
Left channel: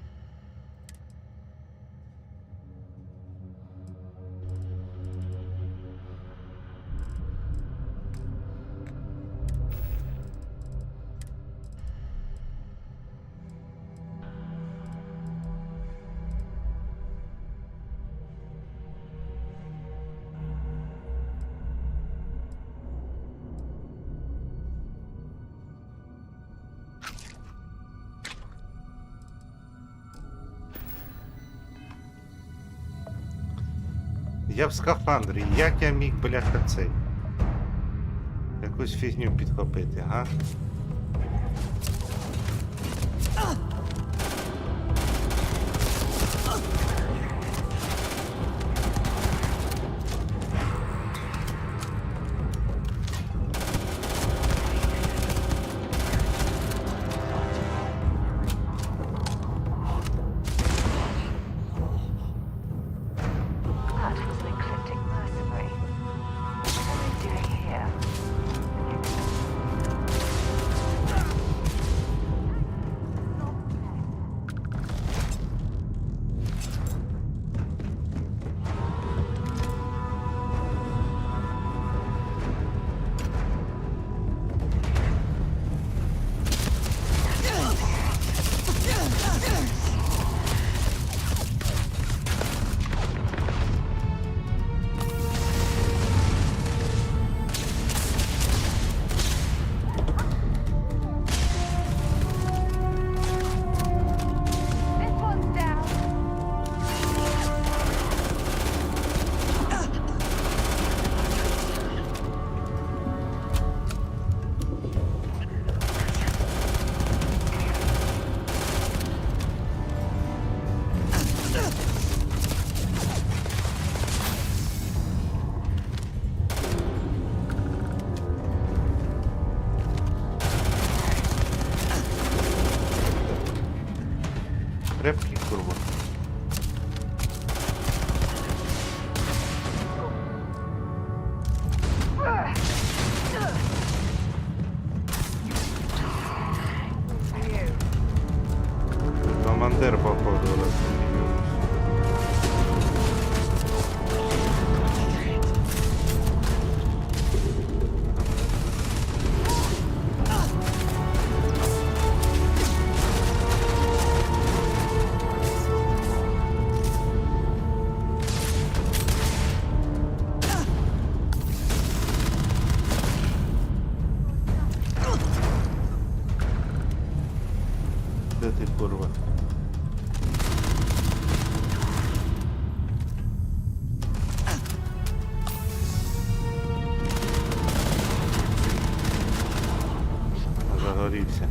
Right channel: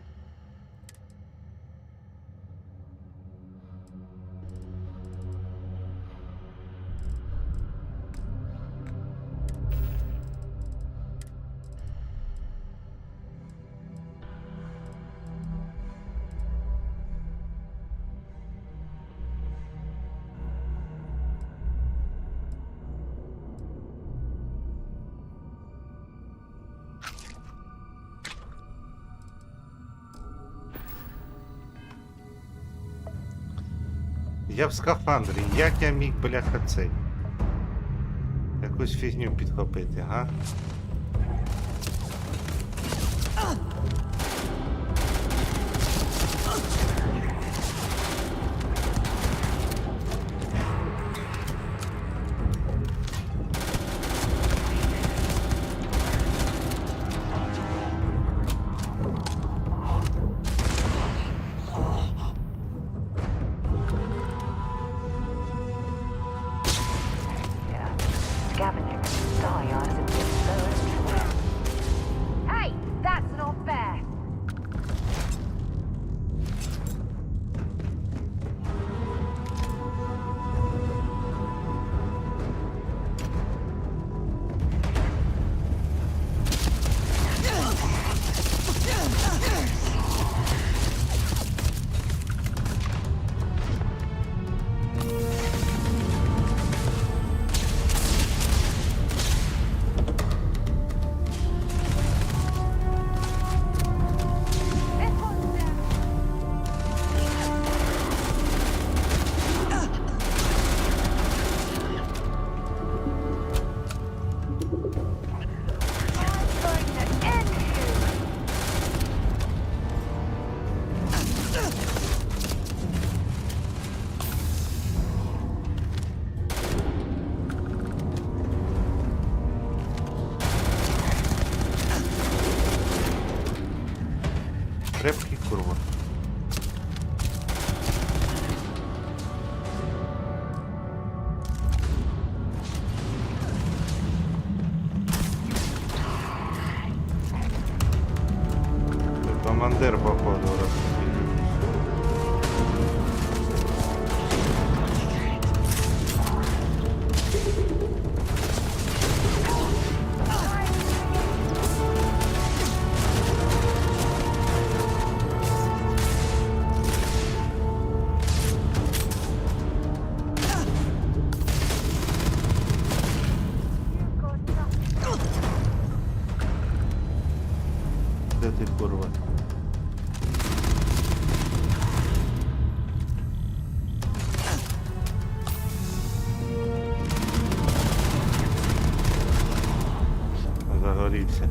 Я в скафандрі, як я міг, бляха, цей? Якусь фігню підхопити, га? Hey, that's not fair. This one's down. Крепкий, курва. Командир, походу, раз такий юнус. Де ти, курва? Загорівся.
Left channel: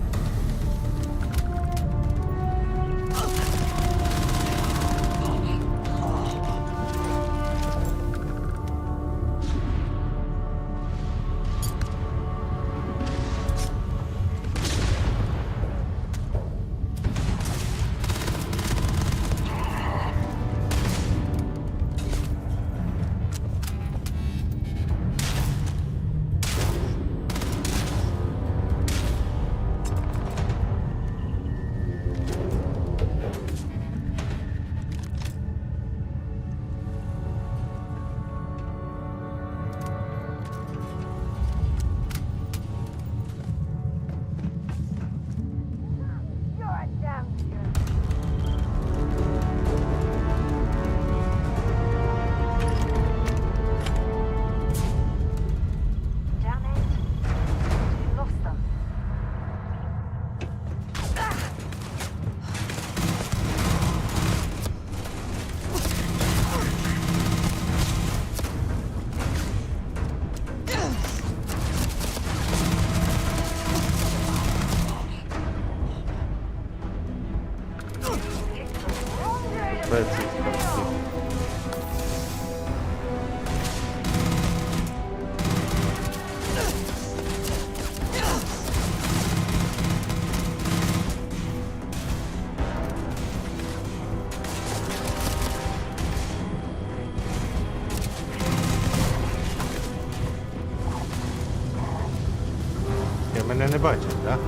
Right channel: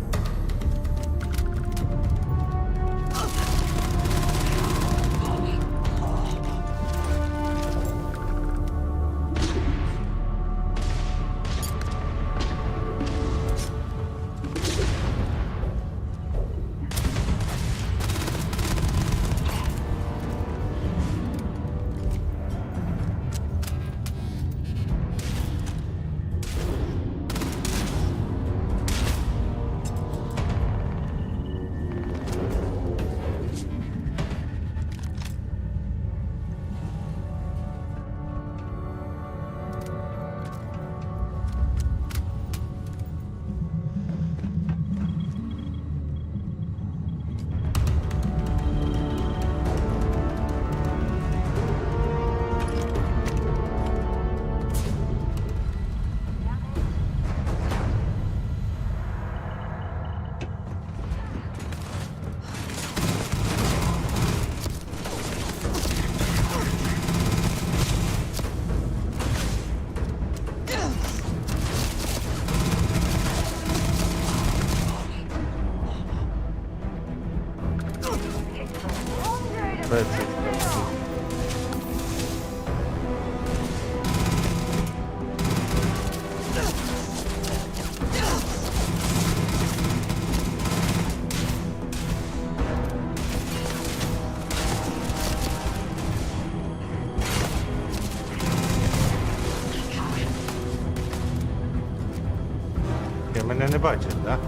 мене не бачать, да?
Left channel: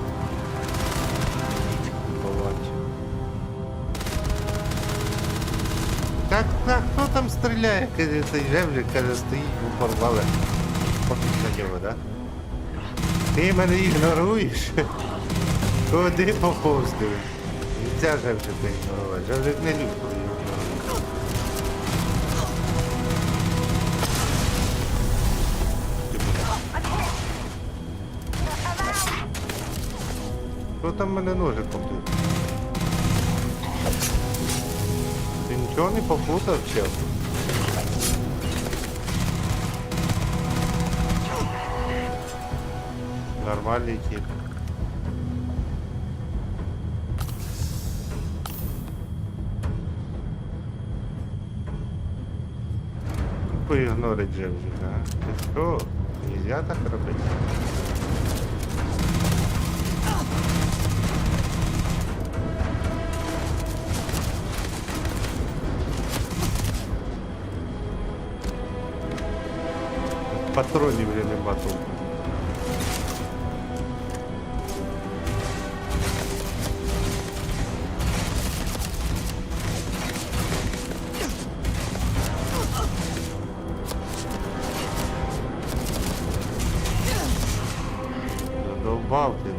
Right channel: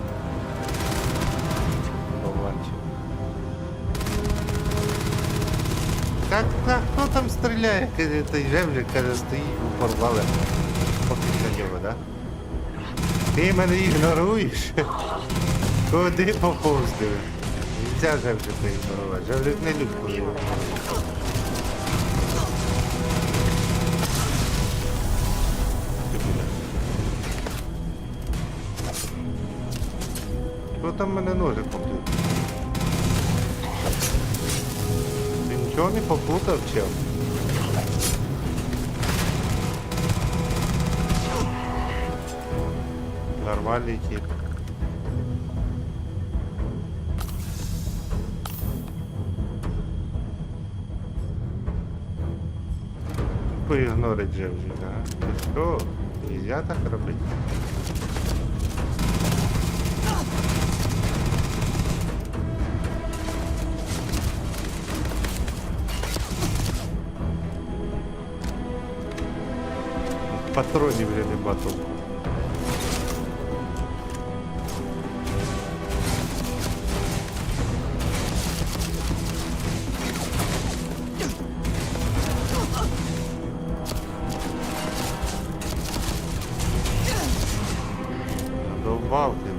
Полончик. Так, хто там стріляє? Каже, цей жевжик, каже, стоїть у порвале. Поки на нього, да? Ти мене ігноруєш? Куди поповздив? Нельзя жевжика ігнорувати. Жевжик не любить, коли його ігнорують. Що там мене ножиком тут? Ти нічого не попутав, чел? Нормальний тип. Поігнорить жевжика, а? Ти що? Нельзя так робити? Патронів вже нема толку. Задовбав ти.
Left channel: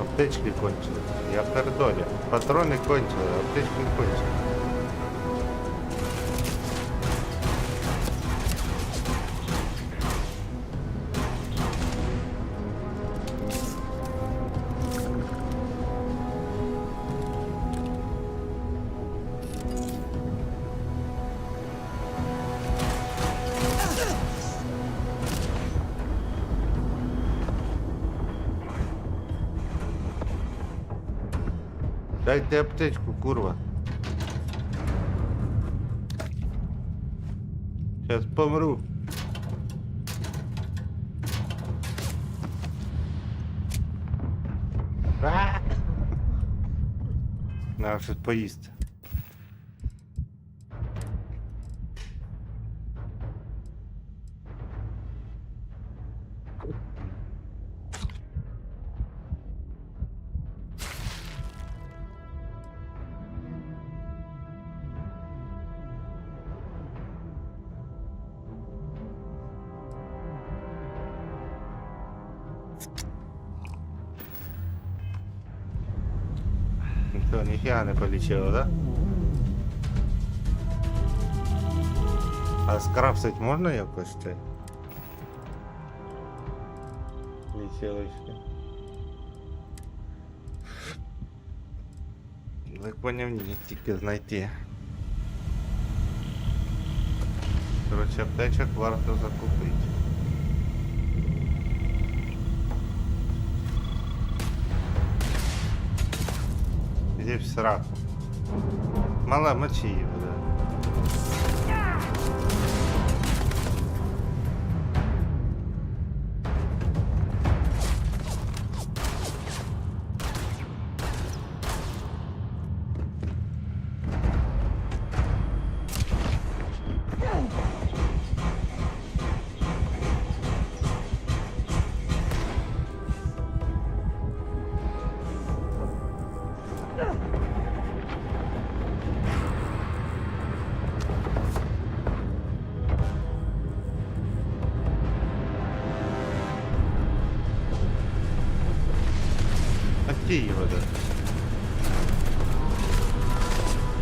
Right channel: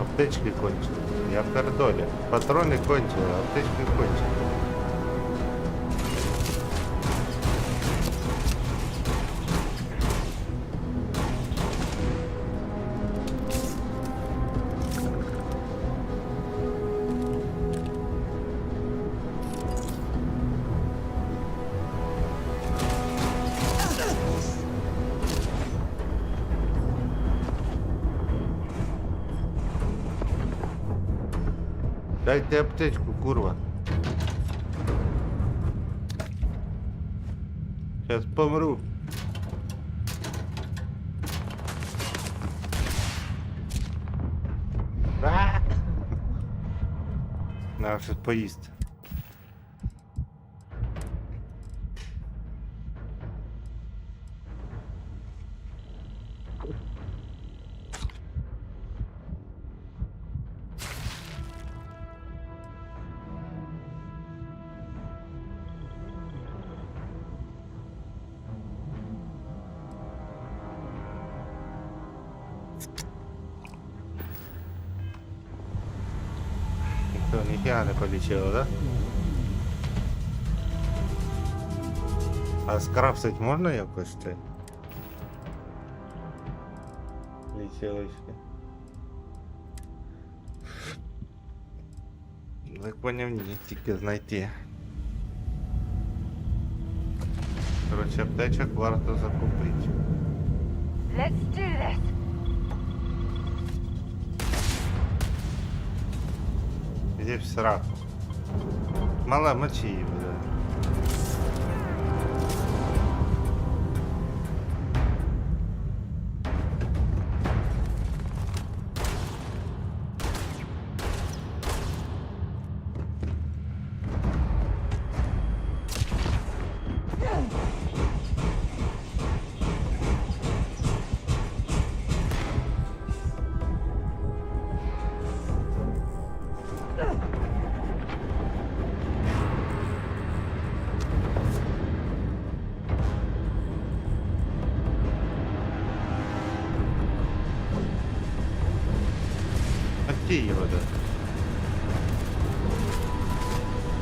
Аптечки кончили. Я пердоля. Патрони кончили, аптечки кончили. Дайте аптечку, курва. Сейчас помру. Надо щось поїсти. Все, ніхіга не полічило, да? А скрафтить можна якось це? Лічилочки. Так поняв, ні, тільки знайти. Короче, аптечок варто закупити. Let's do this. Иди в сраку. Мала, мочи его, да. Отти его, да.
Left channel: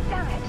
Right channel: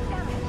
Damn it.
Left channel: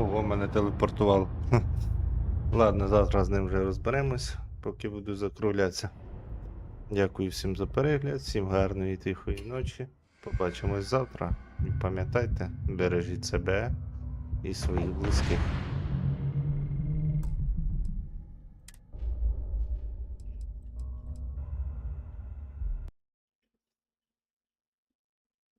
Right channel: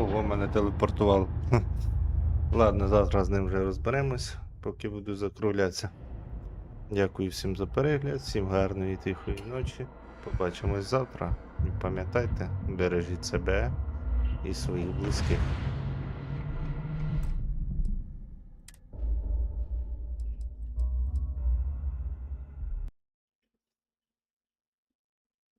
Ого, мене телепортувало. Ладно, завтра з ним вже розберемось, поки буду закруглятися. Дякую всім за перегляд, всім гарної тихої ночі. Побачимось завтра. І пам'ятайте, бережіть себе і своїх близьких.